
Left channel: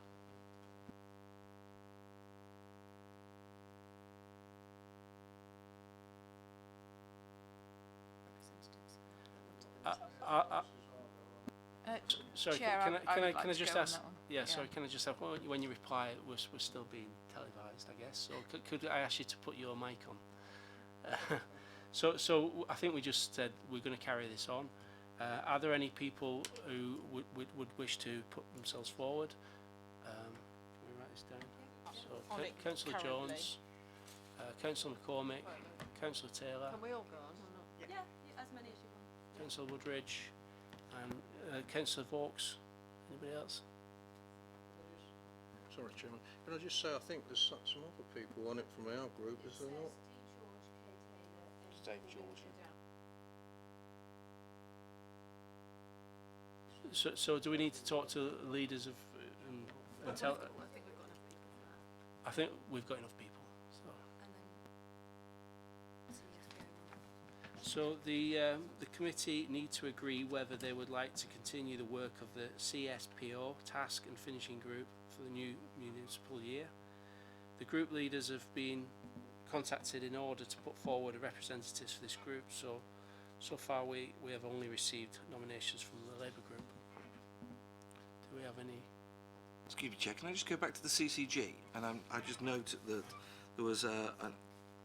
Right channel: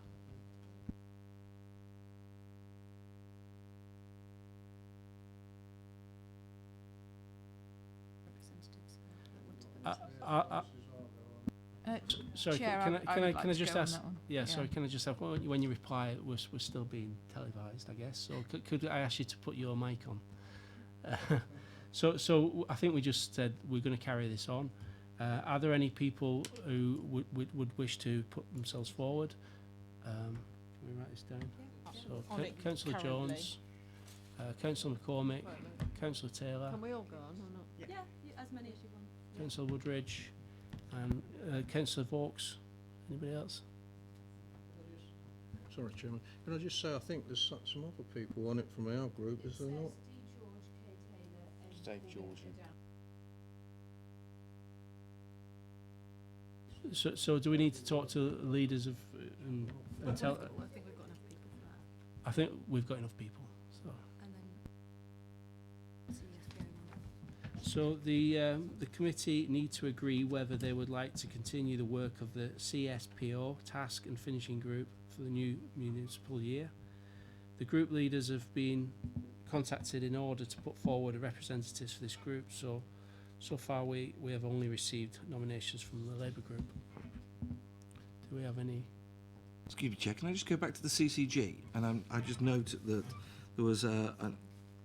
Sorry, Chair, can would I like to just go on ask? that one. Yeah, sorry. Can I just have when you reply, we're still being televised, I guess. So could I ask you to put your mic on? So I think we just said we're going to carry this on. Are there any people who would wish to put themselves forward? Can we write this down? So Councillor Jones, Councillor McCormick, Councillor Taylor, Can we all go on or not? Yeah, as many as you want. Councillor Woodridge, and Councillor Vaux. Anybody else? Sorry, Chairman. Can I just say I think there's some other people on it from our group, is there not? Dave George. So do we need to talk to leaders of and tell? I think we've got enough people for that. I think we've got enough people. So. And then see if going on. The committee need to agree whether they would like to continue the work of the CSPO task and finishing group for the new municipal year. The group leaders have been contacted in order to put forward representatives for this group. So far we have only received nominations from the Labour group. Do we have any? Excuse me, Chair, can I just go back to the CCG? And I just note that there was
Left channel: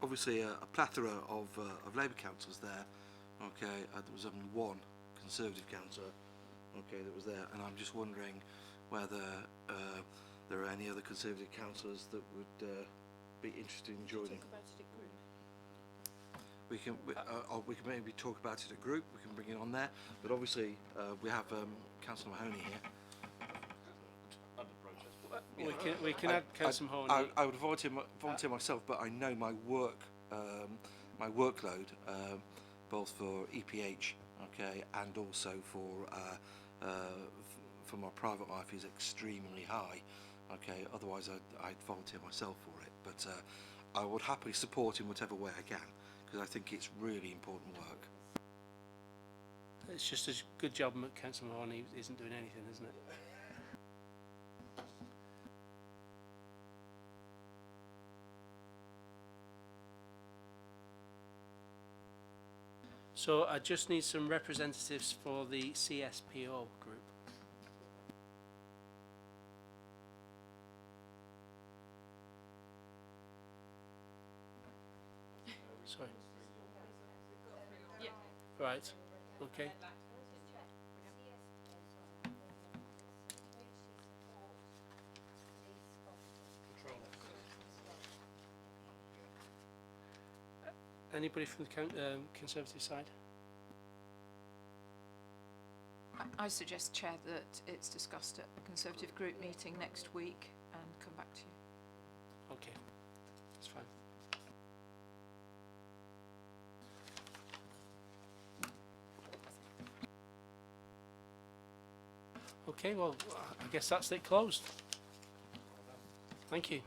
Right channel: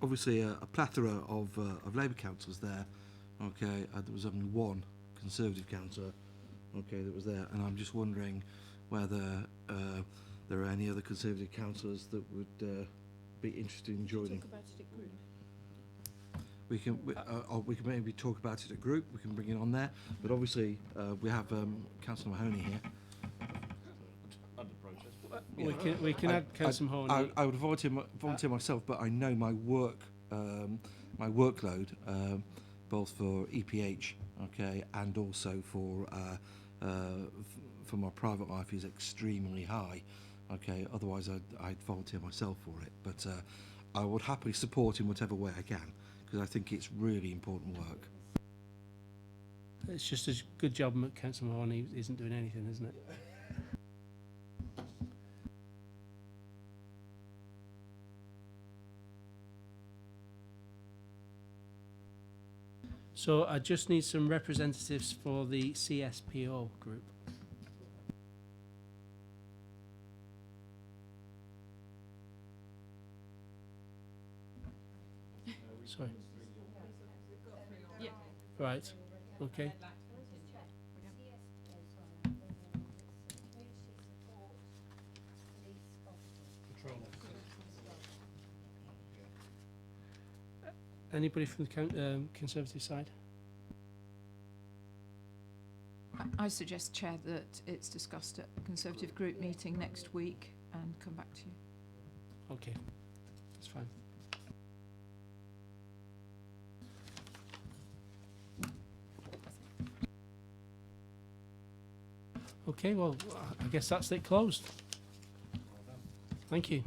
obviously a plethora of Labour councillors there. Okay, there was only one Conservative councillor, okay, that was there, and I'm just wondering whether there are any other Conservative councillors that would be interested in joining. We can maybe talk about it at group. We can bring it on there, but obviously we have Councillor Mahoney here. We can add Councillor Mahoney. I would volunteer myself, but I know my work, my workload, both for EPH, okay, and also for my private life is extremely high, okay. Otherwise, I'd volunteer myself for it, but I would happily support in whatever way I can, because I think it's really important work. It's just a good job Councillor Mahoney isn't doing anything, isn't it? So I just need some representatives for the CSPO group. Sorry. Yeah. Right. Okay. Anybody from the Conservative side? I suggest, Chair, that it's discussed at the Conservative group meeting next week and come back to you. Okay, that's fine. Okay, well, I guess that's it closed. Thank you.